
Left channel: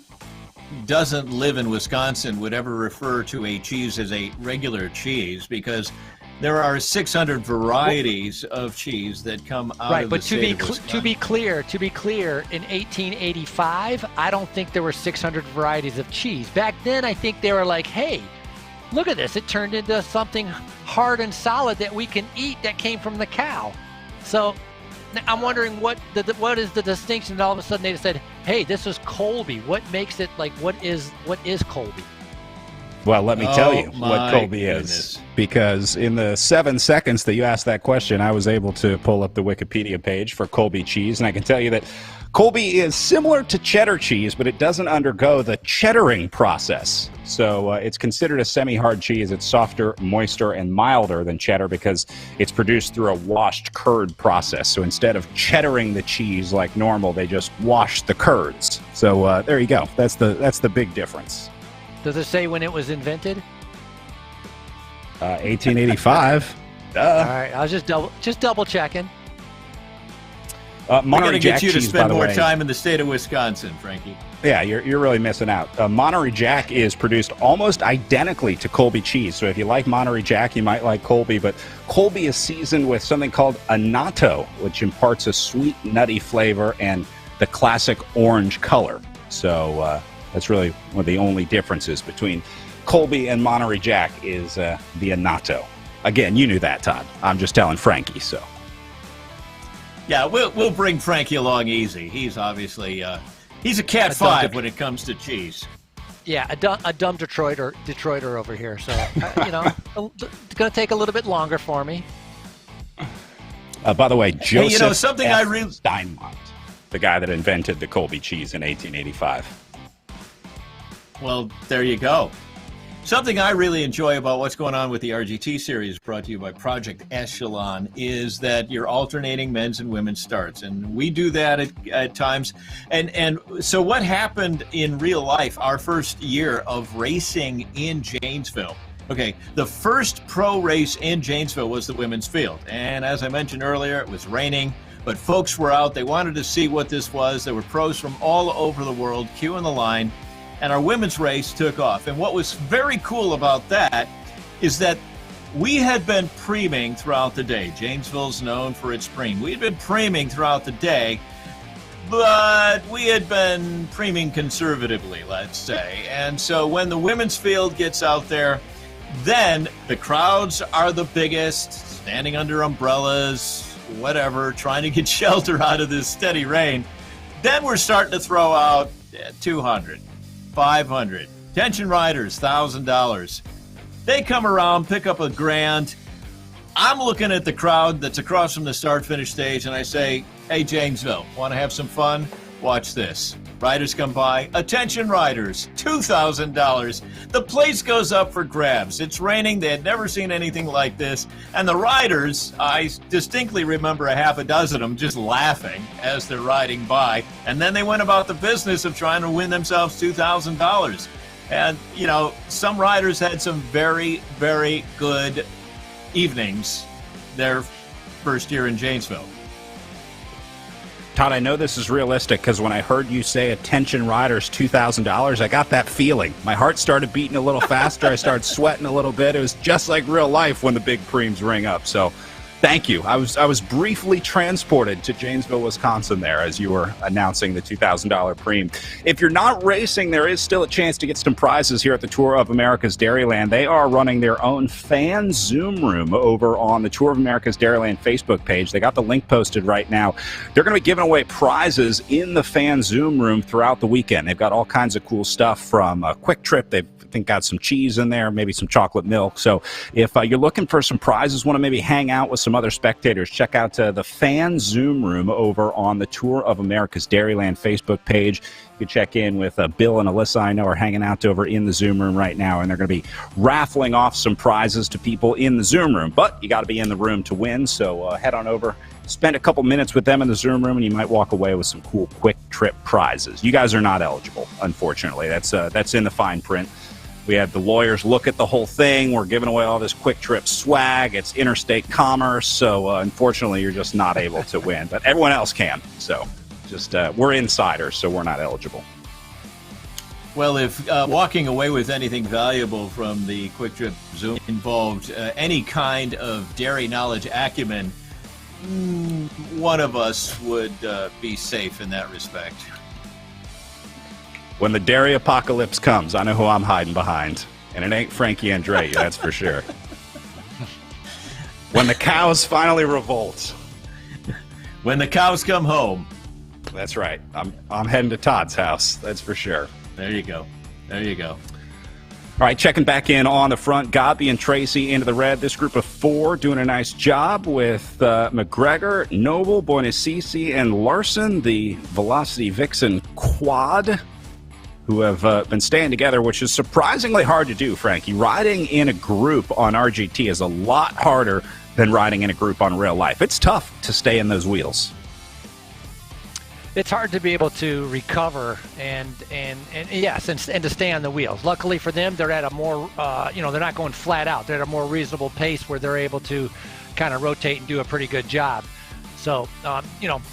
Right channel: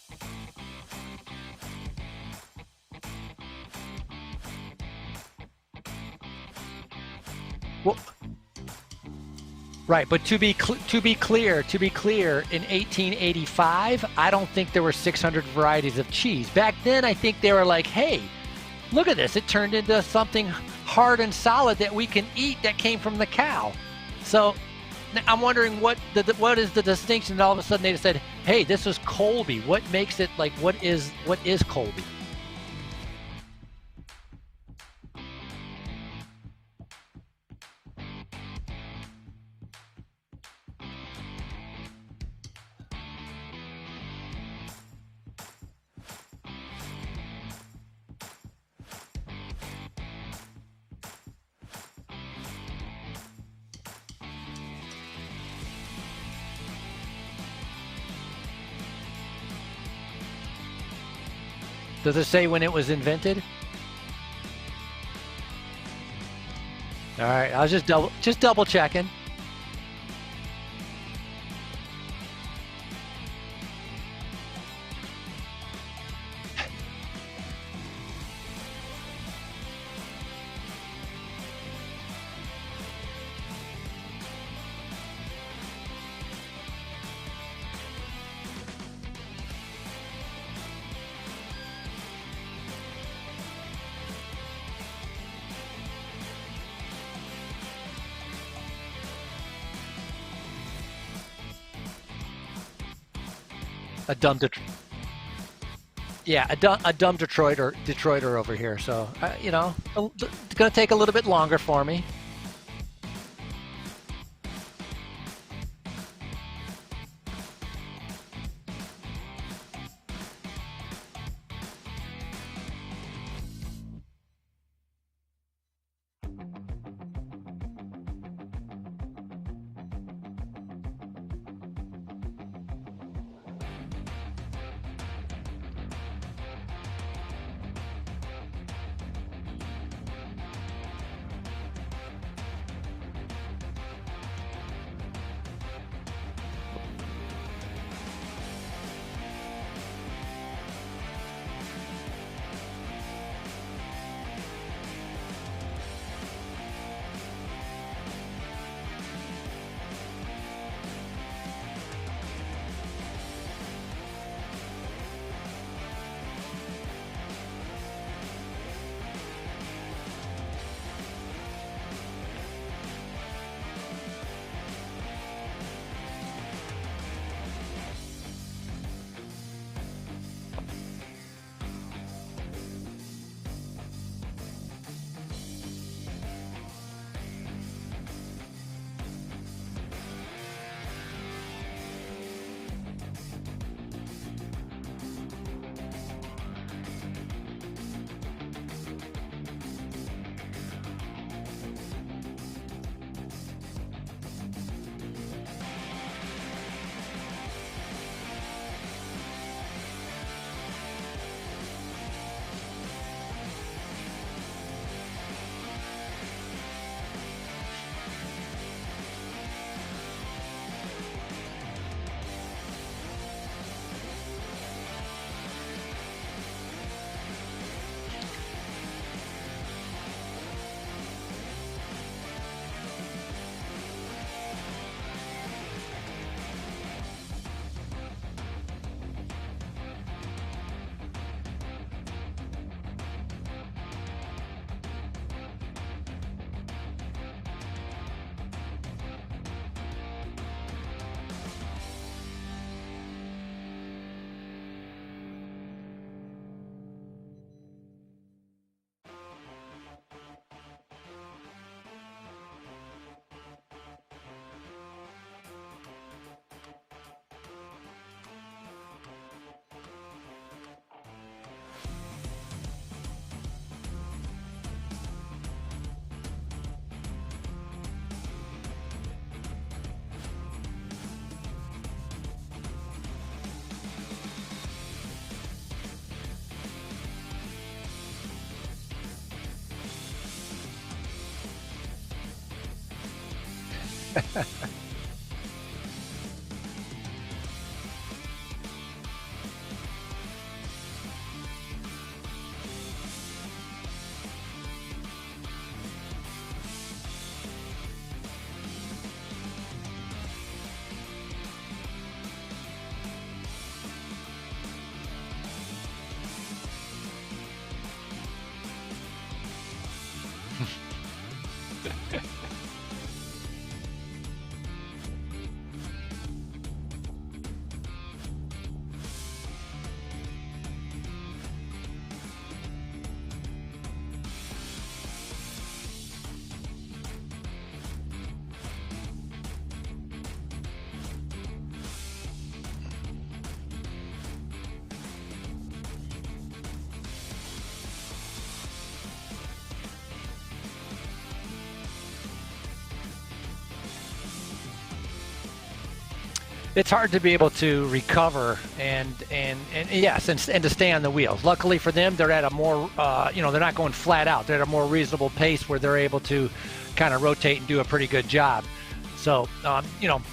doesn't live in Wisconsin would ever refer to a cheese as a regular cheese, because there are 600 varieties of cheese that come out Right, of but the to be state of Wisconsin. to be clear, in 1885, I don't think there were 600 varieties of cheese. Back then, I think they were like, hey, look at this. It turned into something hard and solid that we can eat that came from the cow. So I'm wondering what is the distinction that all of a sudden they said, hey, this is Colby. What makes it like, what is Colby? Well, let me tell you what my Colby is, because in the 7 seconds that you asked that question, I was able to pull up the Wikipedia page for Colby cheese, and I can tell you that Colby is similar to cheddar cheese, but it doesn't undergo the cheddaring process. So it's considered a semi-hard cheese. It's softer, moister, and milder than cheddar because it's produced through a washed curd process. So instead of cheddaring the cheese like normal, they just wash the curds. So there you go. That's the big difference. Does it say when it was invented? 1885. All right, I was just double checking. We're Monterey going to Jack get you to cheese, by spend the more way. time in the state of Wisconsin, Frankie. Yeah, you're really missing out. Monterey Jack is produced almost identically to Colby cheese. So if you like Monterey Jack, you might like Colby. But Colby is seasoned with something called annatto, which imparts a sweet, nutty flavor and the classic orange color. So that's really one of the only differences between Colby and Monterey Jack is the annatto. Again, you knew that, Todd. I'm just telling Frankie, so. Yeah, we'll bring Frankie along easy. He's obviously he's a cat A dumb five when it comes to cheese. Yeah, a dumb Detroiter over here. So it's going to take a little bit longer for me. By the way, Joseph Hey, something F. I really Steinmont, the guy that invented the Colby cheese in 1885. Well, there you go. Something I really enjoy about what's going on with the RGT series brought to you by Project Echelon is that you're alternating men's and women's starts. And we do that at times. And so what happened in real life, our first year of racing in Janesville? Okay, the first pro race in Janesville was the women's field. And as I mentioned earlier, it was raining, but folks were out. They wanted to see what this was. There were pros from all over the world queuing the line. And our women's race took off. And what was very cool about that is that we had been preeming throughout the day. Janesville's known for its preem. We had been preeming throughout the day, but we had been preeming conservatively, let's say. And so when the women's field gets out there, then the crowds are the biggest, standing under umbrellas, whatever, trying to get shelter out of this steady rain. Then we're starting to throw out 200. 500. Tension riders, $1,000. They come around, pick up $1,000. I'm looking at the crowd that's across from the start-finish stage, and I say, hey, Janesville, want to have some fun? Watch this. Riders come by. Attention riders, $2,000. The place goes up for grabs. It's raining. They had never seen anything like this. And the riders, I distinctly remember a half a dozen of them just laughing as they're riding by. And then they went about the business of trying to win themselves $2,000. And, some riders had some very, very good evenings their first year in Janesville. Todd, I know this is realistic because when I heard you say attention riders $2,000, I got that feeling. My heart started beating a little faster. I started sweating a little bit. It was just like real life when the big preems ring up. So thank you. I was briefly transported to Janesville, Wisconsin there as you were announcing the $2,000 preem. If you're not racing, there is still a chance to get some prizes here at the Tour of America's Dairyland. They are running their own fan Zoom room over on the Tour of America's Dairyland Facebook page. They got the link posted right now. They're going to be giving away prizes in the fan Zoom room throughout the weekend. They've got all kinds of cool stuff from a Quick Trip. They've think got some cheese in there, maybe some chocolate milk. So if you're looking for some prizes, want to maybe hang out with some other spectators, check out the Fan Zoom Room over on the Tour of America's Dairyland Facebook page. You can check in with Bill and Alyssa, I know, are hanging out over in the Zoom room right now, and they're going to be raffling off some prizes to people in the Zoom room. But you got to be in the room to win, so head on over, spend a couple minutes with them in the Zoom room, and you might walk away with some cool quick trip prizes. You guys are not eligible, unfortunately. That's in the fine print. We had the lawyers look at the whole thing. We're giving away all this quick trip swag. It's interstate commerce, so unfortunately, you're just not able to win. But everyone else can, so just we're insiders, so we're not eligible. Well, if walking away with anything valuable from the Quick Trip Zoom involved any kind of dairy knowledge acumen, one of us would be safe in that respect. When the dairy apocalypse comes, I know who I'm hiding behind, and it ain't Frankie Andrei, that's for sure. When the cows finally revolt. When the cows come home. That's right. I'm heading to Todd's house, that's for sure. There you go. There you go. All right, checking back in on the front, Godby and Tracy into the red. This group of four doing a nice job with McGregor, Noble, Boinasisi, and Larson, the Velocity Vixen quad, who have been staying together, which is surprisingly hard to do, Frankie. Riding in a group on RGT is a lot harder than riding in a group on real life. It's tough to stay in those wheels. It's hard to be able to recover and to stay on the wheels. Luckily for them, they're at a more, they're not going flat out. They're at a more reasonable pace where they're able to kind of rotate and do a pretty good job. So,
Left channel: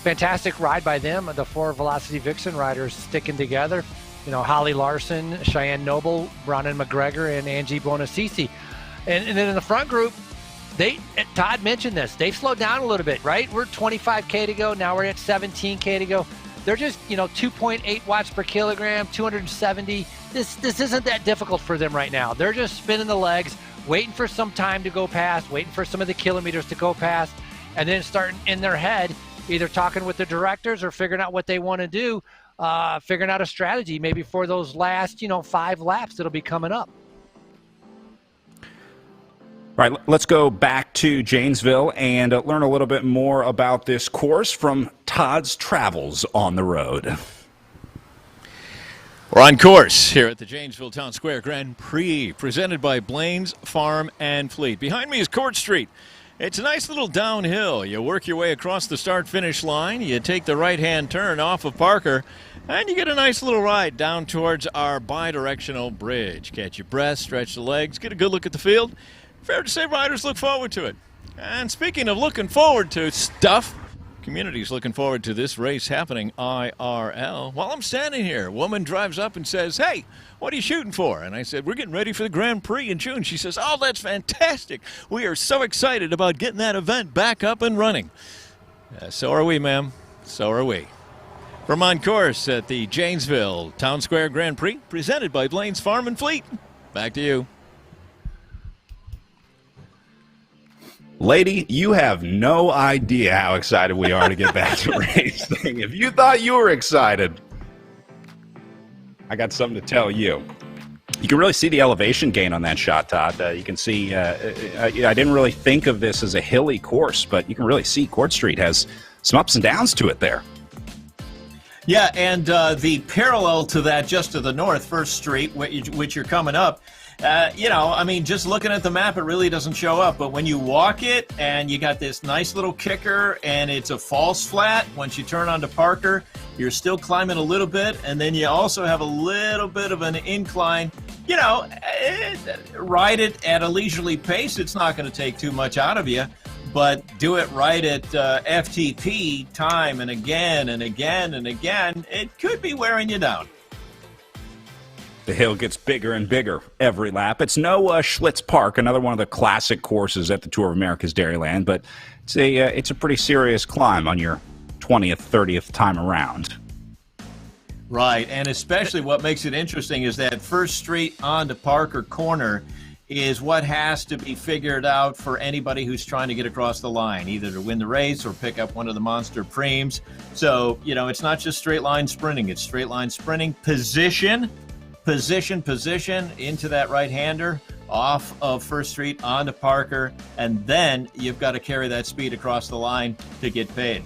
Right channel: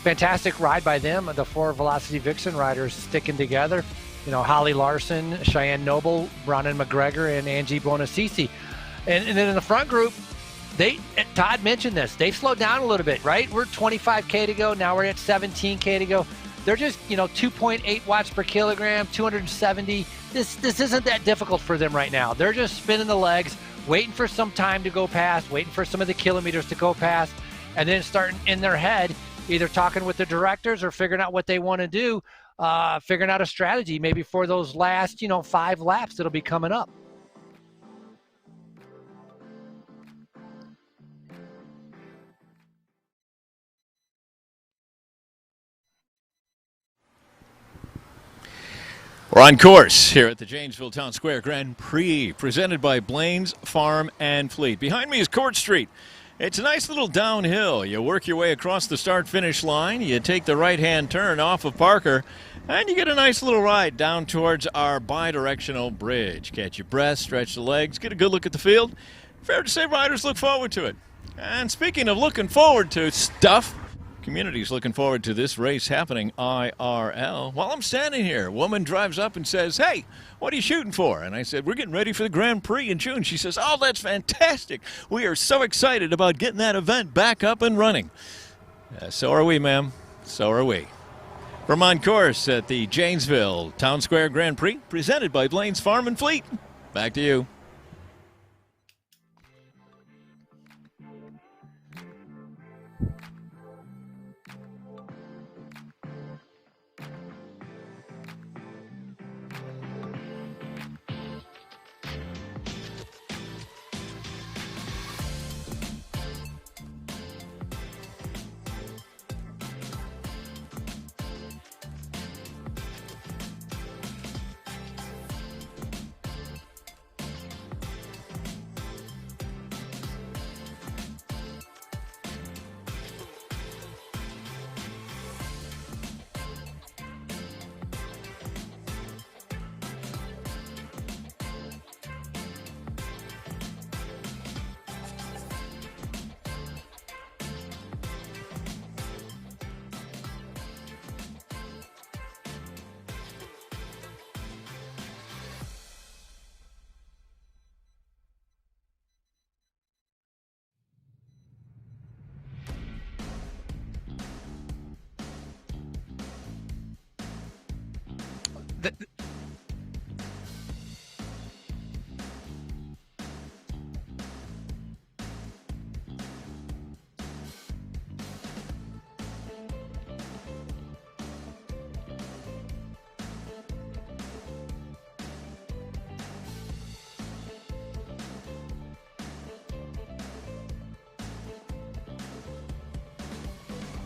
fantastic ride by them. The four Velocity Vixen riders sticking together. Holly Larson, Cheyenne Noble, Bronwyn McGregor, and Angie Boinasisi. And then in the front group, Todd mentioned this. They've slowed down a little bit, right? We're 25K to go. Now we're at 17K to go. They're just, 2.8 watts per kilogram, 270. This isn't that difficult for them right now. They're just spinning the legs, waiting for some time to go past, waiting for some of the kilometers to go past, and then starting in their head, either talking with the directors or figuring out what they want to do, figuring out a strategy maybe for those last, 5 laps that'll be coming up. All right, let's go back to Janesville and learn a little bit more about this course from Todd's travels on the road. We're on course here at the Janesville Town Square Grand Prix, presented by Blaine's Farm and Fleet. Behind me is Court Street. It's a nice little downhill. You work your way across the start-finish line, you take the right-hand turn off of Parker, and you get a nice little ride down towards our bi-directional bridge. Catch your breath, stretch the legs, get a good look at the field. Fair to say riders look forward to it. And speaking of looking forward to stuff, community's looking forward to this race happening IRL. While I'm standing here, a woman drives up and says, "Hey, what are you shooting for?" And I said, "We're getting ready for the Grand Prix in June." She says, "Oh, that's fantastic. We are so excited about getting that event back up and running." So are we, ma'am. So are we. From on course at the Janesville Town Square Grand Prix, presented by Blaine's Farm and Fleet. Back to you. Lady, you have no idea how excited we are to get back to racing. If you thought you were excited, I got something to tell you. You can really see the elevation gain on that shot, Todd. You can see, I didn't really think of this as a hilly course, but you can really see Court Street has some ups and downs to it there. Yeah, and the parallel to that just to the north, First Street, which you're coming up, just looking at the map, it really doesn't show up. But when you walk it and you got this nice little kicker and it's a false flat, once you turn onto Parker, you're still climbing a little bit. And then you also have a little bit of an incline. Ride it at a leisurely pace. It's not going to take too much out of you. But do it right at FTP time and again and again and again. It could be wearing you down. The hill gets bigger and bigger every lap. It's no Schlitz Park, another one of the classic courses at the Tour of America's Dairyland, but it's a pretty serious climb on your 20th, 30th time around. Right, and especially what makes it interesting is that First Street onto Parker Corner is what has to be figured out for anybody who's trying to get across the line, either to win the race or pick up one of the monster Primes. So, it's not just straight line sprinting, it's straight line sprinting, position, position into that right-hander, off of First Street onto Parker, and then you've got to carry that speed across the line to get paid.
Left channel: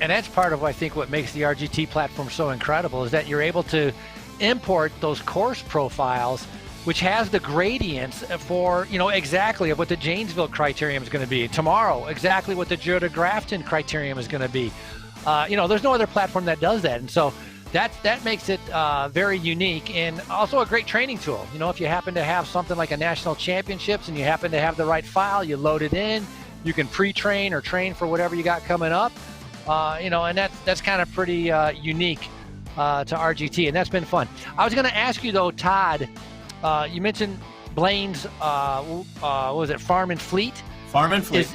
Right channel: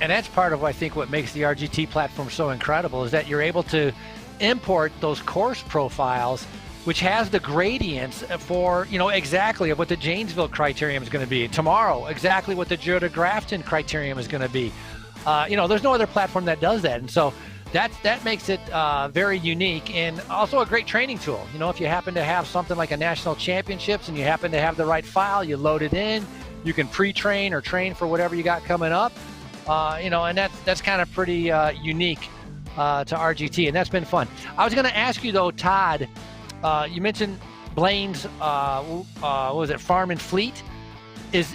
And that's part of, I think, what makes the RGT platform so incredible is that you're able to import those course profiles, which has the gradients for, exactly of what the Janesville criterium is going to be. Tomorrow, exactly what the Giro de Grafton criterium is going to be. There's no other platform that does that. And so that makes it very unique and also a great training tool. If you happen to have something like a national championships and you happen to have the right file, you load it in, you can pre-train or train for whatever you got coming up. And that's kind of pretty unique to RGT, and that's been fun. I was going to ask you though, Todd, you mentioned Blaine's, what was it, Farm and Fleet? Farm and Fleet.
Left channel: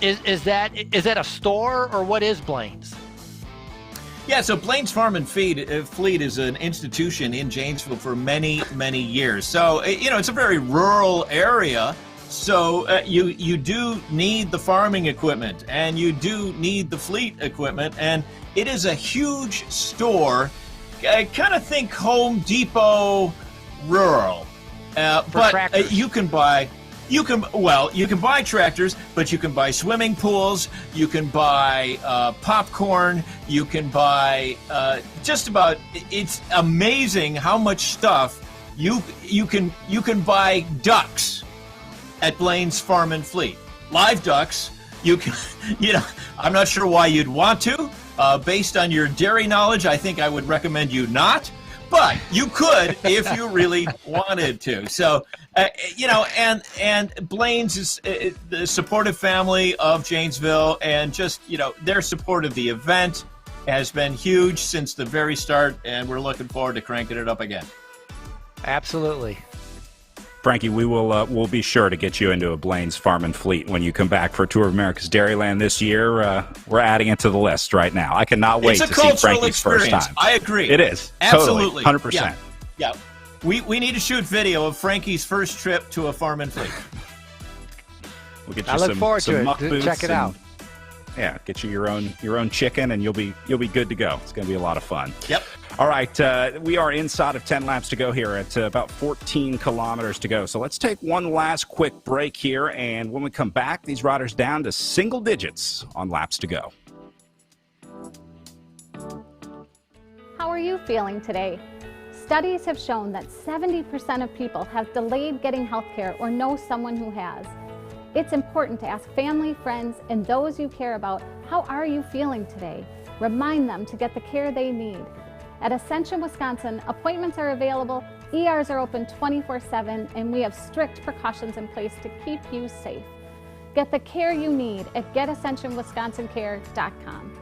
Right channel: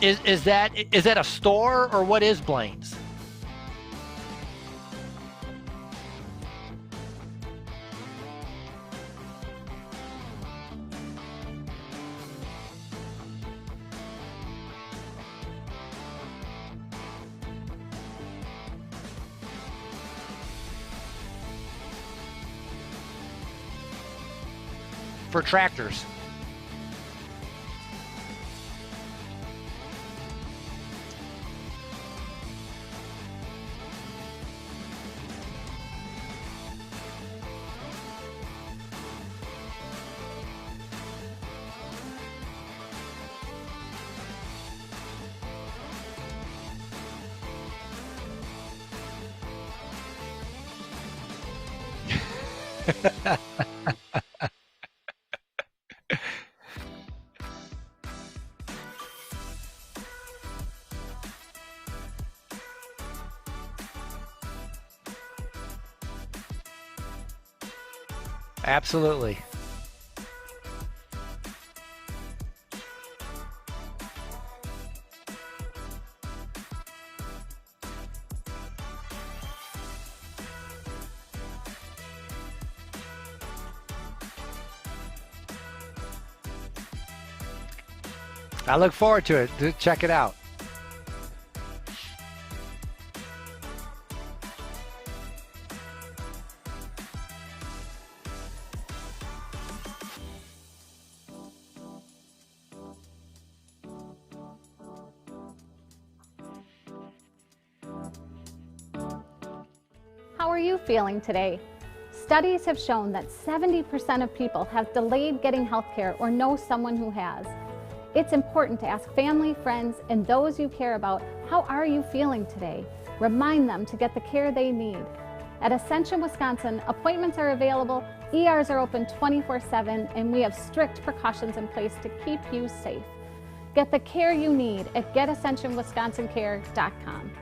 Is that a store, or what is Blaine's? Yeah, so Blaine's Farm and Fleet is an institution in Janesville for many, many years. So, it's a very rural area. So you do need the farming equipment, and you do need the fleet equipment, and it is a huge store. Kind of think Home Depot rural. For tractors. You can buy tractors, but you can buy swimming pools, you can buy popcorn, you can buy just about. It's amazing how much stuff you can buy. Ducks at Blaine's Farm and Fleet, live ducks. You can, I'm not sure why you'd want to. Based on your dairy knowledge, I think I would recommend you not. But you could if you really wanted to. So, and Blaine's is the supportive family of Janesville, and just, their support of the event has been huge since the very start, and we're looking forward to cranking it up again. Absolutely. Frankie, we'll be sure to get you into a Blaine's Farm and Fleet when you come back for Tour of America's Dairyland this year. We're adding it to the list right now. I cannot wait to see Frankie's first time. I agree. It is. Absolutely. Totally, 100%. Yeah. We need to shoot video of Frankie's first trip to a farm and fleet. I look forward to it. Check it out. Yeah, get you your own chicken, and you'll be good to go. It's going to be a lot of fun. Yep. All right, we are inside of 10 laps to go here at about 14 kilometers to go. So let's take one last quick break here, and when we come back, these riders down to single digits on laps to go. How are you feeling today? Studies have shown that 70% of people have delayed getting health care or know someone who has. It's important to ask family, friends, and those you care about, how are you feeling today? Remind them to get the care they need. At Ascension, Wisconsin, appointments are available, ERs are open 24/7, and we have strict precautions in place to keep you safe. Get the care you need at getascensionwisconsincare.com.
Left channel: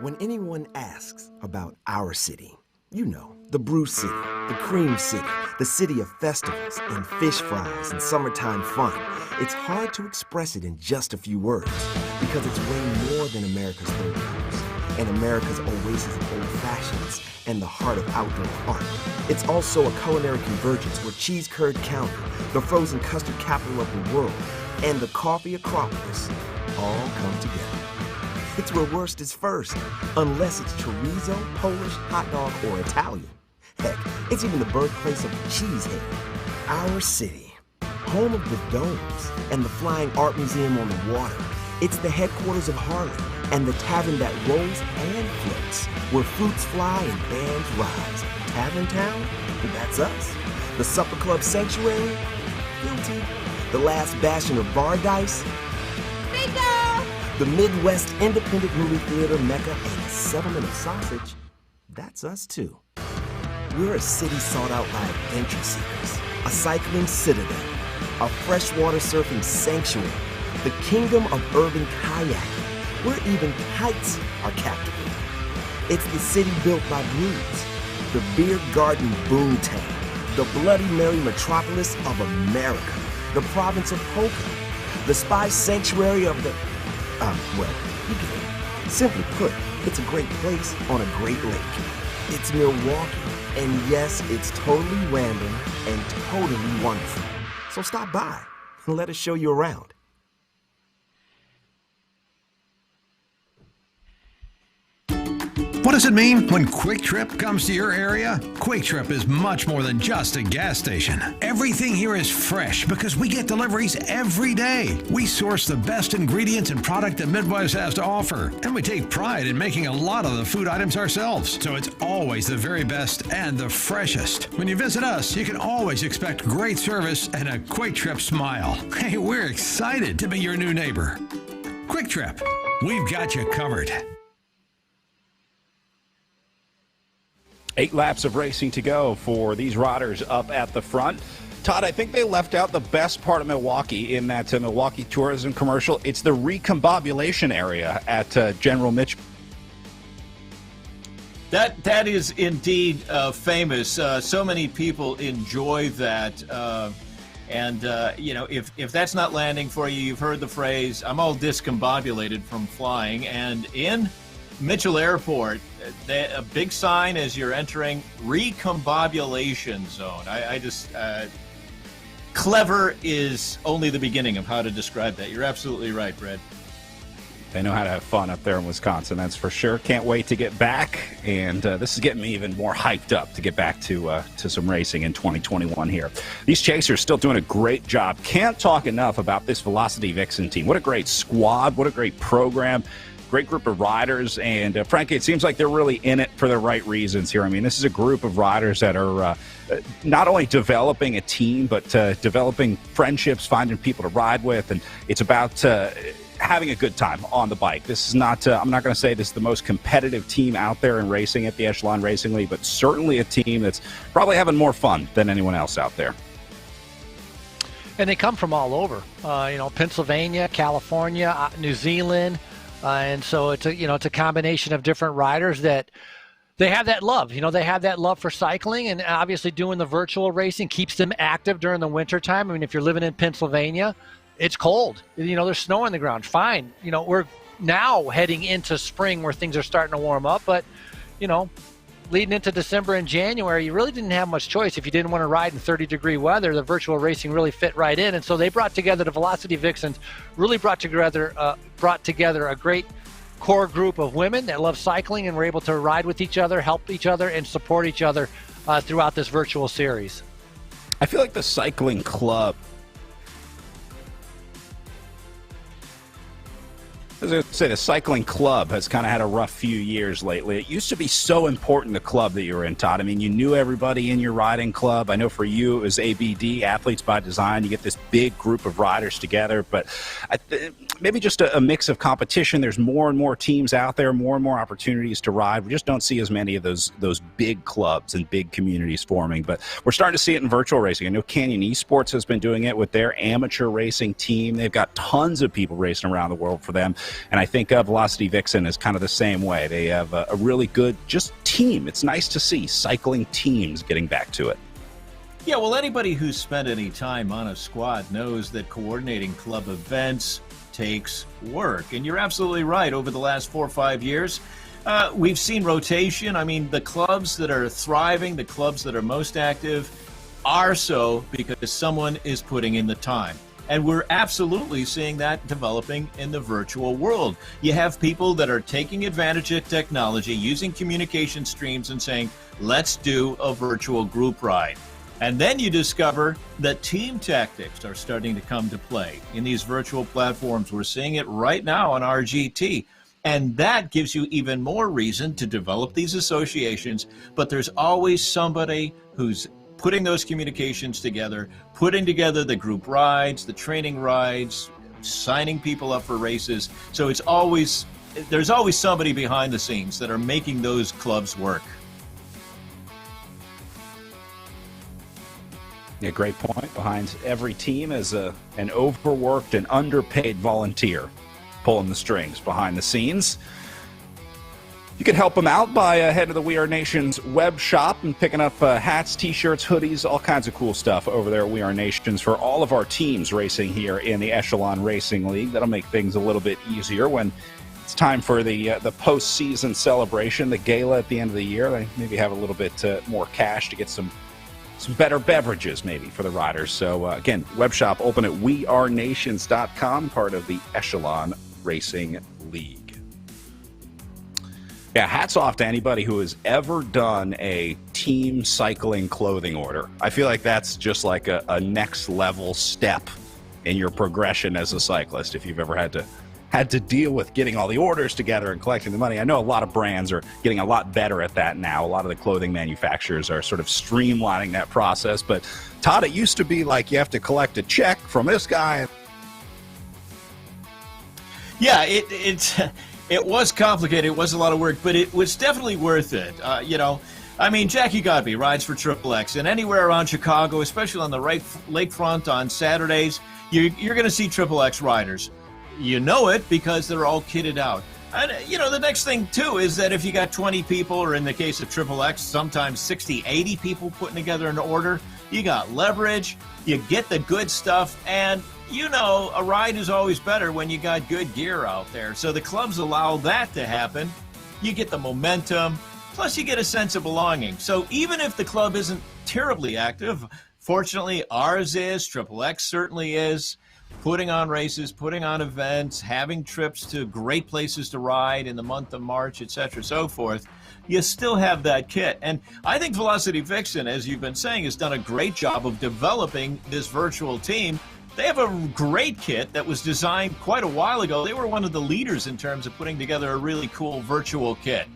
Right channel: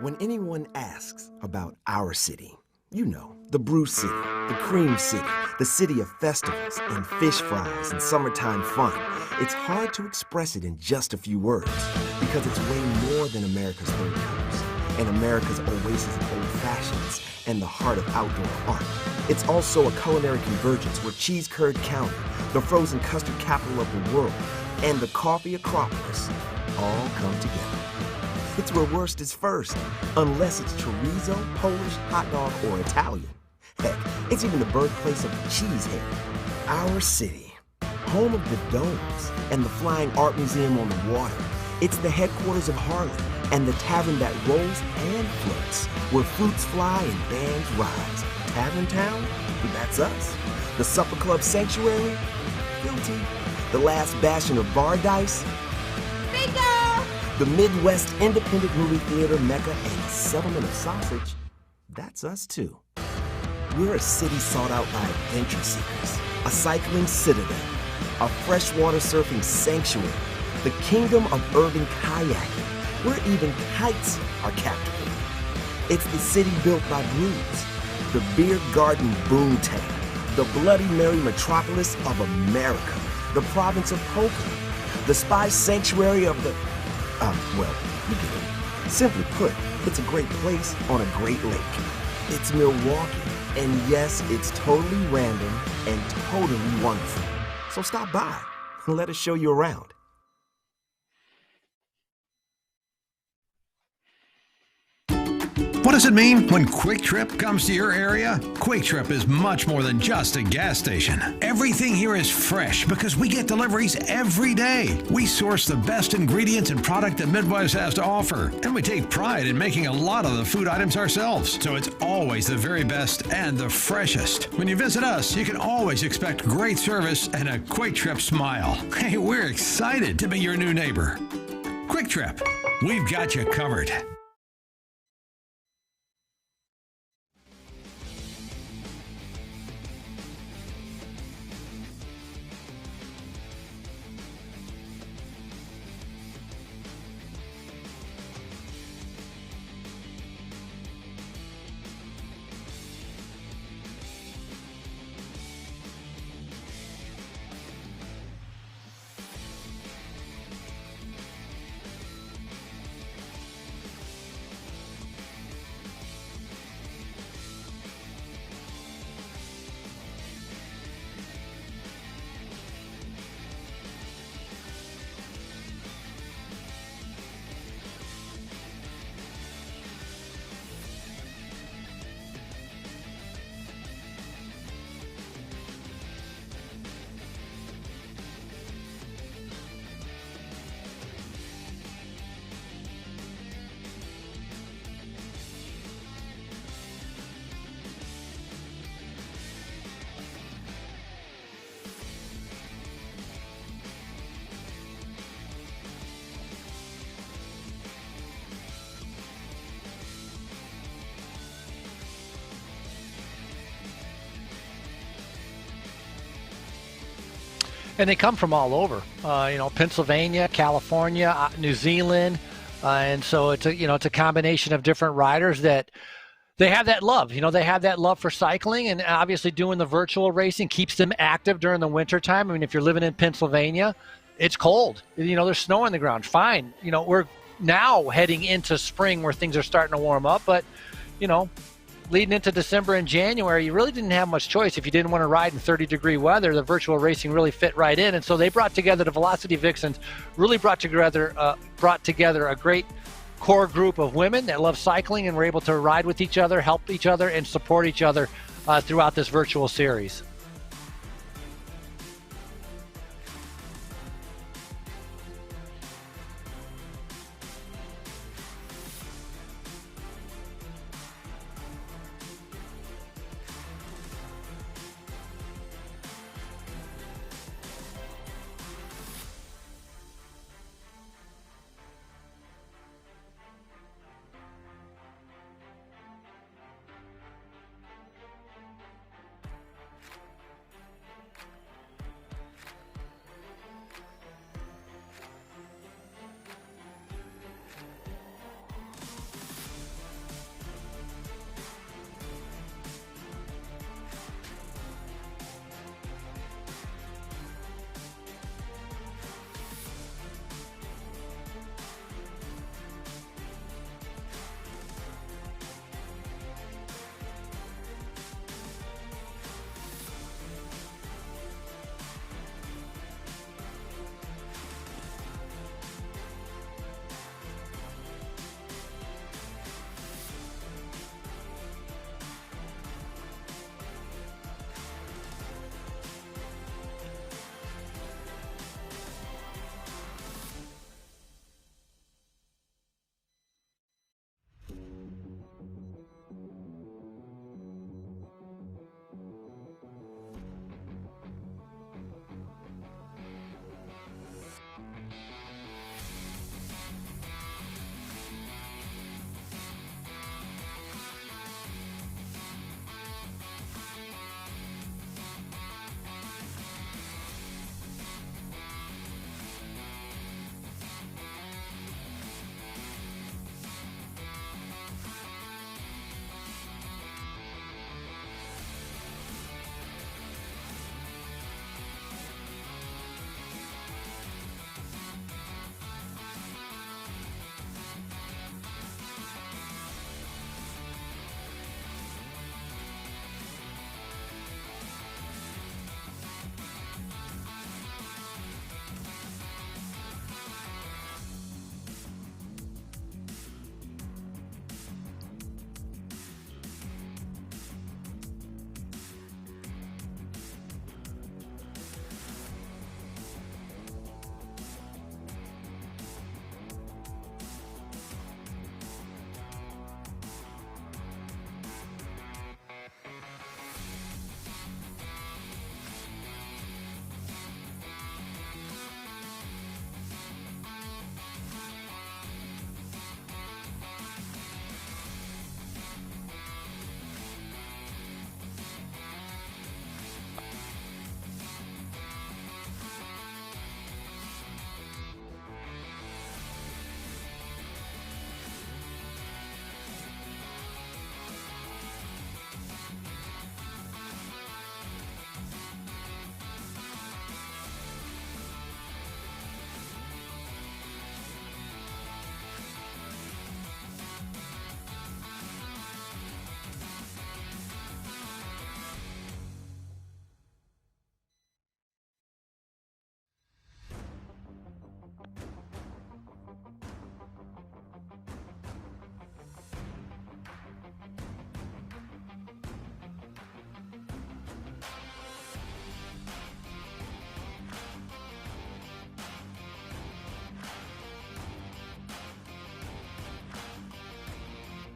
When anyone asks about our city, the Brew City, the Cream City, the city of festivals and fish fries and summertime fun, it's hard to express it in just a few words because it's way more than America's Bird Cups and America's oasis of old fashions and the heart of outdoor art. It's also a culinary convergence where Cheese Curd County, the frozen custard capital of the world, and the coffee acropolis all come together. It's where worst is first, unless it's chorizo, Polish, hot dog, or Italian. Heck, it's even the birthplace of the cheesehead. Our city, home of the domes and the Flying Art Museum on the water. It's the headquarters of Harley and the tavern that rolls and floats, where fruits fly and bands rise. Tavern Town? That's us. The Supper Club Sanctuary? Guilty. The last bastion of bar dice? Bingo! The Midwest Independent Movie Theater Mecca and the settlement of sausage? That's us too. We're a city sought out by adventure seekers, a cycling citadel, a freshwater surfing sanctuary, the kingdom of urban kayaking, where even heights are captivating. It's the city built by blues, the beer garden boomtown, the Bloody Mary metropolis of America, the province of polka, the spice sanctuary of the, well, you get it. Simply put, it's a great place on a great lake. It's Milwaukee, and yes, it's totally random and totally wonderful. So stop by and let us show you around. What does it mean when Quick Trip comes to your area? Quick Trip is much more than just a gas station. Everything here is fresh because we get deliveries every day. We source the best ingredients and product that Midwest has to offer, and we take pride in making a lot of the food items ourselves. So it's always the very best and the freshest. When you visit us, you can always expect great service and a Quick Trip smile. Hey, we're excited to be your new neighbor. Quick Trip, we've got you covered. 8 laps of racing to go for these riders up at the front. Todd, I think they left out the best part of Milwaukee in that Milwaukee tourism commercial. It's the recombobulation area at General Mitchell. That is indeed famous. So many people enjoy that. You know, if that's not landing for you, you've heard the phrase, I'm all discombobulated from flying. And in Mitchell Airport, a big sign as you're entering recombobulation zone. I just clever is only the beginning of how to describe that. You're absolutely right, Brad. They know how to have fun up there in Wisconsin, that's for sure. Can't wait to get back, and this is getting me even more hyped up to get back to some racing in 2021 here. These chasers still doing a great job. Can't talk enough about this Velocity Vixen team. What a great squad, what a great program. Great group of riders, and frankly, it seems like they're really in it for the right reasons here. I mean, this is a group of riders that are not only developing a team, but developing friendships, finding people to ride with, and it's about having a good time on the bike. This is not, I'm not going to say this is the most competitive team out there in racing at the Echelon Racing League, but certainly a team that's probably having more fun than anyone else out there. And they come from all over, you know, Pennsylvania, California, New Zealand. And so it's a combination of different riders that they have that love. You know, they have that love for cycling, and obviously doing the virtual racing keeps them active during the winter time. I mean, if you're living in Pennsylvania, it's cold. You know, there's snow on the ground. Fine. You know, we're now heading into spring where things are starting to warm up, but, you know, leading into December and January, you really didn't have much choice. If you didn't want to ride in 30-degree weather, the virtual racing really fit right in. And so they brought together the Velocity Vixens, really brought together a great core group of women that love cycling and were able to ride with each other, help each other, and support each other throughout this virtual series. I feel like the cycling club, as I say, the cycling club has kind of had a rough few years lately. It used to be so important, the club that you were in, Todd. I mean, you knew everybody in your riding club. I know for you it was ABD, Athletes by Design. You get this big group of riders together, but maybe just a mix of competition. There's more and more teams out there, more and more opportunities to ride. We just don't see as many of those big clubs and big communities forming, but we're starting to see it in virtual racing. I know Canyon Esports has been doing it with their amateur racing team. They've got tons of people racing around the world for them. And I think Velocity Vixen is kind of the same way. They have a really good just team. It's nice to see cycling teams getting back to it. Yeah, well, anybody who's spent any time on a squad knows that coordinating club events takes work. And you're absolutely right. Over the last 4 or 5 years, we've seen rotation. I mean, the clubs that are thriving, the clubs that are most active, are so because someone is putting in the time. And we're absolutely seeing that developing in the virtual world. You have people that are taking advantage of technology, using communication streams and saying, let's do a virtual group ride. And then you discover that team tactics are starting to come to play in these virtual platforms. We're seeing it right now on RGT. And that gives you even more reason to develop these associations. But there's always somebody who's putting those communications together, putting together the group rides, the training rides, signing people up for races. So there's always somebody behind the scenes that are making those clubs work. Yeah, great point. Behind every team is an overworked and underpaid volunteer. pulling the strings behind the scenes. You can help them out by heading to the We Are Nations web shop and picking up hats, T-shirts, hoodies, all kinds of cool stuff over there at We Are Nations for all of our teams racing here in the Echelon Racing League. That'll make things a little bit easier when it's time for the postseason celebration, the gala at the end of the year. They maybe have a little bit more cash to get some better beverages maybe for the riders. So, again, web shop open at wearenations.com, part of the Echelon Racing League. Yeah, hats off to anybody who has ever done a team cycling clothing order. I feel like that's just like a next level step in your progression as a cyclist. If you've ever had to deal with getting all the orders together and collecting the money. I know a lot of brands are getting a lot better at that now. A lot of the clothing manufacturers are sort of streamlining that process. But Todd, it used to be like you have to collect a check from this guy. Yeah, it was complicated. It was a lot of work, but it was definitely worth it. I mean, Jackie Godby rides for Triple X, and anywhere around Chicago, especially on the lakefront on Saturdays, you're going to see Triple X riders. You know it because they're all kitted out. And, the next thing, too, is that if you got 20 people, or in the case of Triple X, sometimes 60, 80 people putting together an order, you got leverage, you get the good stuff, and a ride is always better when you got good gear out there. So the clubs allow that to happen. You get the momentum, plus you get a sense of belonging. So even if the club isn't terribly active, fortunately ours is, Triple X certainly is, putting on races, putting on events, having trips to great places to ride in the month of March, etc., so forth. You still have that kit. And I think Velocity Vixen, as you've been saying, has done a great job of developing this virtual team. They have a great kit that was designed quite a while ago. They were one of the leaders in terms of putting together a really cool virtual kit.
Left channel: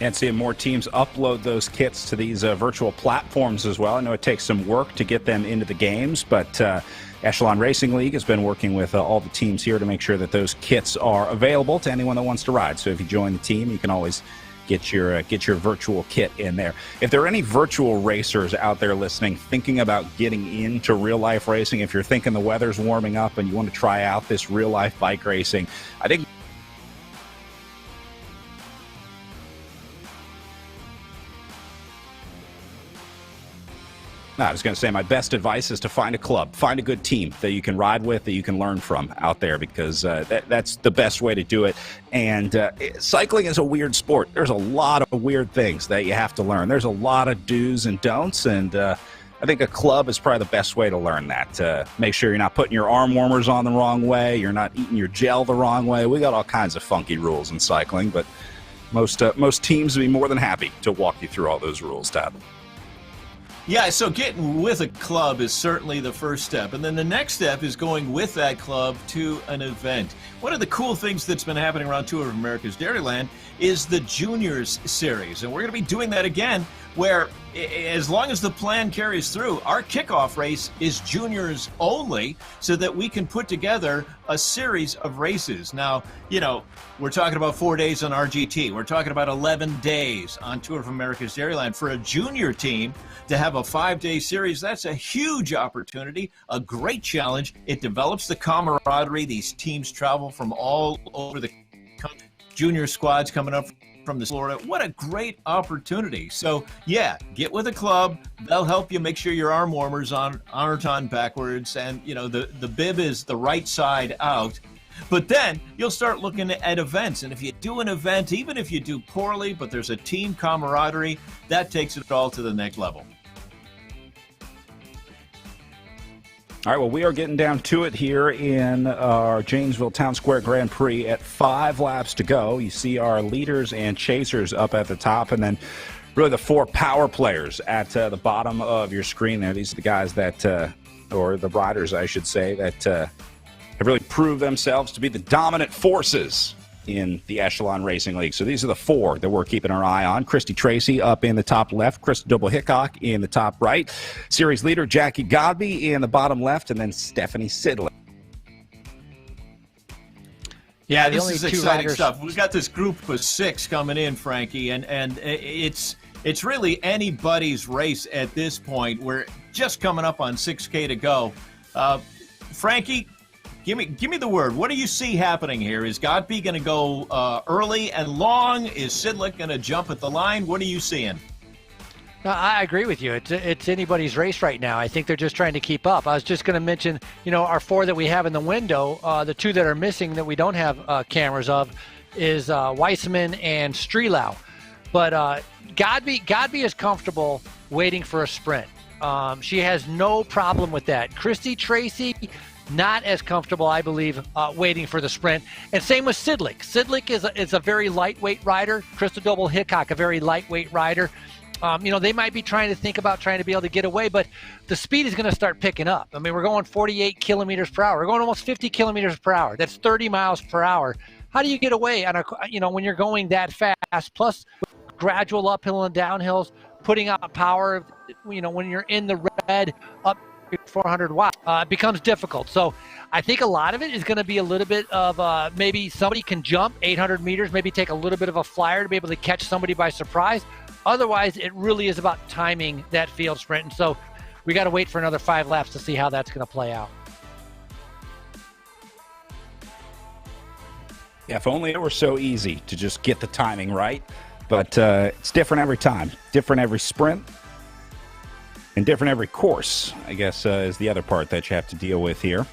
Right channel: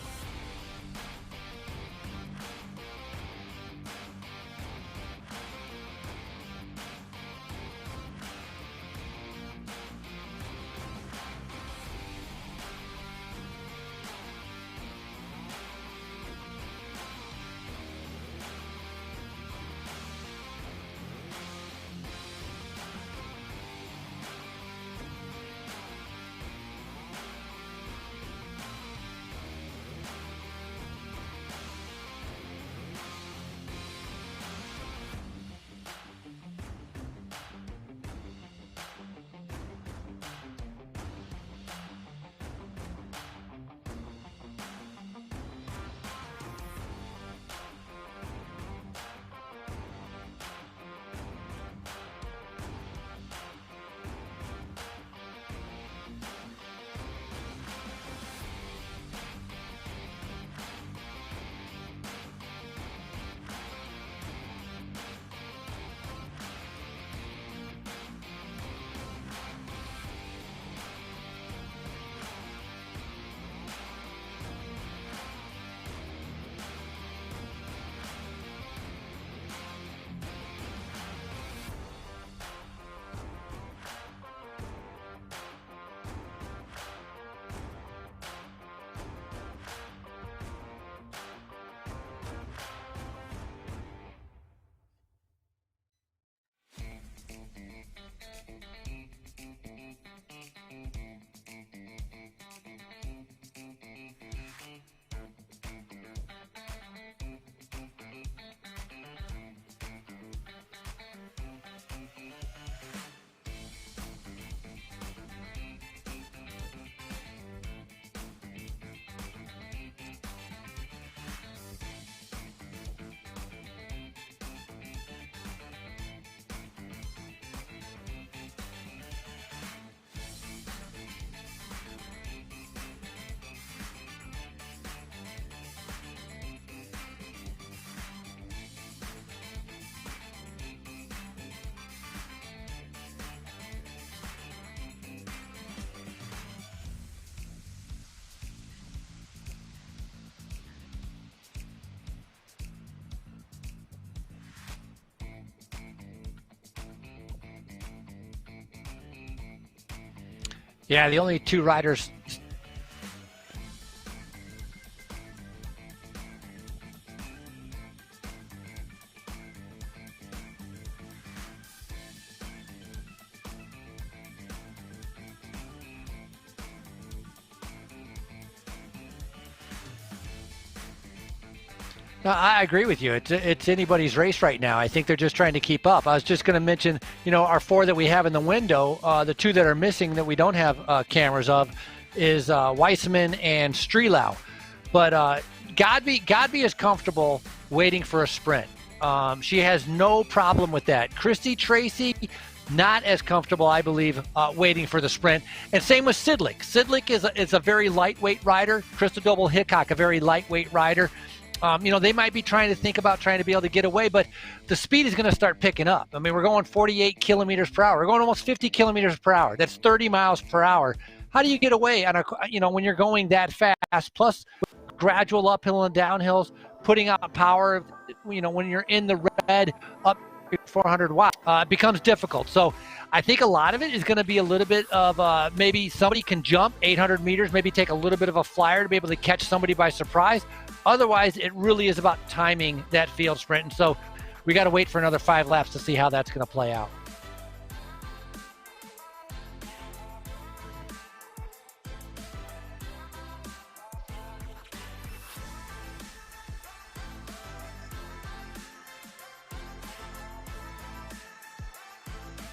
And seeing more teams upload those kits to these virtual platforms as well. I know it takes some work to get them into the games, but Echelon Racing League has been working with all the teams here to make sure that those kits are available to anyone that wants to ride. So if you join the team, you can always get your virtual kit in there. If there are any virtual racers out there listening, thinking about getting into real-life racing, if you're thinking the weather's warming up and you want to try out this real-life bike racing, I think I was going to say my best advice is to find a club, find a good team that you can ride with, that you can learn from out there, because that's the best way to do it. And cycling is a weird sport. There's a lot of weird things that you have to learn. There's a lot of do's and don'ts, and I think a club is probably the best way to learn that. Make sure you're not putting your arm warmers on the wrong way, you're not eating your gel the wrong way. We got all kinds of funky rules in cycling, but most teams would be more than happy to walk you through all those rules, Todd. Yeah, so getting with a club is certainly the first step. And then the next step is going with that club to an event. One of the cool things that's been happening around Tour of America's Dairyland is the Juniors Series. And we're going to be doing that again, where as long as the plan carries through, our kickoff race is juniors only, so that we can put together a series of races. Now, we're talking about 4 days on RGT. We're talking about 11 days on Tour of America's Dairyland. For a junior team to have a 5-day series, that's a huge opportunity, a great challenge. It develops the camaraderie. These teams travel from all over the country. Junior squads coming up from the Florida. What a great opportunity. So yeah, get with a club. They'll help you make sure your arm warmers aren't on backwards, and the bib is the right side out. But then you'll start looking at events, and if you do an event, even if you do poorly, but there's a team camaraderie, that takes it all to the next level. All right, well, we are getting down to it here in our Janesville Town Square Grand Prix at 5 laps to go. You see our leaders and chasers up at the top, and then really the 4 power players at the bottom of your screen there. These are the guys that, or the riders, I should say, that have really proved themselves to be the dominant forces in the Echelon Racing League. So these are the 4 that we're keeping our eye on. Christy Tracy up in the top left, Chris Double Hickok in the top right, series leader Jackie Godby in the bottom left, and then Stephanie Sidley. Yeah, the only 2 riders. Stuff. We've got this group of 6 coming in, Frankie, and it's really anybody's race at this point. We're just coming up on 6K to go. Frankie, Give me the word. What do you see happening here? Is Godby going to go early and long? Is Sidlick going to jump at the line? What are you seeing? No, I agree with you. It's anybody's race right now. I think they're just trying to keep up. I was just going to mention, our 4 that we have in the window, the 2 that are missing that we don't have cameras of is Weissman and Strelau. But Godby is comfortable waiting for a sprint. She has no problem with that. Christy Tracy, not as comfortable, I believe, waiting for the sprint. And same with Sidlick. Sidlick is a very lightweight rider. Crystal Doble Hickok, a very lightweight rider. They might be trying to be able to get away, but the speed is going to start picking up. I mean, we're going 48 kilometers per hour. We're going almost 50 kilometers per hour. That's 30 miles per hour. How do you get away when you're going that fast? Plus, gradual uphill and downhills, putting out power. When you're in the red, up 400 watts, it becomes difficult. So I think a lot of it is going to be a little bit of maybe somebody can jump 800 meters, maybe take a little bit of a flyer to be able to catch somebody by surprise. Otherwise, it really is about timing that field sprint. And so we got to wait for another 5 laps to see how that's going to play out. Yeah, if only it were so easy to just get the timing right. But it's different every time, different every sprint, and different every course, I guess, is the other part that you have to deal with here.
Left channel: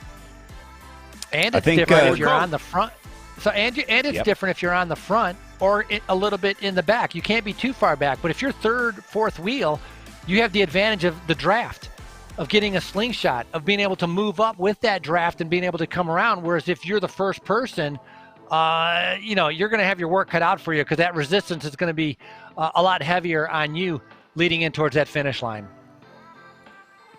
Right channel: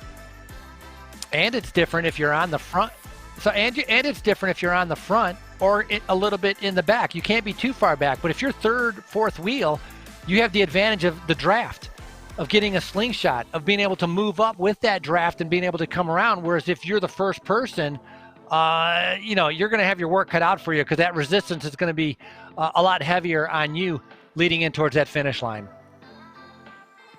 And it's different if you're on the front. So it's different if you're on the front or a little bit in the back. You can't be too far back. But if you're third, fourth wheel, you have the advantage of the draft, of getting a slingshot, of being able to move up with that draft and being able to come around. Whereas if you're the first person, you're going to have your work cut out for you because that resistance is going to be a lot heavier on you leading in towards that finish line.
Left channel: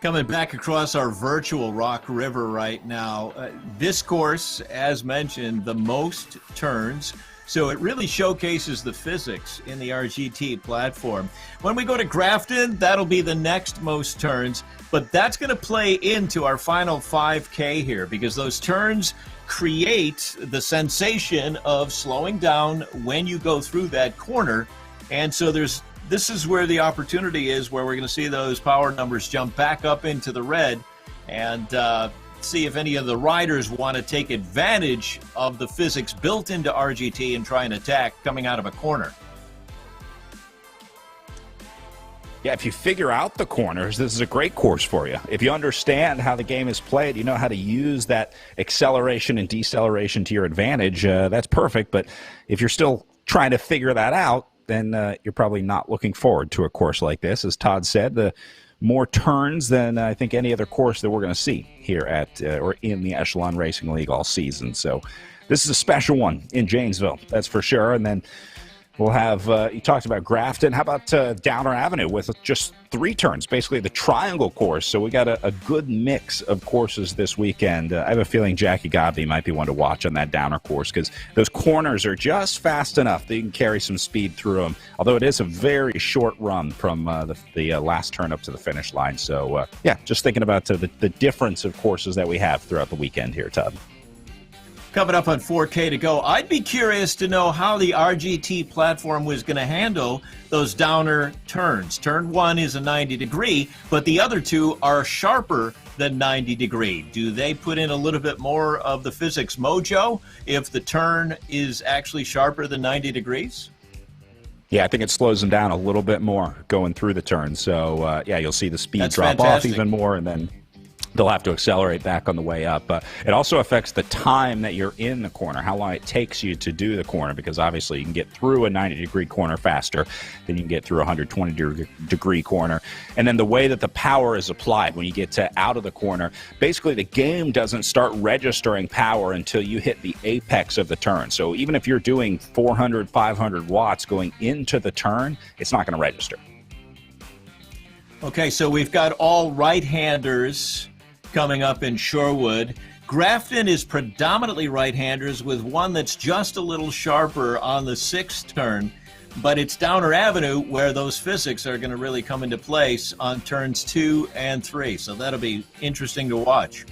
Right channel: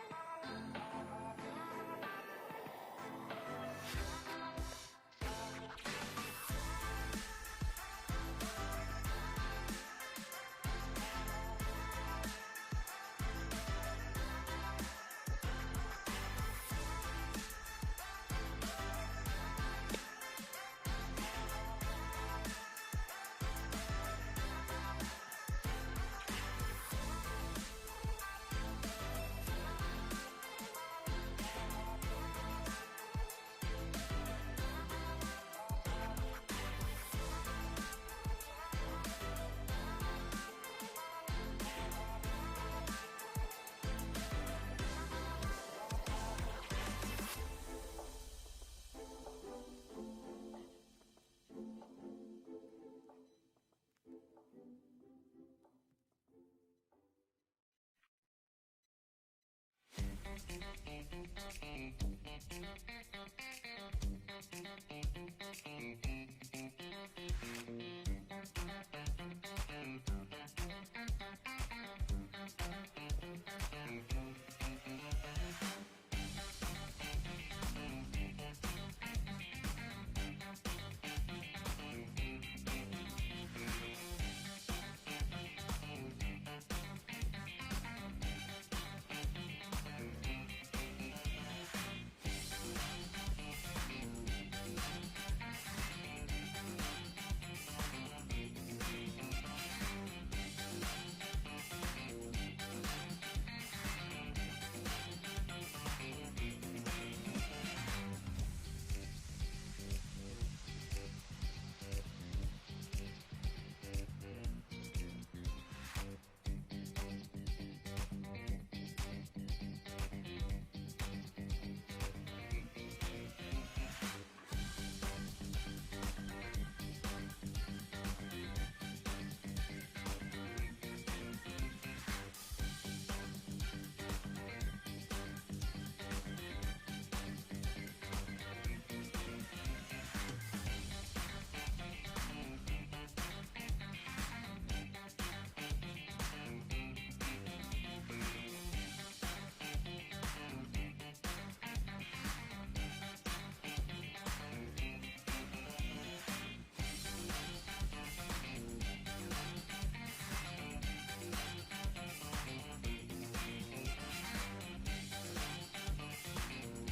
Coming back across our virtual Rock River right now, this course, as mentioned, the most turns, so it really showcases the physics in the RGT platform. When we go to Grafton, that'll be the next most turns, but that's going to play into our final 5K here because those turns create the sensation of slowing down when you go through that corner, and so this is where the opportunity is, where we're going to see those power numbers jump back up into the red and see if any of the riders want to take advantage of the physics built into RGT and try and attack coming out of a corner. Yeah, if you figure out the corners, this is a great course for you. If you understand how the game is played, you know how to use that acceleration and deceleration to your advantage, that's perfect. But if you're still trying to figure that out, then you're probably not looking forward to a course like this. As Todd said, the more turns than I think any other course that we're going to see here at or in the Echelon Racing League all season. So this is a special one in Janesville, that's for sure. And then we'll have, you talked about Grafton. How about Downer Avenue with just 3 turns, basically the triangle course. So we got a good mix of courses this weekend. I have a feeling Jackie Godby might be one to watch on that Downer course because those corners are just fast enough that you can carry some speed through them, although it is a very short run from the last turn up to the finish line. So, yeah, just thinking about the difference of courses that we have throughout the weekend here, Todd. Coming up on 4K to go, I'd be curious to know how the RGT platform was going to handle those downer turns. Turn 1 is a 90-degree, but the other 2 are sharper than 90-degree. Do they put in a little bit more of the physics mojo if the turn is actually sharper than 90 degrees? Yeah, I think it slows them down a little bit more going through the turn. So, yeah, you'll see the speed That's drop fantastic. off even more, and then they'll have to accelerate back on the way up. It also affects the time that you're in the corner, how long it takes you to do the corner, because obviously you can get through a 90-degree corner faster than you can get through a 120-degree corner. And then the way that the power is applied when you get out of the corner, basically the game doesn't start registering power until you hit the apex of the turn. So even if you're doing 400, 500 watts going into the turn, it's not going to register. Okay, so we've got all right-handers coming up in Shorewood. Grafton is predominantly right-handers with one that's just a little sharper on the 6th turn, but it's Downer Avenue where those physics are going to really come into place on turns 2 and 3, so that'll be interesting to watch.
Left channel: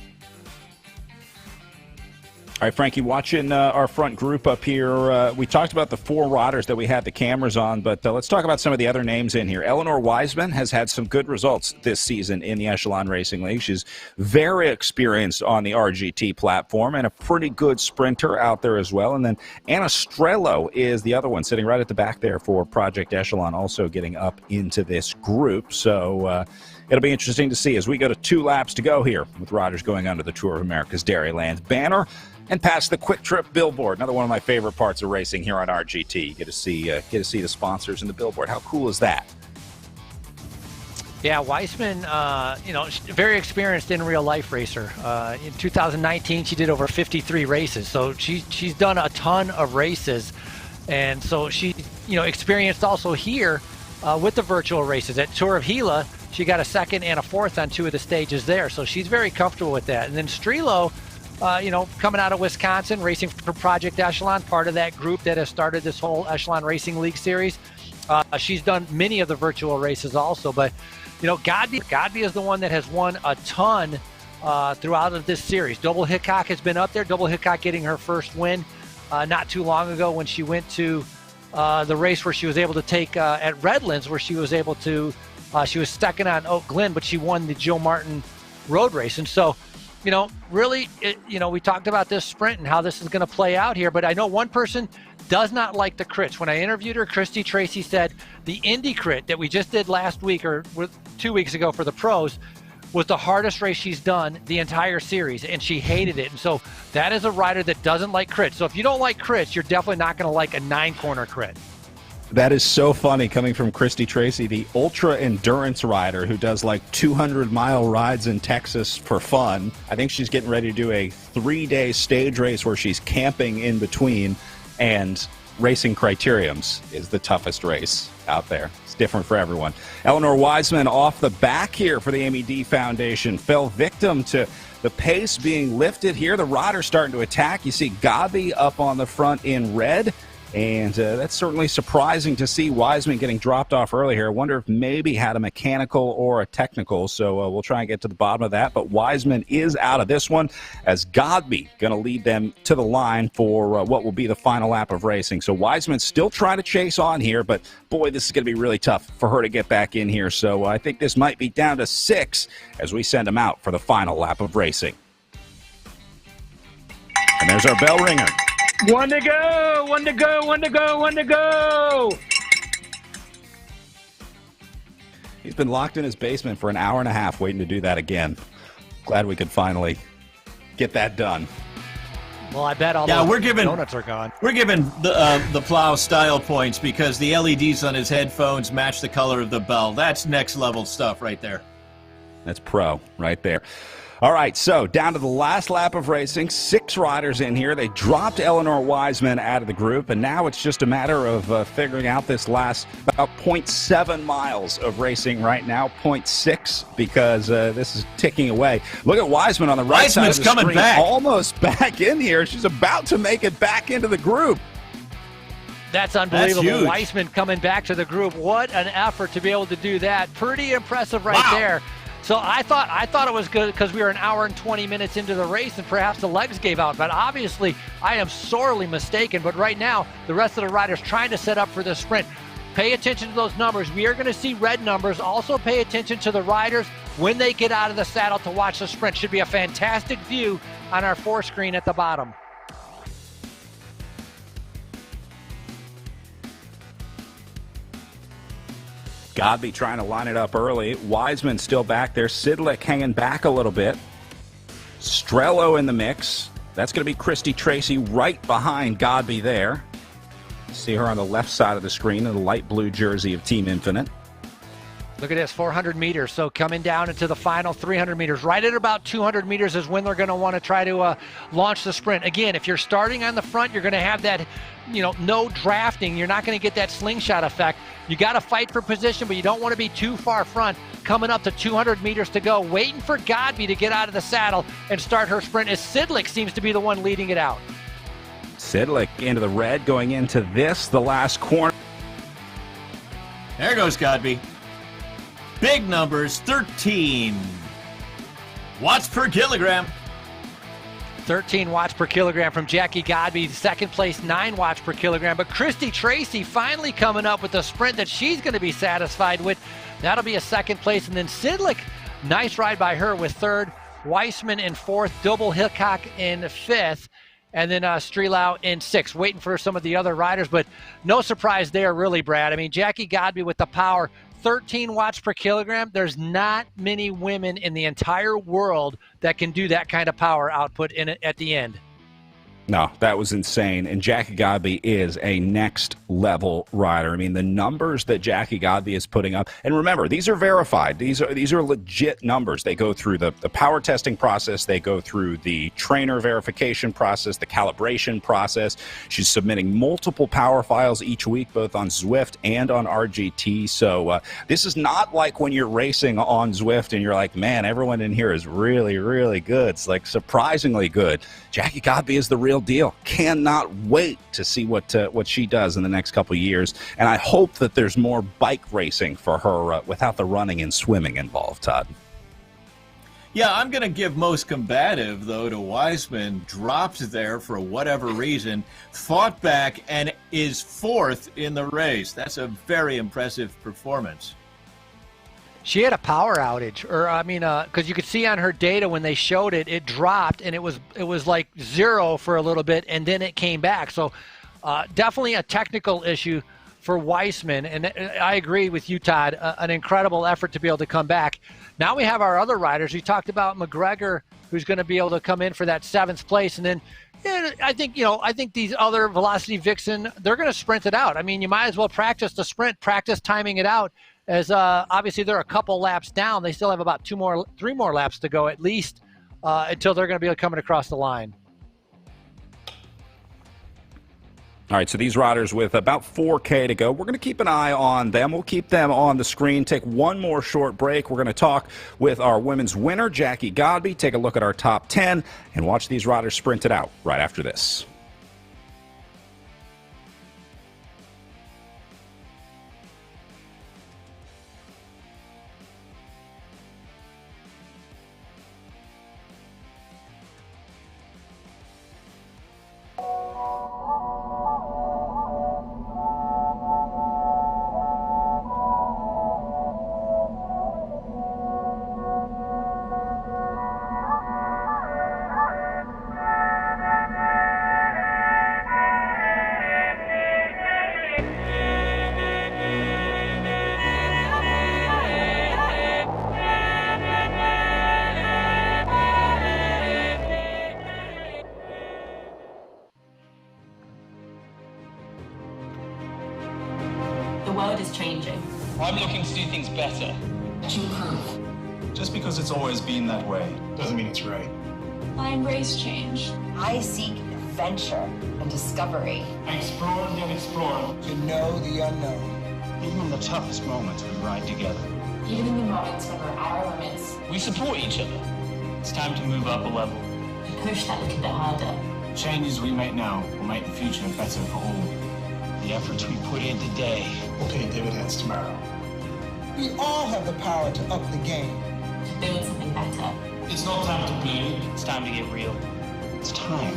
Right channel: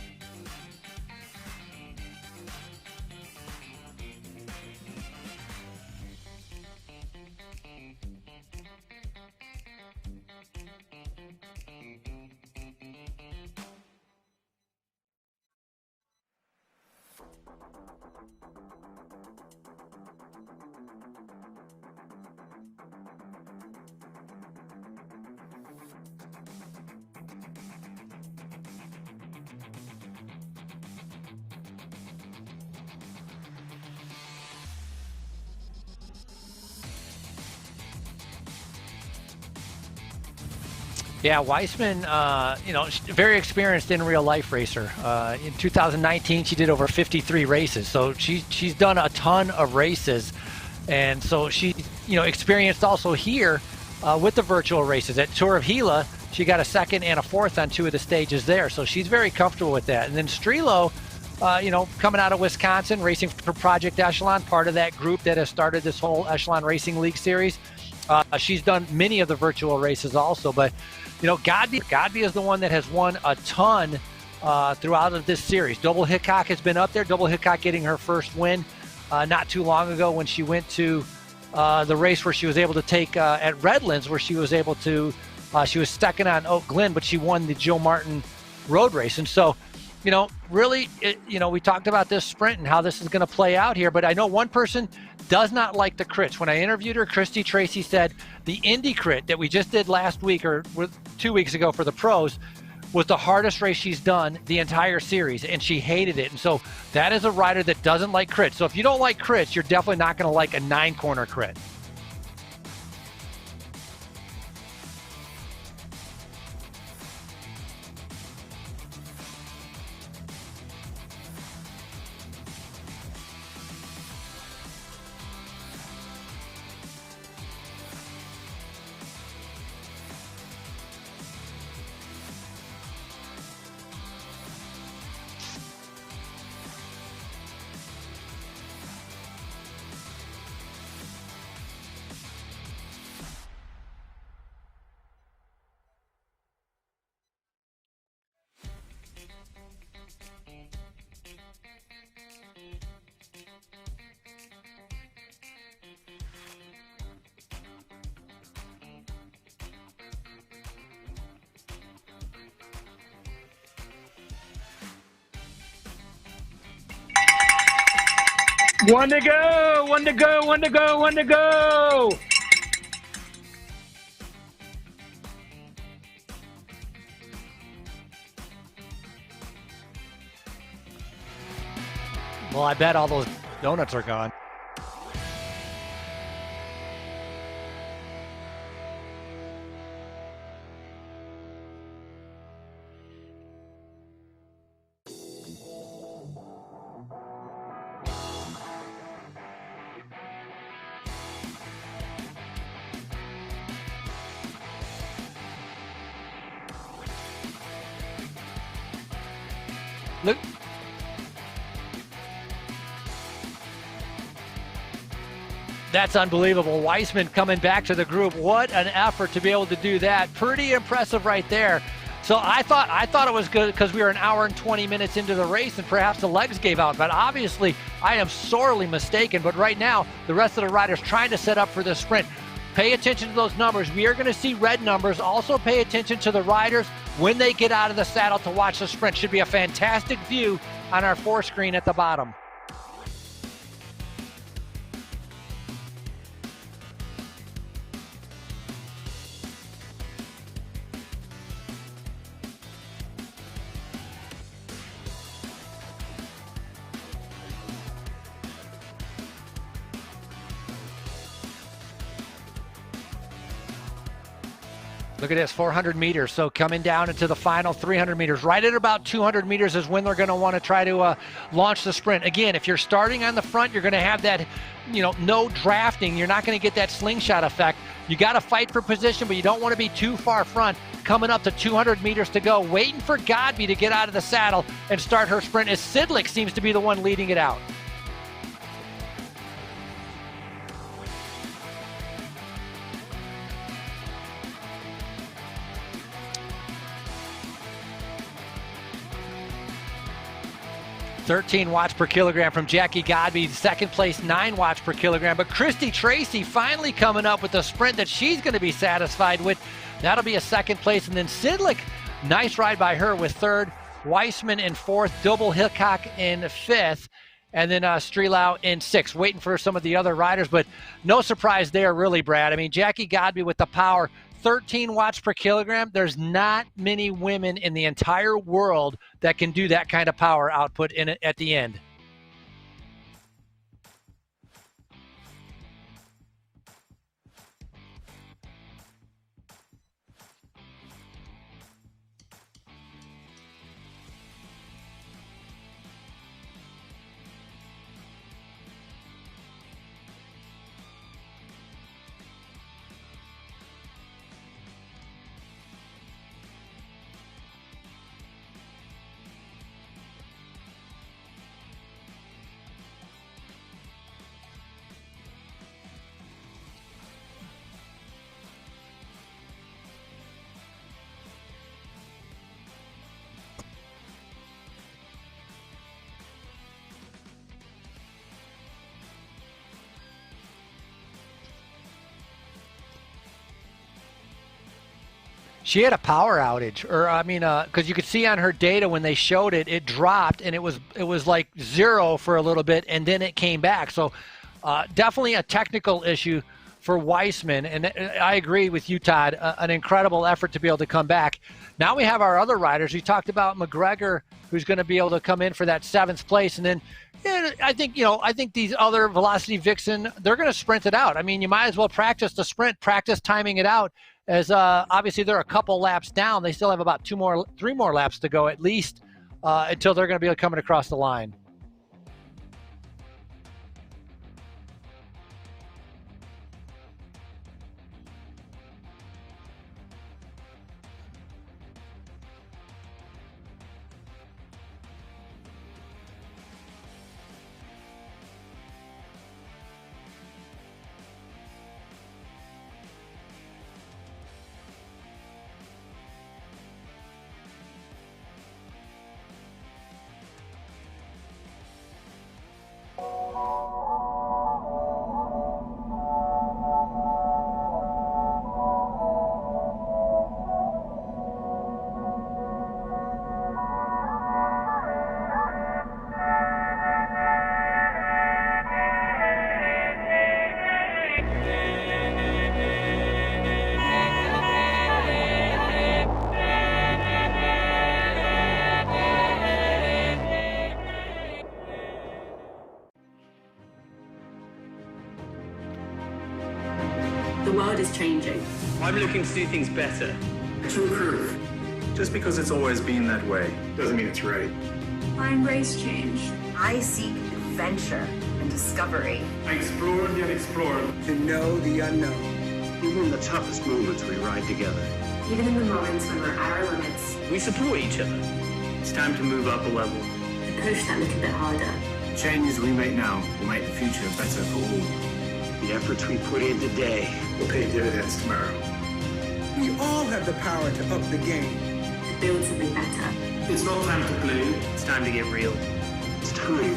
All right, Frankie, watching our front group up here, we talked about the 4 riders that we had the cameras on, but let's talk about some of the other names in here. Eleanor Wiseman has had some good results this season in the Echelon Racing League. She's very experienced on the RGT platform and a pretty good sprinter out there as well. And then Anna Strello is the other one, sitting right at the back there for Project Echelon, also getting up into this group. So it'll be interesting to see as we go to 2 laps to go here with riders going under the Tour of America's Dairyland banner and past the Quick Trip billboard. Another one of my favorite parts of racing here on RGT. You get to see the sponsors and the billboard. How cool is that? Yeah, Wiseman, very experienced in real life racer. In 2019, she did over 53 races, so she's done a ton of races, and so she, experienced also here with the virtual races at Tour of Gila. She got a 2nd and a 4th on 2 of the stages there, so she's very comfortable with that. And then Strelo, coming out of Wisconsin, racing for Project Echelon, part of that group that has started this whole Echelon Racing League series. She's done many of the virtual races also, but Godby is the one that has won a ton throughout of this series. Double Hickok has been up there. Double Hickok getting her first win not too long ago when she went to the race where she was able to take at Redlands, where she was able to she was 2nd on Oak Glen, but she won the Joe Martin road race. And so really, we talked about this sprint and how this is going to play out here, but I know one person does not like the crits. When I interviewed her, Christy Tracy said the Indy crit that we just did last week or 2 weeks ago for the pros was the hardest race she's done the entire series, and she hated it. And so that is a rider that doesn't like crits. So if you don't like crits, you're definitely not going to like a 9-corner crit. That is so funny coming from Christy Tracy, the ultra endurance rider who does like 200-mile rides in Texas for fun. I think she's getting ready to do a 3-day stage race where she's camping in between, and racing criteriums is the toughest race out there. It's different for everyone. Eleanor Wiseman off the back here for the MED Foundation fell victim to the pace being lifted here. The riders starting to attack. You see Godby up on the front in red. And that's certainly surprising to see Wiseman getting dropped off early here. I wonder if maybe had a mechanical or a technical, so we'll try and get to the bottom of that. But Wiseman is out of this one as Godby going to lead them to the line for what will be the final lap of racing. So Wiseman still trying to chase on here, but boy, this is going to be really tough for her to get back in here. So I think this might be down to 6 as we send them out for the final lap of racing. And there's our bell ringer. 1 to go, 1 to go, 1 to go, 1 to go. He's been locked in his basement for an hour and a half waiting to do that again. Glad we could finally get that done. Well, I bet all those donuts are gone. We're giving the plow style points because the LEDs on his headphones match the color of the bell. That's next level stuff right there. That's pro right there. All right, so down to the last lap of racing, 6 riders in here. They dropped Eleanor Wiseman out of the group, and now it's just a matter of figuring out this last about 0.7 miles of racing right now, 0.6, because this is ticking away. Look at Wiseman on the right side of the screen, back. Almost back in here. She's about to make it back into the group. That's unbelievable. Wiseman coming back to the group. What an effort to be able to do that. Pretty impressive right there. So I thought it was good because we were an hour and 20 minutes into the race and perhaps the legs gave out. But obviously, I am sorely mistaken. But right now, the rest of the riders trying to set up for the sprint. Pay attention to those numbers. We are going to see red numbers. Also pay attention to the riders when they get out of the saddle to watch the sprint. Should be a fantastic view on our 4 screen at the bottom. Godby trying to line it up early. Wiseman still back there. Sidlick hanging back a little bit. Strello in the mix. That's going to be Christy Tracy right behind Godby there. See her on the left side of the screen in the light blue jersey of Team Infinite. Look at this, 400 meters. So coming down into the final 300 meters. Right at about 200 meters is when they're going to want to try to launch the sprint. Again, if you're starting on the front, you're going to have that, no drafting. You're not going to get that slingshot effect. You got to fight for position, but you don't want to be too far front. Coming up to 200 meters to go, waiting for Godby to get out of the saddle and start her sprint as Sidlick seems to be the one leading it out. Sidlick into the red, going into the last corner. There goes Godby. Big numbers, 13 watts per kilogram. 13 watts per kilogram from Jackie Godby. Second place, 9 watts per kilogram. But Christy Tracy finally coming up with a sprint that she's going to be satisfied with. That'll be a second place. And then Sidlick, nice ride by her with third. Weissman in fourth. Double Hickok in fifth. And then Strelau in sixth. Waiting for some of the other riders. But no surprise there, really, Brad. I mean, Jackie Godby with the power. 13 watts per kilogram. There's not many women in the entire world that can do that kind of power output in it at the end. No, that was insane. And Jackie Godby is a next-level rider. I mean, the numbers that Jackie Godby is putting up, and remember, these are verified. These are legit numbers. They go through the power testing process. They go through the trainer verification process, the calibration process. She's submitting multiple power files each week, both on Zwift and on RGT. So this is not like when you're racing on Zwift and you're like, man, everyone in here is really, really good. It's like surprisingly good. Jackie Godby is the real deal. Cannot wait to see what she does in the next couple of years, and I hope that there's more bike racing for her without the running and swimming involved, Todd. Yeah, I'm going to give most combative, though, to Weissman. Dropped there for whatever reason, fought back, and is fourth in the race. That's a very impressive performance. She had a power outage, or I mean, because you could see on her data when they showed it, it dropped and it was like 0 for a little bit, and then it came back. So definitely a technical issue for Weissman, and I agree with you, Todd. An incredible effort to be able to come back. Now we have our other riders. We talked about McGregor, who's going to be able to come in for that 7th place, and then I think these other Velocity Vixen, they're going to sprint it out. I mean, you might as well practice the sprint, practice timing it out. As obviously they're a couple laps down. They still have about 3 more laps to go at least until they're going to be coming across the line. All right, so these riders with about 4K to go, we're going to keep an eye on them. We'll keep them on the screen. Take one more short break. We're going to talk with our women's winner, Jackie Godby, take a look at our top 10, and watch these riders sprint it out right after this. The world is changing. I'm looking to do things better. To improve. Just because it's always been that way doesn't mean it's right. I embrace change. I seek adventure and discovery. I explore and explore. To know the unknown. Even in the toughest moments, we ride together. Even in the moments when we're at our limits. We support each other. It's time to move up a level. Push that little bit harder. Changes we make now will make the future better for all. The efforts we put in today will pay dividends tomorrow. We all have the power to up the game. To build something better. It's not time to play. It's time to get real. It's time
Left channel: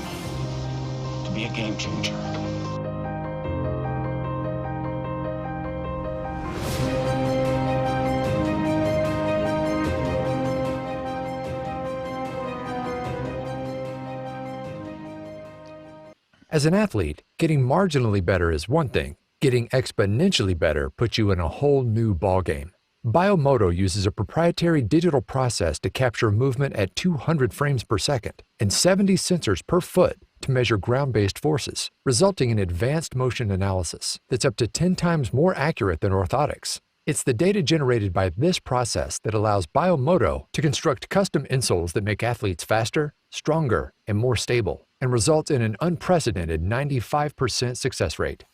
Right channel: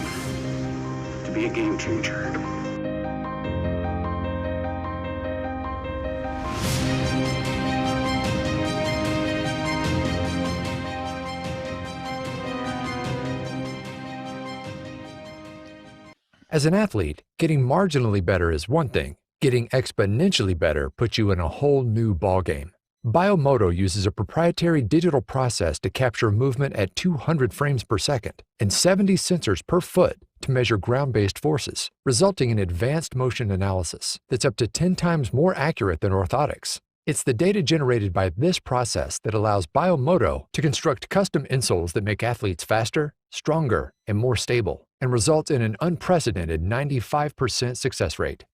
to be a game changer. As an athlete, getting marginally better is one thing. Getting exponentially better puts you in a whole new ballgame. Biomoto uses a proprietary digital process to capture movement at 200 frames per second and 70 sensors per foot to measure ground-based forces, resulting in advanced motion analysis that's up to 10 times more accurate than orthotics. It's the data generated by this process that allows Biomoto to construct custom insoles that make athletes faster, stronger, and more stable, and results in an unprecedented 95% success rate.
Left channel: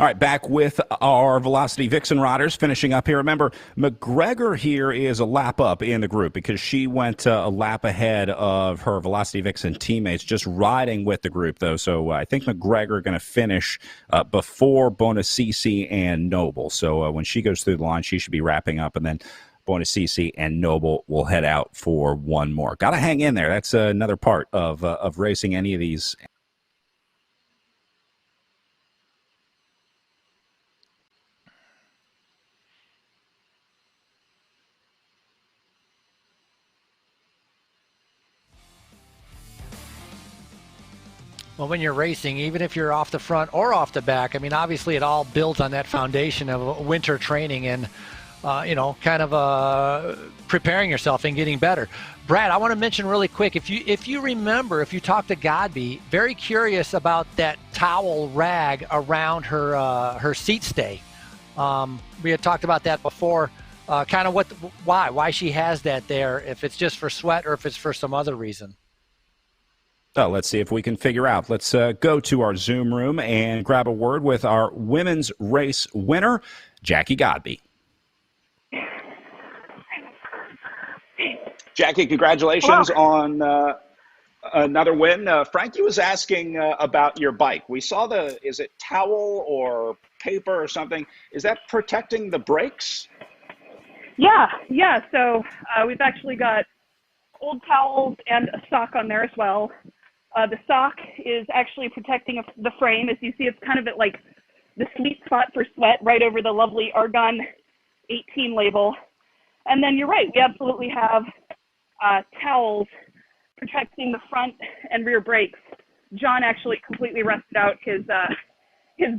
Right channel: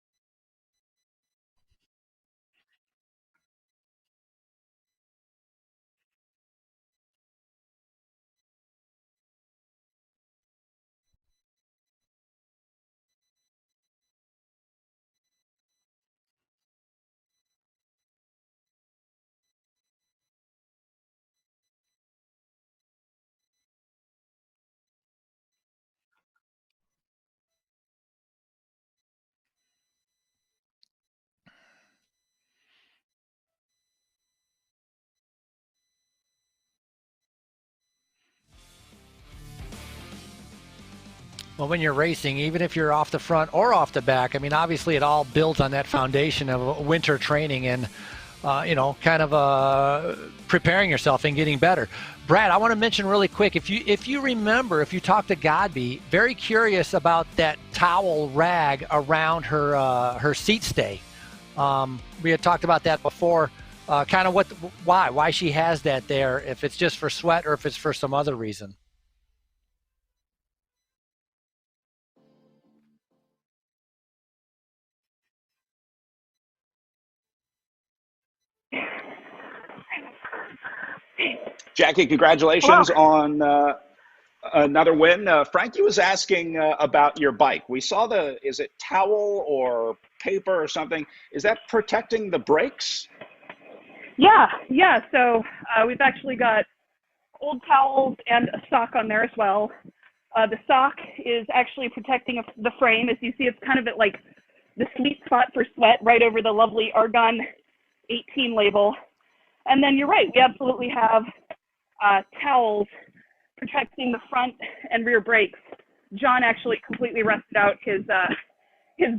All right, back with our Velocity Vixen riders finishing up here. Remember, McGregor here is a lap up in the group because she went a lap ahead of her Velocity Vixen teammates, just riding with the group, though. So I think McGregor going to finish before Bonacisi and Noble. So when she goes through the line, she should be wrapping up, and then Bonacisi and Noble will head out for one more. Got to hang in there. That's another part of racing any of these. Well, when you're racing, even if you're off the front or off the back, I mean, obviously it all builds on that foundation of winter training and, kind of preparing yourself and getting better. Brad, I want to mention really quick, if you remember, if you talk to Godby, very curious about that towel rag around her seat stay. We had talked about that before, kind of why she has that there, if it's just for sweat or if it's for some other reason. Oh, let's see if we can figure out. Let's go to our Zoom room and grab a word with our women's race winner, Jackie Godby. Jackie, congratulations on another win. Frankie was asking about your bike. We saw is it towel or paper or something? Is that protecting the brakes? Yeah. So we've actually got old towels and a sock on there as well. The sock is actually protecting the frame. As you see, it's kind of at like the sweet spot for sweat right over the lovely Argon 18 label. And then you're right, we absolutely have towels protecting the front and rear brakes. John actually completely rusted out his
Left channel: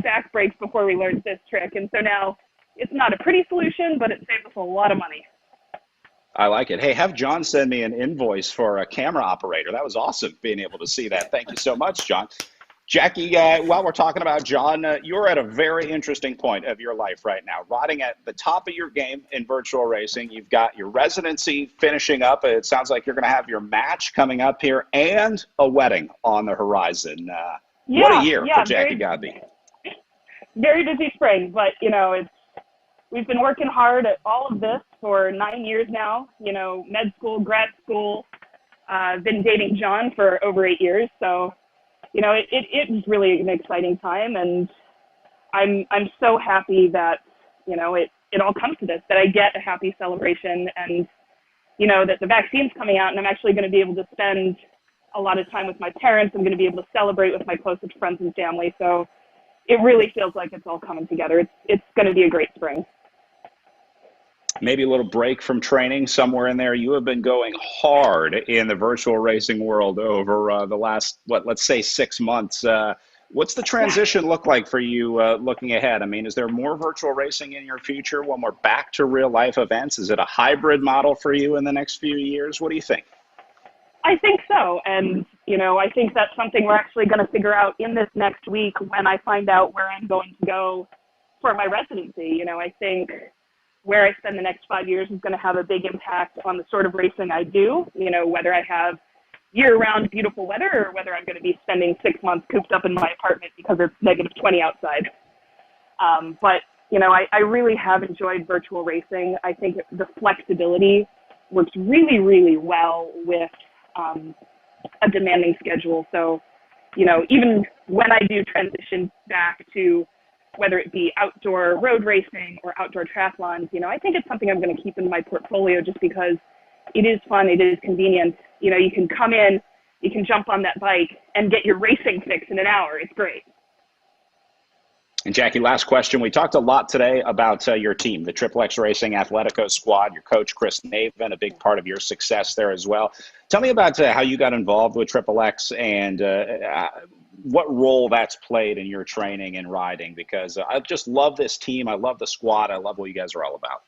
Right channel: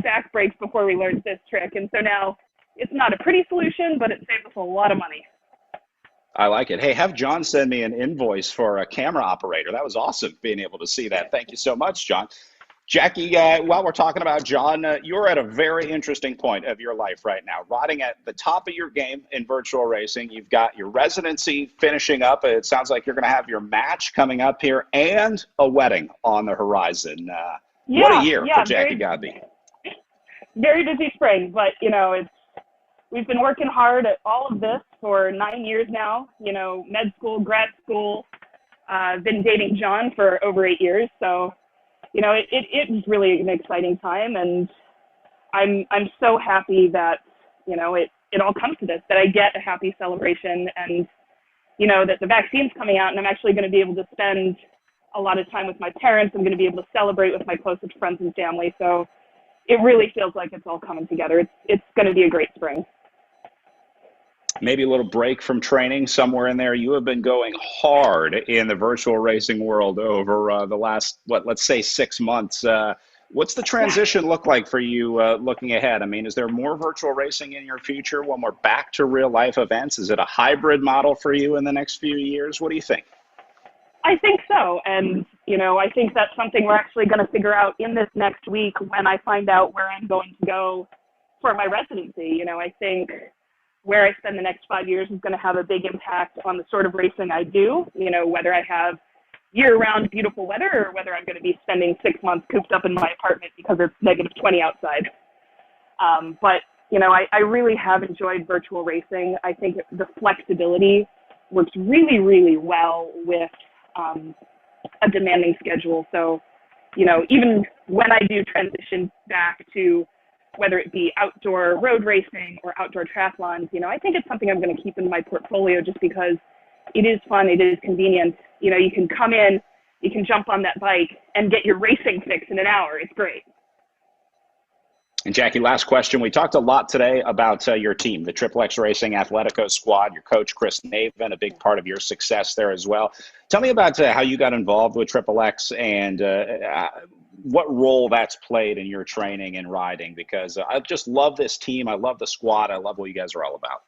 back brakes before we learned this trick. And so now it's not a pretty solution, but it saves us a lot of money. I like it. Hey, have John send me an invoice for a camera operator. That was awesome being able to see that. Thank you so much, John. Jackie, while we're talking about John, you're at a very interesting point of your life right now, riding at the top of your game in virtual racing. You've got your residency finishing up. It sounds like you're going to have your match coming up here and a wedding on the horizon. What a year for Jackie Godby. Very busy spring, but, we've been working hard at all of this for 9 years now, med school, grad school, been dating John for over 8 years. So, it was really an exciting time, and I'm so happy that, it all comes to this, that I get a happy celebration and, that the vaccine's coming out and I'm actually going to be able to spend a lot of time with my parents. I'm going to be able to celebrate with my closest friends and family. So it really feels like it's all coming together. It's going to be a great spring. Maybe a little break from training somewhere in there. You have been going hard in the virtual racing world over the last, let's say 6 months. What's the transition look like for you looking ahead? I mean, is there more virtual racing in your future when we're back to real life events? Is it a hybrid model for you in the next few years? What do you think? I think so. And, I think that's something we're actually going to figure out in this next week when I find out where I'm going to go for my residency. I think where I spend the next 5 years is going to have a big impact on the sort of racing I do, whether I have year-round beautiful weather or whether I'm going to be spending 6 months cooped up in my apartment because it's -20 outside. But, I really have enjoyed virtual racing. I think the flexibility works really, really well with a demanding schedule. So, even when I do transition back to whether it be outdoor road racing or outdoor triathlons, I think it's something I'm going to keep in my portfolio just because it is fun, it is convenient. You can come in, you can jump on that bike and get your racing fix in an hour. It's great. And Jackie, last question. We talked a lot today about your team, the Triple X Racing Athletico squad, your coach, Chris Naven, a big part of your success there as well. Tell me about how you got involved with Triple X and what role that's played in your training and riding, because I just love this team. I love the squad. I love what you guys are all about.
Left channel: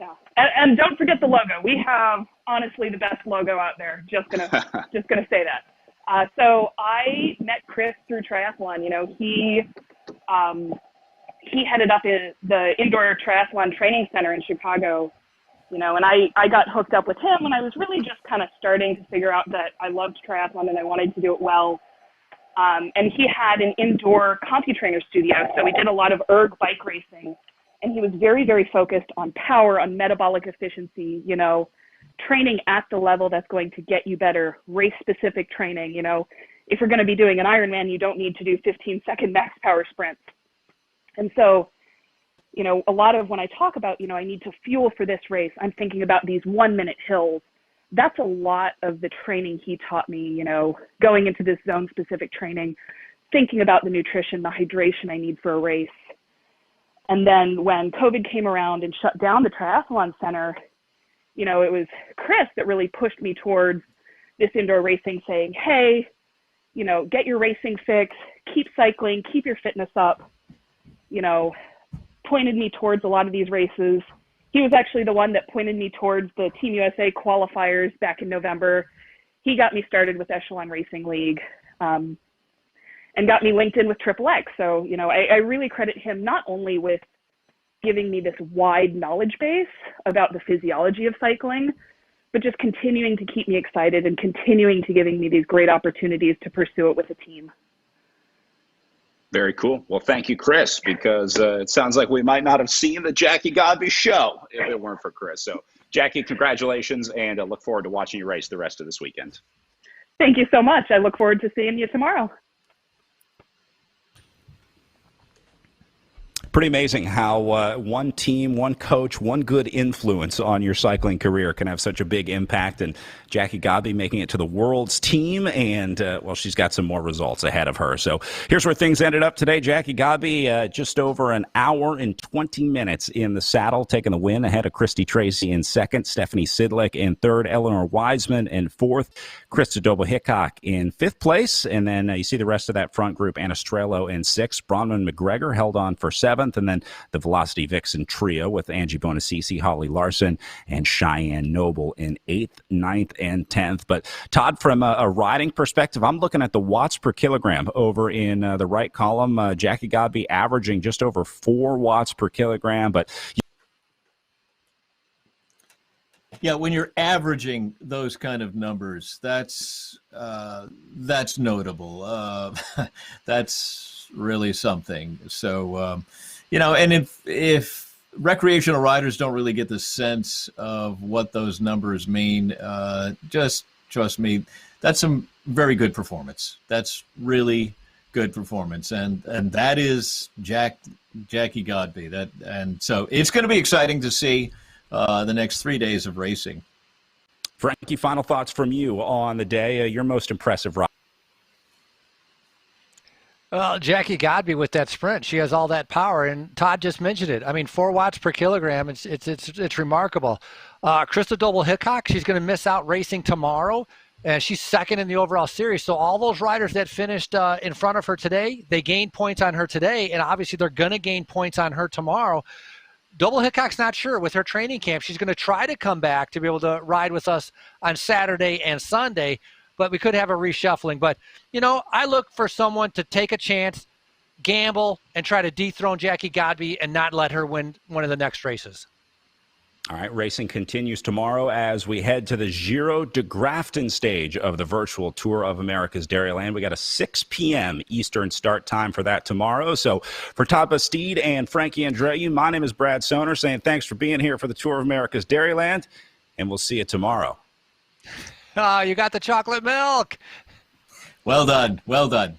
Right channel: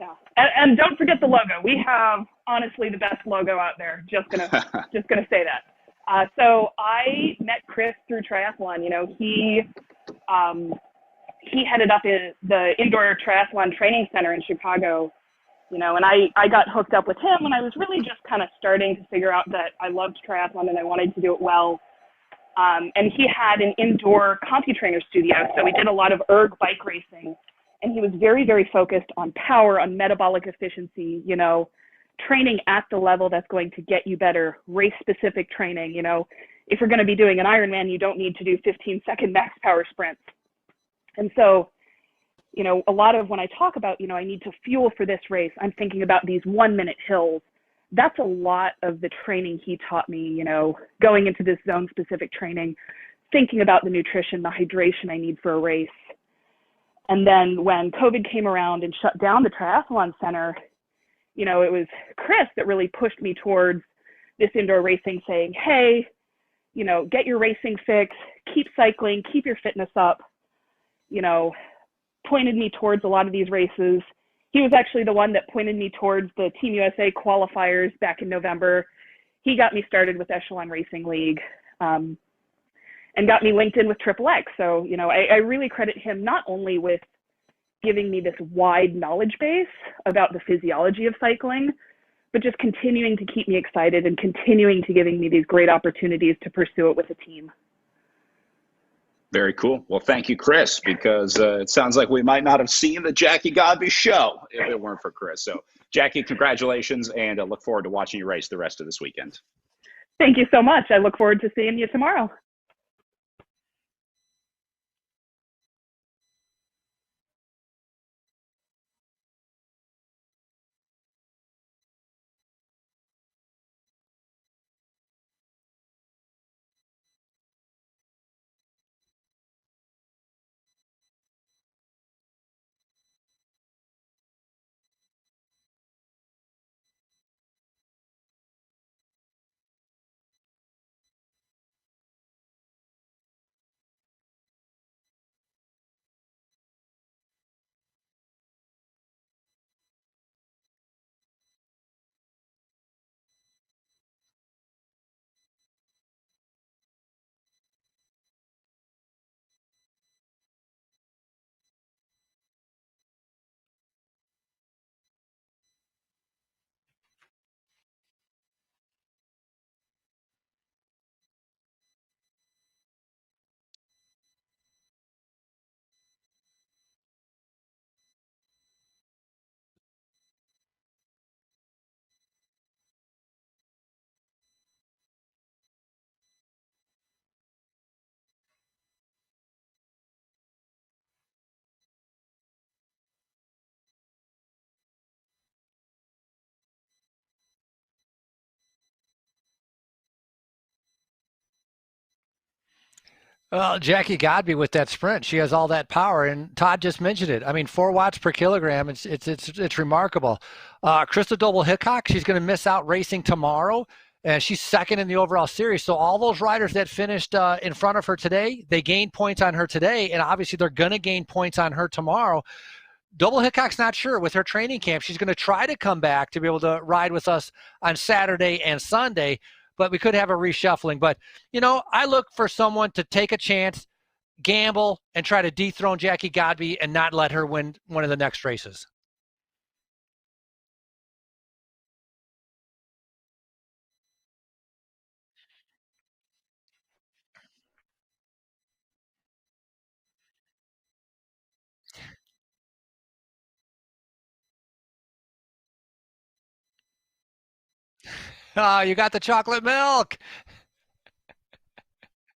Yeah. And don't forget the logo. We have honestly the best logo out there. Just gonna say that. So I met Chris through triathlon. He headed up in the indoor triathlon training center in Chicago, and I got hooked up with him when I was really just kind of starting to figure out that I loved triathlon and I wanted to do it well. And he had an indoor CompuTrainer studio, so we did a lot of erg bike racing. And he was very, very focused on power, on metabolic efficiency, you know, training at the level that's going to get you better, race-specific training. You know, if you're going to be doing an Ironman, you don't need to do 15-second max power sprints. And so, you know, a lot of when I talk about, you know, I need to fuel for this race, I'm thinking about these 1-minute hills. That's a lot of the training he taught me, you know, going into this zone-specific training, thinking about the nutrition, the hydration I need for a race. And then when COVID came around and shut down the triathlon center, you know, it was Chris that really pushed me towards this indoor racing, saying, hey, you know, get your racing fix, keep cycling, keep your fitness up, you know, pointed me towards a lot of these races. He was actually the one that pointed me towards the Team USA qualifiers back in November. He got me started with Echelon Racing League, and got me linked in with XXX. So, you know, I really credit him not only with giving me this wide knowledge base about the physiology of cycling, but just continuing to keep me excited and continuing to giving me these great opportunities to pursue it with a team. Very cool. Well, thank you, Chris, because it sounds like we might not have seen the Jackie Godby show if it weren't for Chris. So, Jackie, congratulations, and I look forward to watching you race the rest of this weekend. Thank you so much. I look forward to seeing you tomorrow. Pretty amazing how one team, one coach, one good influence on your cycling career can have such a big impact. And Jackie Godby making it to the world's team, and, well, she's got some more results ahead of her. So here's where things ended up today. Jackie Godby, just over an hour and 20 minutes in the saddle, taking the win ahead of Christy Tracy in second, Stephanie Sidlick in third, Eleanor Wiseman in fourth, Krista Doble-Hickok in fifth place. And then you see the rest of that front group, Anna Strello in sixth, Bronwyn McGregor held on for seventh, and then the Velocity Vixen trio with Angie Bonacisi, Holly Larson, and Cheyenne Noble in eighth, ninth, and 10th. But Todd, from a riding perspective, I'm looking at the watts per kilogram over in the right column. Jackie Godby averaging just over 4 watts per kilogram. But yeah, when you're averaging those kind of numbers, that's notable. That's really something. So, you know, and if recreational riders don't really get the sense of what those numbers mean, just trust me, that's some very good performance. That's really good performance, and that is Jackie Godby. And so it's going to be exciting to see the next 3 days of racing. Frankie, final thoughts from you on the day. Your most impressive ride. Well, Jackie Godby with that sprint, she has all that power, and Todd just mentioned it. I mean, 4 watts per kilogram, it's remarkable. Krista Doble-Hickok, she's going to miss out racing tomorrow, and she's second in the overall series. So all those riders that finished in front of her today, they gained points on her today, and obviously they're going to gain points on her tomorrow. Doble-Hickok's not sure with her training camp. She's going to try to come back to be able to ride with us on Saturday and Sunday, but we could have a reshuffling. But, you know, I look for someone to take a chance, gamble, and try to dethrone Jackie Godby and not let her win one of the next races. All right, racing continues tomorrow as we head to the Giro de Grafton stage of the virtual Tour of America's Dairyland. We got a 6 p.m. Eastern start time for that tomorrow. So for Todd Bastide and Frankie Andreu, my name is Brad Soner, saying thanks for being here for the Tour of America's Dairyland, and we'll see you tomorrow. Oh, you got the chocolate milk. Well done. Well done.